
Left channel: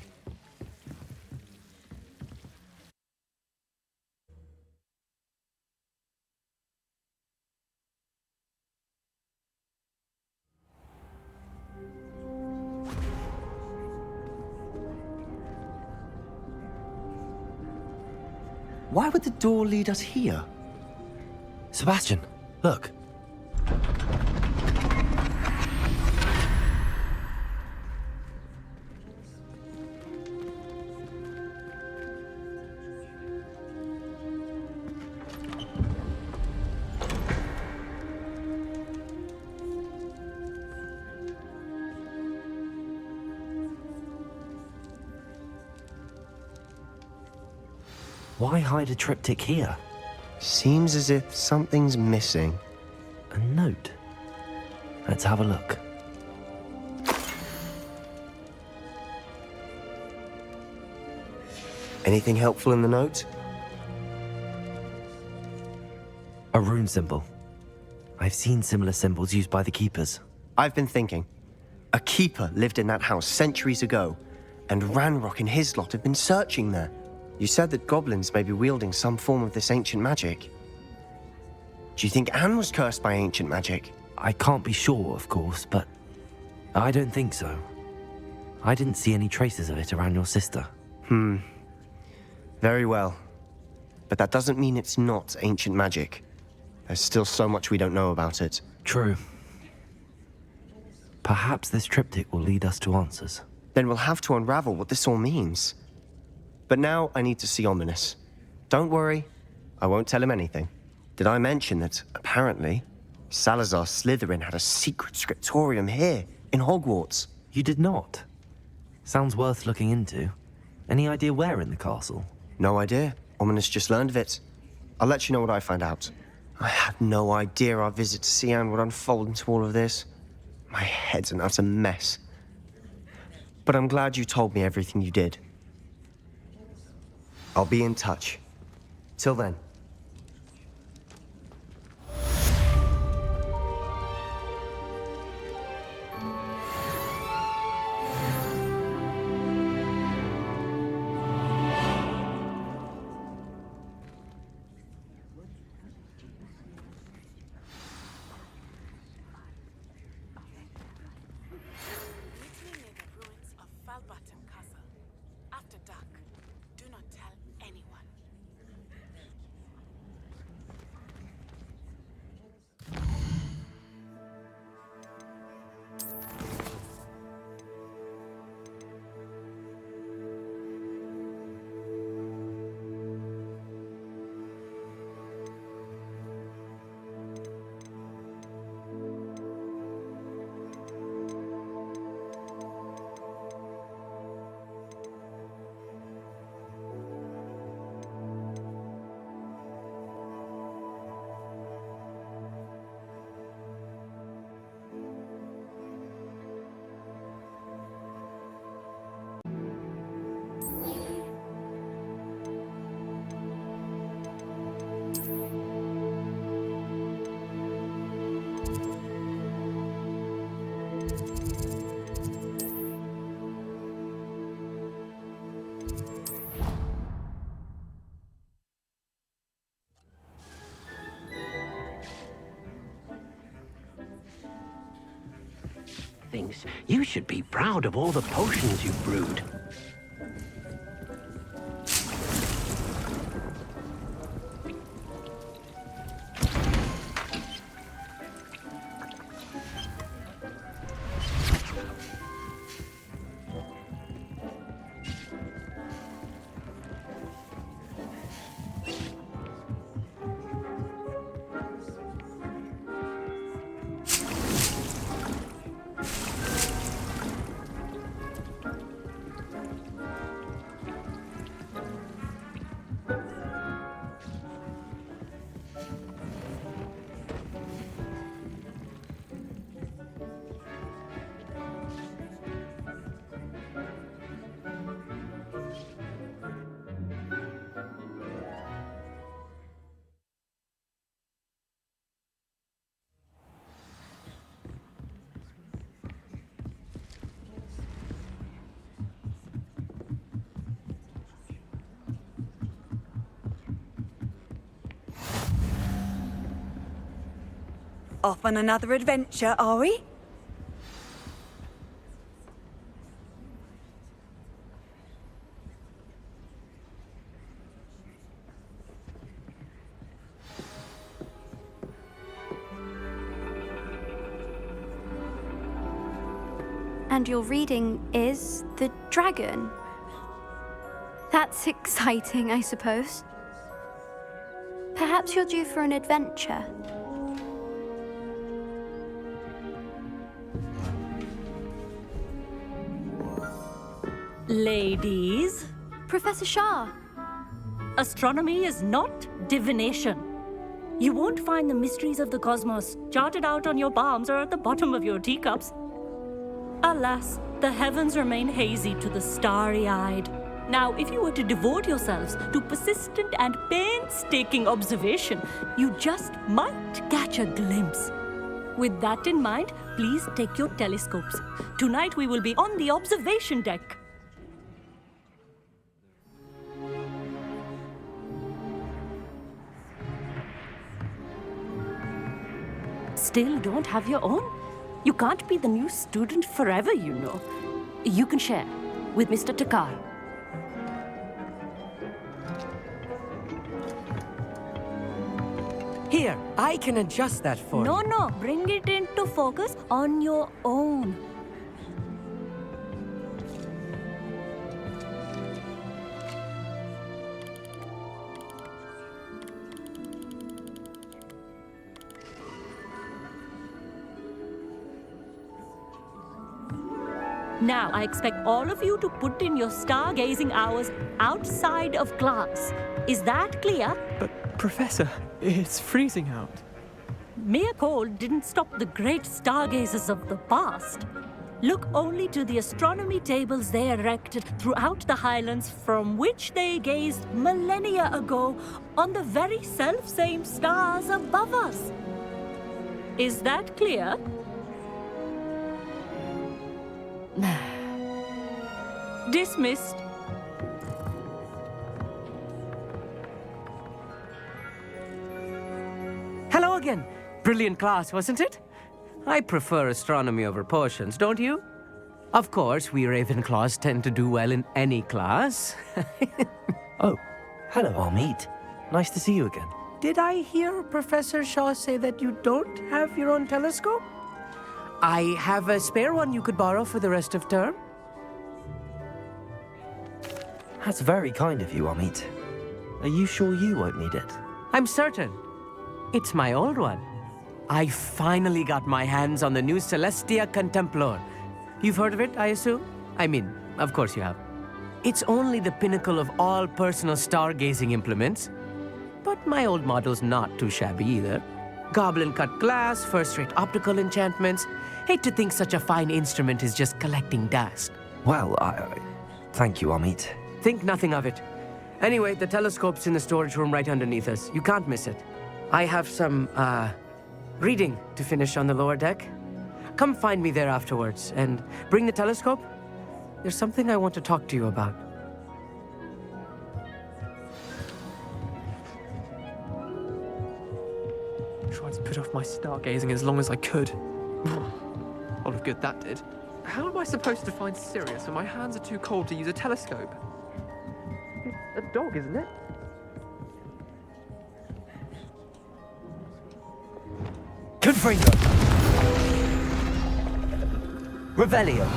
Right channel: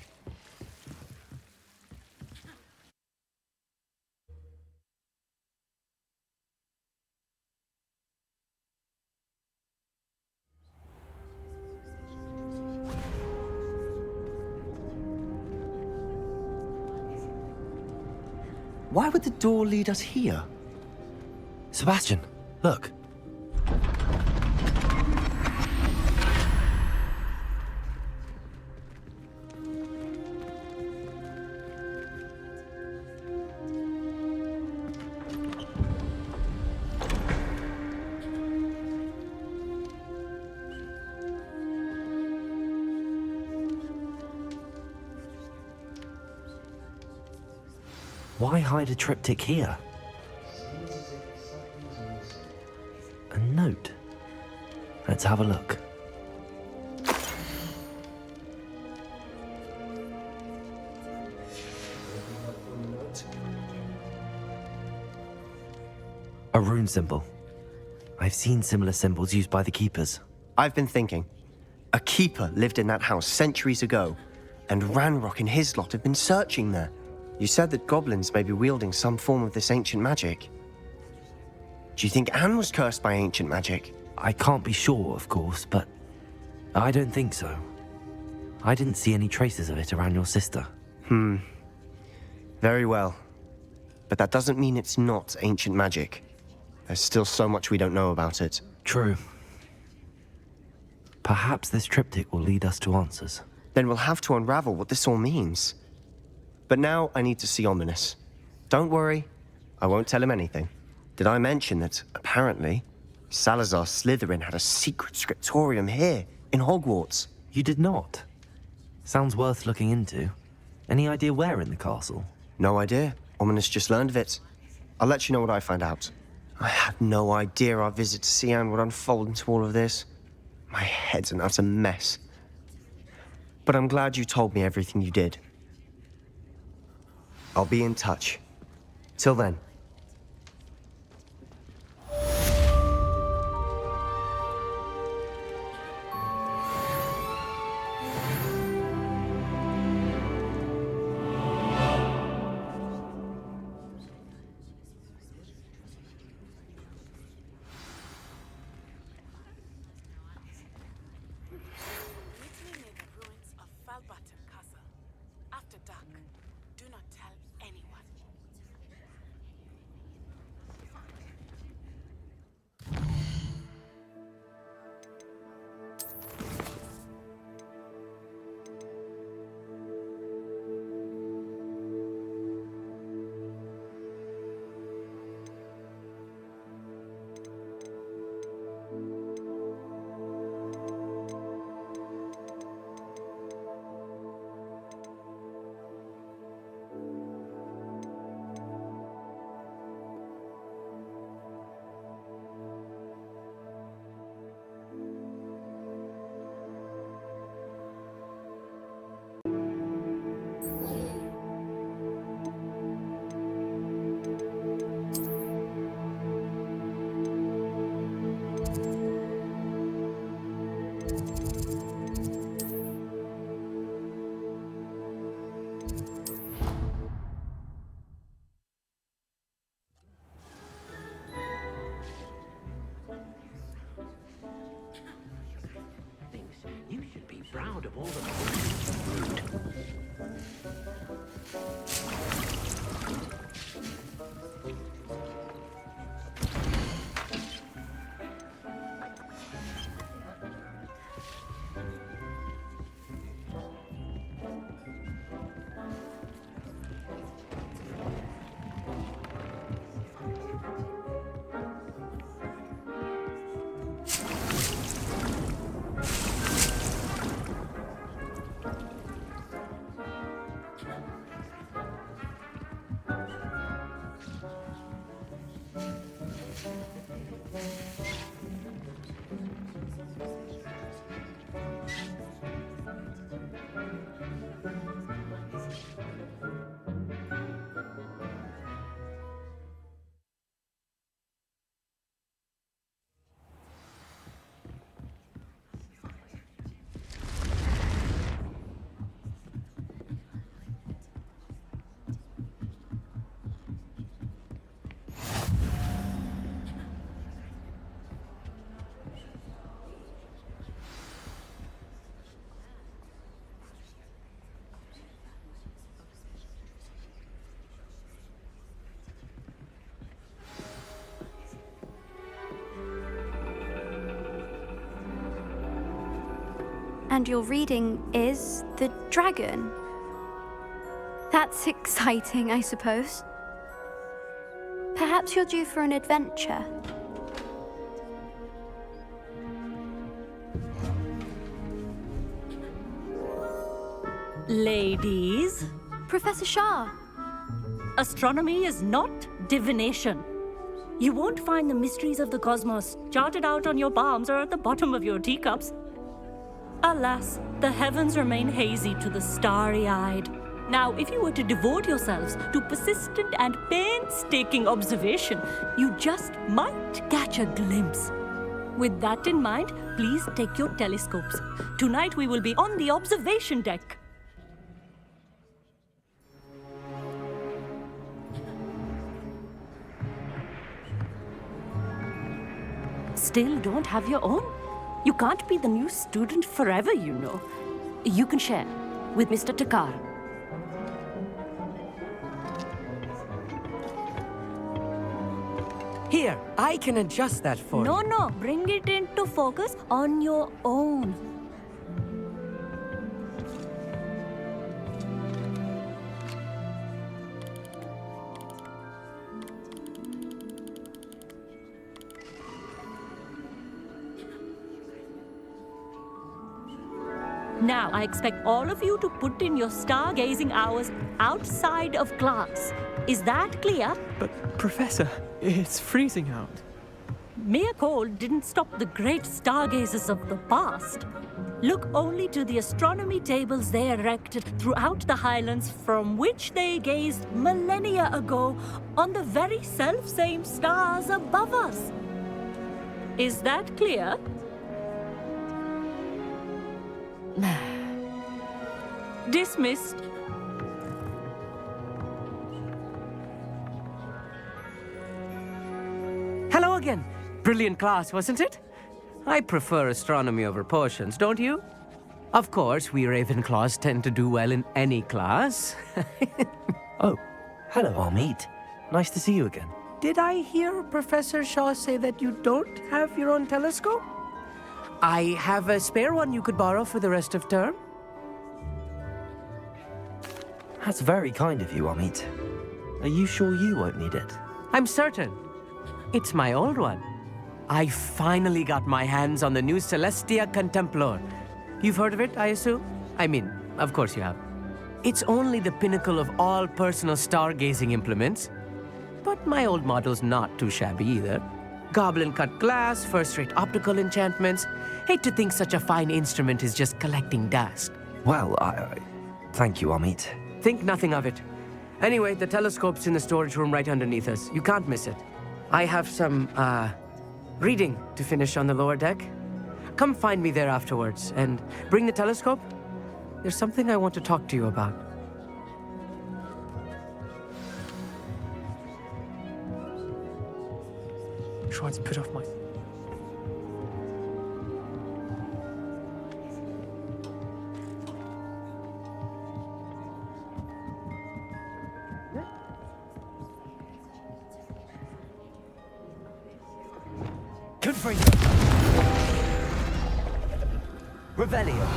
Why would the door lead us here? Sebastian, look. Why hide a triptych here? Seems as if something's missing. A note. Let's have a look. Anything helpful in the note? A rune symbol. I've seen similar symbols used by the keepers. I've been thinking. A keeper lived in that house centuries ago, and Ranrock and his lot have been searching there. You said that goblins may be wielding some form of this ancient magic. Do you think Anne was cursed by ancient magic? I can't be sure, of course, but I don't think so. I didn't see any traces of it around your sister. Very well. But that doesn't mean it's not ancient magic. There's still so much we don't know about it. True. Perhaps this triptych will lead us to answers. Then we'll have to unravel what this all means. But now I need to see Ominous. Don't worry, I won't tell him anything. Did I mention that, apparently, Salazar Slytherin had a secret scriptorium here, in Hogwarts? You did not? Sounds worth looking into. Any idea where in the castle? No idea. Ominous just learned of it. I'll let you know what I find out. I had no idea our visit to Cian would unfold into all of this. My head's an utter mess. But I'm glad you told me everything you did. I'll be in touch. Till then. things. You should be proud of all the potions you've brewed. Off on another adventure, are we? And your reading is The Dragon. That's exciting, I suppose. Perhaps you're due for an adventure. Ladies. Professor Shah. Astronomy is not divination. You won't find the mysteries of the cosmos charted out on your palms or at the bottom of your teacups. Alas, the heavens remain hazy to the starry-eyed. Now, if you were to devote yourselves to persistent and painstaking observation, you just might catch a glimpse. With that in mind, please take your telescopes. Tonight we will be on the observation deck. Still don't have your own? You can't be the new student forever, you know. You can share with Mr. Takar. Here, I can adjust that for you. No, bring it into focus on your own. Now, I expect all of you to put in your stargazing hours outside of class. Is that clear? But, Professor, it's freezing out. Mere cold didn't stop the great stargazers of the past. Look only to the astronomy tables they erected throughout the highlands from which they gazed millennia ago on the very self-same stars above us. Is that clear? Dismissed. Hello again. Brilliant class, wasn't it? I prefer astronomy over potions, don't you? Of course, we Ravenclaws tend to do well in any class. Oh, hello, Amit. Nice to see you again. Did I hear Professor Shaw say that you don't have your own telescope? I have a spare one you could borrow for the rest of term. That's very kind of you, Amit. Are you sure you won't need it? I'm certain. It's my old one. I finally got my hands on the new Celestia Contemplar. You've heard of it, I assume? I mean, of course you have. It's only the pinnacle of all personal stargazing implements. But my old model's not too shabby either. Goblin-cut glass, first-rate optical enchantments. Hate to think such a fine instrument is just collecting dust. Well, thank you, Amit. Think nothing of it. Anyway, the telescope's in the storage room right underneath us. You can't miss it. I have some, reading to finish on the lower deck. Come find me there afterwards, and bring the telescope. There's something I want to talk to you about. I tried to put off my stargazing as long as I could. lot of good that did. How am I supposed to find Sirius when my hands are too cold to use a telescope? It's a dog, isn't it? Confringo. Revelio.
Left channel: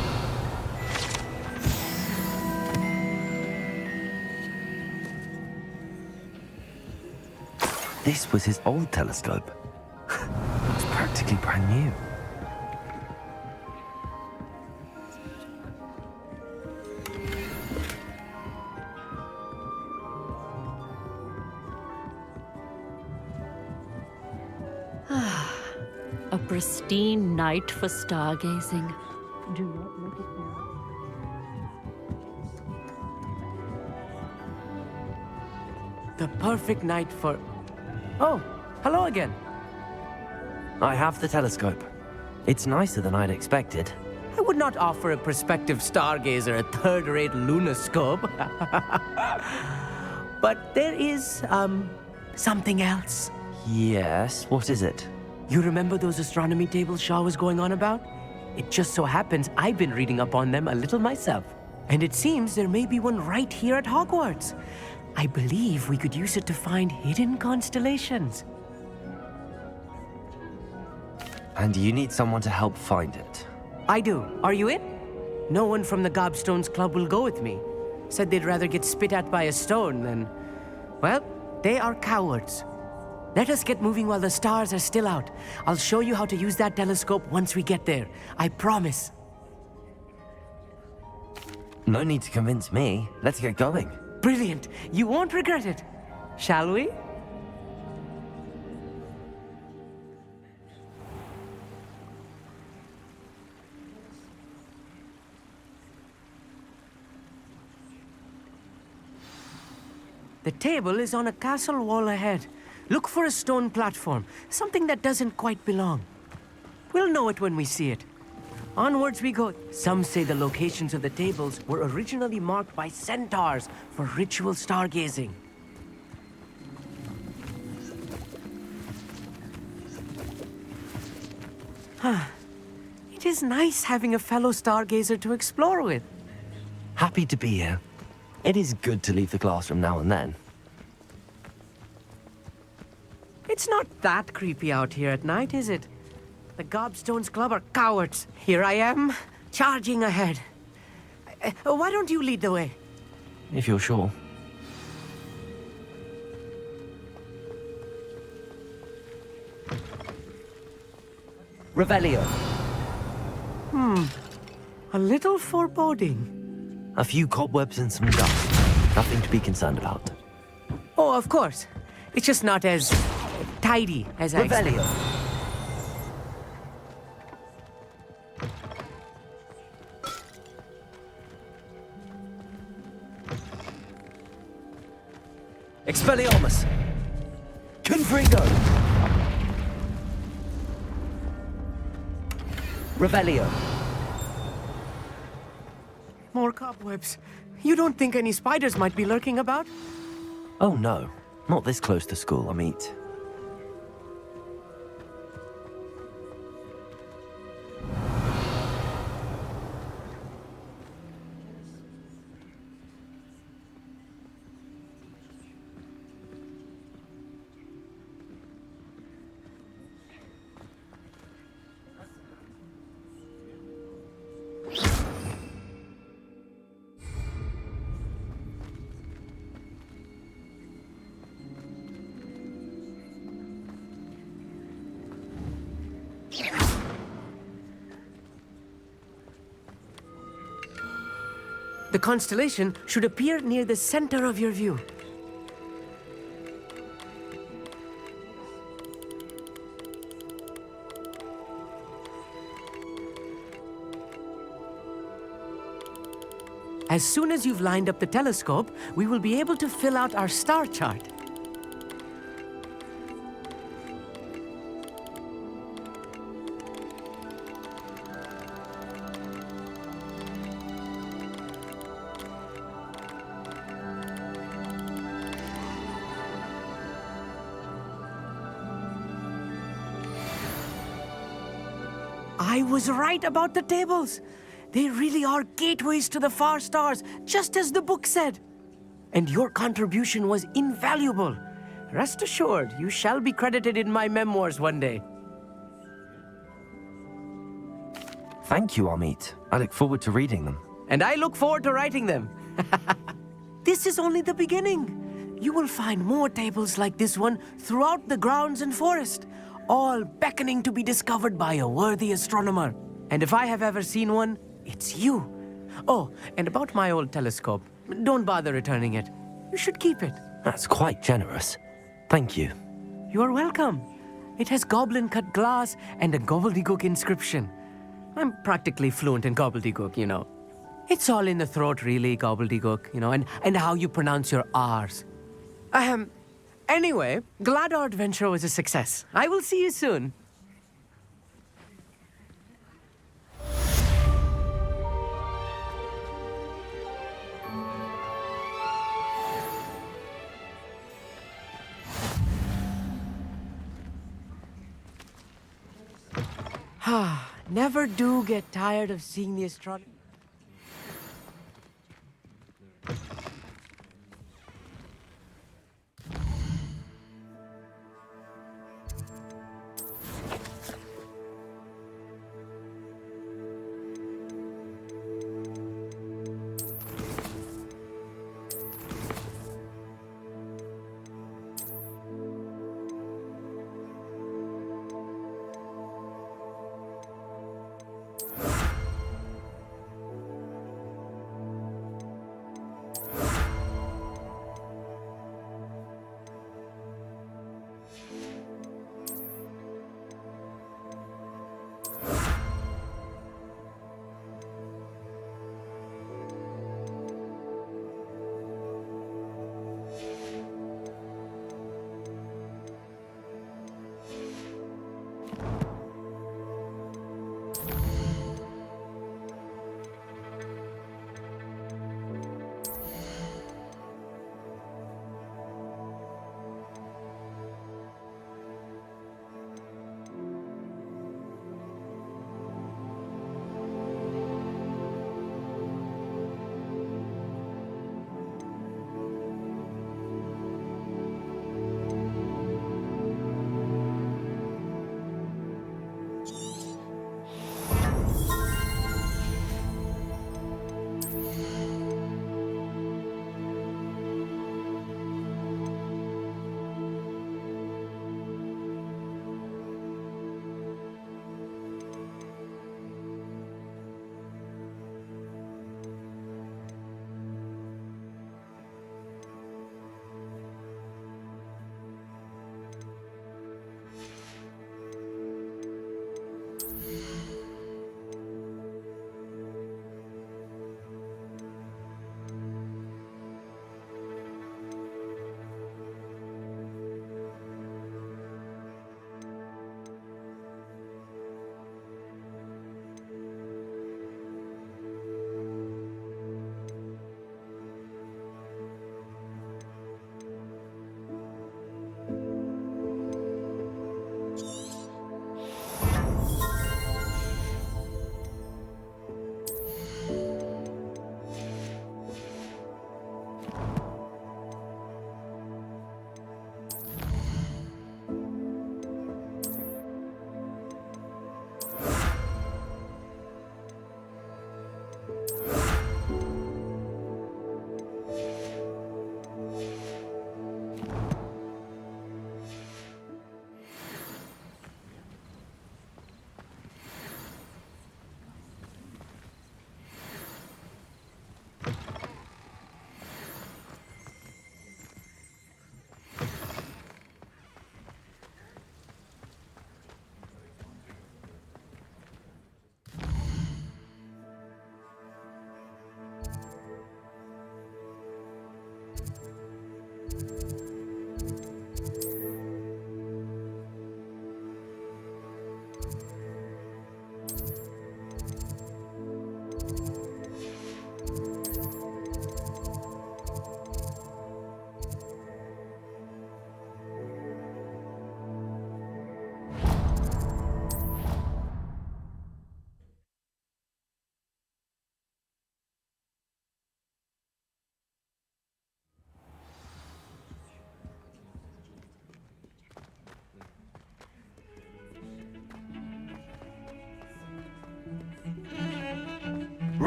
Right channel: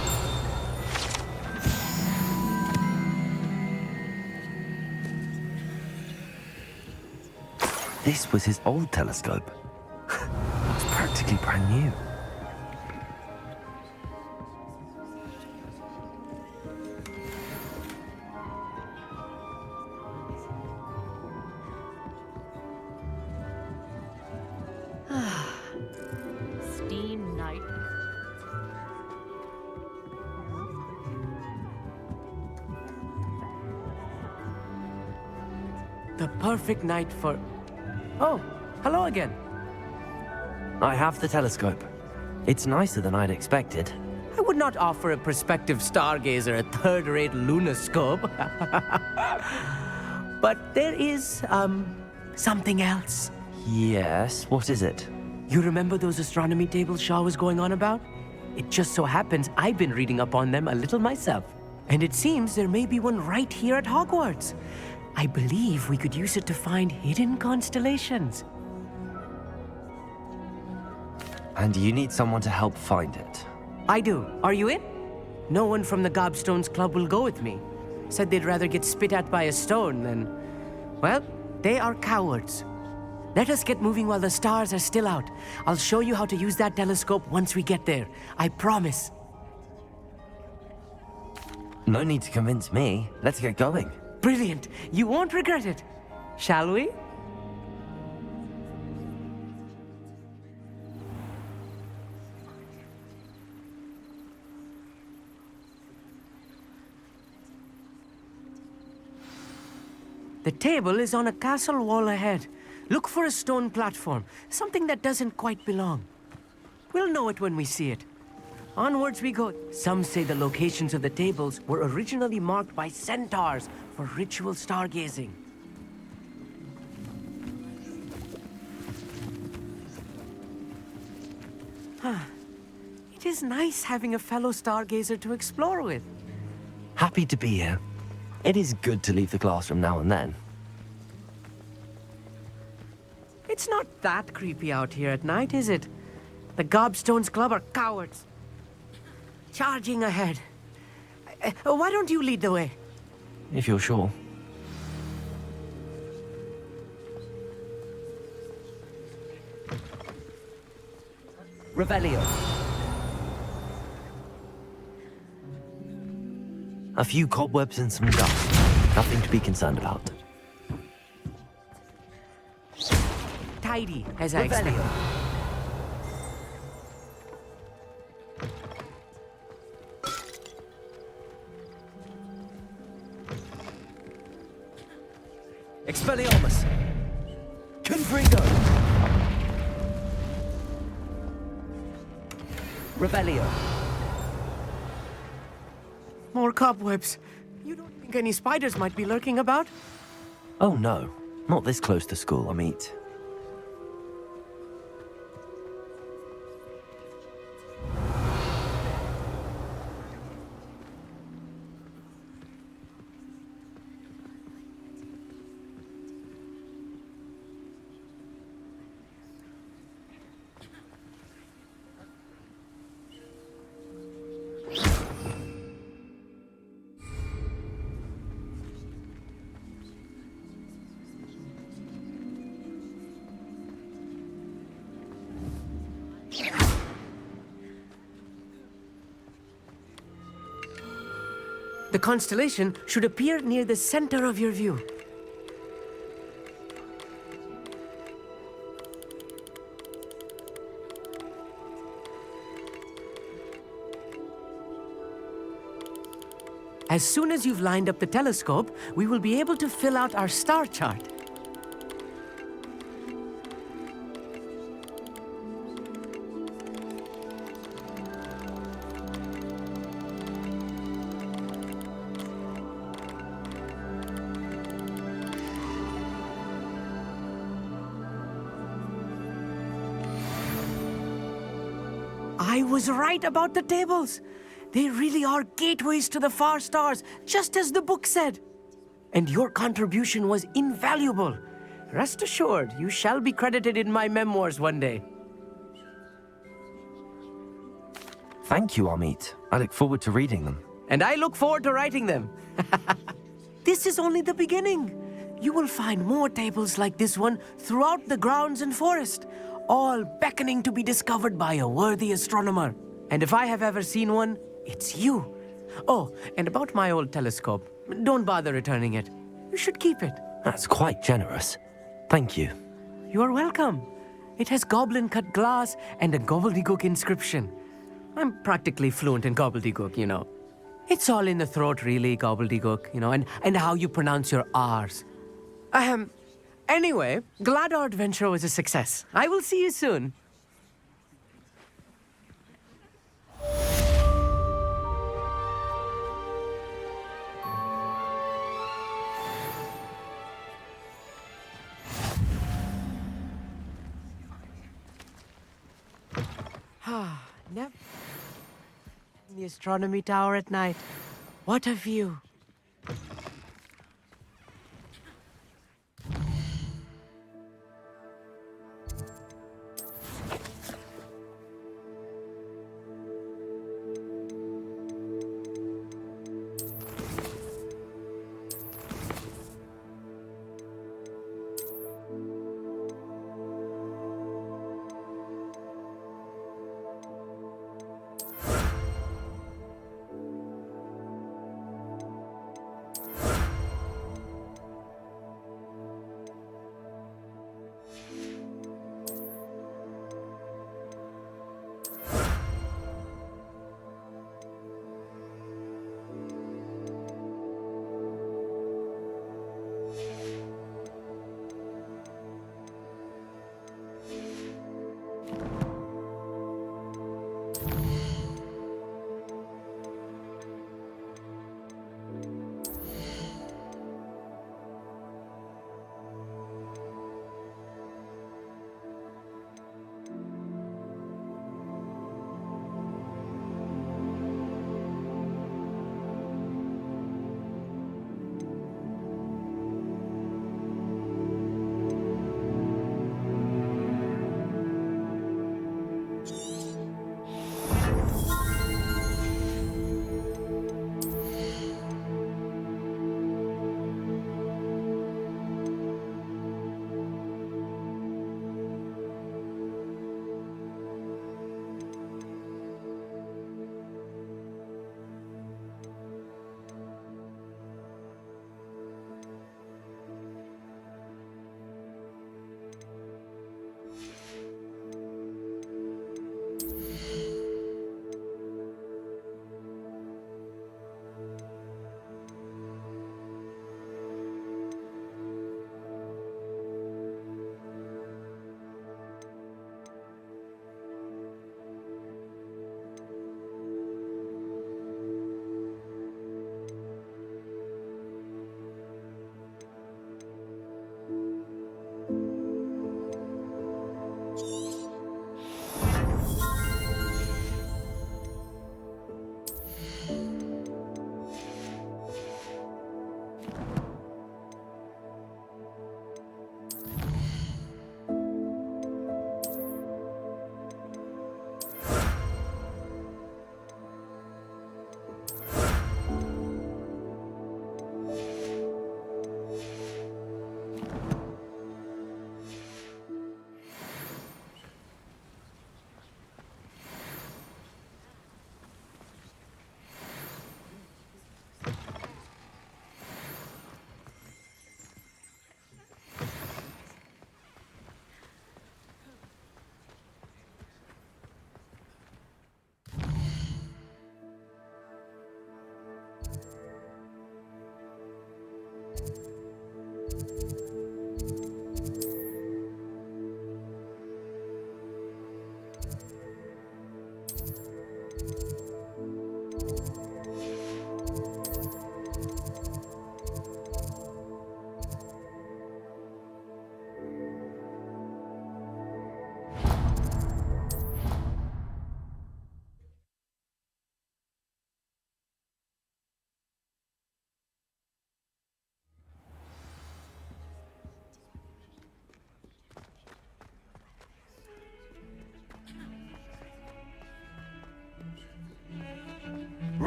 This was his old telescope. It's practically brand new. A pristine night for stargazing. Do not look at now. The perfect night for... Oh, hello again. I have the telescope. It's nicer than I'd expected. I would not offer a prospective stargazer a third-rate lunoscope. But there is, something else. Yes, what is it? You remember those astronomy tables Shaw was going on about? It just so happens I've been reading up on them a little myself. And it seems there may be one right here at Hogwarts. I believe we could use it to find hidden constellations. And you need someone to help find it. I do. Are you in? No one from the Gobstones Club will go with me. Said they'd rather get spit at by a stone than... Well, they are cowards. Let us get moving while the stars are still out. I'll show you how to use that telescope once we get there. I promise. No need to convince me. Let's get going. Brilliant. You won't regret it. Shall we? The table is on a castle wall ahead. Look for a stone platform, something that doesn't quite belong. We'll know it when we see it. Onwards we go. Some say the locations of the tables were originally marked by centaurs for ritual stargazing. It is nice having a fellow stargazer to explore with. Happy to be here. It is good to leave the classroom now and then. It's not that creepy out here at night, is it? The Gobstones Club are cowards. Here I am, charging ahead. Why don't you lead the way? If you're sure. Revelio. A little foreboding. A few cobwebs and some dust. Nothing to be concerned about. Oh, of course. It's just not as tidy as I expected. Revelio. Expelliarmus. Confringo. Revelio. More cobwebs. You don't think any spiders might be lurking about? Oh no, not this close to school, I mean. The constellation should appear near the center of your view. As soon as you've lined up the telescope, we will be able to fill out our star chart. I was right about the tables. They really are gateways to the far stars, just as the book said. And your contribution was invaluable. Rest assured, you shall be credited in my memoirs one day. Thank you, Amit. I look forward to reading them. And I look forward to writing them. This is only the beginning. You will find more tables like this one throughout the grounds and forest, all beckoning to be discovered by a worthy astronomer. And if I have ever seen one, it's you. Oh, and about my old telescope, don't bother returning it. You should keep it. That's quite generous. Thank you. You are welcome. It has goblin-cut glass and a gobbledygook inscription. I'm practically fluent in gobbledygook, you know. It's all in the throat, really, gobbledygook, you know, and how you pronounce your R's. Anyway, glad our adventure was a success. I will see you soon. Never do get tired of seeing the astronomy tower at night. What a view.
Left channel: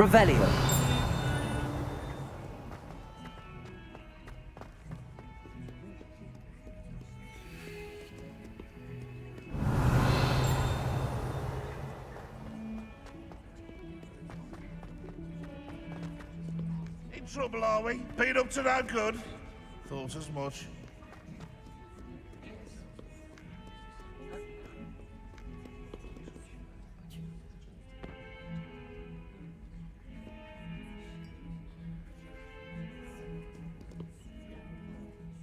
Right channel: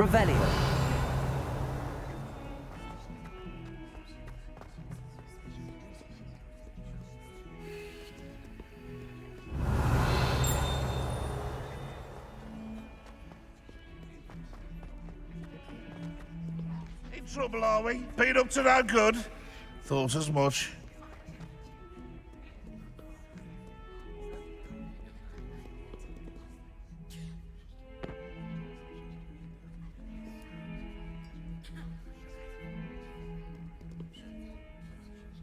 Revelio. In trouble, are we? Been up to no good? Thought as much.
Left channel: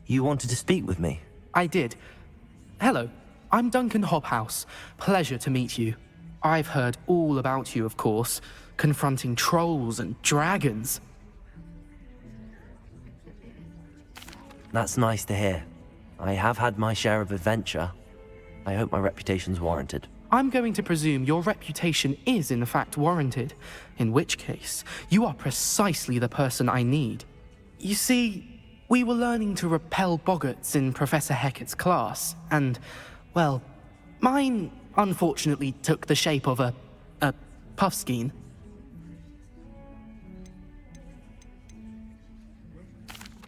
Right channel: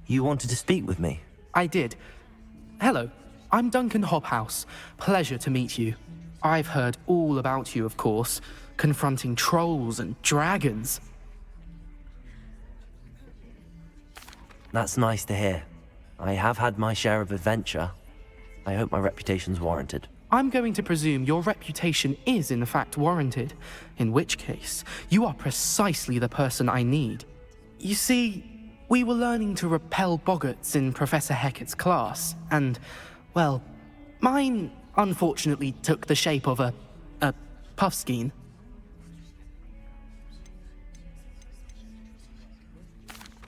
You wanted to speak with me? I did. Hello, I'm Duncan Hobhouse. Pleasure to meet you. I've heard all about you, of course, confronting trolls and dragons. That's nice to hear. I have had my share of adventure. I hope my reputation's warranted. I'm going to presume your reputation is in fact warranted, in which case, you are precisely the person I need. You see, we were learning to repel boggarts in Professor Hecat's class, and, well, mine unfortunately took the shape of a puffskein.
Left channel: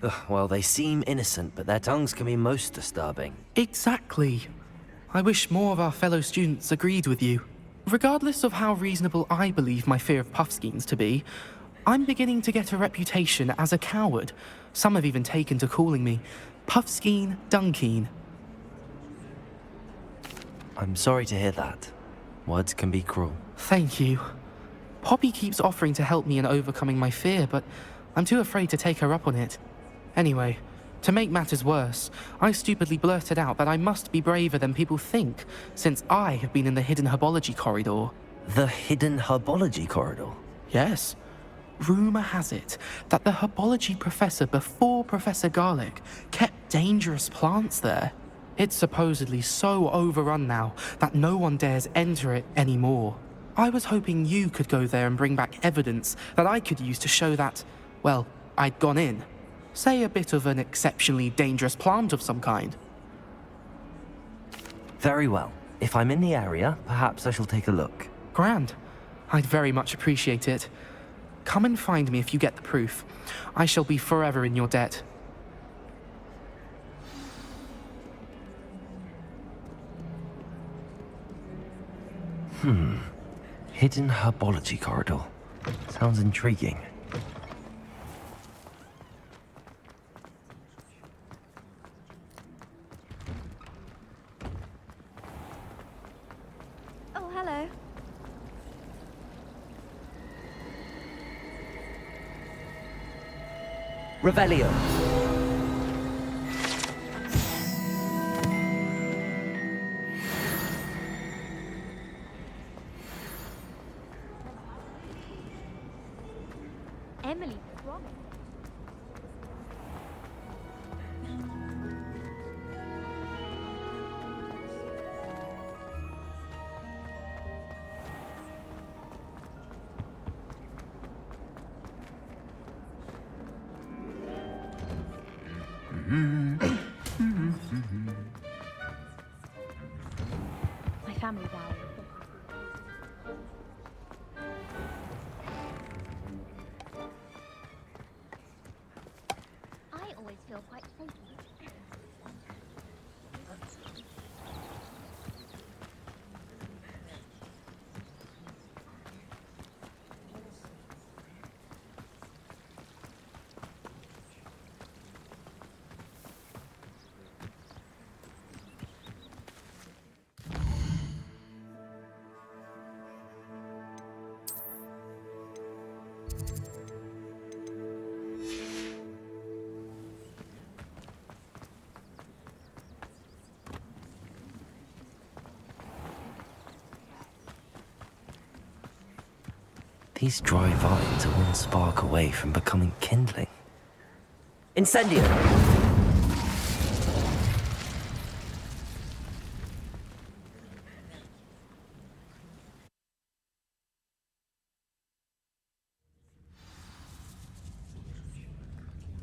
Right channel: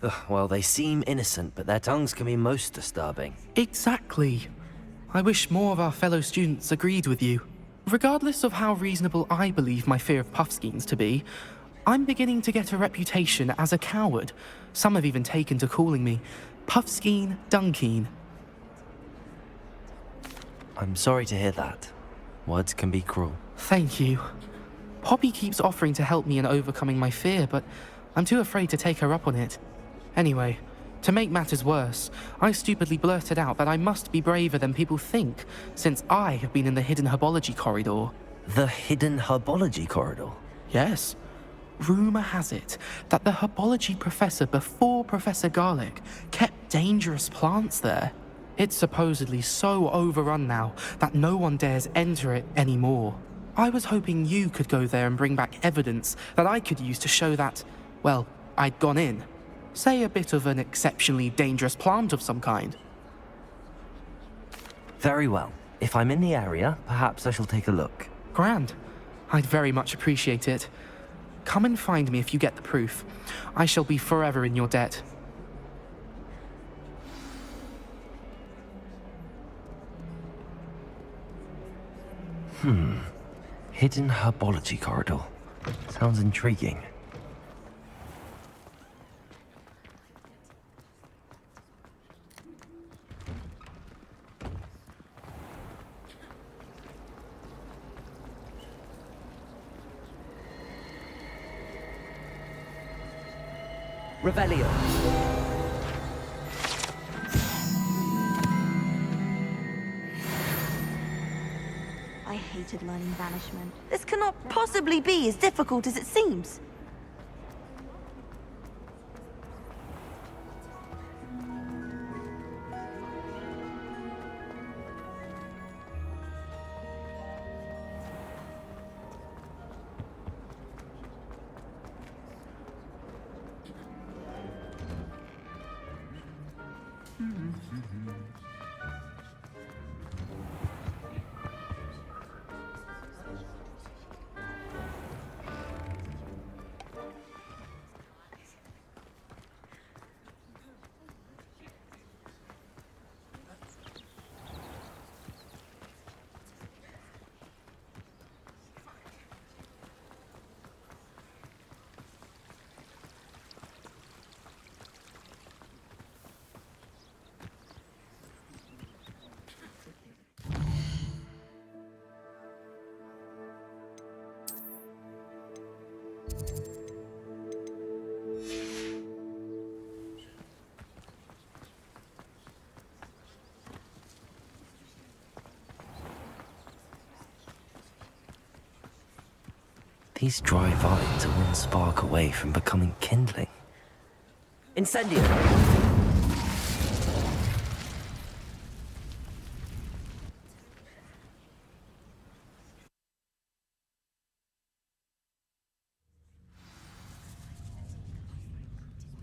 Ugh, well, they seem innocent, but their tongues can be most disturbing. Exactly. I wish more of our fellow students agreed with you. Regardless of how reasonable I believe my fear of puffskeins to be, I'm beginning to get a reputation as a coward. Some have even taken to calling me Puffskeen Dunkeen. I'm sorry to hear that. Words can be cruel. Thank you. Poppy keeps offering to help me in overcoming my fear, but I'm too afraid to take her up on it. Anyway, to make matters worse, I stupidly blurted out that I must be braver than people think, since I have been in the hidden herbology corridor. The hidden herbology corridor? Yes. Rumour has it that the herbology professor before Professor Garlic kept dangerous plants there. It's supposedly so overrun now that no one dares enter it anymore. I was hoping you could go there and bring back evidence that I could use to show that, well, I'd gone in. Say a bit of an exceptionally dangerous plant of some kind. Very well. If I'm in the area, perhaps I shall take a look. Grand. I'd very much appreciate it. Come and find me if you get the proof. I shall be forever in your debt. Hidden herbology corridor. Sounds intriguing. Oh, hello. Revelio. I hated learning banishment. This cannot possibly be as difficult as it seems. Emily, wrong. My family died. I always feel quite safe. These dry vines are one spark away from becoming kindling. Incendio!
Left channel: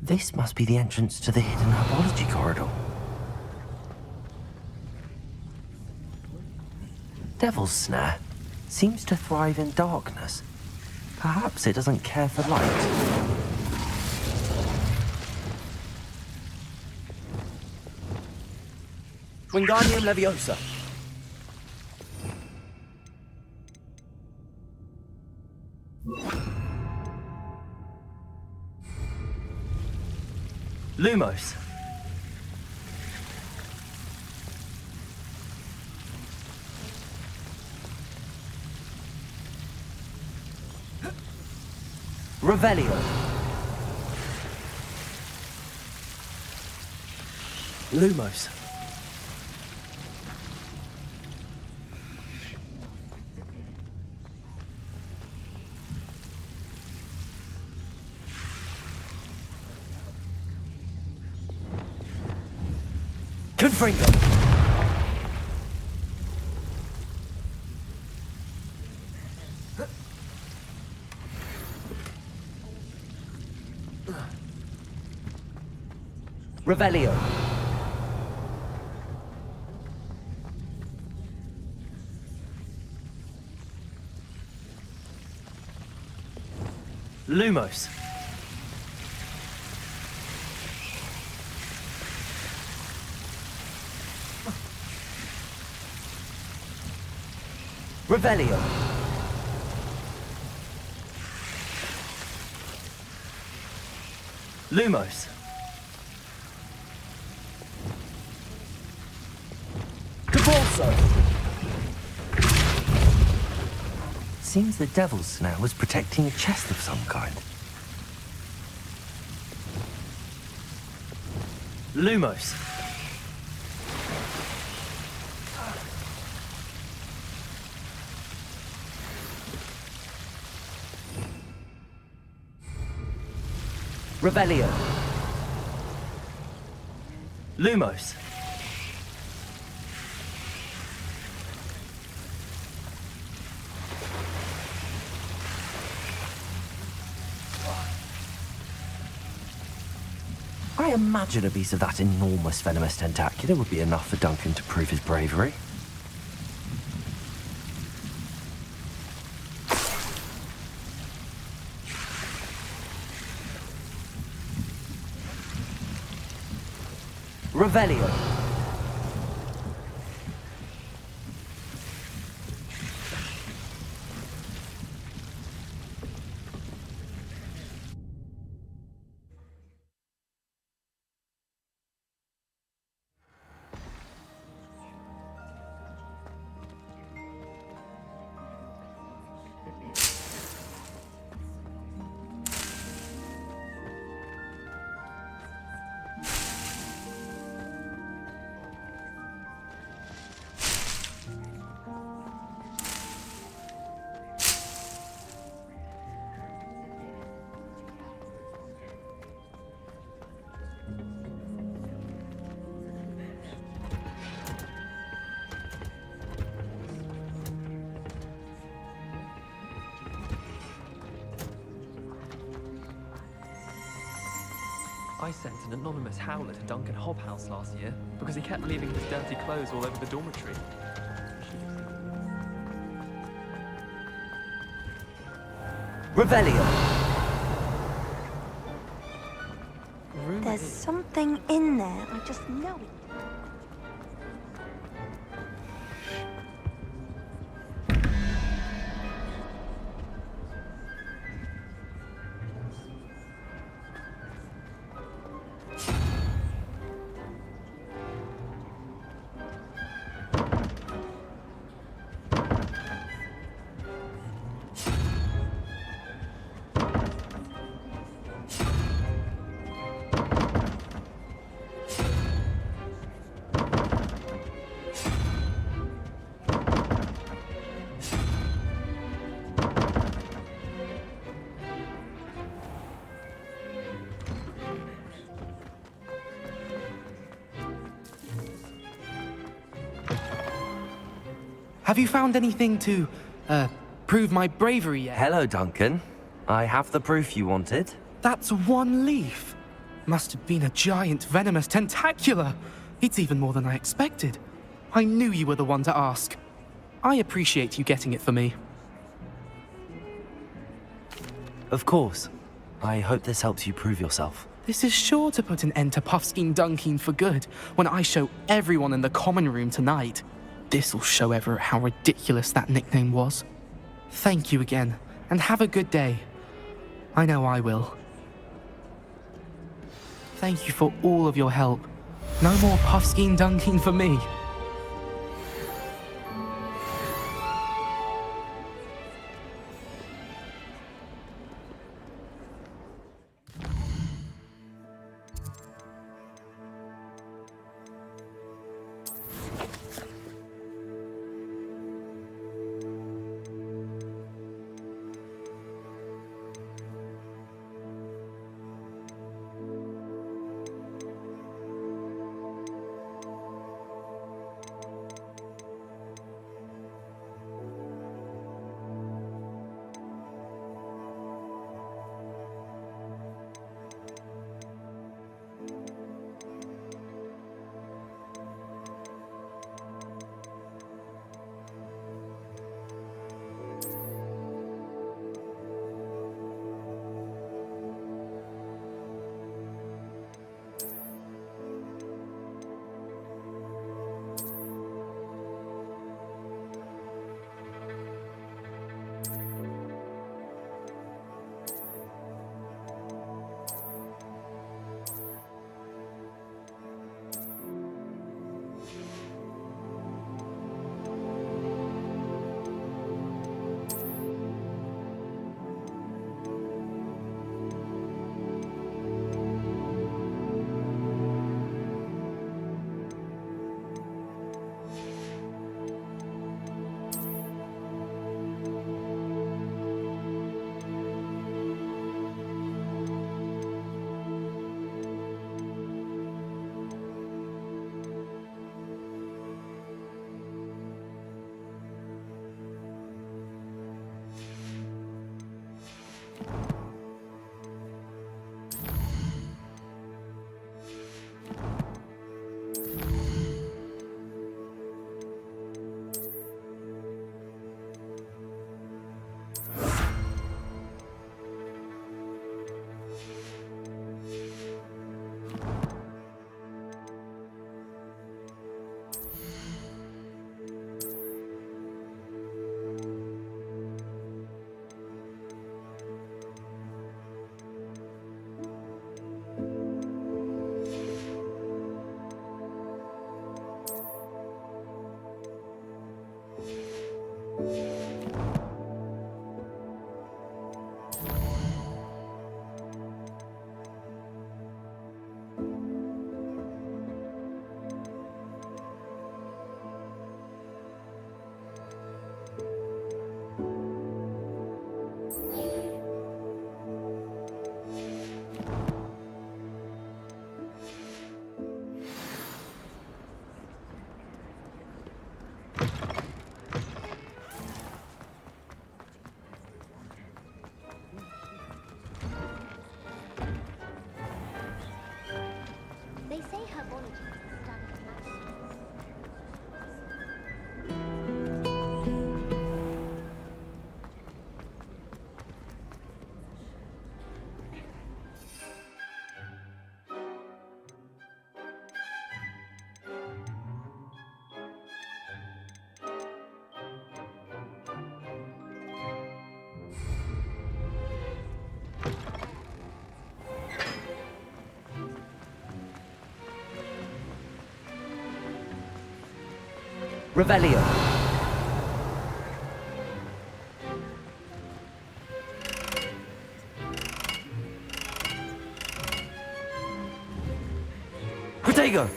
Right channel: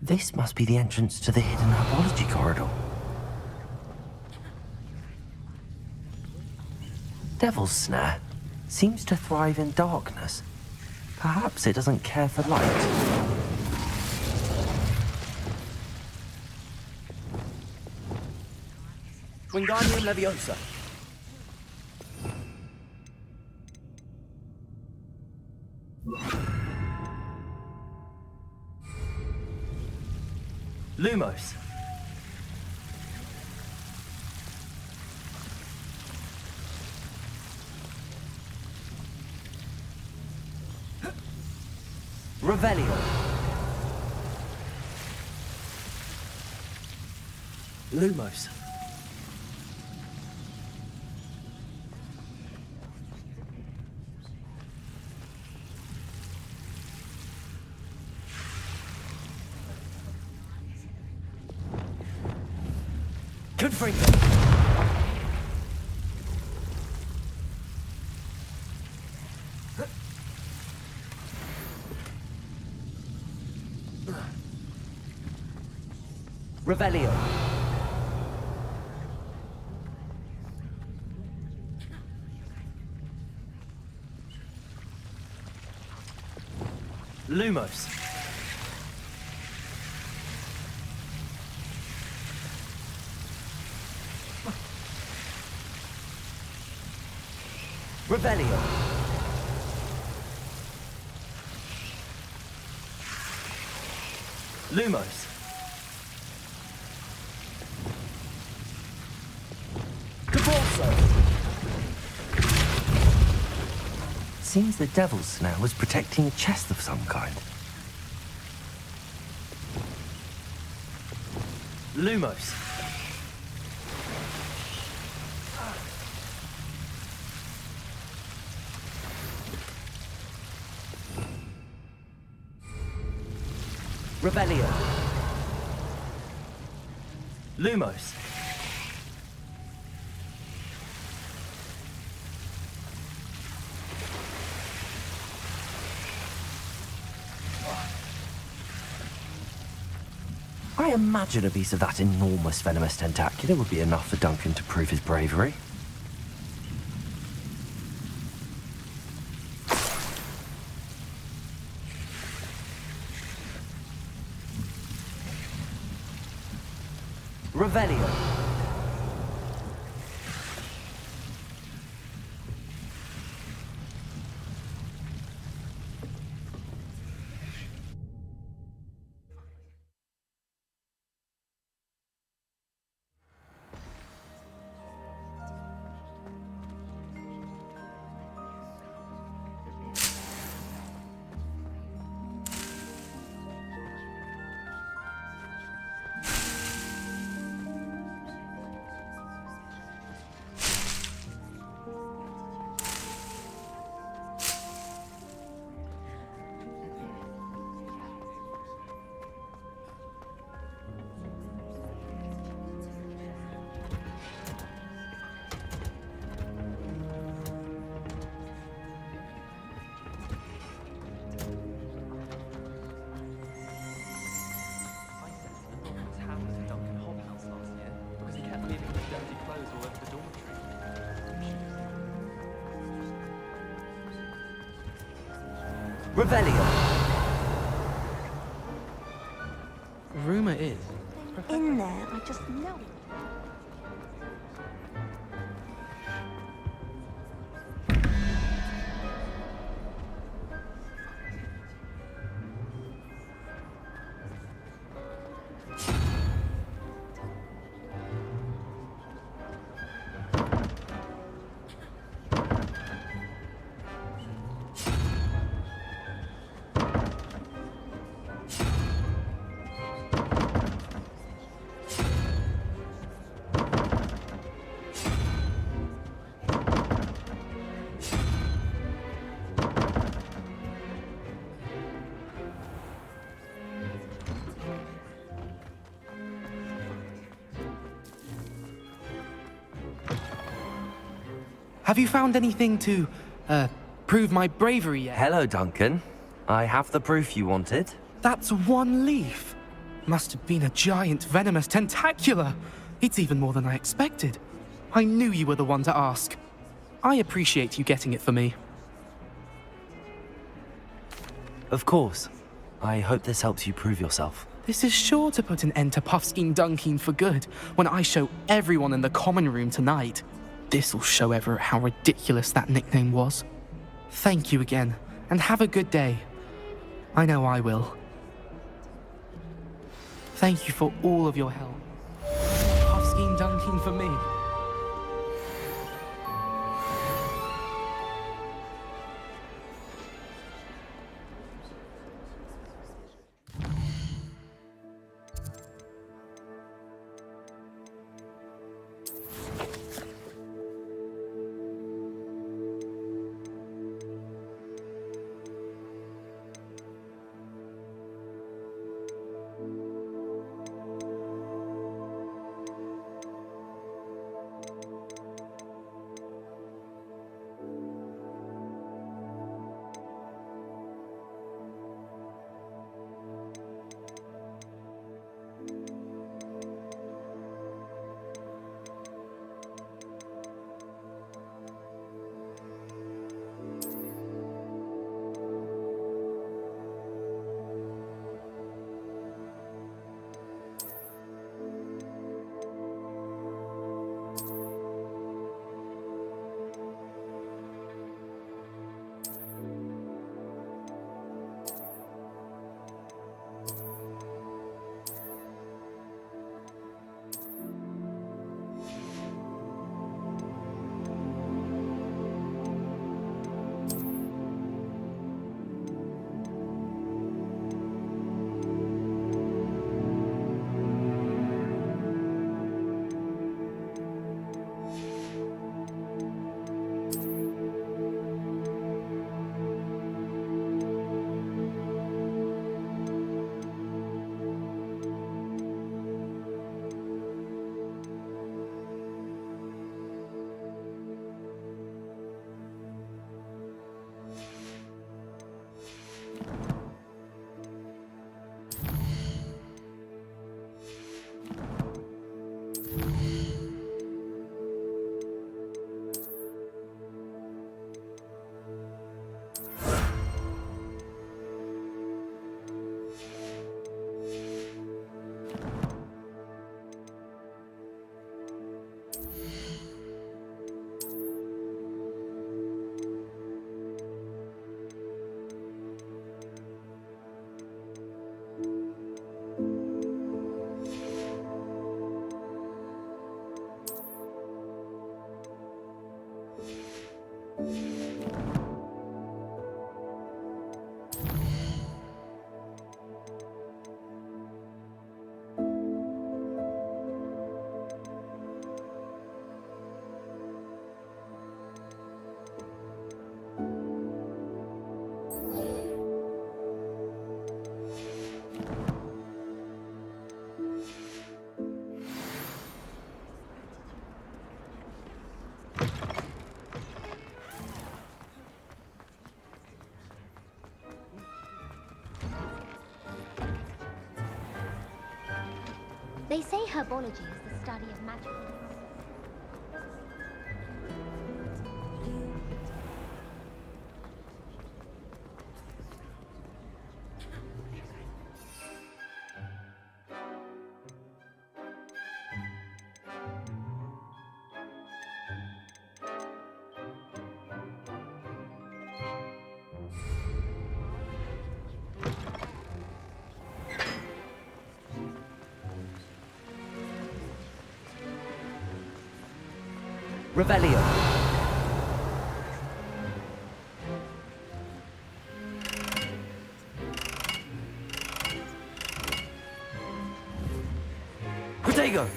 This must be the entrance to the hidden herbology corridor. Devil's Snare seems to thrive in darkness. Perhaps it doesn't care for light. Wingardium Leviosa. Lumos. Revelio. Lumos. Confringo. Revelio. Lumos. Revelio. Lumos. Seems the devil's snare was protecting a chest of some kind. Lumos. Revelio. Lumos. I imagine a piece of that enormous venomous tentacular would be enough for Duncan to prove his bravery. Revelio. I sent an anonymous howler to Duncan Hobhouse last year because he kept leaving his dirty clothes all over the dormitory. Revelio. Rumor There's is. something in there. I just know it. Have you found anything to, prove my bravery yet? Hello, Duncan. I have the proof you wanted. That's one leaf. Must have been a giant venomous tentacula. It's even more than I expected. I knew you were the one to ask. I appreciate you getting it for me. Of course. I hope this helps you prove yourself. This is sure to put an end to Puffskein Dunking for good when I show everyone in the common room tonight. This'll show Everett how ridiculous that nickname was. Thank you again, and have a good day. I know I will. Thank you for all of your help. No more Puffskein Dunking for me. They say herbology is the study of magic. Revelio. Protego.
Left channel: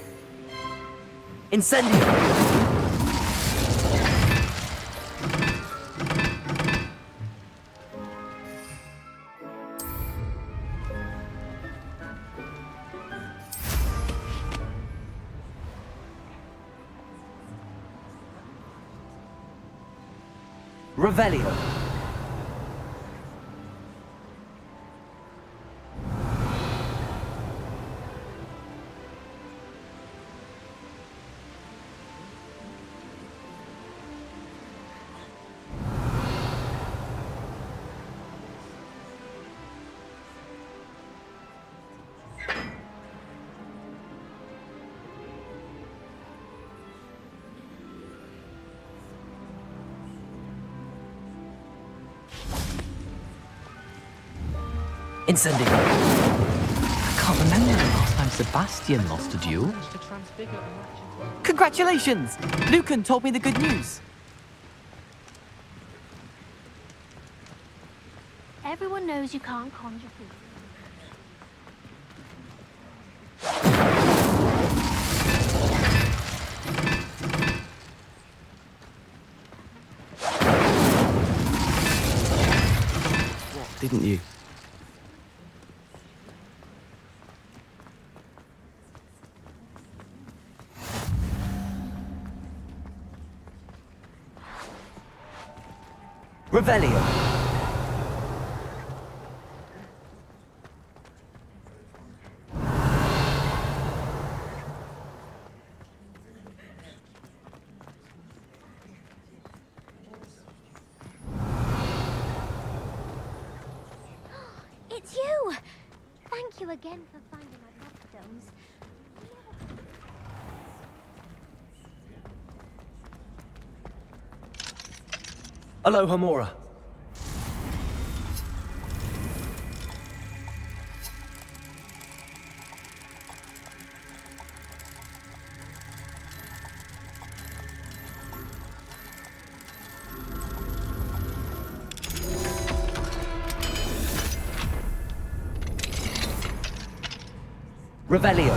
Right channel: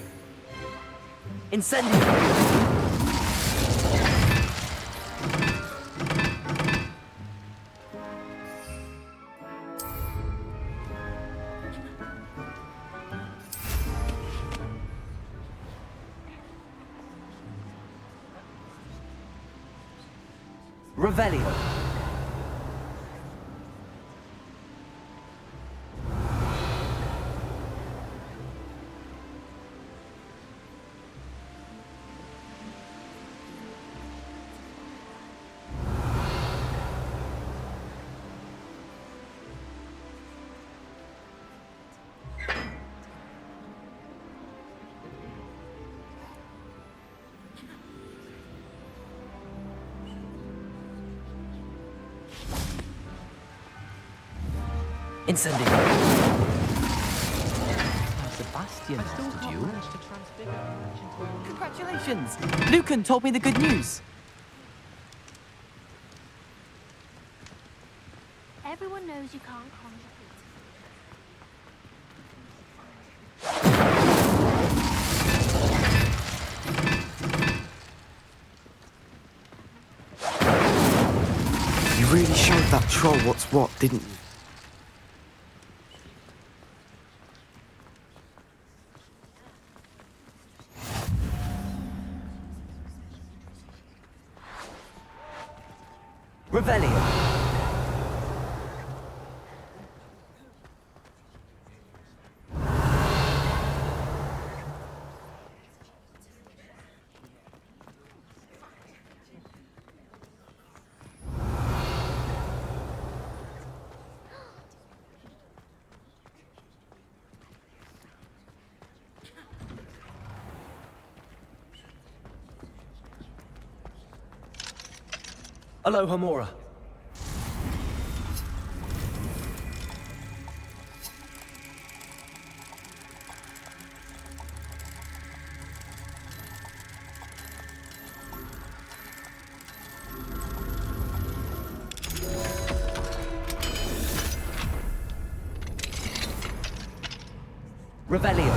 Incendio. Revelio. Incendiary. I can't remember the last time Sebastian lost a duel. Congratulations! Lucan told me the good news. Everyone knows you can't conjure food. You really showed that troll what's what, didn't you? Revelio. It's you! Thank you again for finding my stones. Aloha Mora. Revelio.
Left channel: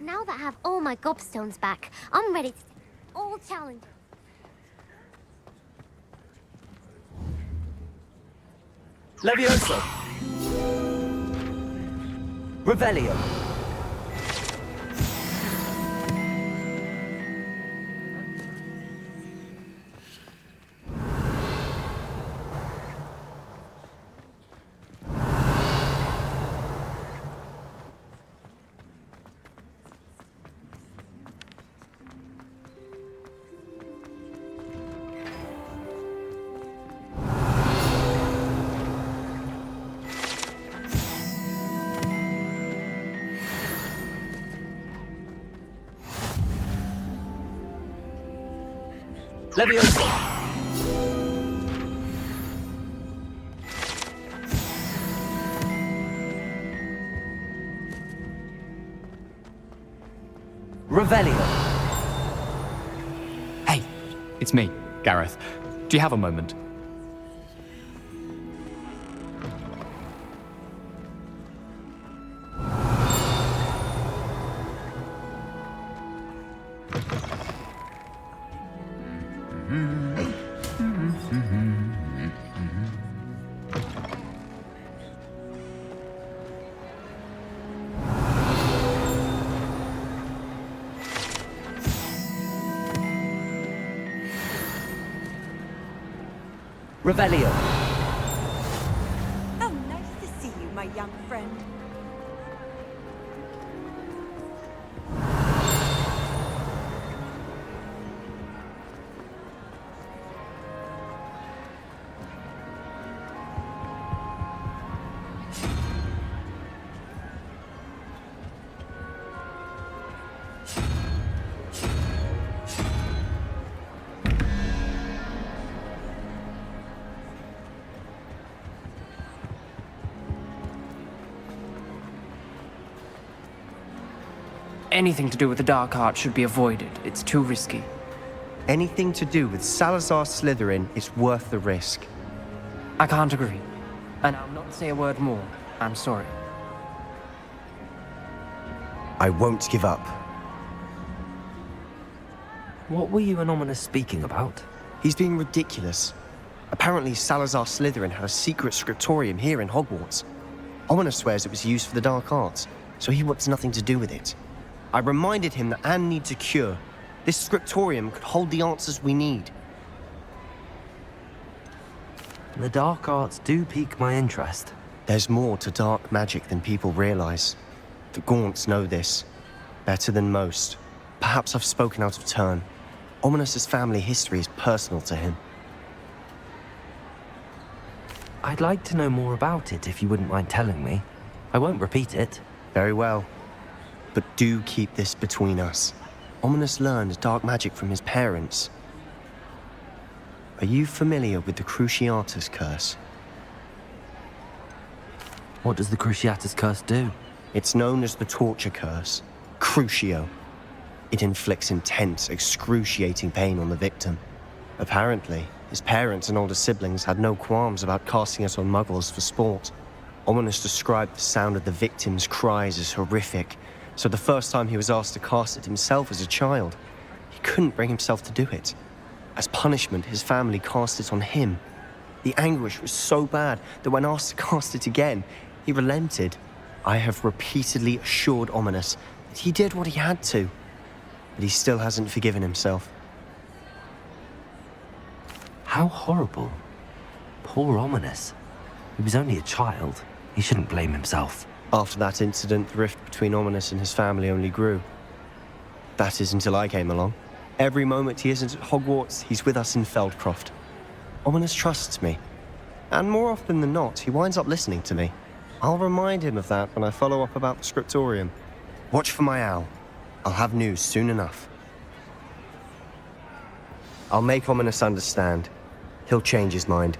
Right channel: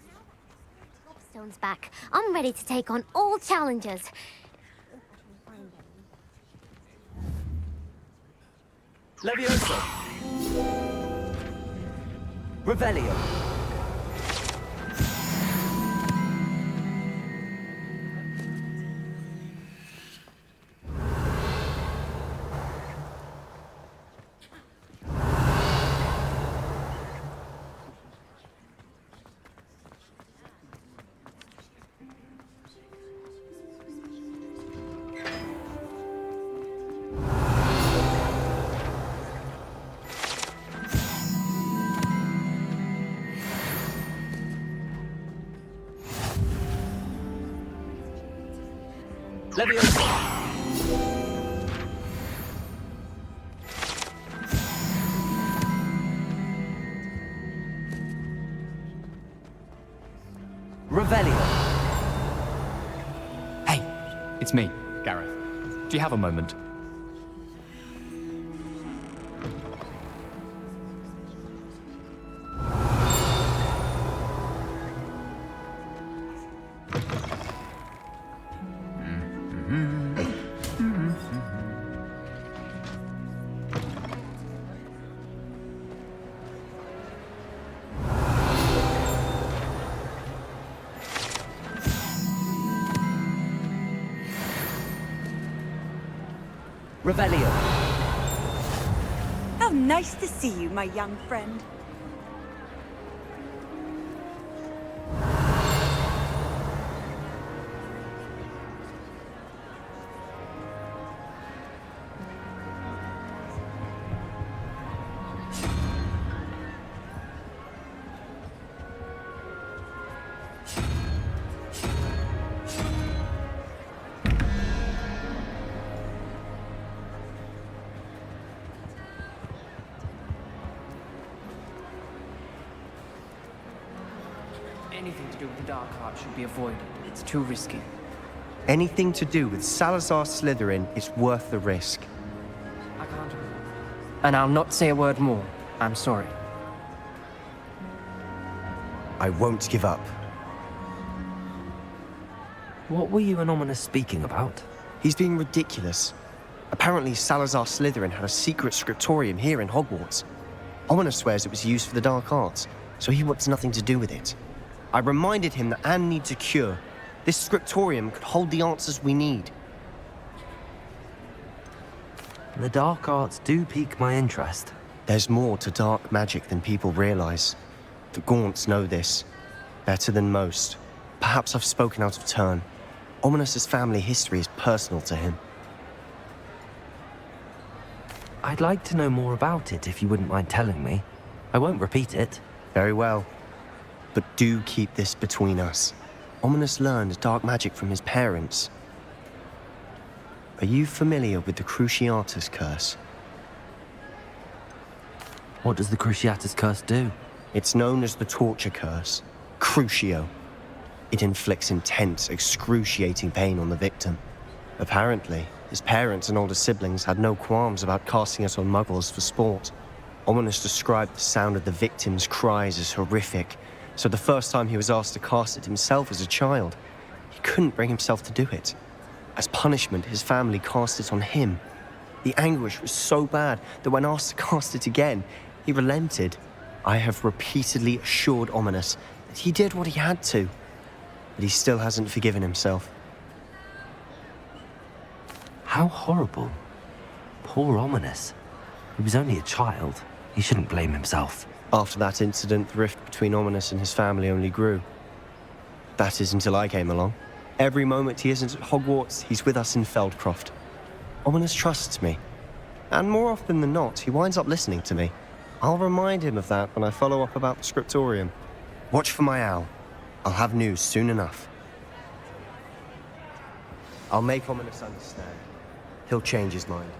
Now that I have all my gobstones back, I'm ready to take on all challenges. Levioso. Revelio. Levioso. Revelio. Hey, it's me, Gareth. Do you have a moment? Revelio. How nice to see you, my young friend. Anything to do with the dark art should be avoided. It's too risky. Anything to do with Salazar Slytherin is worth the risk. I can't agree. And I'll not say a word more. I'm sorry. I won't give up. What were you and Ominous speaking about? He's being ridiculous. Apparently Salazar Slytherin had a secret scriptorium here in Hogwarts. Ominous swears it was used for the dark arts, so he wants nothing to do with it. I reminded him that Anne needs a cure. This scriptorium could hold the answers we need. The dark arts do pique my interest. There's more to dark magic than people realize. The Gaunts know this. Better than most. Perhaps I've spoken out of turn. Ominous's family history is personal to him. I'd like to know more about it if you wouldn't mind telling me. I won't repeat it. Very well. But do keep this between us. Ominous learned dark magic from his parents. Are you familiar with the Cruciatus Curse? What does the Cruciatus Curse do? It's known as the Torture Curse. Crucio. It inflicts intense, excruciating pain on the victim. Apparently, his parents and older siblings had no qualms about casting it on muggles for sport. Ominous described the sound of the victim's cries as horrific, so the first time he was asked to cast it himself as a child, he couldn't bring himself to do it. As punishment, his family cast it on him. The anguish was so bad that when asked to cast it again, he relented. I have repeatedly assured Ominous that he did what he had to, but he still hasn't forgiven himself. How horrible. Poor Ominous. He was only a child. He shouldn't blame himself. After that incident, the rift between Ominous and his family only grew. That is until I came along. Every moment he isn't at Hogwarts, he's with us in Feldcroft. Ominous trusts me. And more often than not, he winds up listening to me. I'll remind him of that when I follow up about the scriptorium. Watch for my owl. I'll have news soon enough. I'll make Ominous understand. He'll change his mind.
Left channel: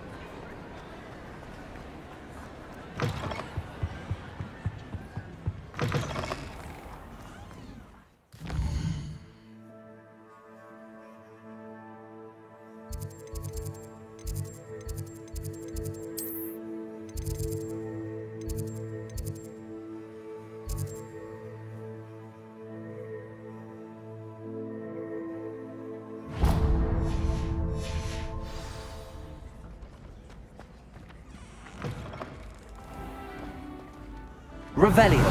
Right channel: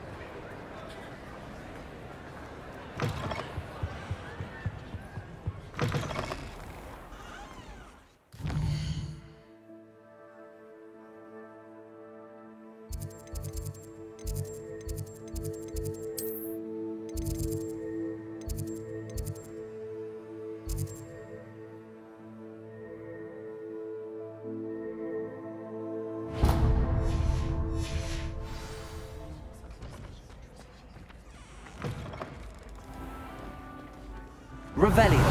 Revelio.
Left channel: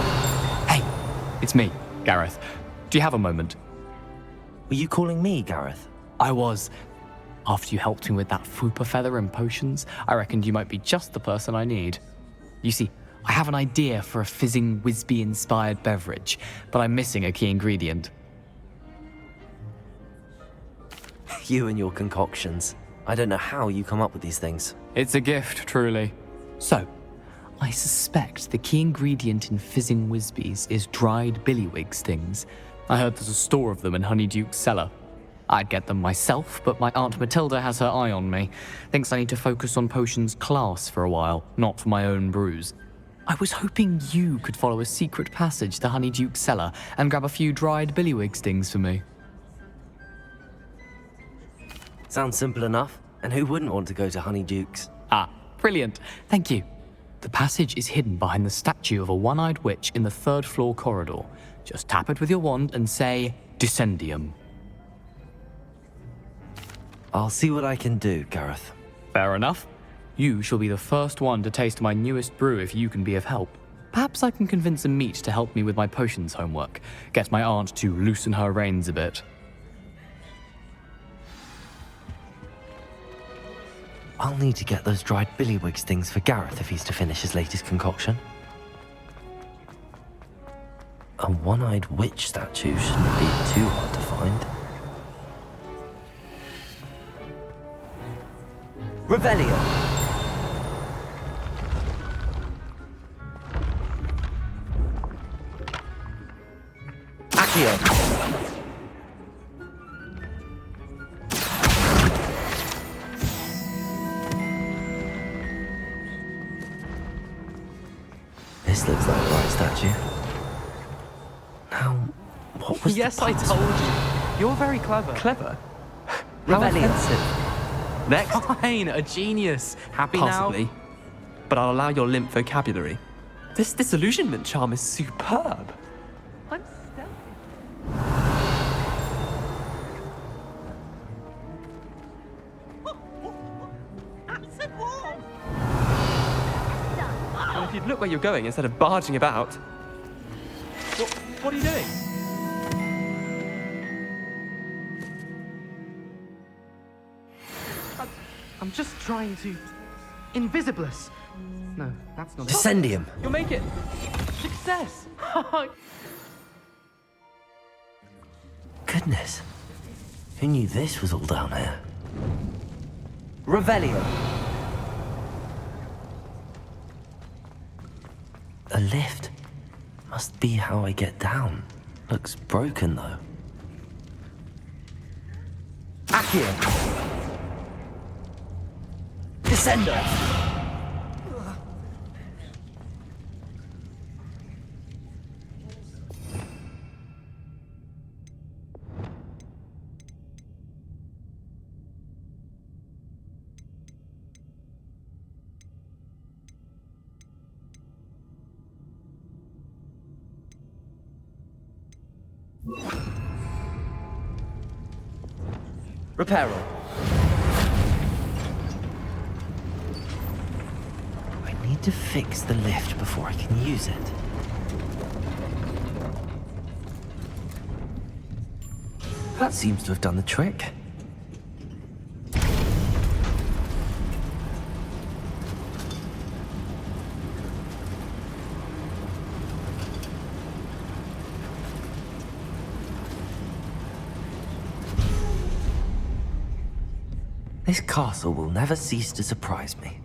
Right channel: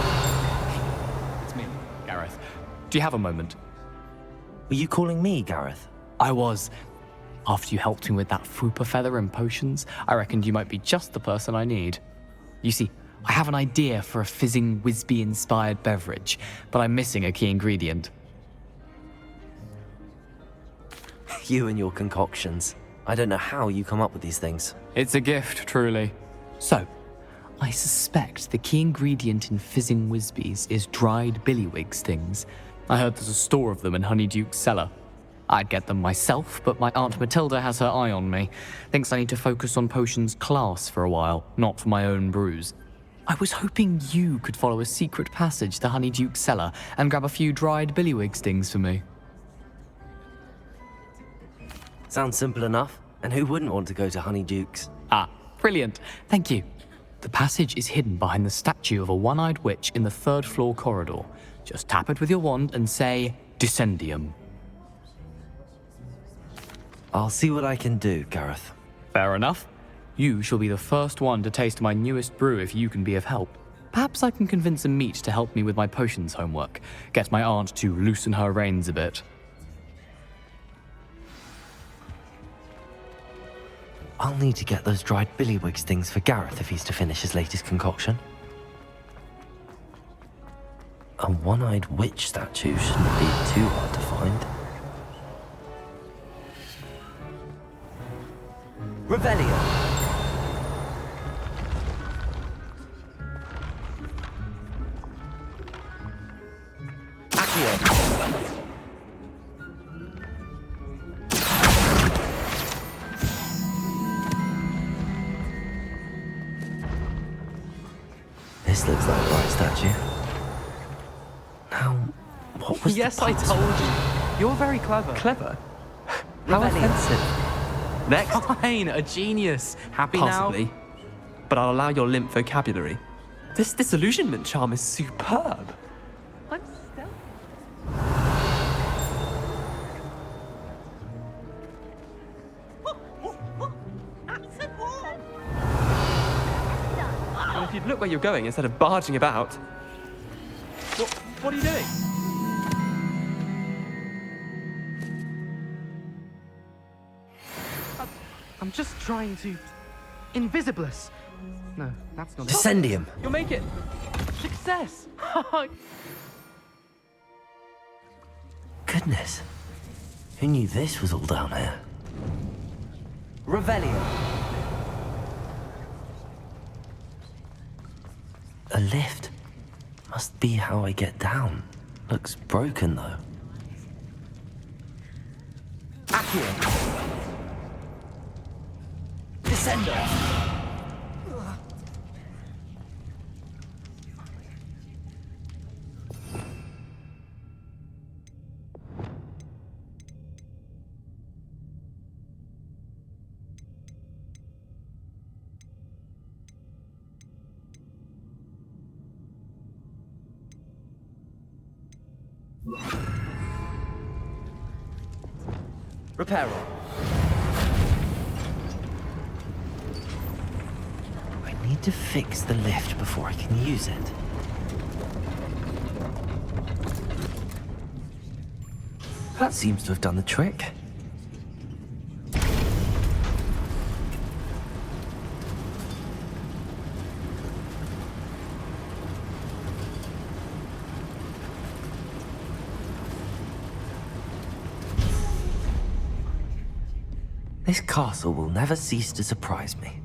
Hey, it's me, Gareth. Do you have a moment? Were you calling me, Gareth? I was. After you helped me with that fupa feather and potions, I reckoned you might be just the person I need. You see, I have an idea for a fizzing Whizbee-inspired beverage, but I'm missing a key ingredient. You and your concoctions. I don't know how you come up with these things. It's a gift, truly. So, I suspect the key ingredient in fizzing Whizbees is dried billywig stings. I heard there's a store of them in Honeyduke's cellar. I'd get them myself, but my Aunt Matilda has her eye on me. Thinks I need to focus on potions class for a while, not for my own brews. I was hoping you could follow a secret passage to Honeyduke's cellar and grab a few dried billywig stings for me. Sounds simple enough. And who wouldn't want to go to Honeyduke's? Ah, brilliant. Thank you. The passage is hidden behind the statue of a one-eyed witch in the third-floor corridor. Just tap it with your wand and say, Descendium. I'll see what I can do, Gareth. Fair enough. You shall be the first one to taste my newest brew if you can be of help. Perhaps I can convince a meat to help me with my potions homework. Get my aunt to loosen her reins a bit. I'll need to get those dried billywig stings for Gareth if he's to finish his latest concoction. A one-eyed witch statue shouldn't be too hard to find. Revelio. Accio. This looks like the right statue. Now, what was Yes, I told you. You're very clever. Clever? How offensive. Next. Fine, a genius. Happy Possibly. now? But I'll allow your limp vocabulary. This disillusionment charm is superb. I'm stealthy. And if you'd look where you're going instead of barging about. What are you doing? I'm just trying to... Invisibless. No, that's not... Descendium. You'll make it. Success. Goodness. Who knew this was all down here? Revelio. lift. Must be how I get down. Looks broken though. Accio! Descendo! Reparo. I need to fix the lift before I can use it. That seems to have done the trick. This castle will never cease to surprise me.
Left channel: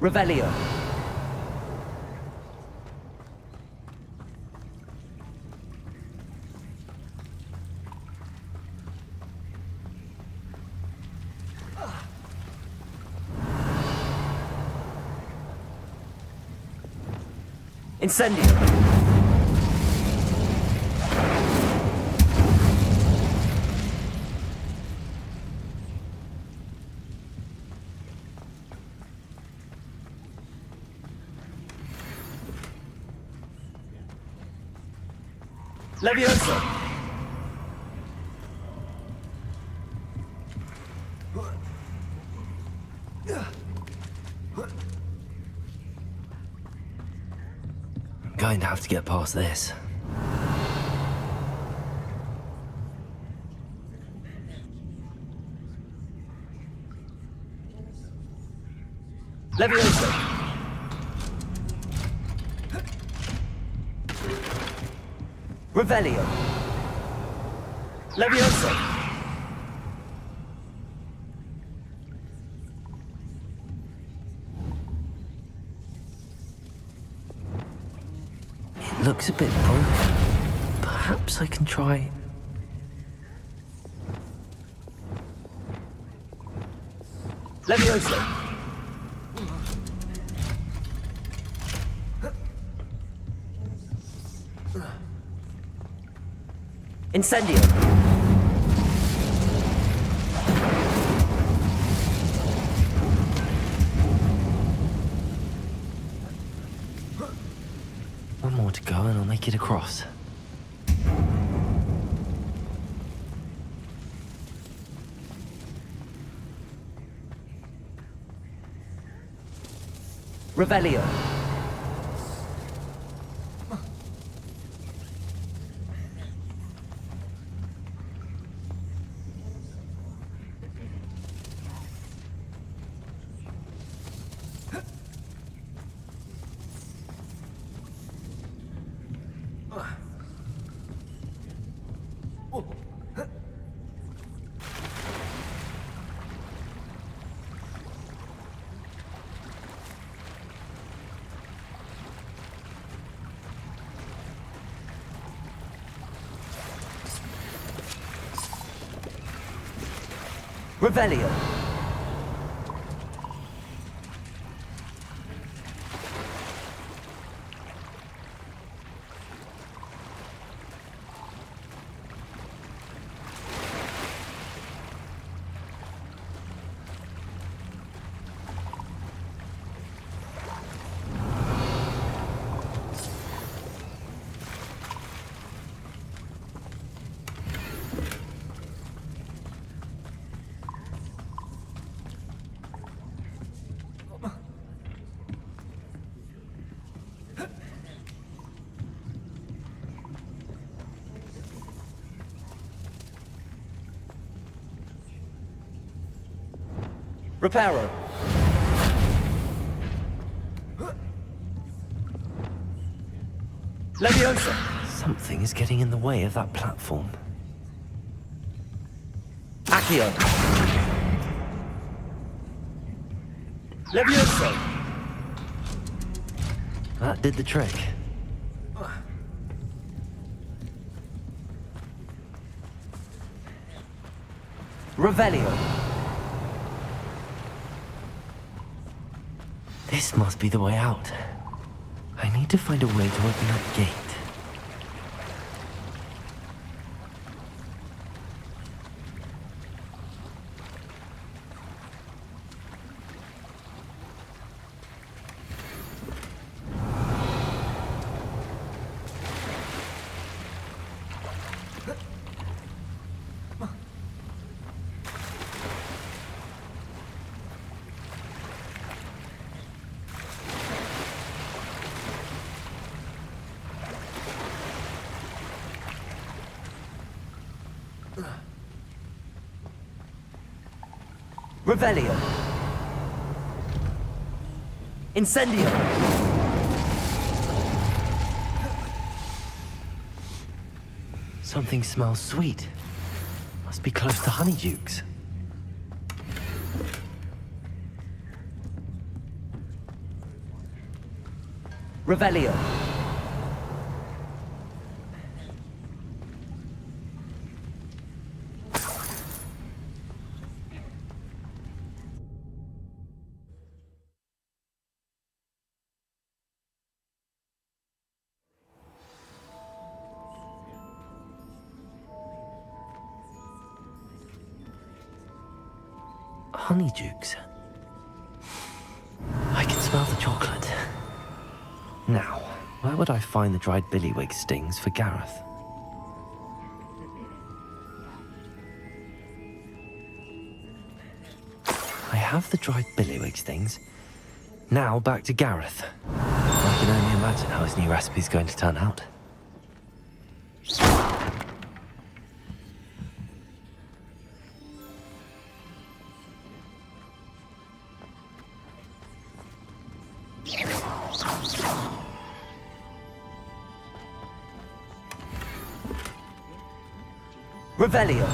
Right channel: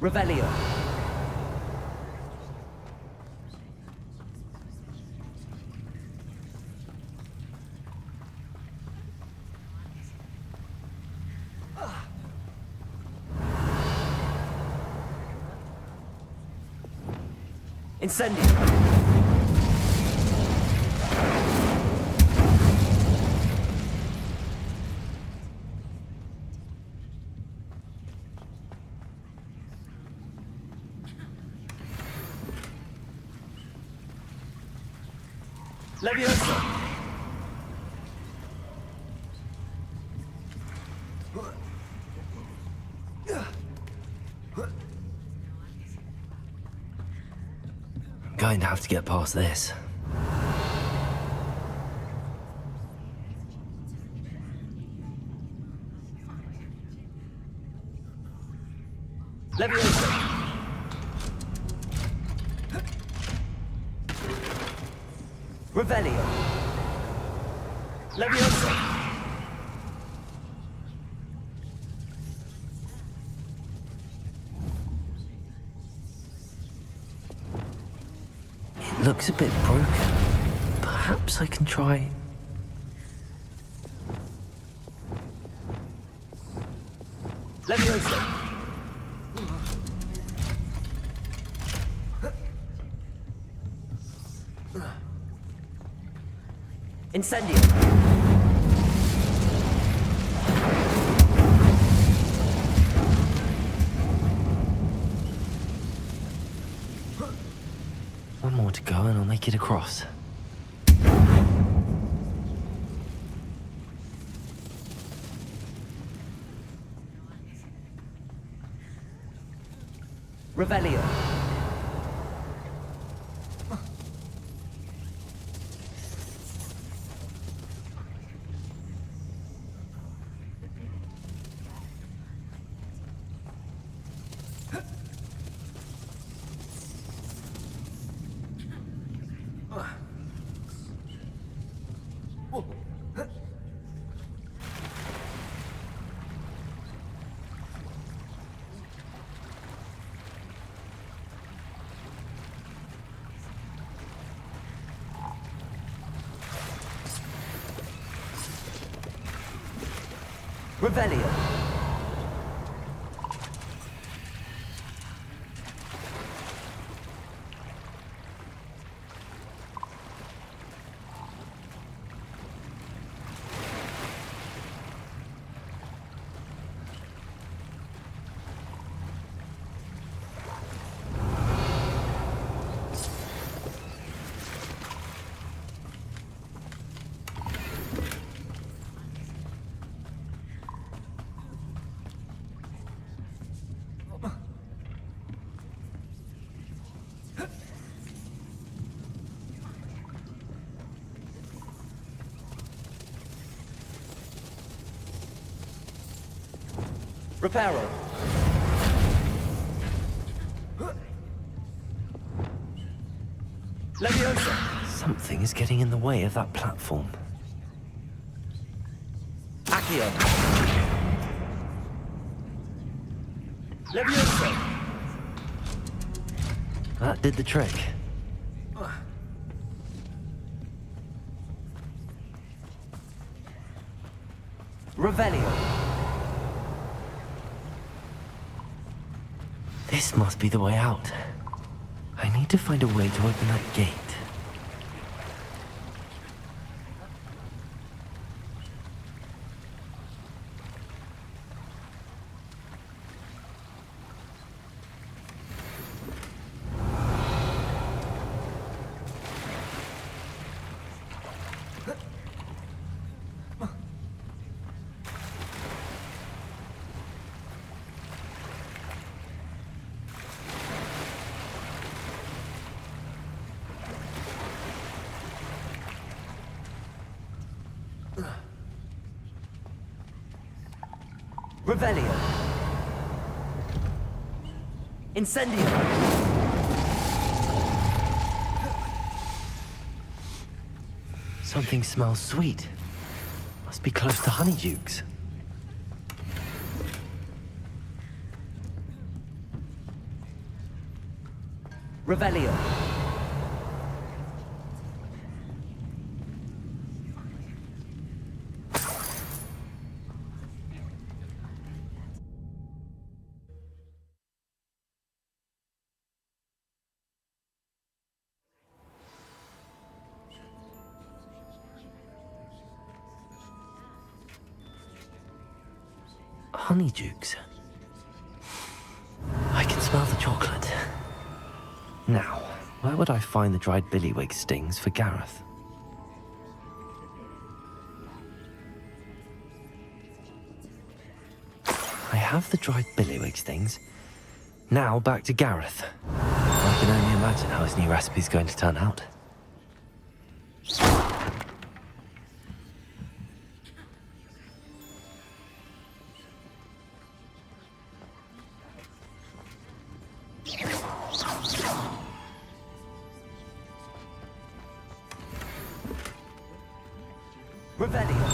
Revelio. Incendio. Levioso. Going to have to get past this. Levioso. Revelio. Levioso. It looks a bit broken. Perhaps I can try... Levioso. Incendio. One more to go and I'll make it across. Revelio. Revelio. Reparo. Leviosa. Something is getting in the way of that platform. Accio! Levioso! That did the trick. Revelio. This must be the way out. I need to find a way to open that gate. Revelio. Incendio. Something smells sweet. Must be close to Honeydukes. Revelio. Honeydukes. I can smell the chocolate. Now, where would I find the dried billywig stings for Gareth? I have the dried billywig stings. Now back to Gareth. I can only imagine how his new recipe's going to turn out. Revelio.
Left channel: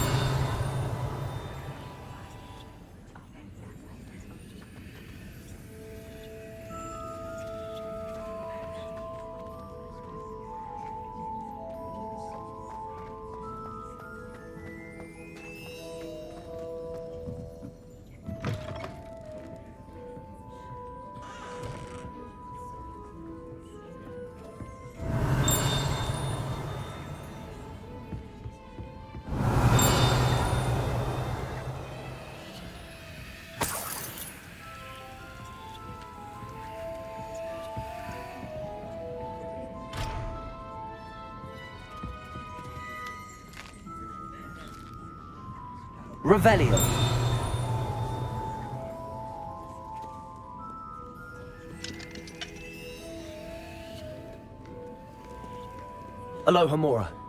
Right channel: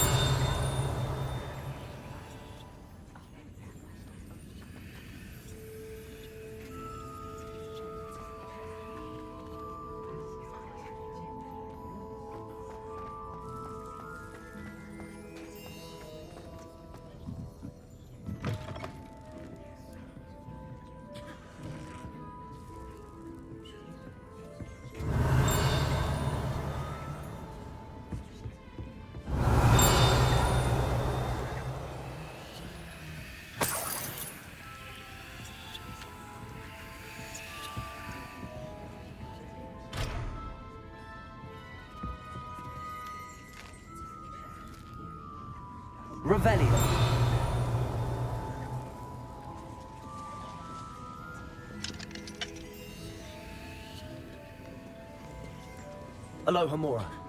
Revelio. Aloha Mora.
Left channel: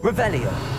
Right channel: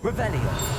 Revelio.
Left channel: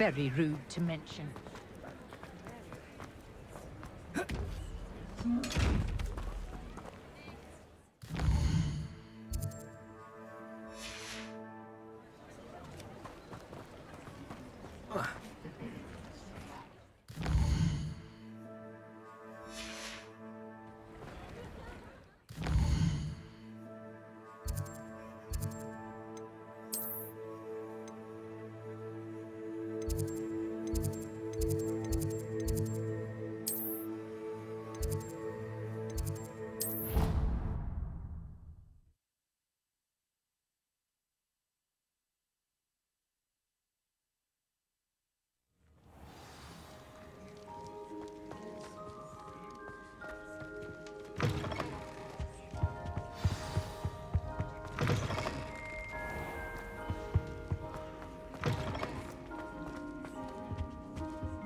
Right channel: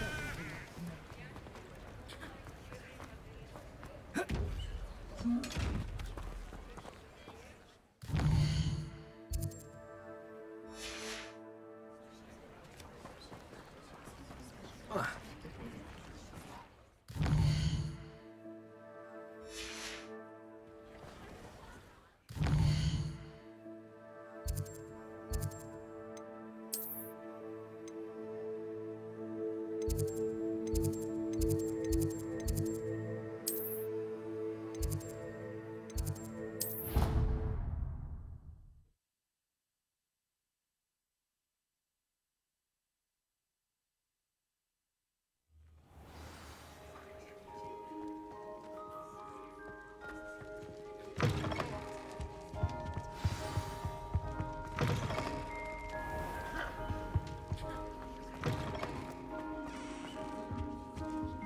Very rude to mention.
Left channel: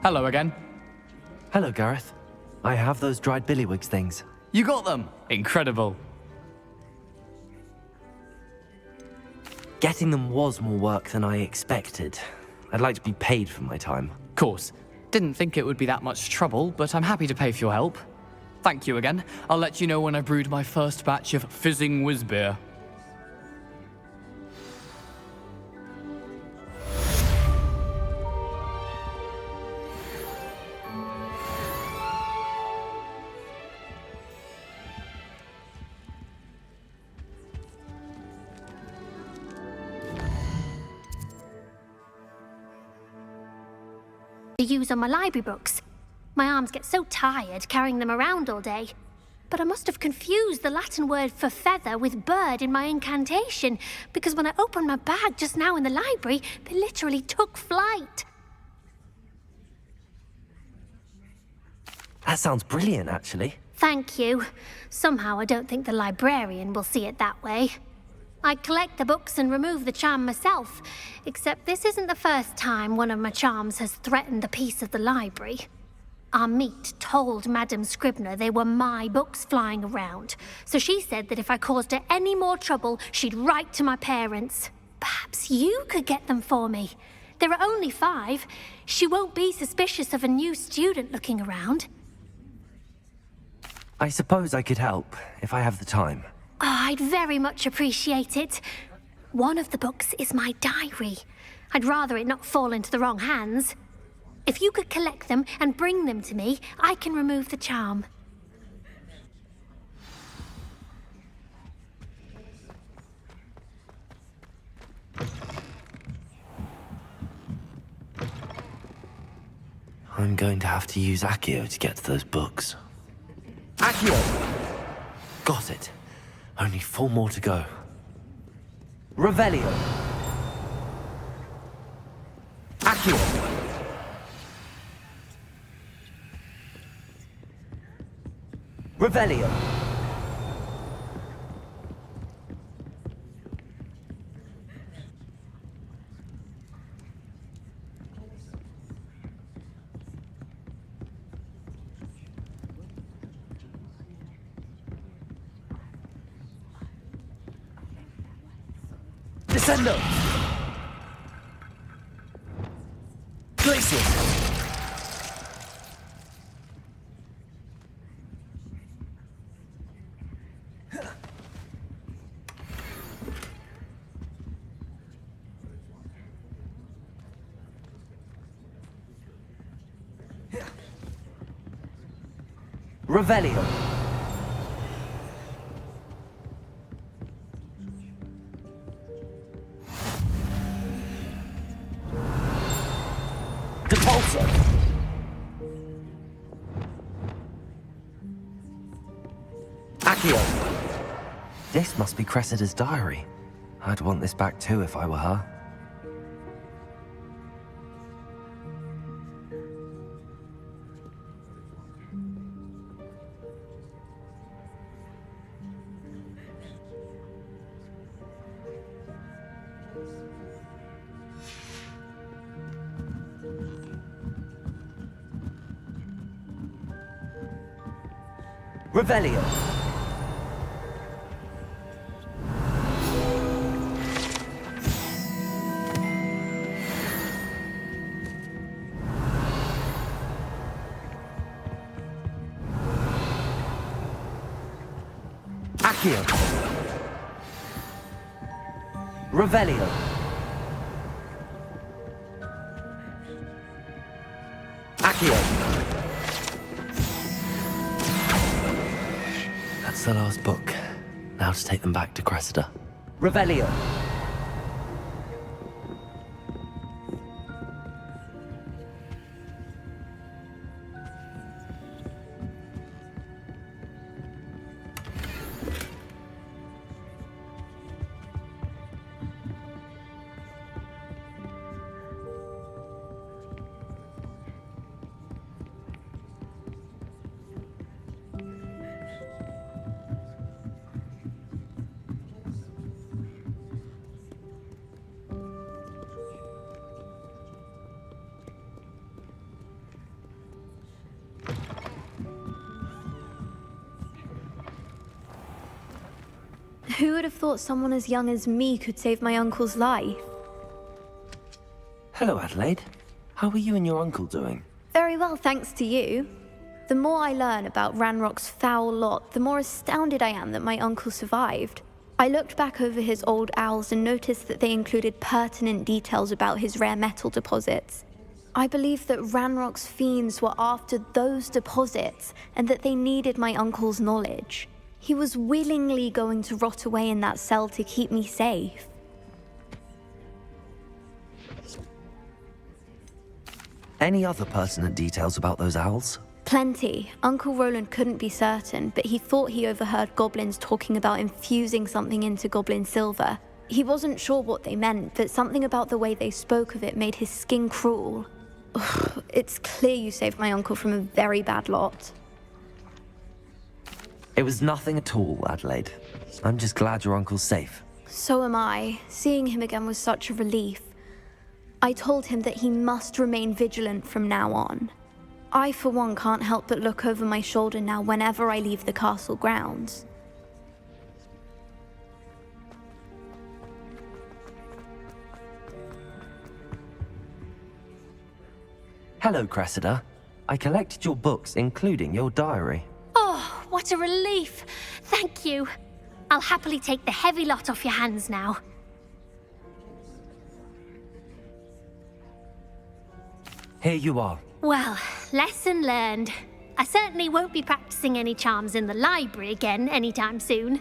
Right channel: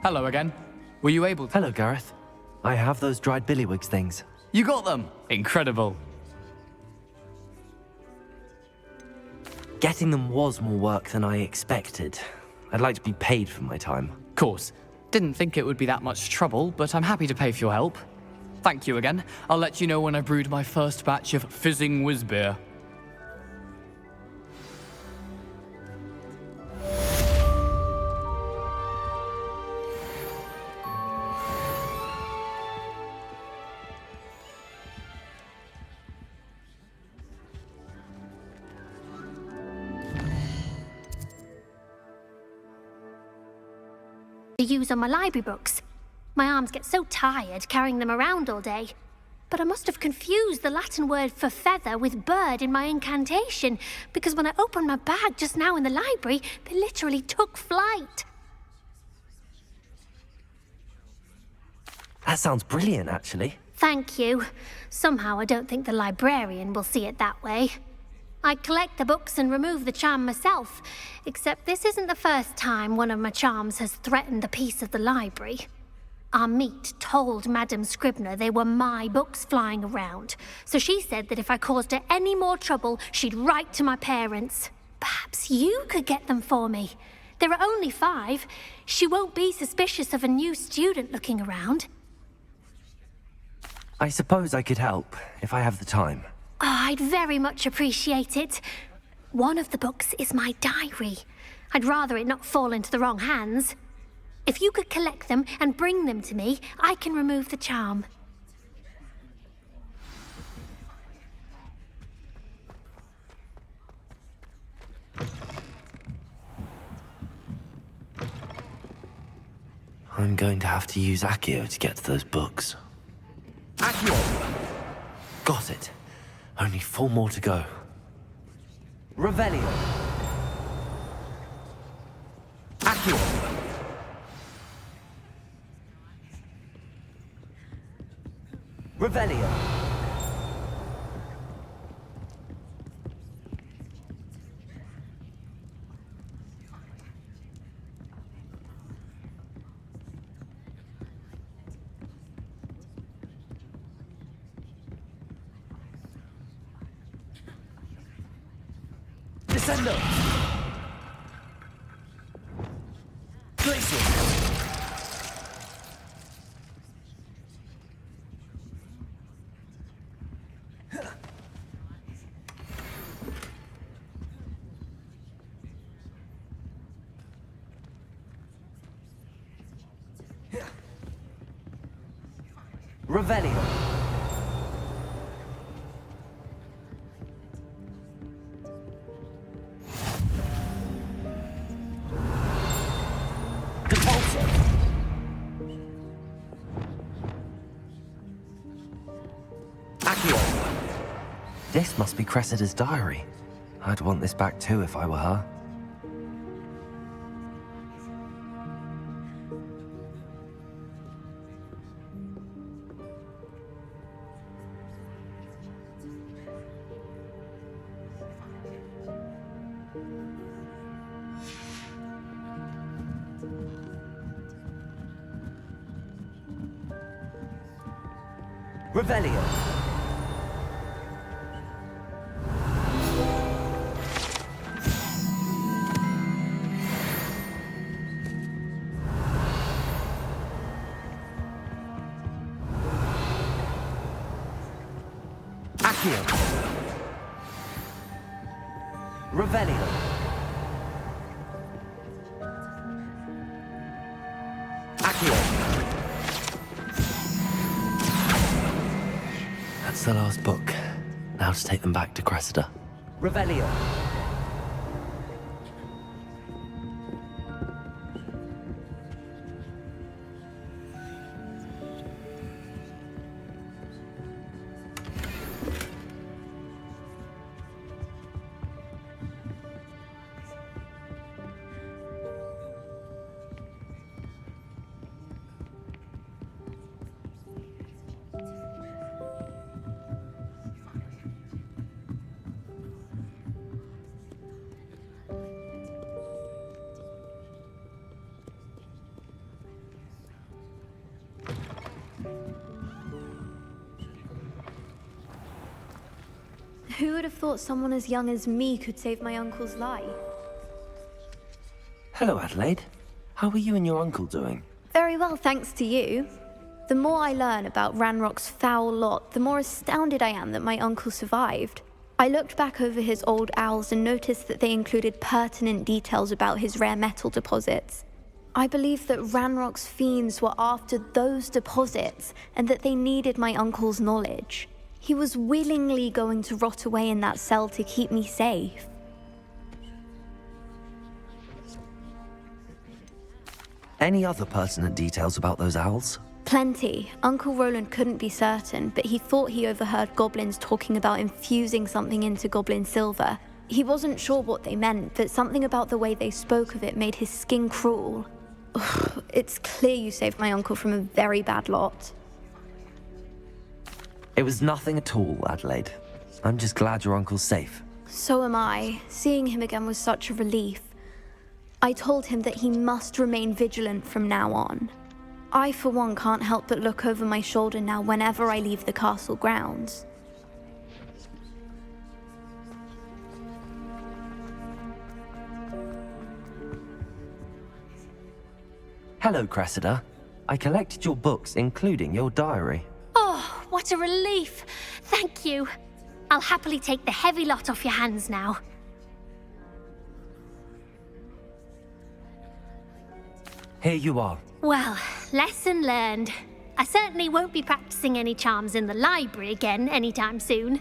Hello again. Were you able to... Hello, Gareth. I have those dried billywigs things. You got them! Incredible. Getting them was more work than I expected. I'd like to be paid for my time. Course. Didn't think it would be that much trouble, but I'm happy to pay for your help. Thank you again. I'll let you know when I brewed my first batch of fizzing whiz beer. To use on my library books. My arms get so tired carrying them around all day. But I must have confused the Latin word for feather with bird in my incantation, because when I opened my bag just now in the library, they literally took flight. That sounds brilliant, actually. Thank you. Somehow I don't think the librarian will see it that way. I collect the books and remove the charm myself, except this isn't the first time one of my charms has threatened a piece of the library. Our meet told Madame Scribner they were my books flying around, so she said that if I caused her any more trouble, she'd write to my parents. Perhaps you could get them for me. There are only 5. She won't be suspicious of a new student looking around. I suppose I could help, if I have the time. Oh, I'd very much appreciate it. One of the books is my diary. I'd rather it not fall into the wrong hands. If you could collect them and bring them to me, I can remove the charm. I'm going to have to use Accio to get to those books. Accio! Got it. Only 4 more to go. Revelio. Accio. Revelio. Descendo! Glacier! Revelio! Accio! This must be Cressida's diary. I'd want this back too if I were her. Revelio! Accio. Revelio. Accio. That's the last book. Now to take them back to Cressida. Revelio. Who would have thought someone as young as me could save my uncle's life? Hello, Adelaide. How are you and your uncle doing? Very well, thanks to you. The more I learn about Ranrock's foul lot, the more astounded I am that my uncle survived. I looked back over his old owls and noticed that they included pertinent details about his rare metal deposits. I believe that Ranrock's fiends were after those deposits and that they needed my uncle's knowledge. He was willingly going to rot away in that cell to keep me safe. Any other pertinent details about those owls? Plenty. Uncle Roland couldn't be certain, but he thought he overheard goblins talking about infusing something into goblin silver. He wasn't sure what they meant, but something about the way they spoke of it made his skin crawl. Ugh, it's clear you saved my uncle from a very bad lot. It was nothing at all, Adelaide. I'm just glad your uncle's safe. So am I. Seeing him again was such a relief. I told him that he must remain vigilant from now on. I, for one, can't help but look over my shoulder now whenever I leave the castle grounds. Hello, Cressida. I collected your books, including your diary. Oh, what a relief. Thank you. I'll happily take the heavy lot off your hands now. Here you are. Well, lesson learned. I certainly won't be practicing any charms in the library again anytime soon.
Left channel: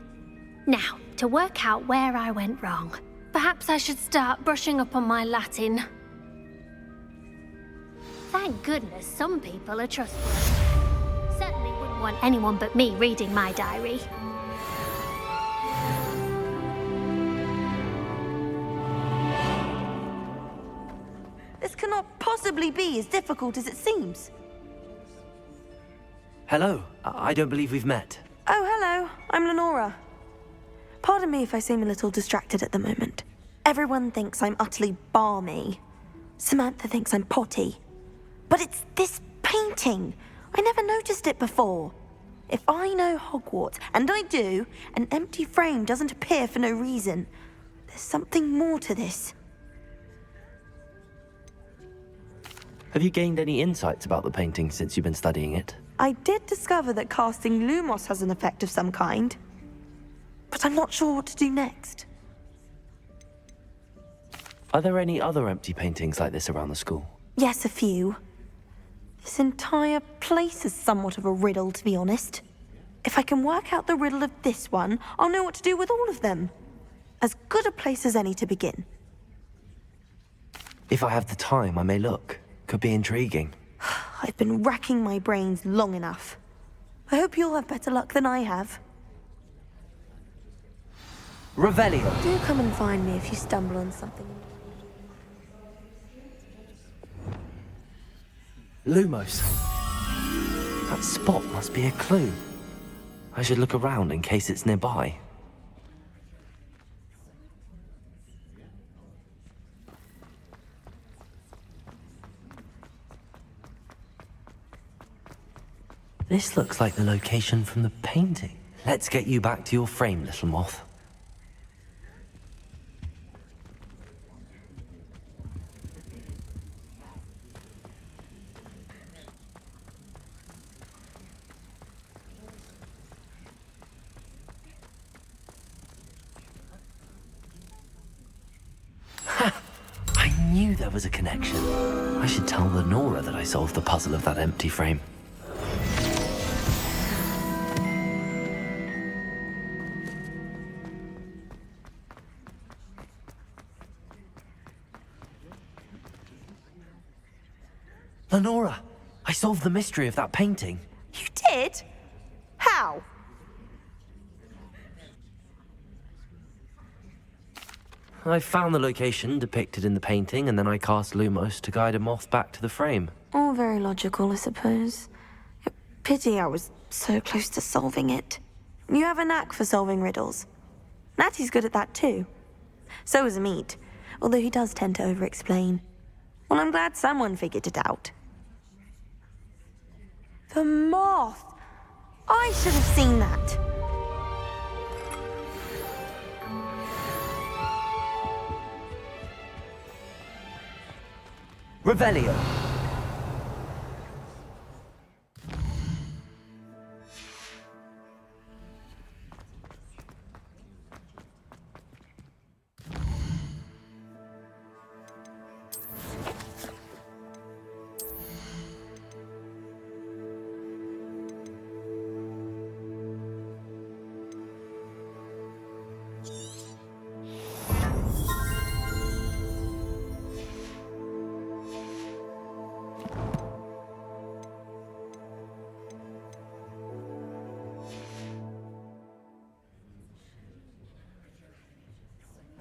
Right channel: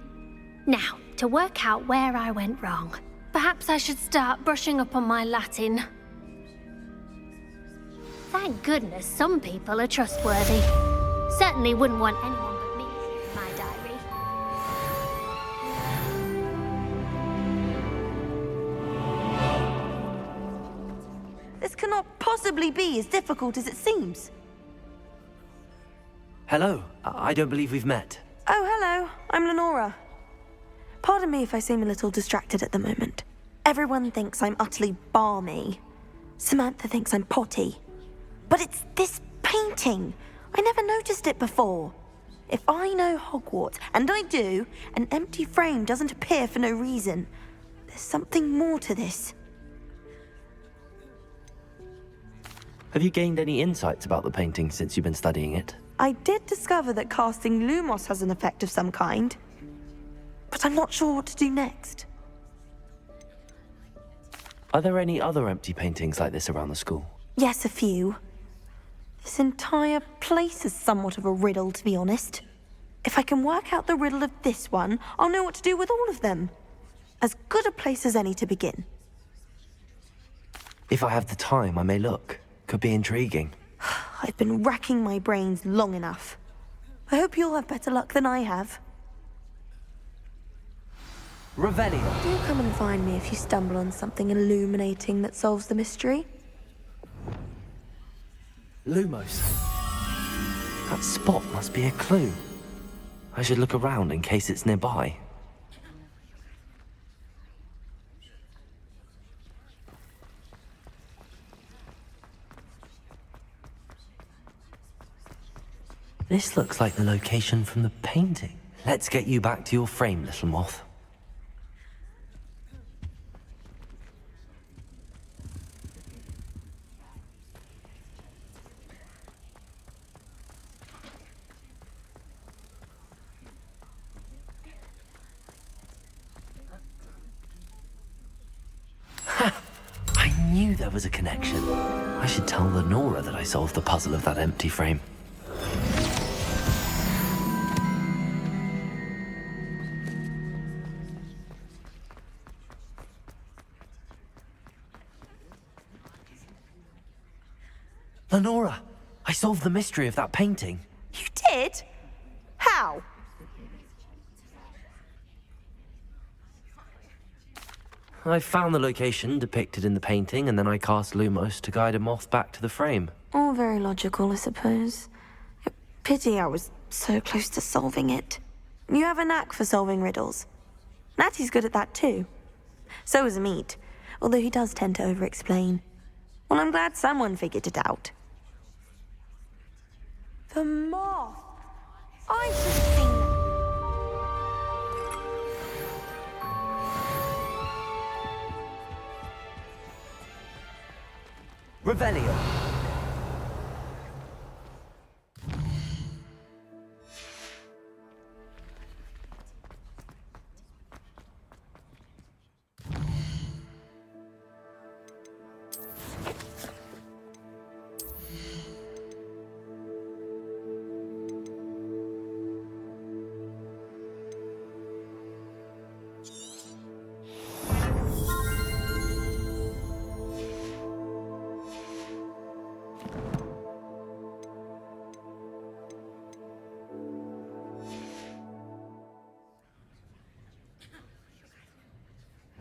Now, to work out where I went wrong. Perhaps I should start brushing up on my Latin. Thank goodness some people are trustworthy. Certainly wouldn't want anyone but me reading my diary. This cannot possibly be as difficult as it seems. Hello. I don't believe we've met. Oh, hello. I'm Lenora. Pardon me if I seem a little distracted at the moment. Everyone thinks I'm utterly balmy. Samantha thinks I'm potty. But it's this painting. I never noticed it before. If I know Hogwarts, and I do, an empty frame doesn't appear for no reason. There's something more to this. Have you gained any insights about the painting since you've been studying it? I did discover that casting Lumos has an effect of some kind. But I'm not sure what to do next. Are there any other empty paintings like this around the school? Yes, a few. This entire place is somewhat of a riddle, to be honest. If I can work out the riddle of this one, I'll know what to do with all of them. As good a place as any to begin. If I have the time, I may look. Could be intriguing. I've been racking my brains long enough. I hope you'll have better luck than I have. Revelio. Do come and find me if you stumble on something illuminating that solves the mystery. Lumos. That spot must be a clue. I should look around in case it's nearby. This looks like the location from the painting. Let's get you back to your frame, little moth. knew there was a connection. I should tell Lenora that I solved the puzzle of that empty frame. Lenora, I solved the mystery of that painting. You did? How? I found the location depicted in the painting, and then I cast Lumos to guide a moth back to the frame. All very logical, I suppose. Pity I was so close to solving it. You have a knack for solving riddles. Natty's good at that too. So is Amit, although he does tend to over-explain. Well, I'm glad someone figured it out. The moth! I should have seen that. Revelio.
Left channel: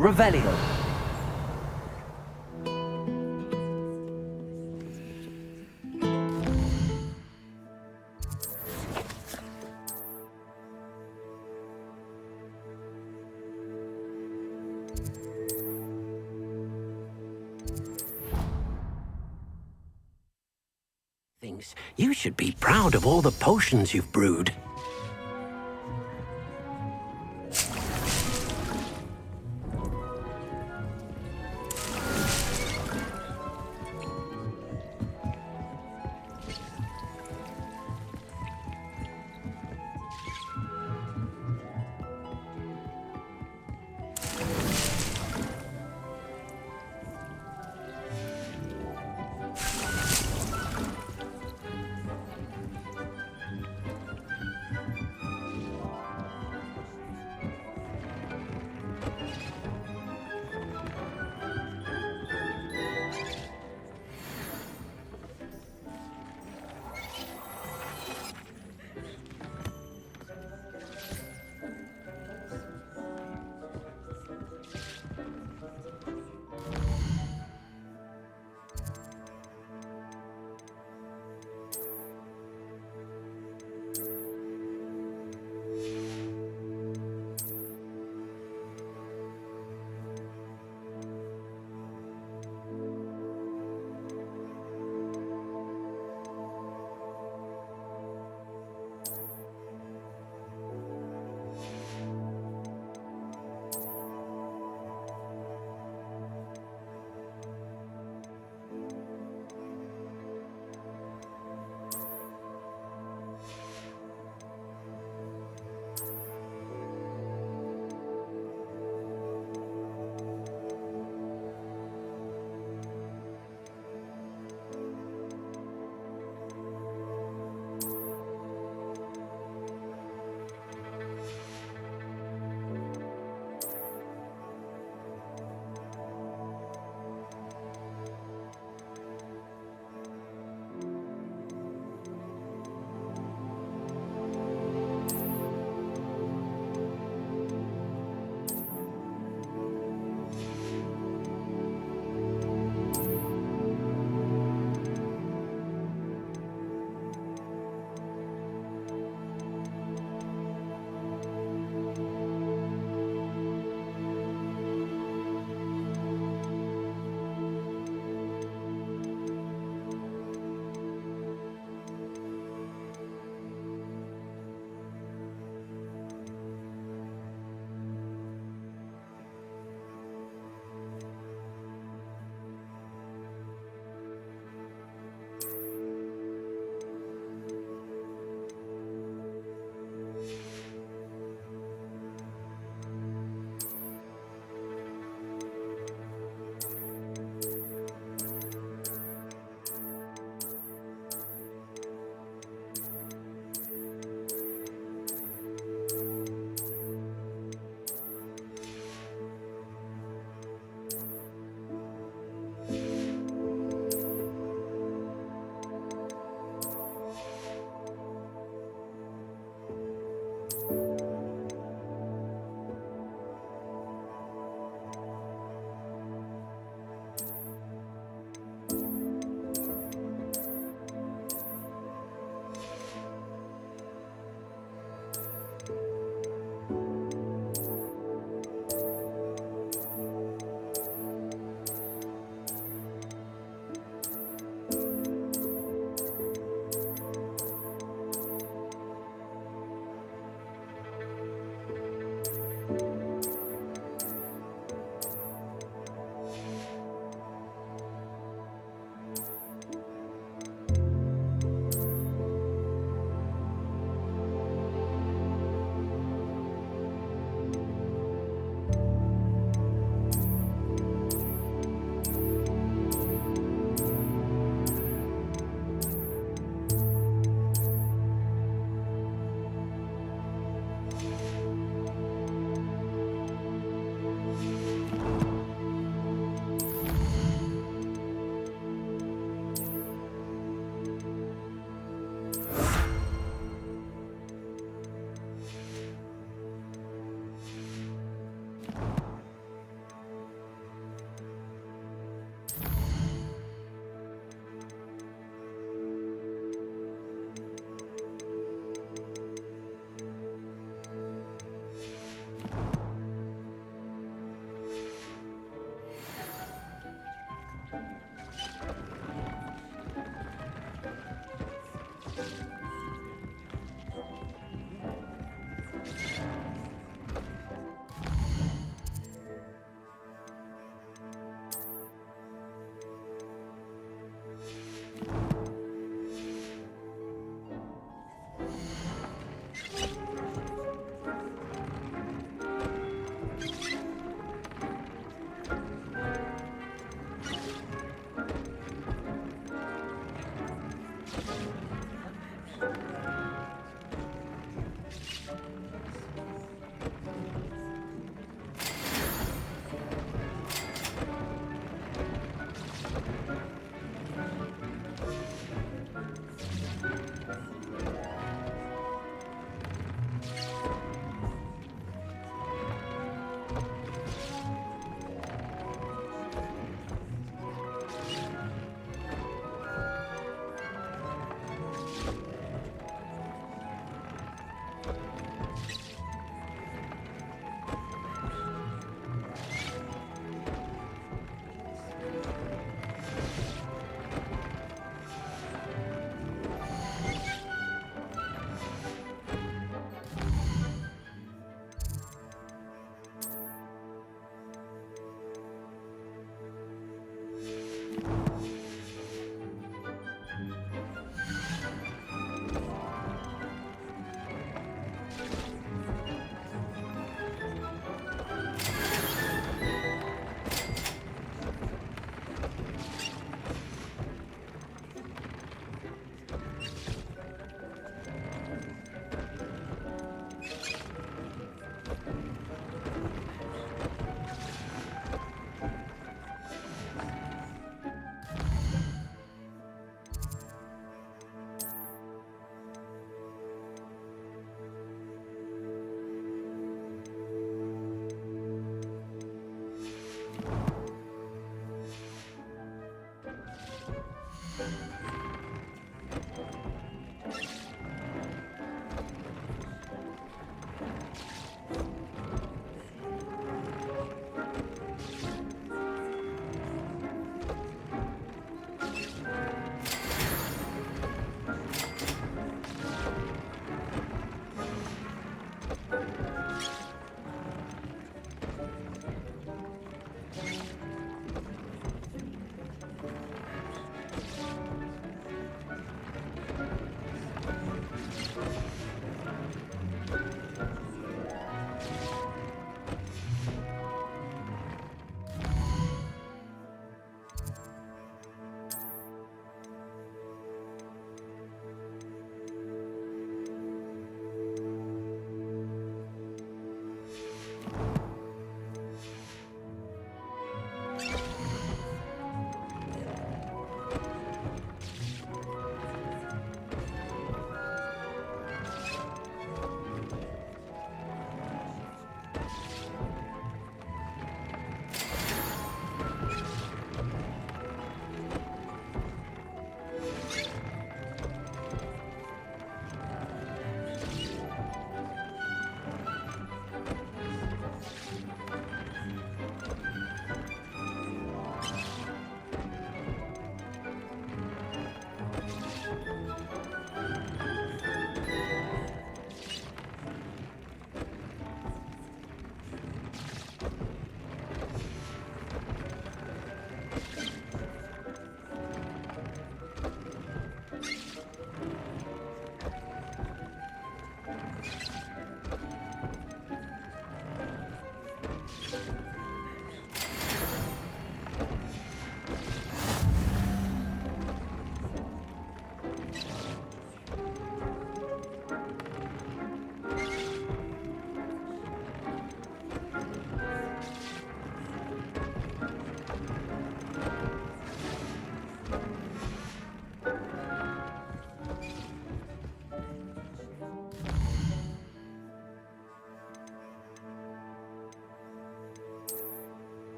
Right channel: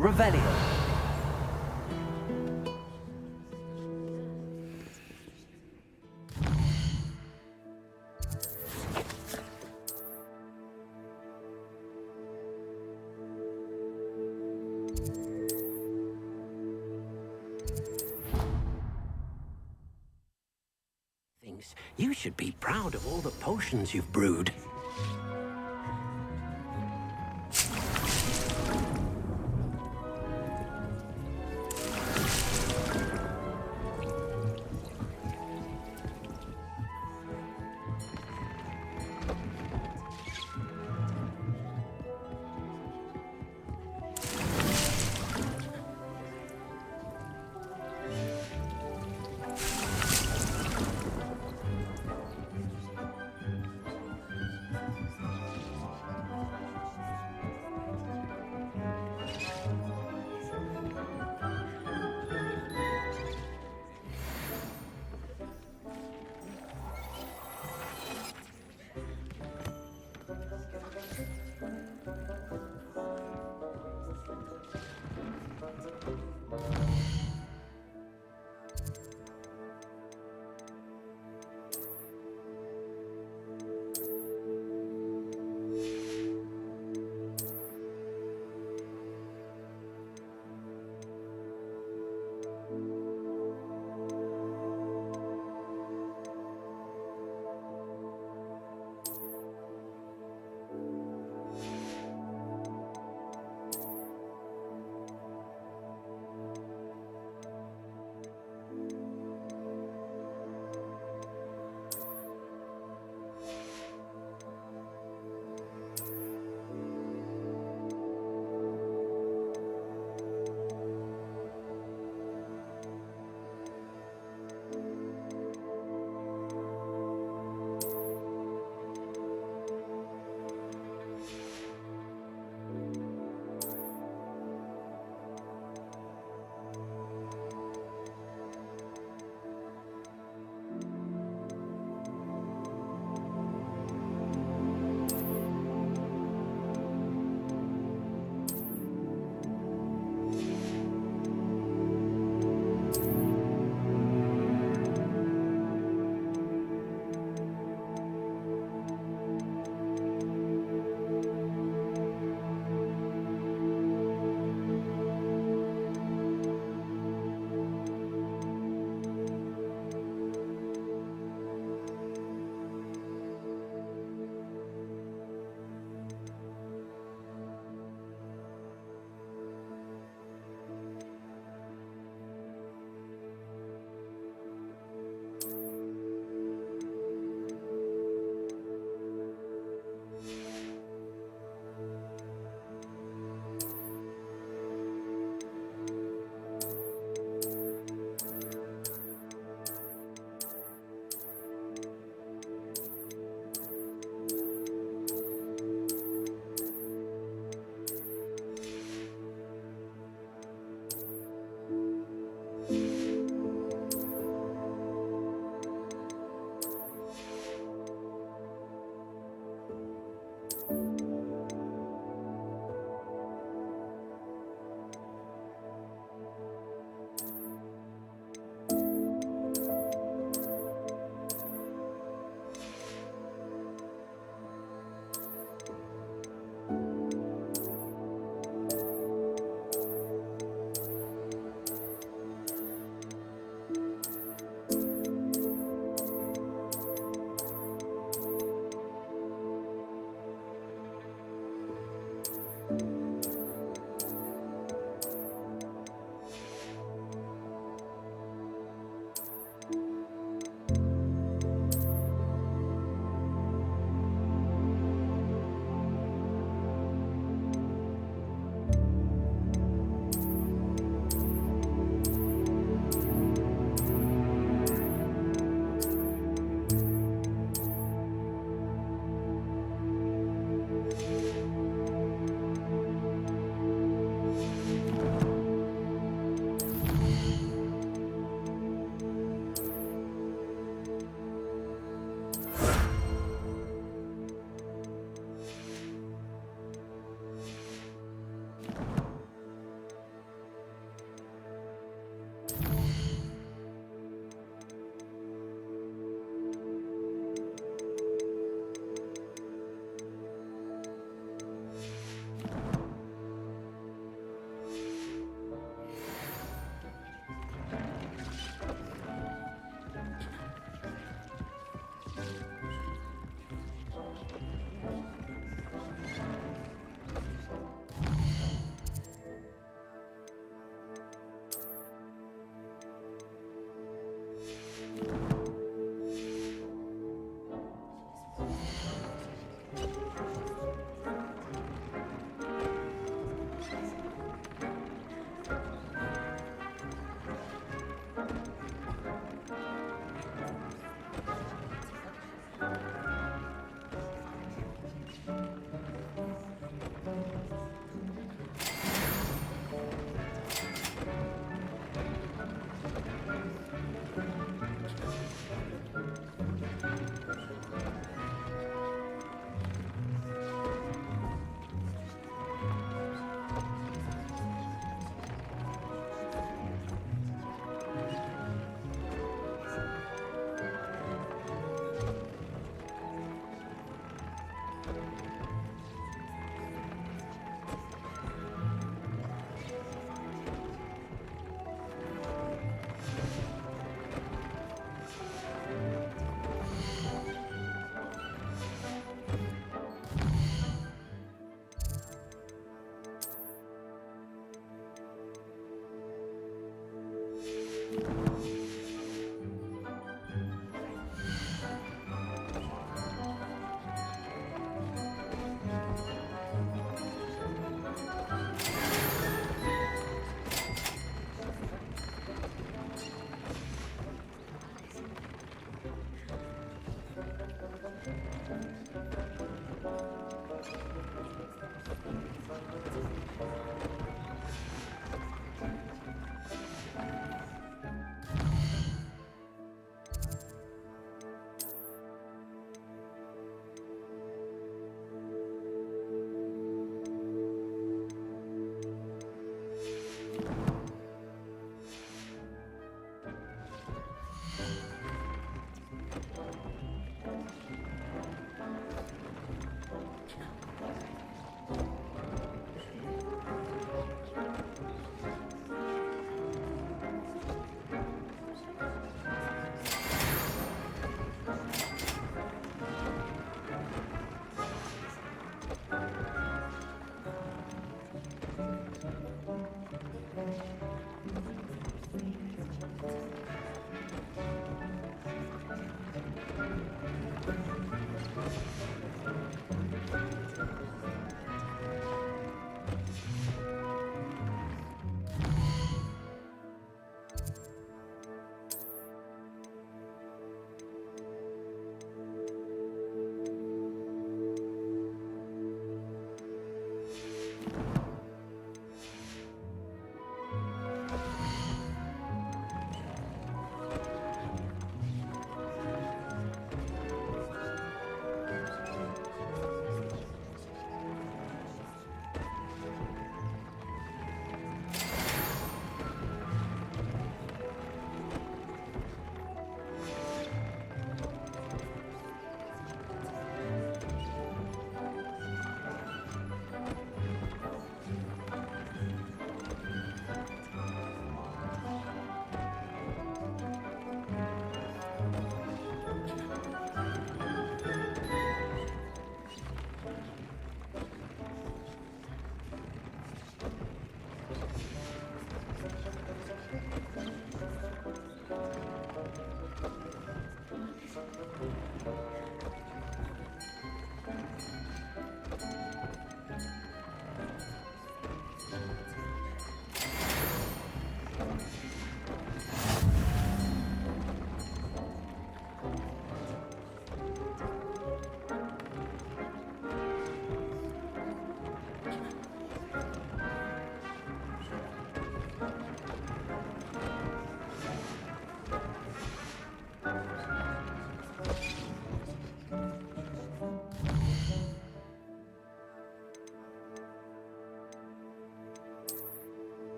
Revelio. Things. You should be proud of all the potions you've brewed.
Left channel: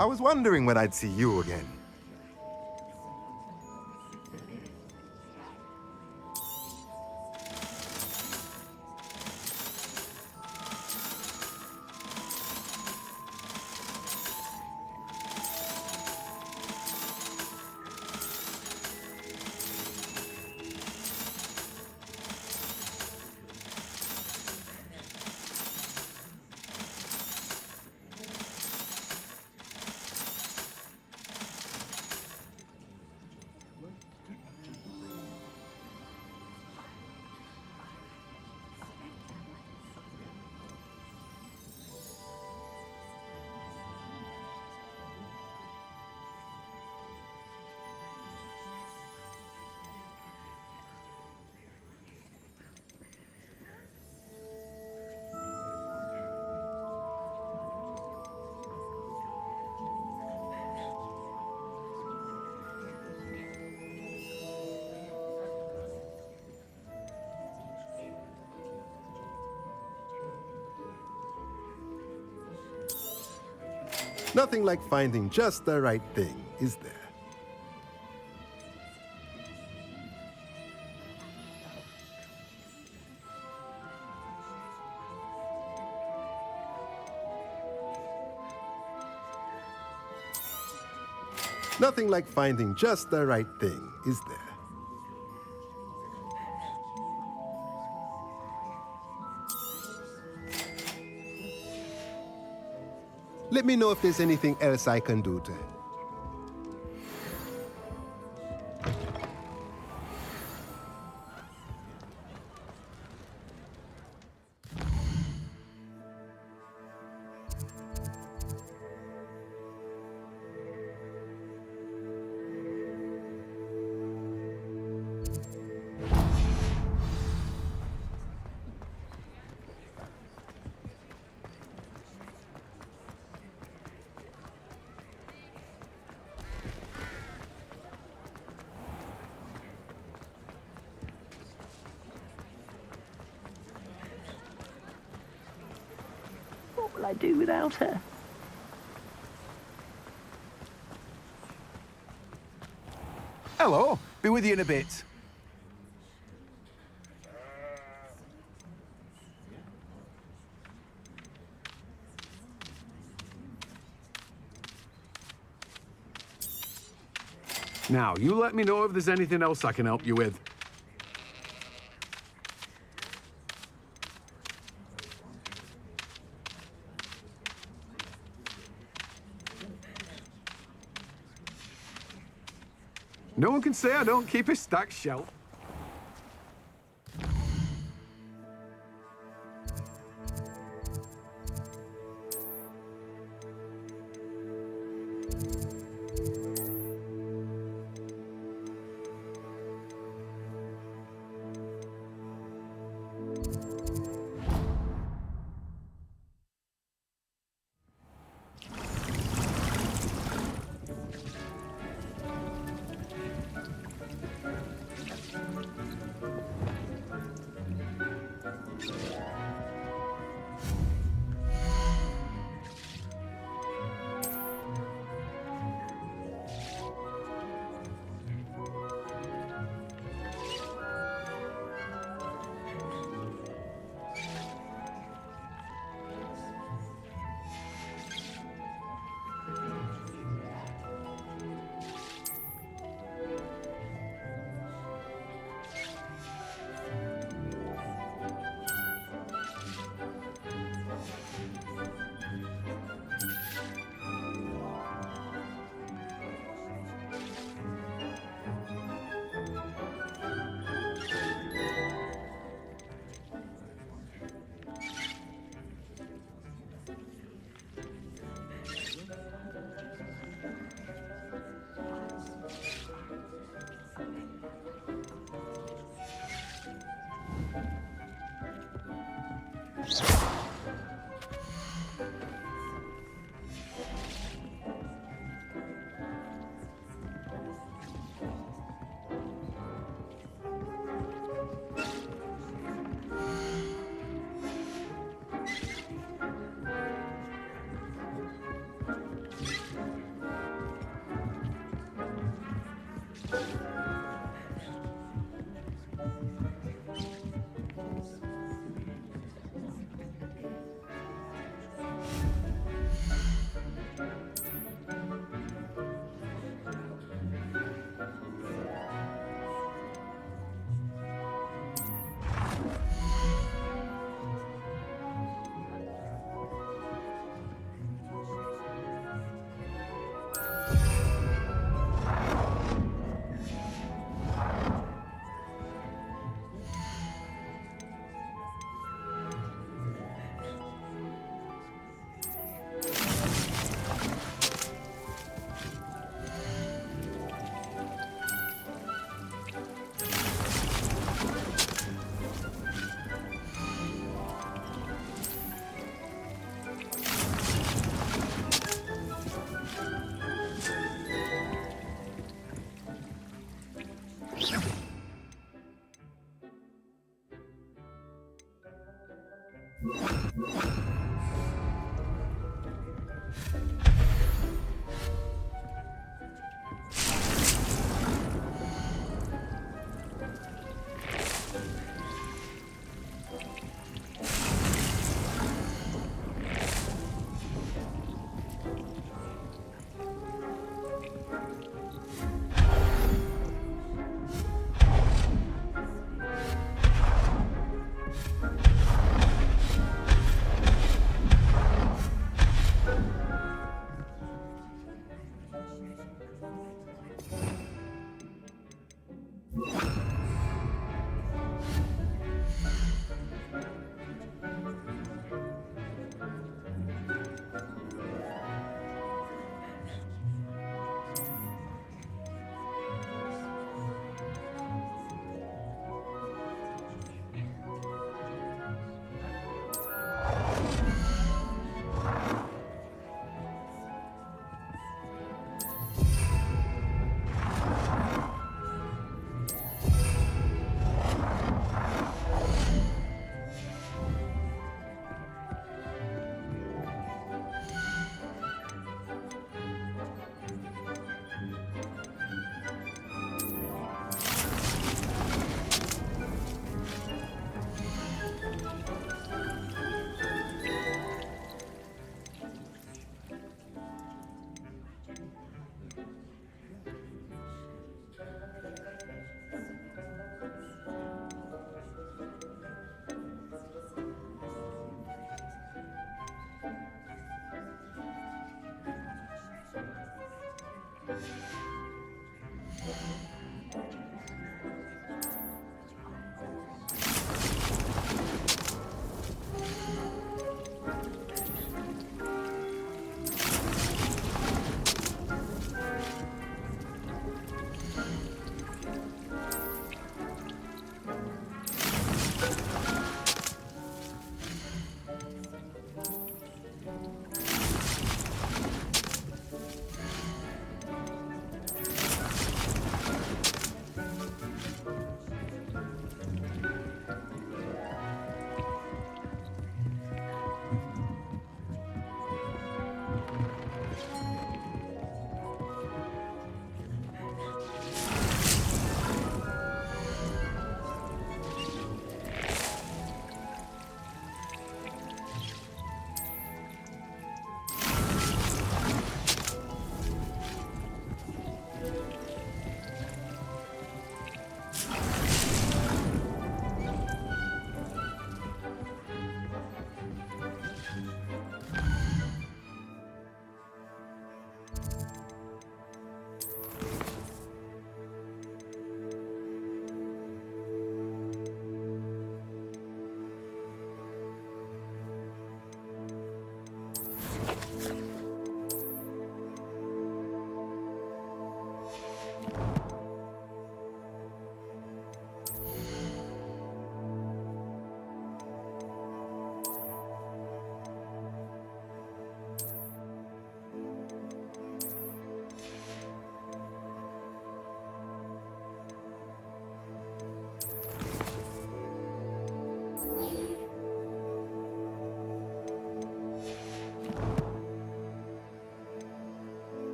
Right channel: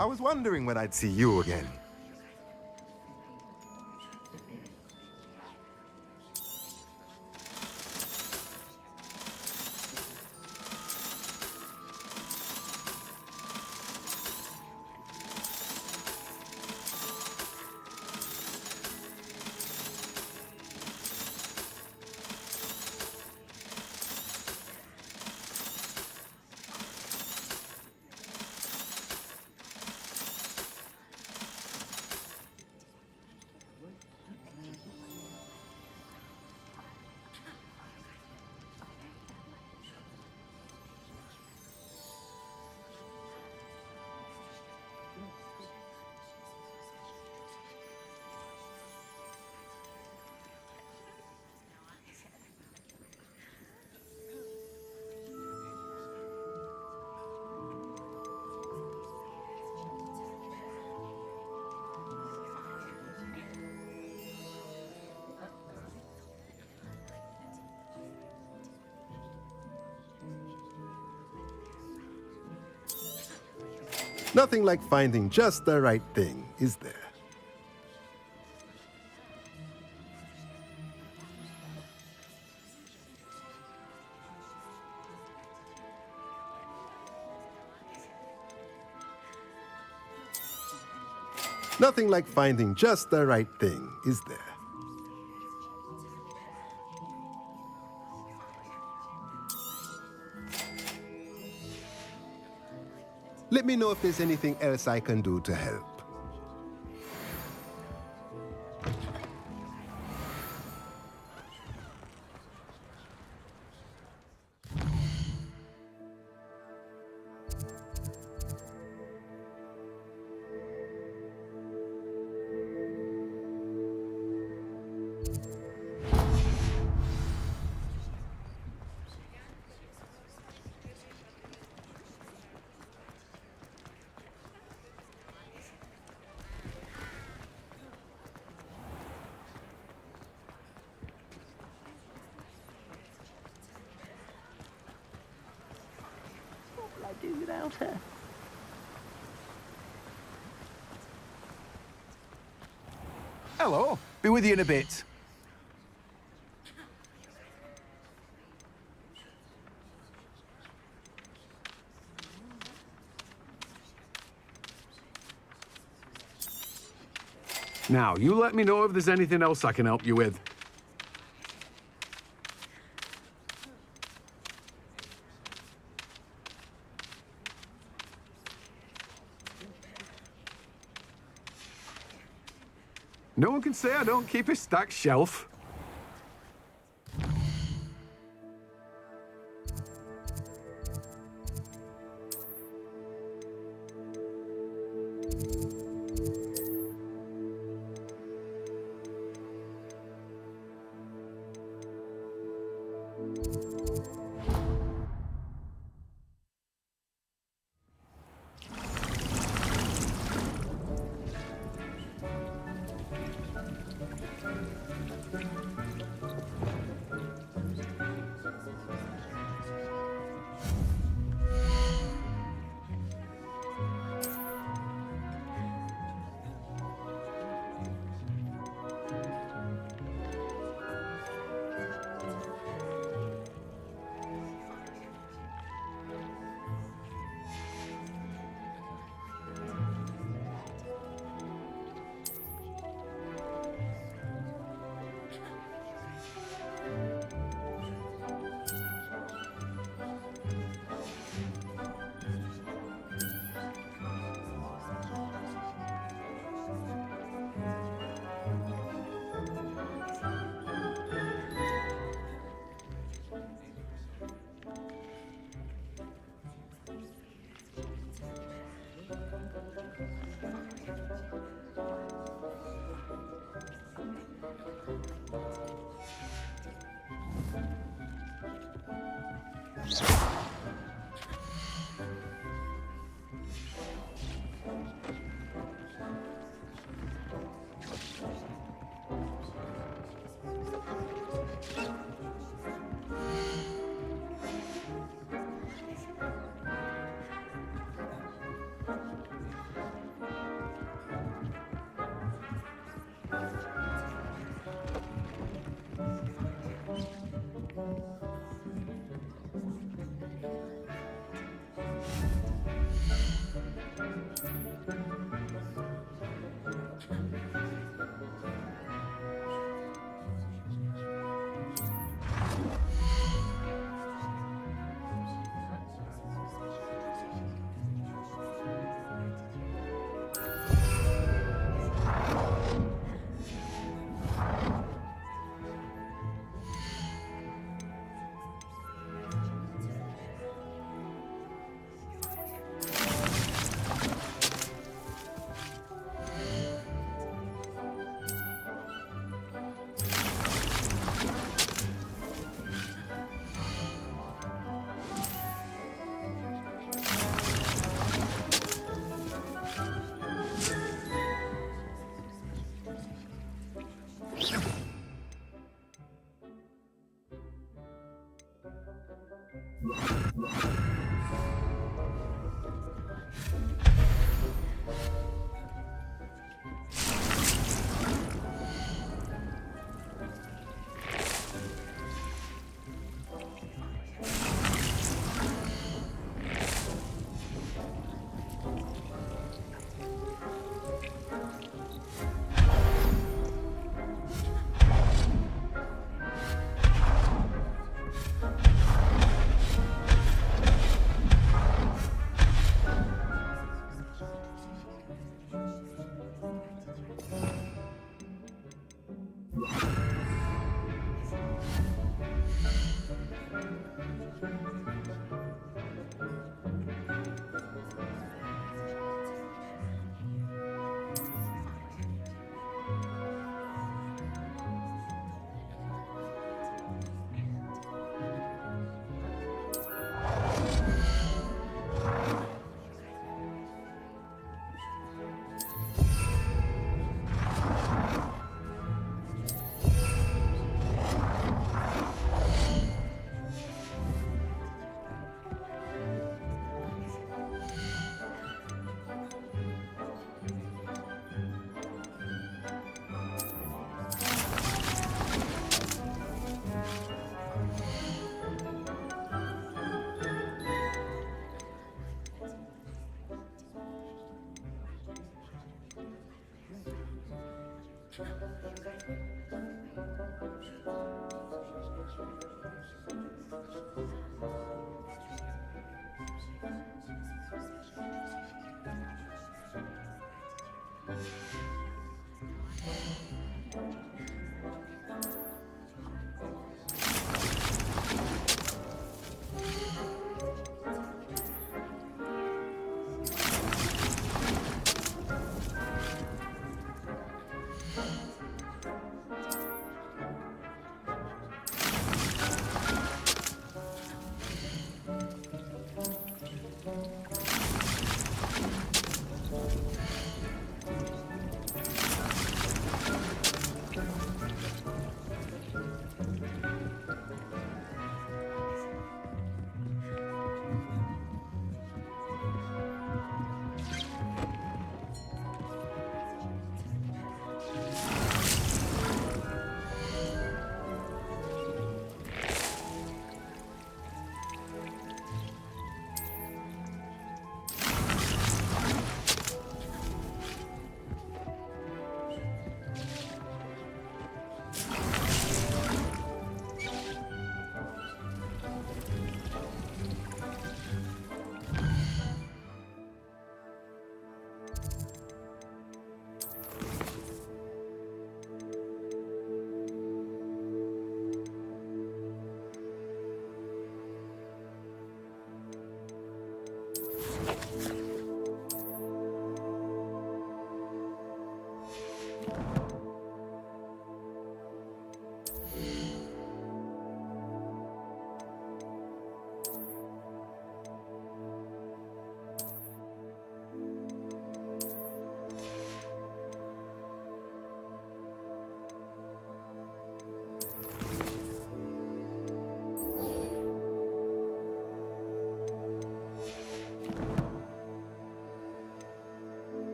I was wondering when I'd see you again. Nothing like finding just the right thing, is there? Nothing like finding just the right thing, is there? Let me know if there's anything else I can do to help. What will I do without her? Hello. Be with you in a bit. Now, you let me know if there's anything else I can help you with. No one can say I don't keep a stacked shelf.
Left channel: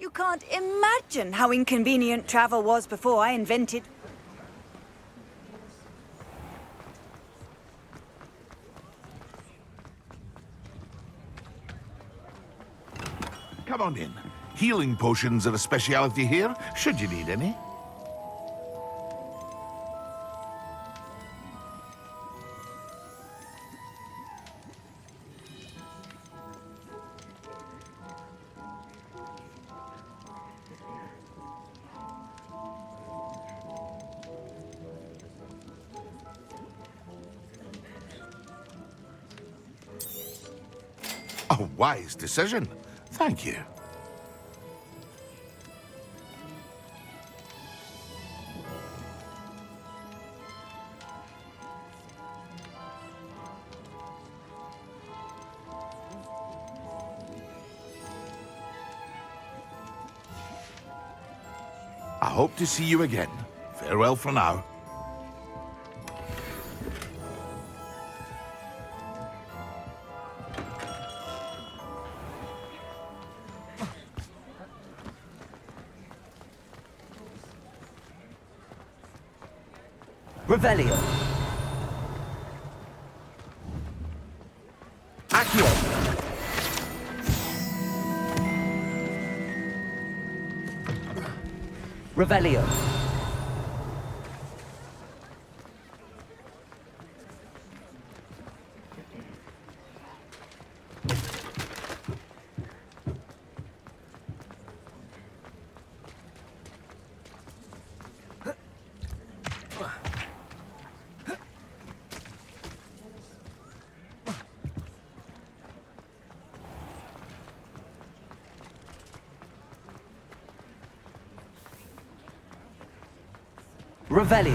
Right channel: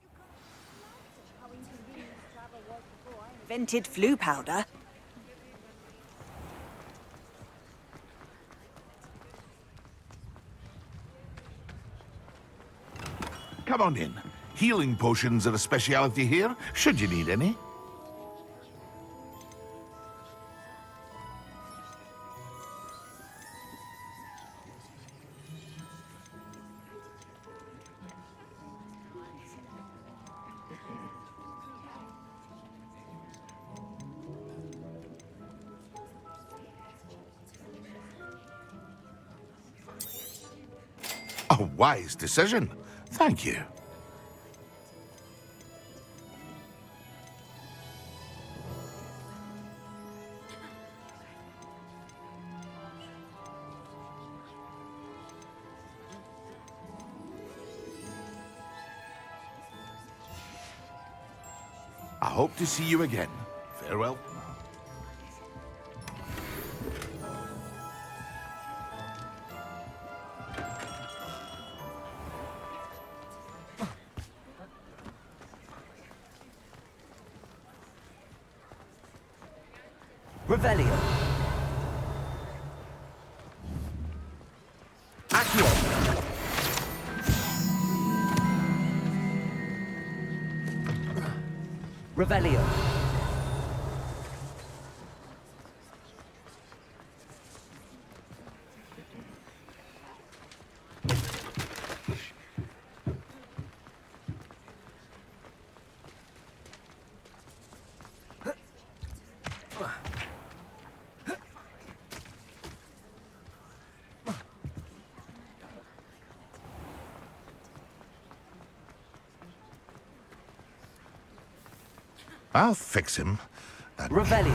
You can't imagine how inconvenient travel was before I invented flu powder. Come on in. Healing potions are a speciality here, should you need any. A wise decision. Thank you. I hope to see you again. Farewell for now. Revelio. Accio. Revelio. I'll fix him. Revelio.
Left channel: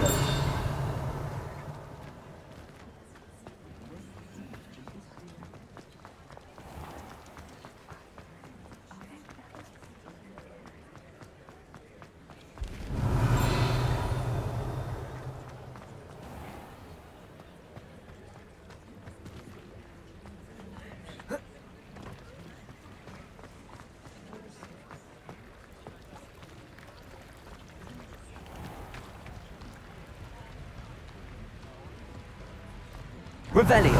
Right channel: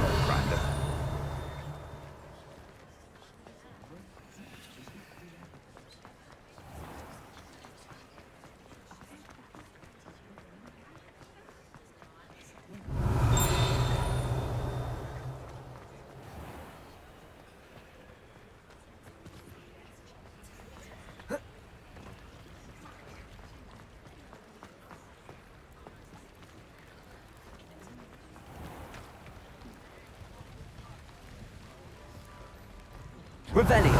Revelio.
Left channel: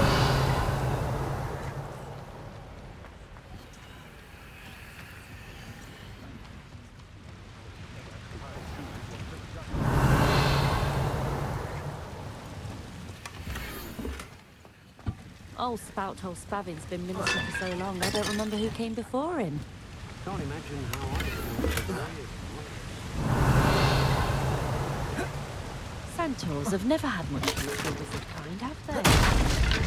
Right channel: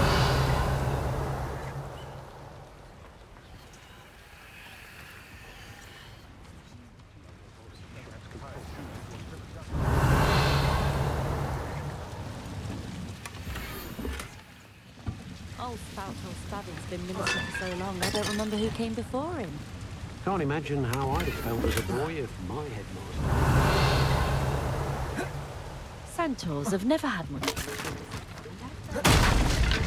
Old Spout Hole Spavin's been minister for so long, I don't remember who came before him. Can't imagine how I felt as a boy if my head. Centaurs have never had much luck with this kind, have they?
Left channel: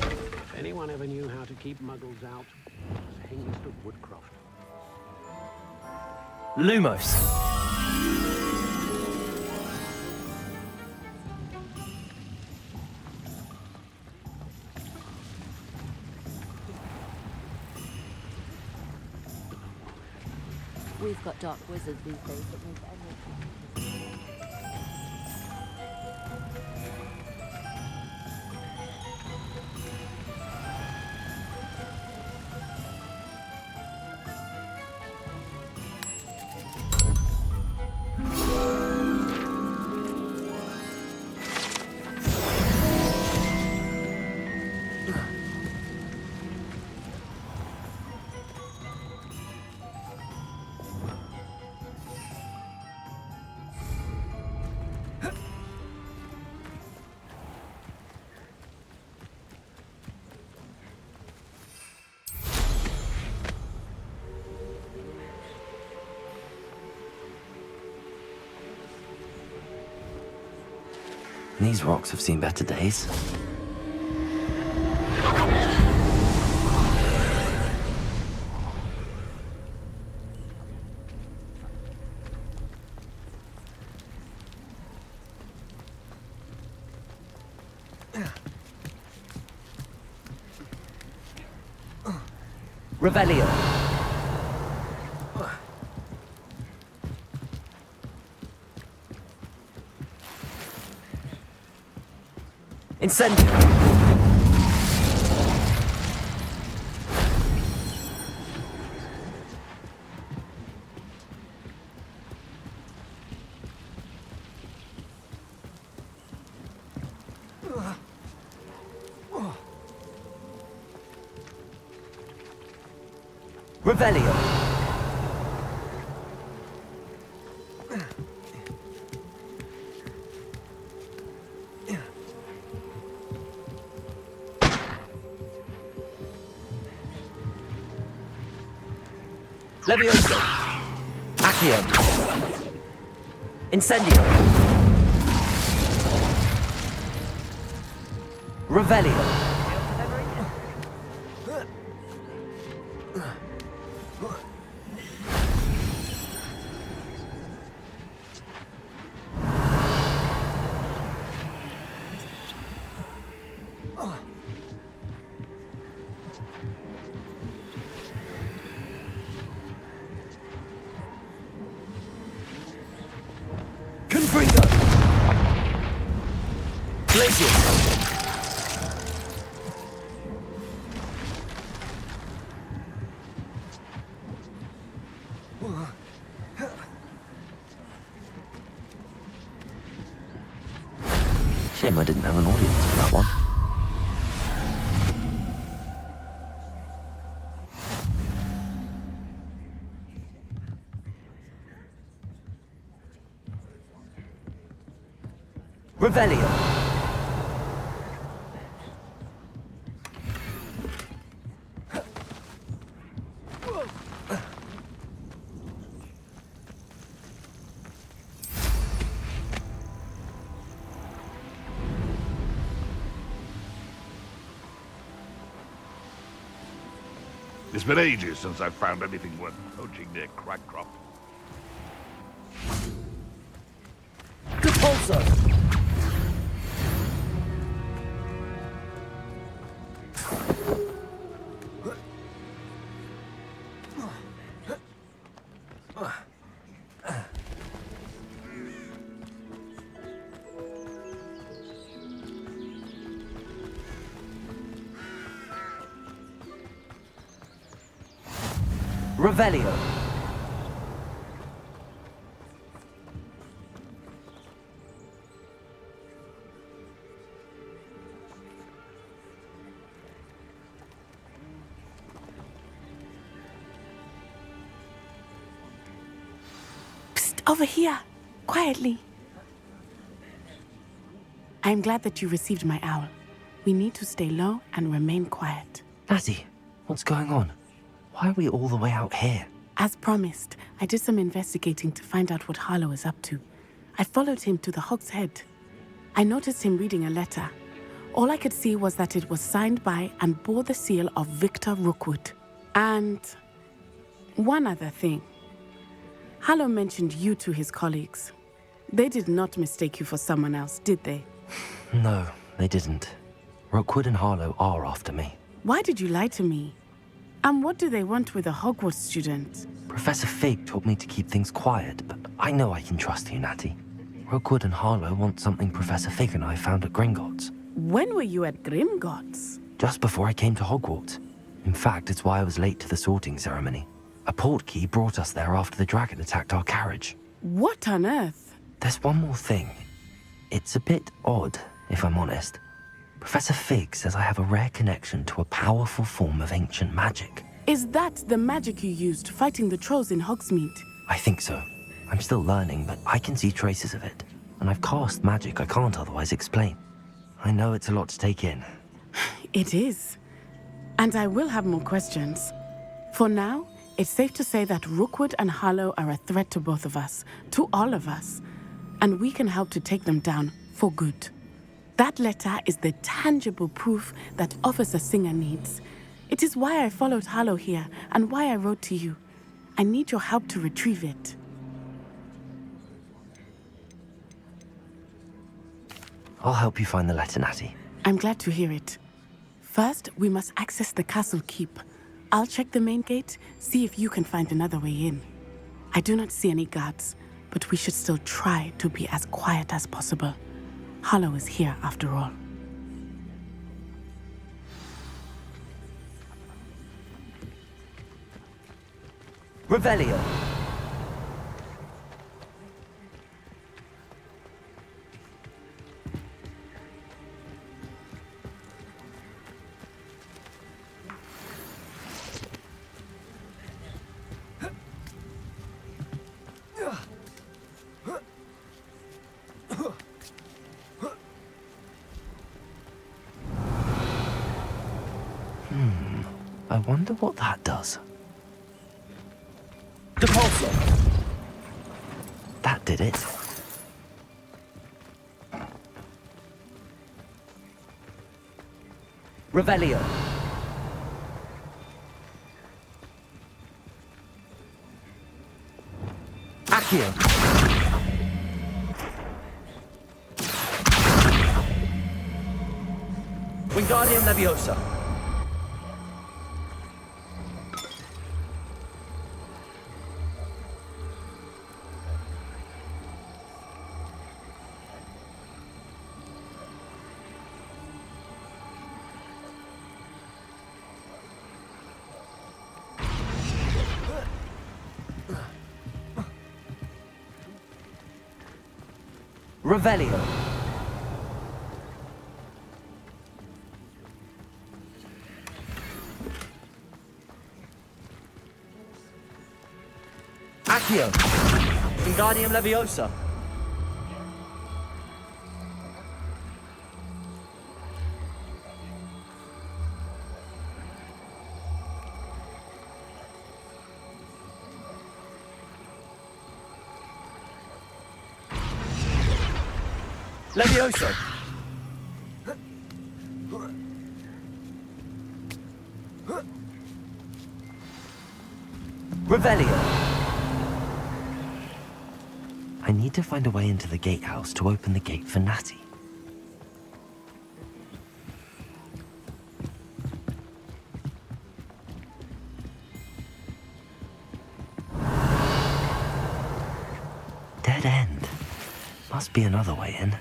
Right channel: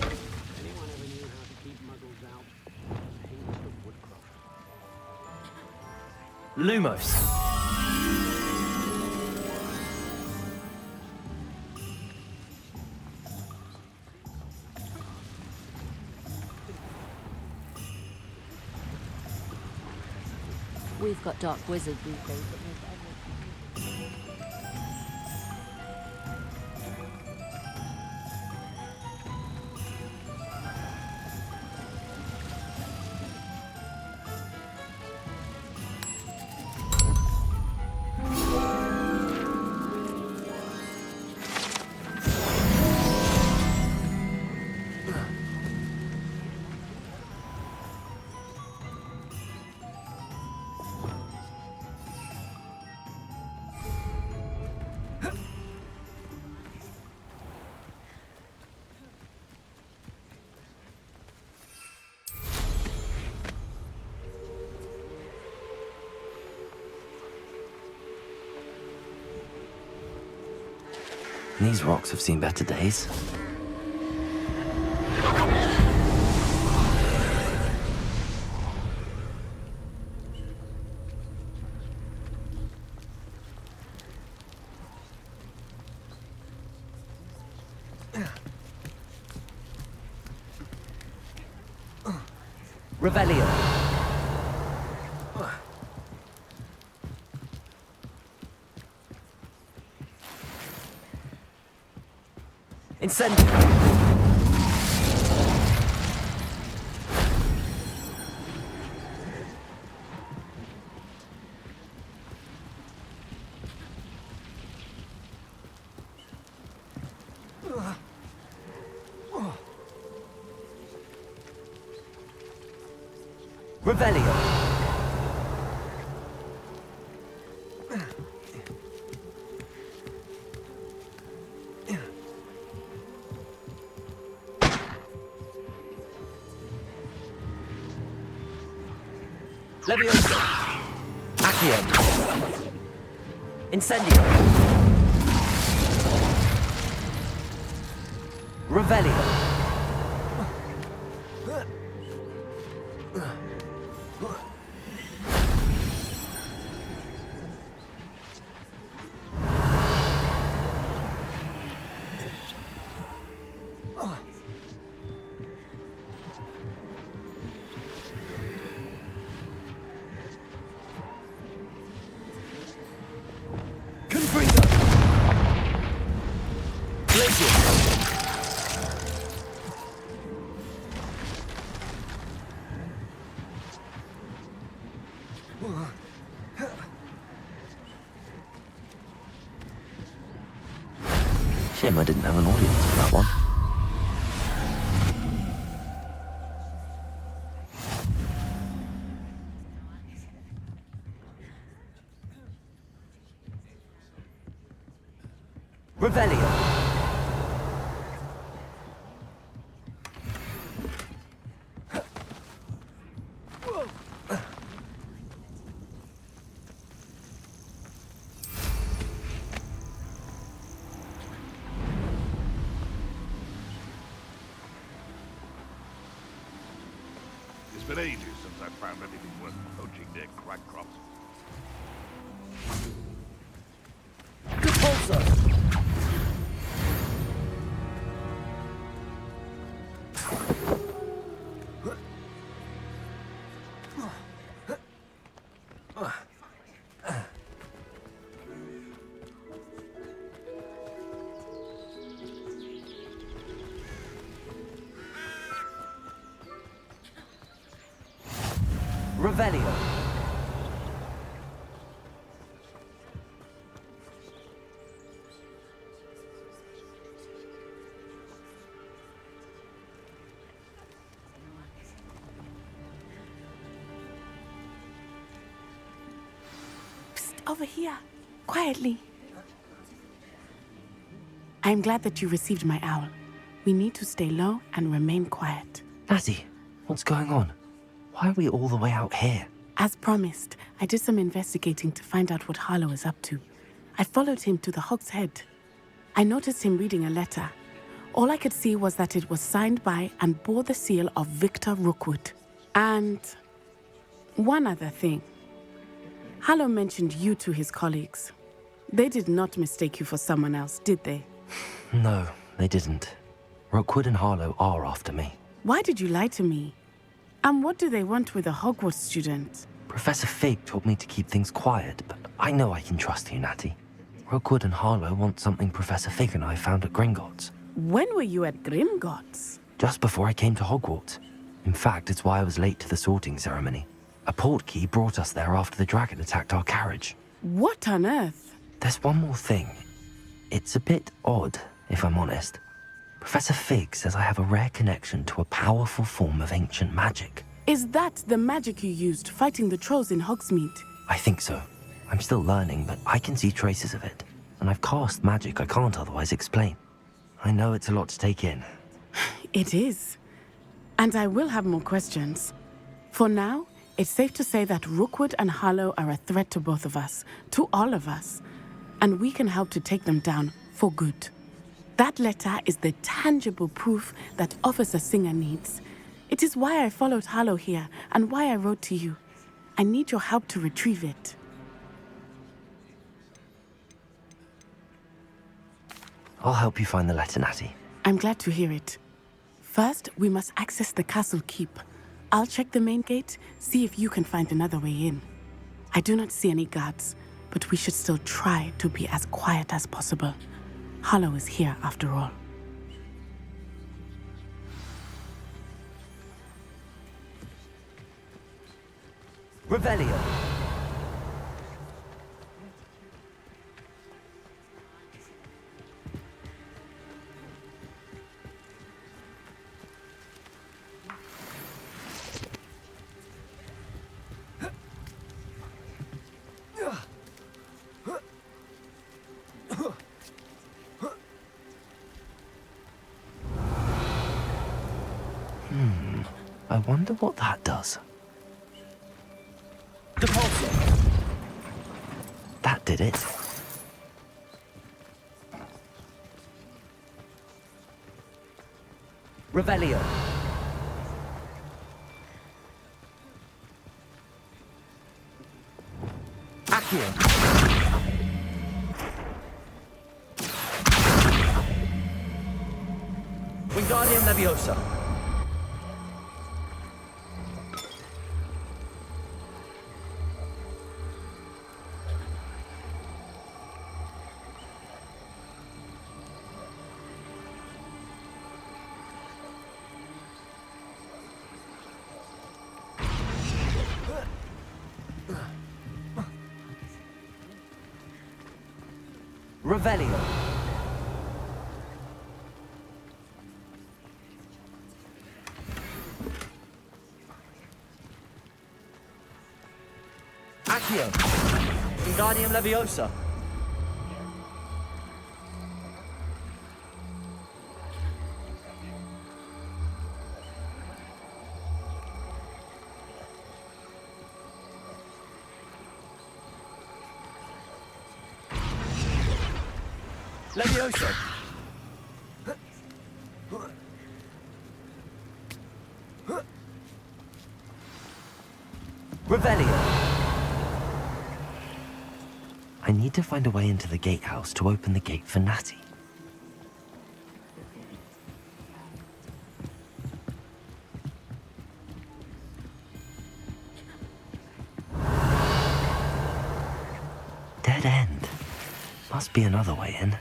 If anyone ever knew how to keep muggles out, it was Hengist of Woodcroft. Lumos. We've got dark wizards these days that make anything. These rocks have seen better days. Revelio. Incendio. Revelio. Levioso. Accio. Incendio. Revelio. Confringo. Glacius. Shame I didn't have an audience for that one. Revelio. It's been ages since I've found anything worth poaching near Cragcroft. Repulsor. Revelio. Psst, over here. Quietly. I'm glad that you received my owl. We need to stay low and remain quiet. Natty, what's going on? Why are we all the way out here? As promised, I did some investigating to find out what Harlow is up to. I followed him to the Hog's Head. I noticed him reading a letter. All I could see was that it was signed by and bore the seal of Victor Rookwood. And one other thing. Harlow mentioned you to his colleagues. They did not mistake you for someone else, did they? No, they didn't. Rookwood and Harlow are after me. Why did you lie to me? And what do they want with a Hogwarts student? Professor Fig told me to keep things quiet, but I know I can trust you, Natty. Rookwood and Harlow want something Professor Fig and I found at Gringotts. When were you at Grimgotts? Just before I came to Hogwarts. In fact, it's why I was late to the sorting ceremony. A portkey brought us there after the dragon attacked our carriage. What on earth? There's one more thing. It's a bit odd, if I'm honest. Professor Fig says I have a rare connection to a powerful form of ancient magic. Is that the magic you used fighting the trolls in Hogsmeade? I think so. I'm still learning, but I can see traces of it. And I've cast magic I can't otherwise explain. I know it's a lot to take in. It is. And I will have more questions. For now, it's safe to say that Rookwood and Harlow are a threat to both of us, to all of us. And we can help to take them down for good. That letter is the tangible proof that Officer Singer needs. It is why I followed Harlow here and why I wrote to you. I need your help to retrieve it. I'll help you find the letter, Natty. I'm glad to hear it. First, we must access the castle keep. I'll check the main gate, see if you can find another way in. I do not see any guards, but we should still try to be as quiet as possible. Harlow is here after all. Revelio. I wonder what that does. Depulso! That did it. Revelio. Accio. Wingardium Leviosa. Revelio. Accio. Wingardium Leviosa. Levioso. Revelio. I need to find a way into the gatehouse to open the gate for Natty. Dead end. Must be another way in.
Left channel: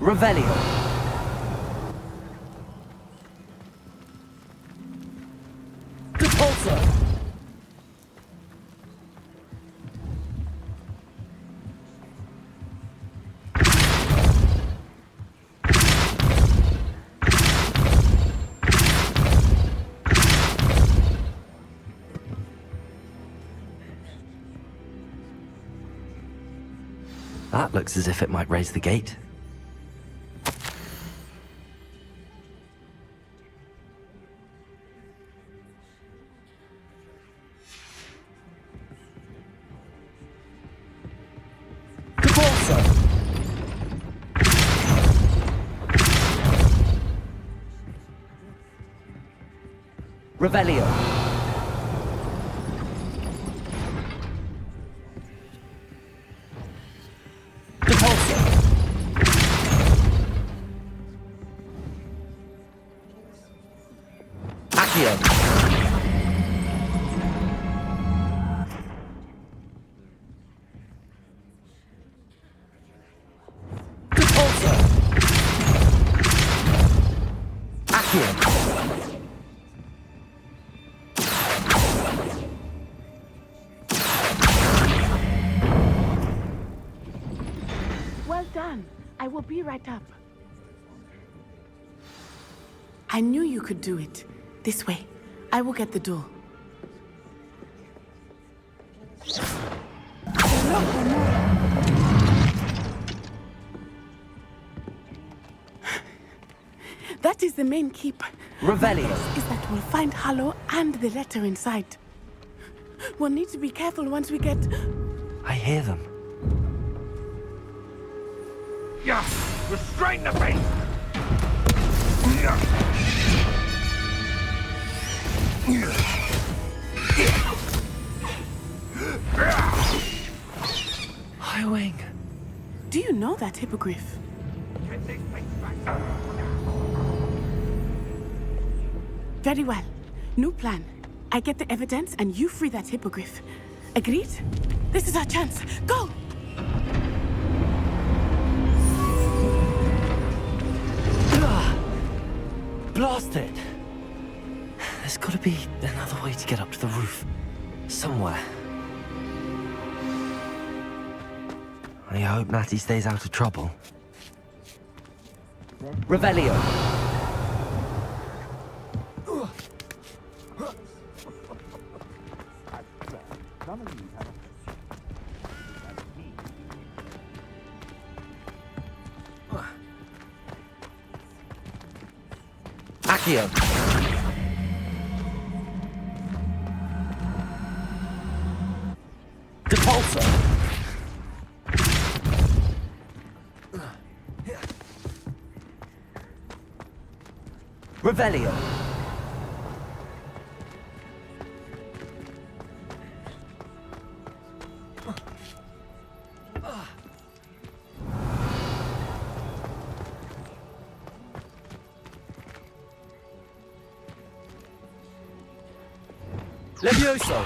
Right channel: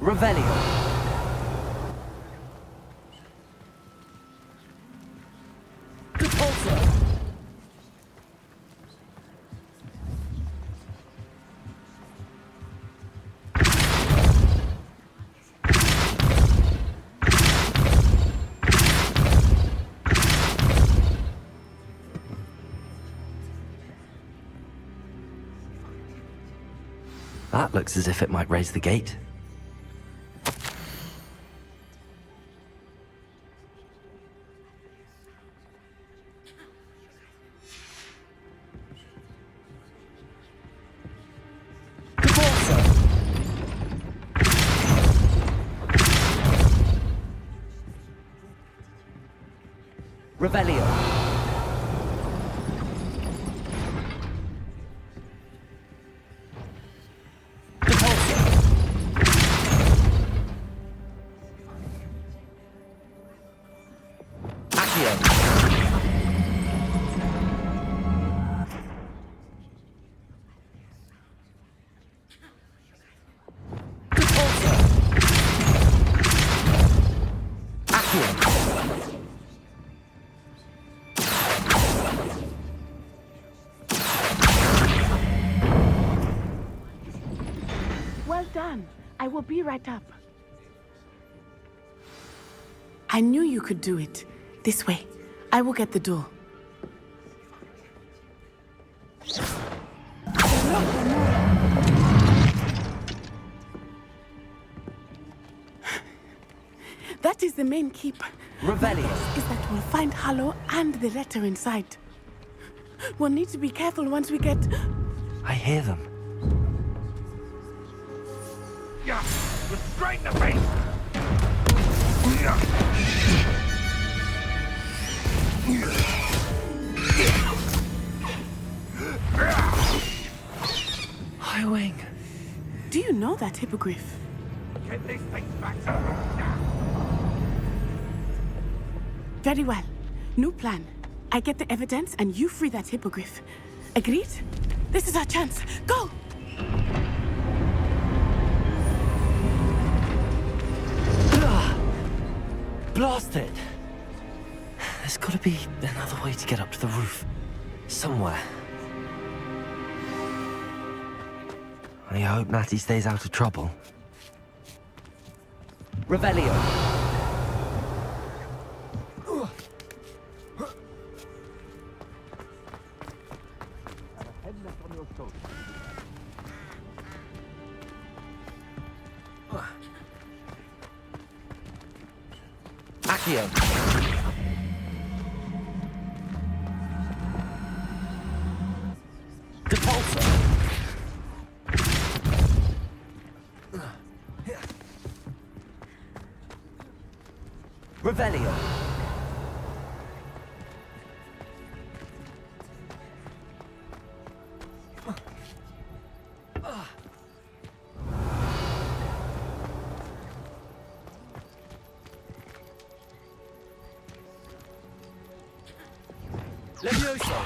Revelio. Depulso. That looks as if it might raise the gate. Revelio. Depulso. Accio. Depulso. Accio. Well done. I will be right up. I knew you could do it. This way. I will get the door. That is the main keep. Revelio. Is that we'll find Hallow and the letter inside. We'll need to be careful once we get... I hear them. Yeah, restrain the beast! Highwing. Do you know that hippogriff? Get these things back. Very well. New plan. I get the evidence and you free that hippogriff. Agreed? This is our chance. Go! Blast it! There's gotta be another way to get up to the roof. Somewhere. I hope Natty stays out of trouble. Revelio. Accio. Depulso. Revelio. Levioso.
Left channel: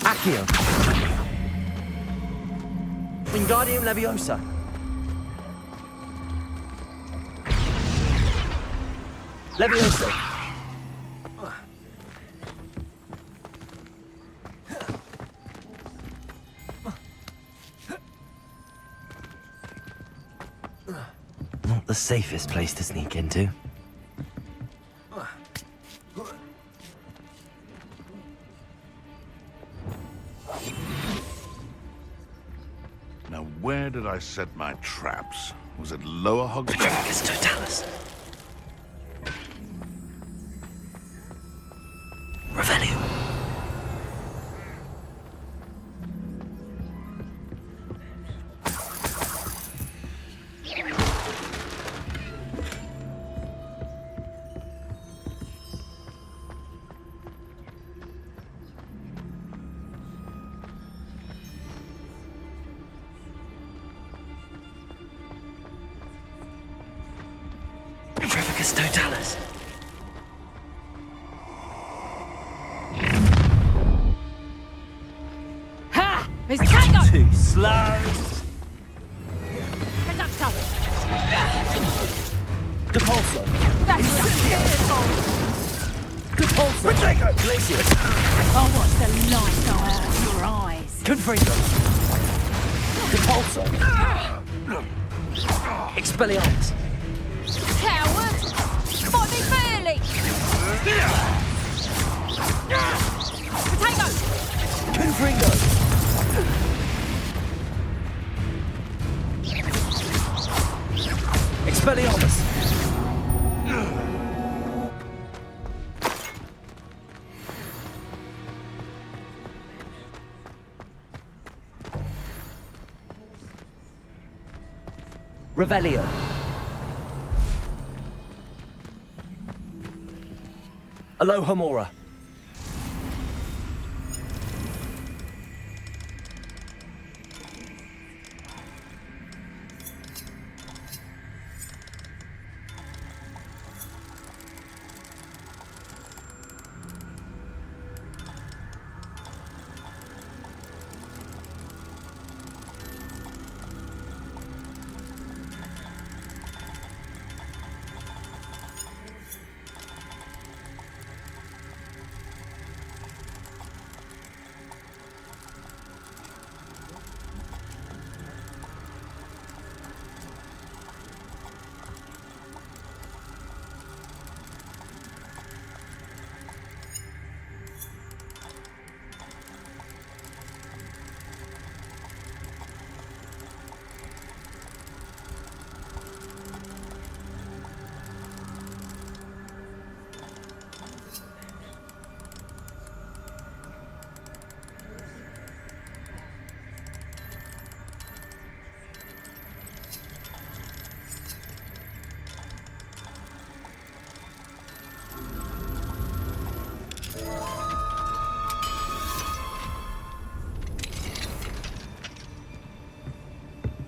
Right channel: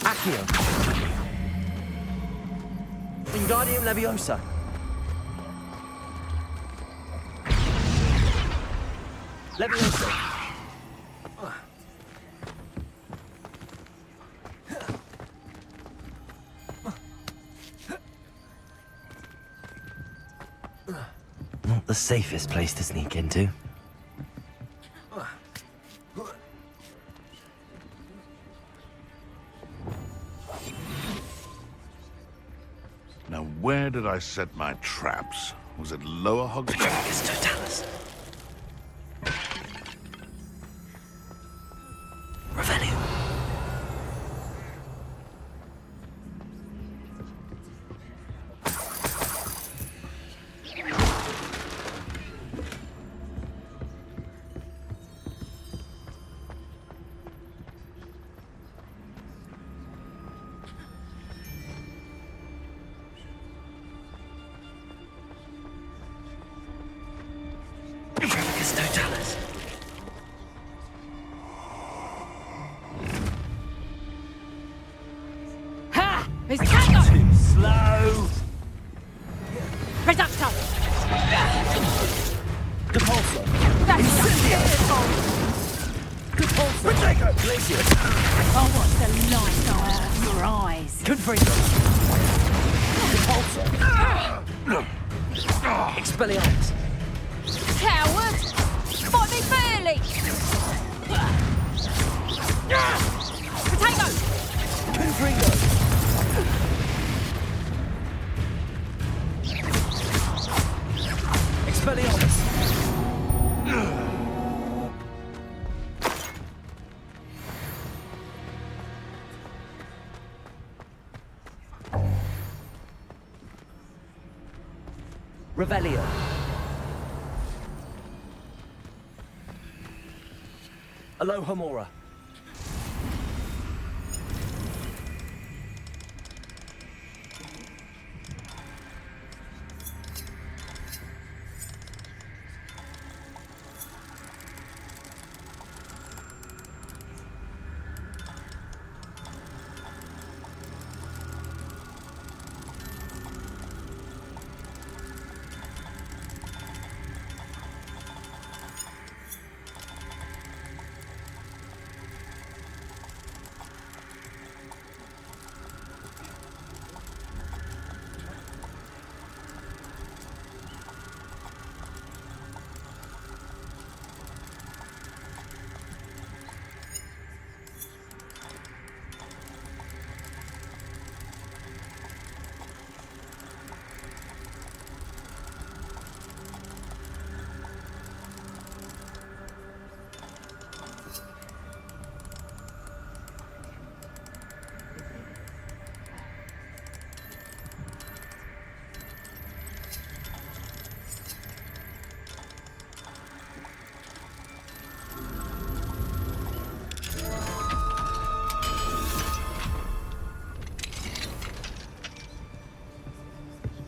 Accio. Wingardium Leviosa. Levioso. Not the safest place to sneak into. Now, where did I set my traps? Was it Lower Hogwarts? Totalis. Revelio. Totalis. Ha! It's Tango! Too slow. Reducto! Depulso. That's Depulso. Pacheco. Glacier. Oh, what's the light go out of your eyes? Confringo. Depulso. Expelliarmus. Coward! Fight me fairly! Potato! Confringo. Expelliarmus. Revelio. Alohomora.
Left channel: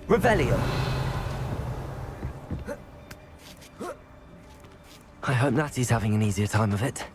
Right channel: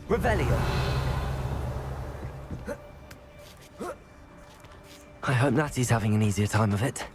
Revelio. I hope Natty's having an easier time of it.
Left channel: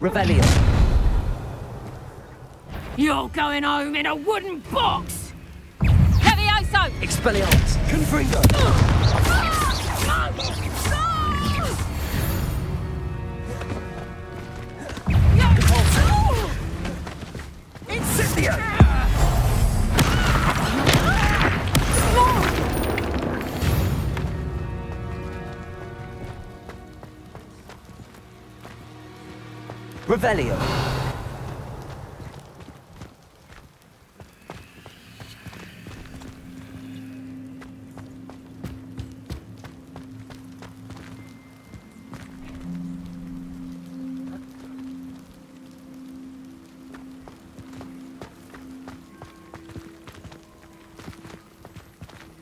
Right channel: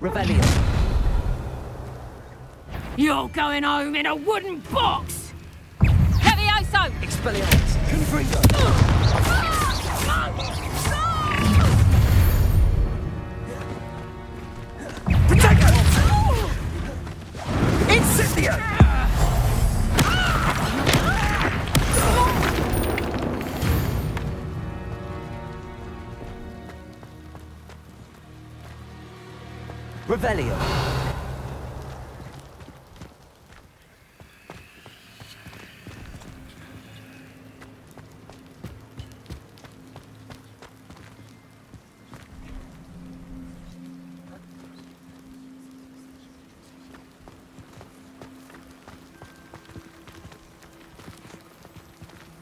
Revelio. You're going home in a wooden box! Levioso! Expelliarmus. Confringo. Incendio! Revelio.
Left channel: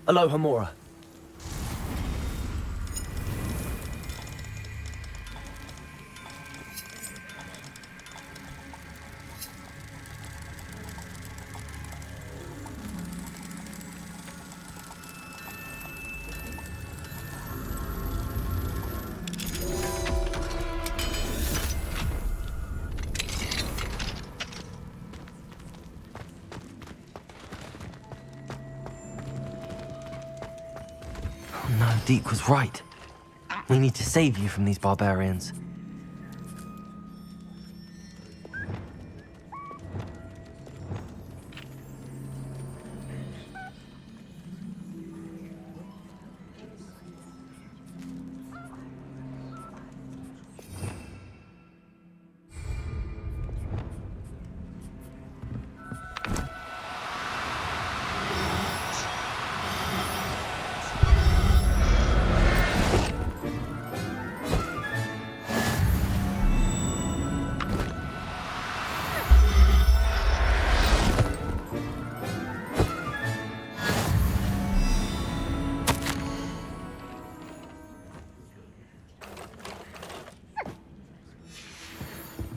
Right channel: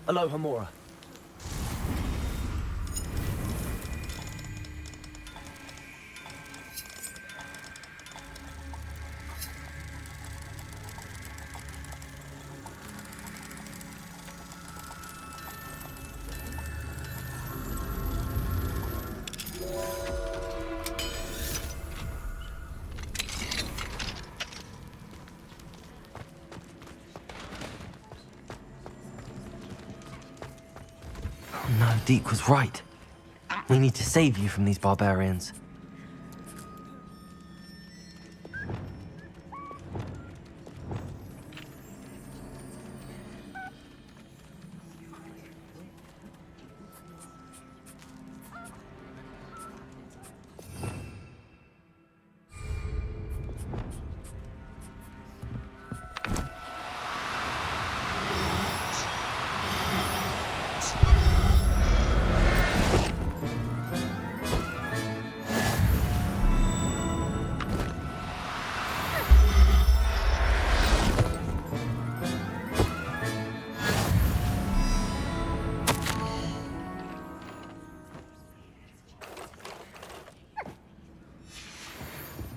Aloha Mora. No, Deke was right. We need to save you from these barbarians.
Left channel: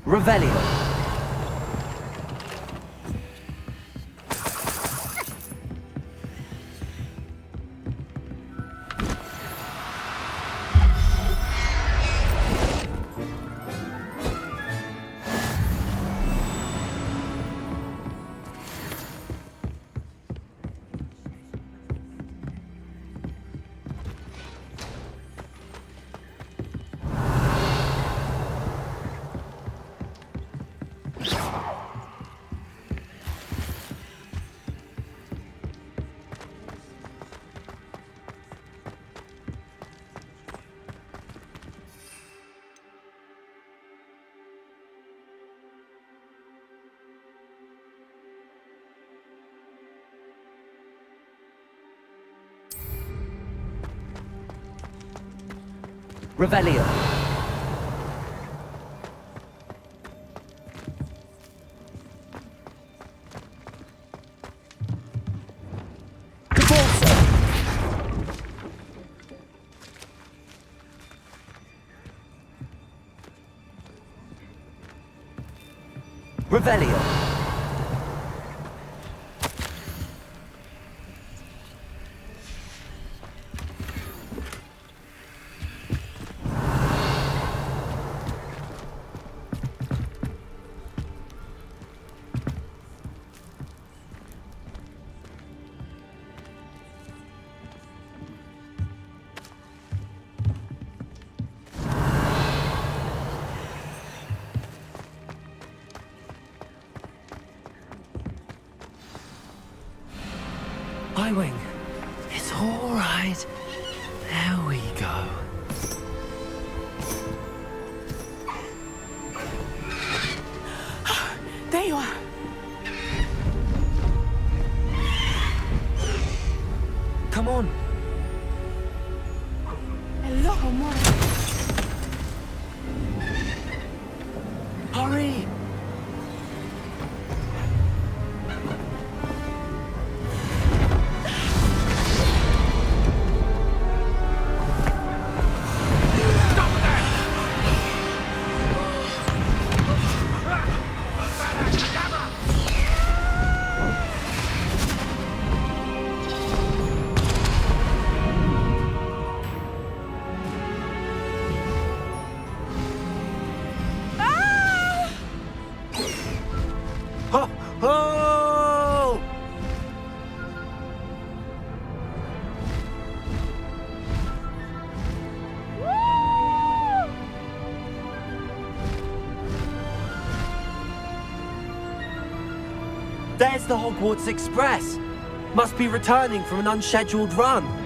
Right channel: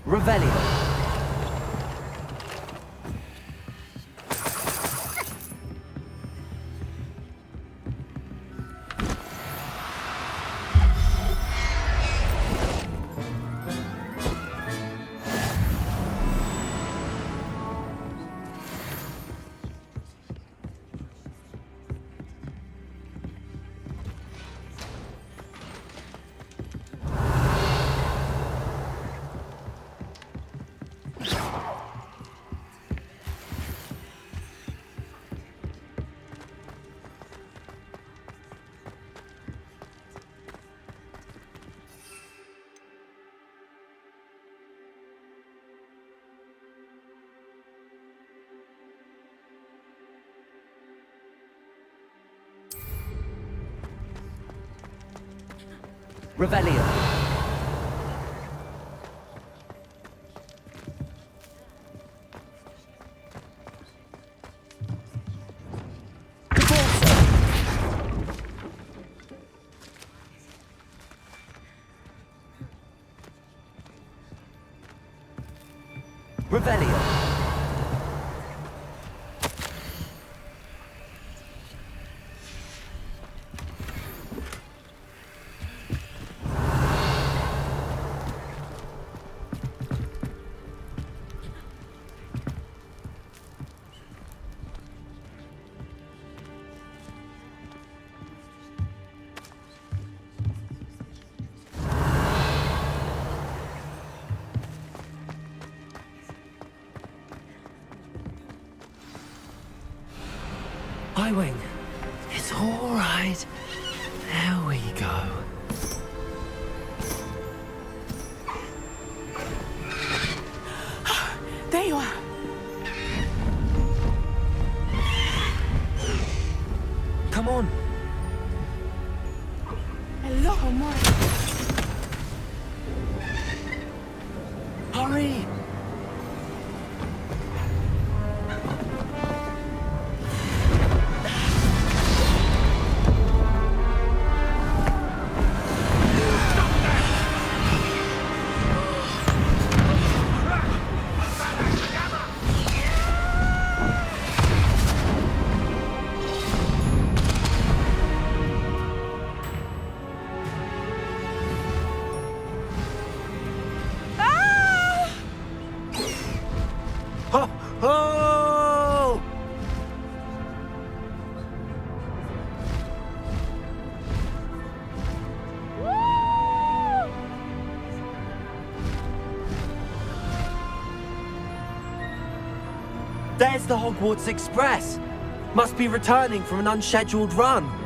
Revelio. Revelio. Revelio. Highwing, it's all right. There we go. There you are. Come on. Hello, Omori. Hurry! Oh! There's the Hogwarts Express. Must be returning from an unscheduled run.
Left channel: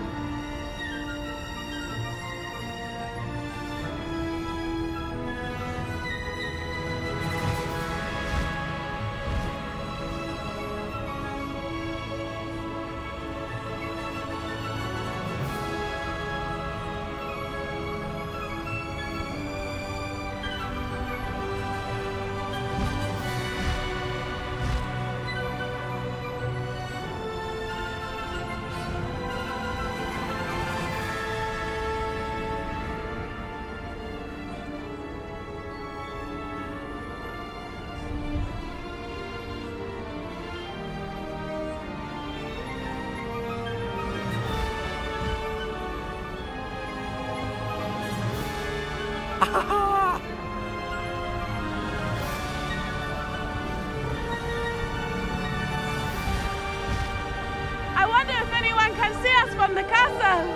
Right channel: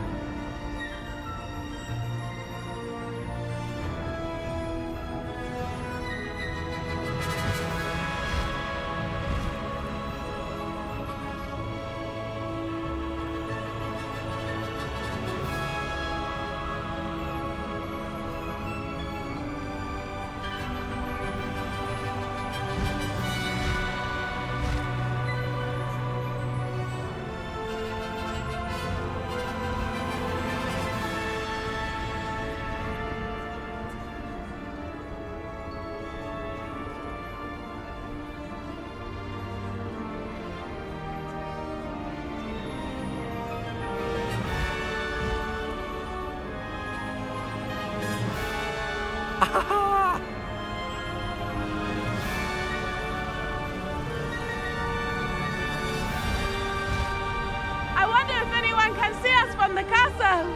I wonder if anyone can see us from the castle.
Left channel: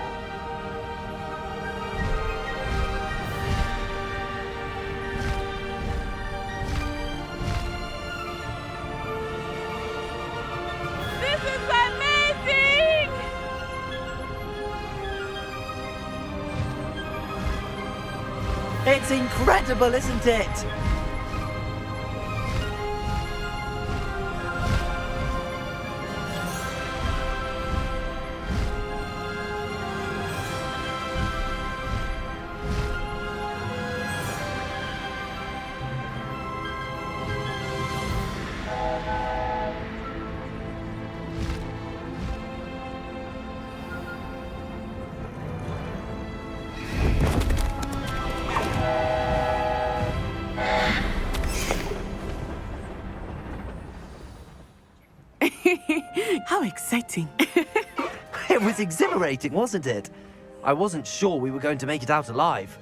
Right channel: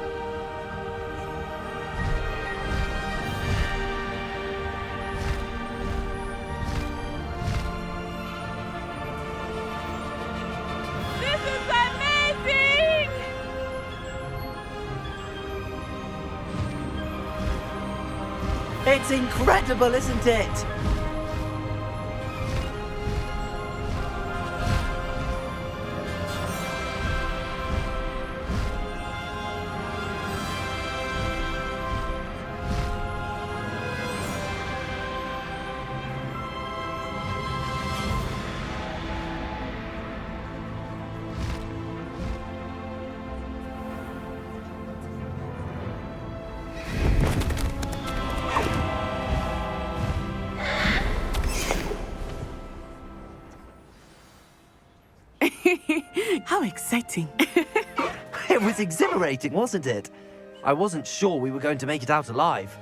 This is amazing! It's incredible, isn't it? How exciting. It was exhilarating, wasn't it? I wasn't sure we were going to make it out alive.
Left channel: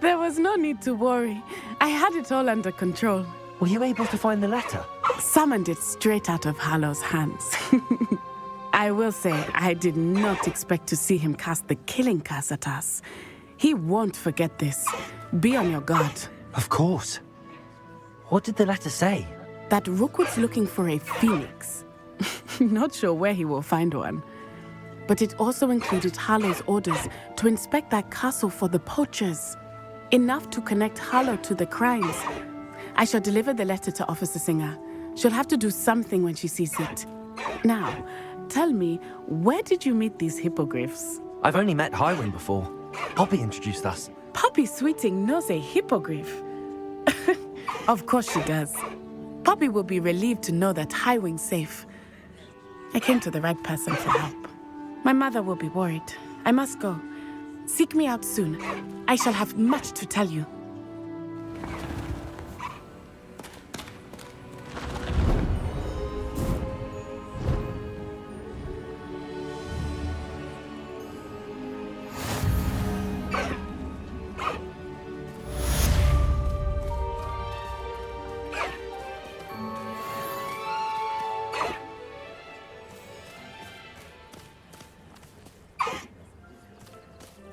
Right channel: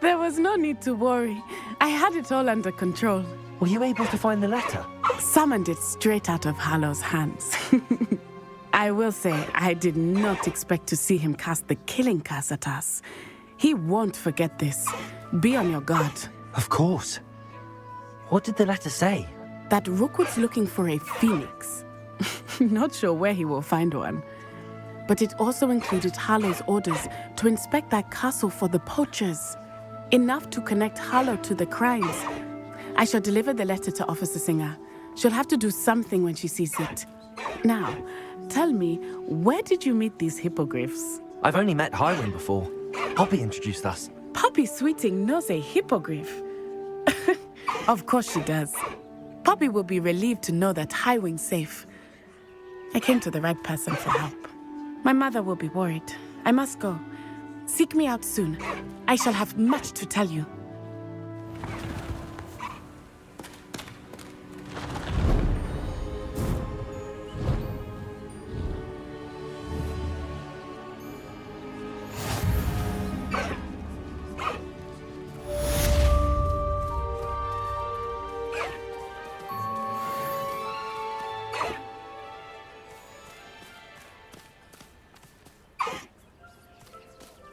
There was no need to worry. I had it all under control. Were you able to find the letter? Summoned it straight out of Hallow's hands. I will say, I did not expect to see him cast the killing curse at us. He won't forget this. Be on your guard. Of course. What did the letter say? That Rookwood's looking for a phoenix. Not sure where he will find one. But it also included Harlow's orders to inspect that castle for the poachers. Enough to connect Harlow to the crimes. I shall deliver the letter to Officer Singer. She'll have to do something when she sees it. Now, tell me, where did you meet these hippogriffs? I've only met Highwing before. Poppy introduced us. Poppy Sweeting knows a hippogriff. Of course she does. Poppy will be relieved to know that Highwing's safe. I came to the right person for help. My mother will be worried. I must go. Seek me out soon. I shall have much to tell you.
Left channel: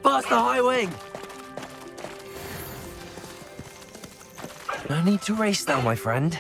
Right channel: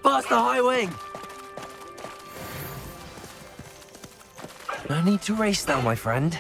Faster, Highwing! No need to race now, my friend.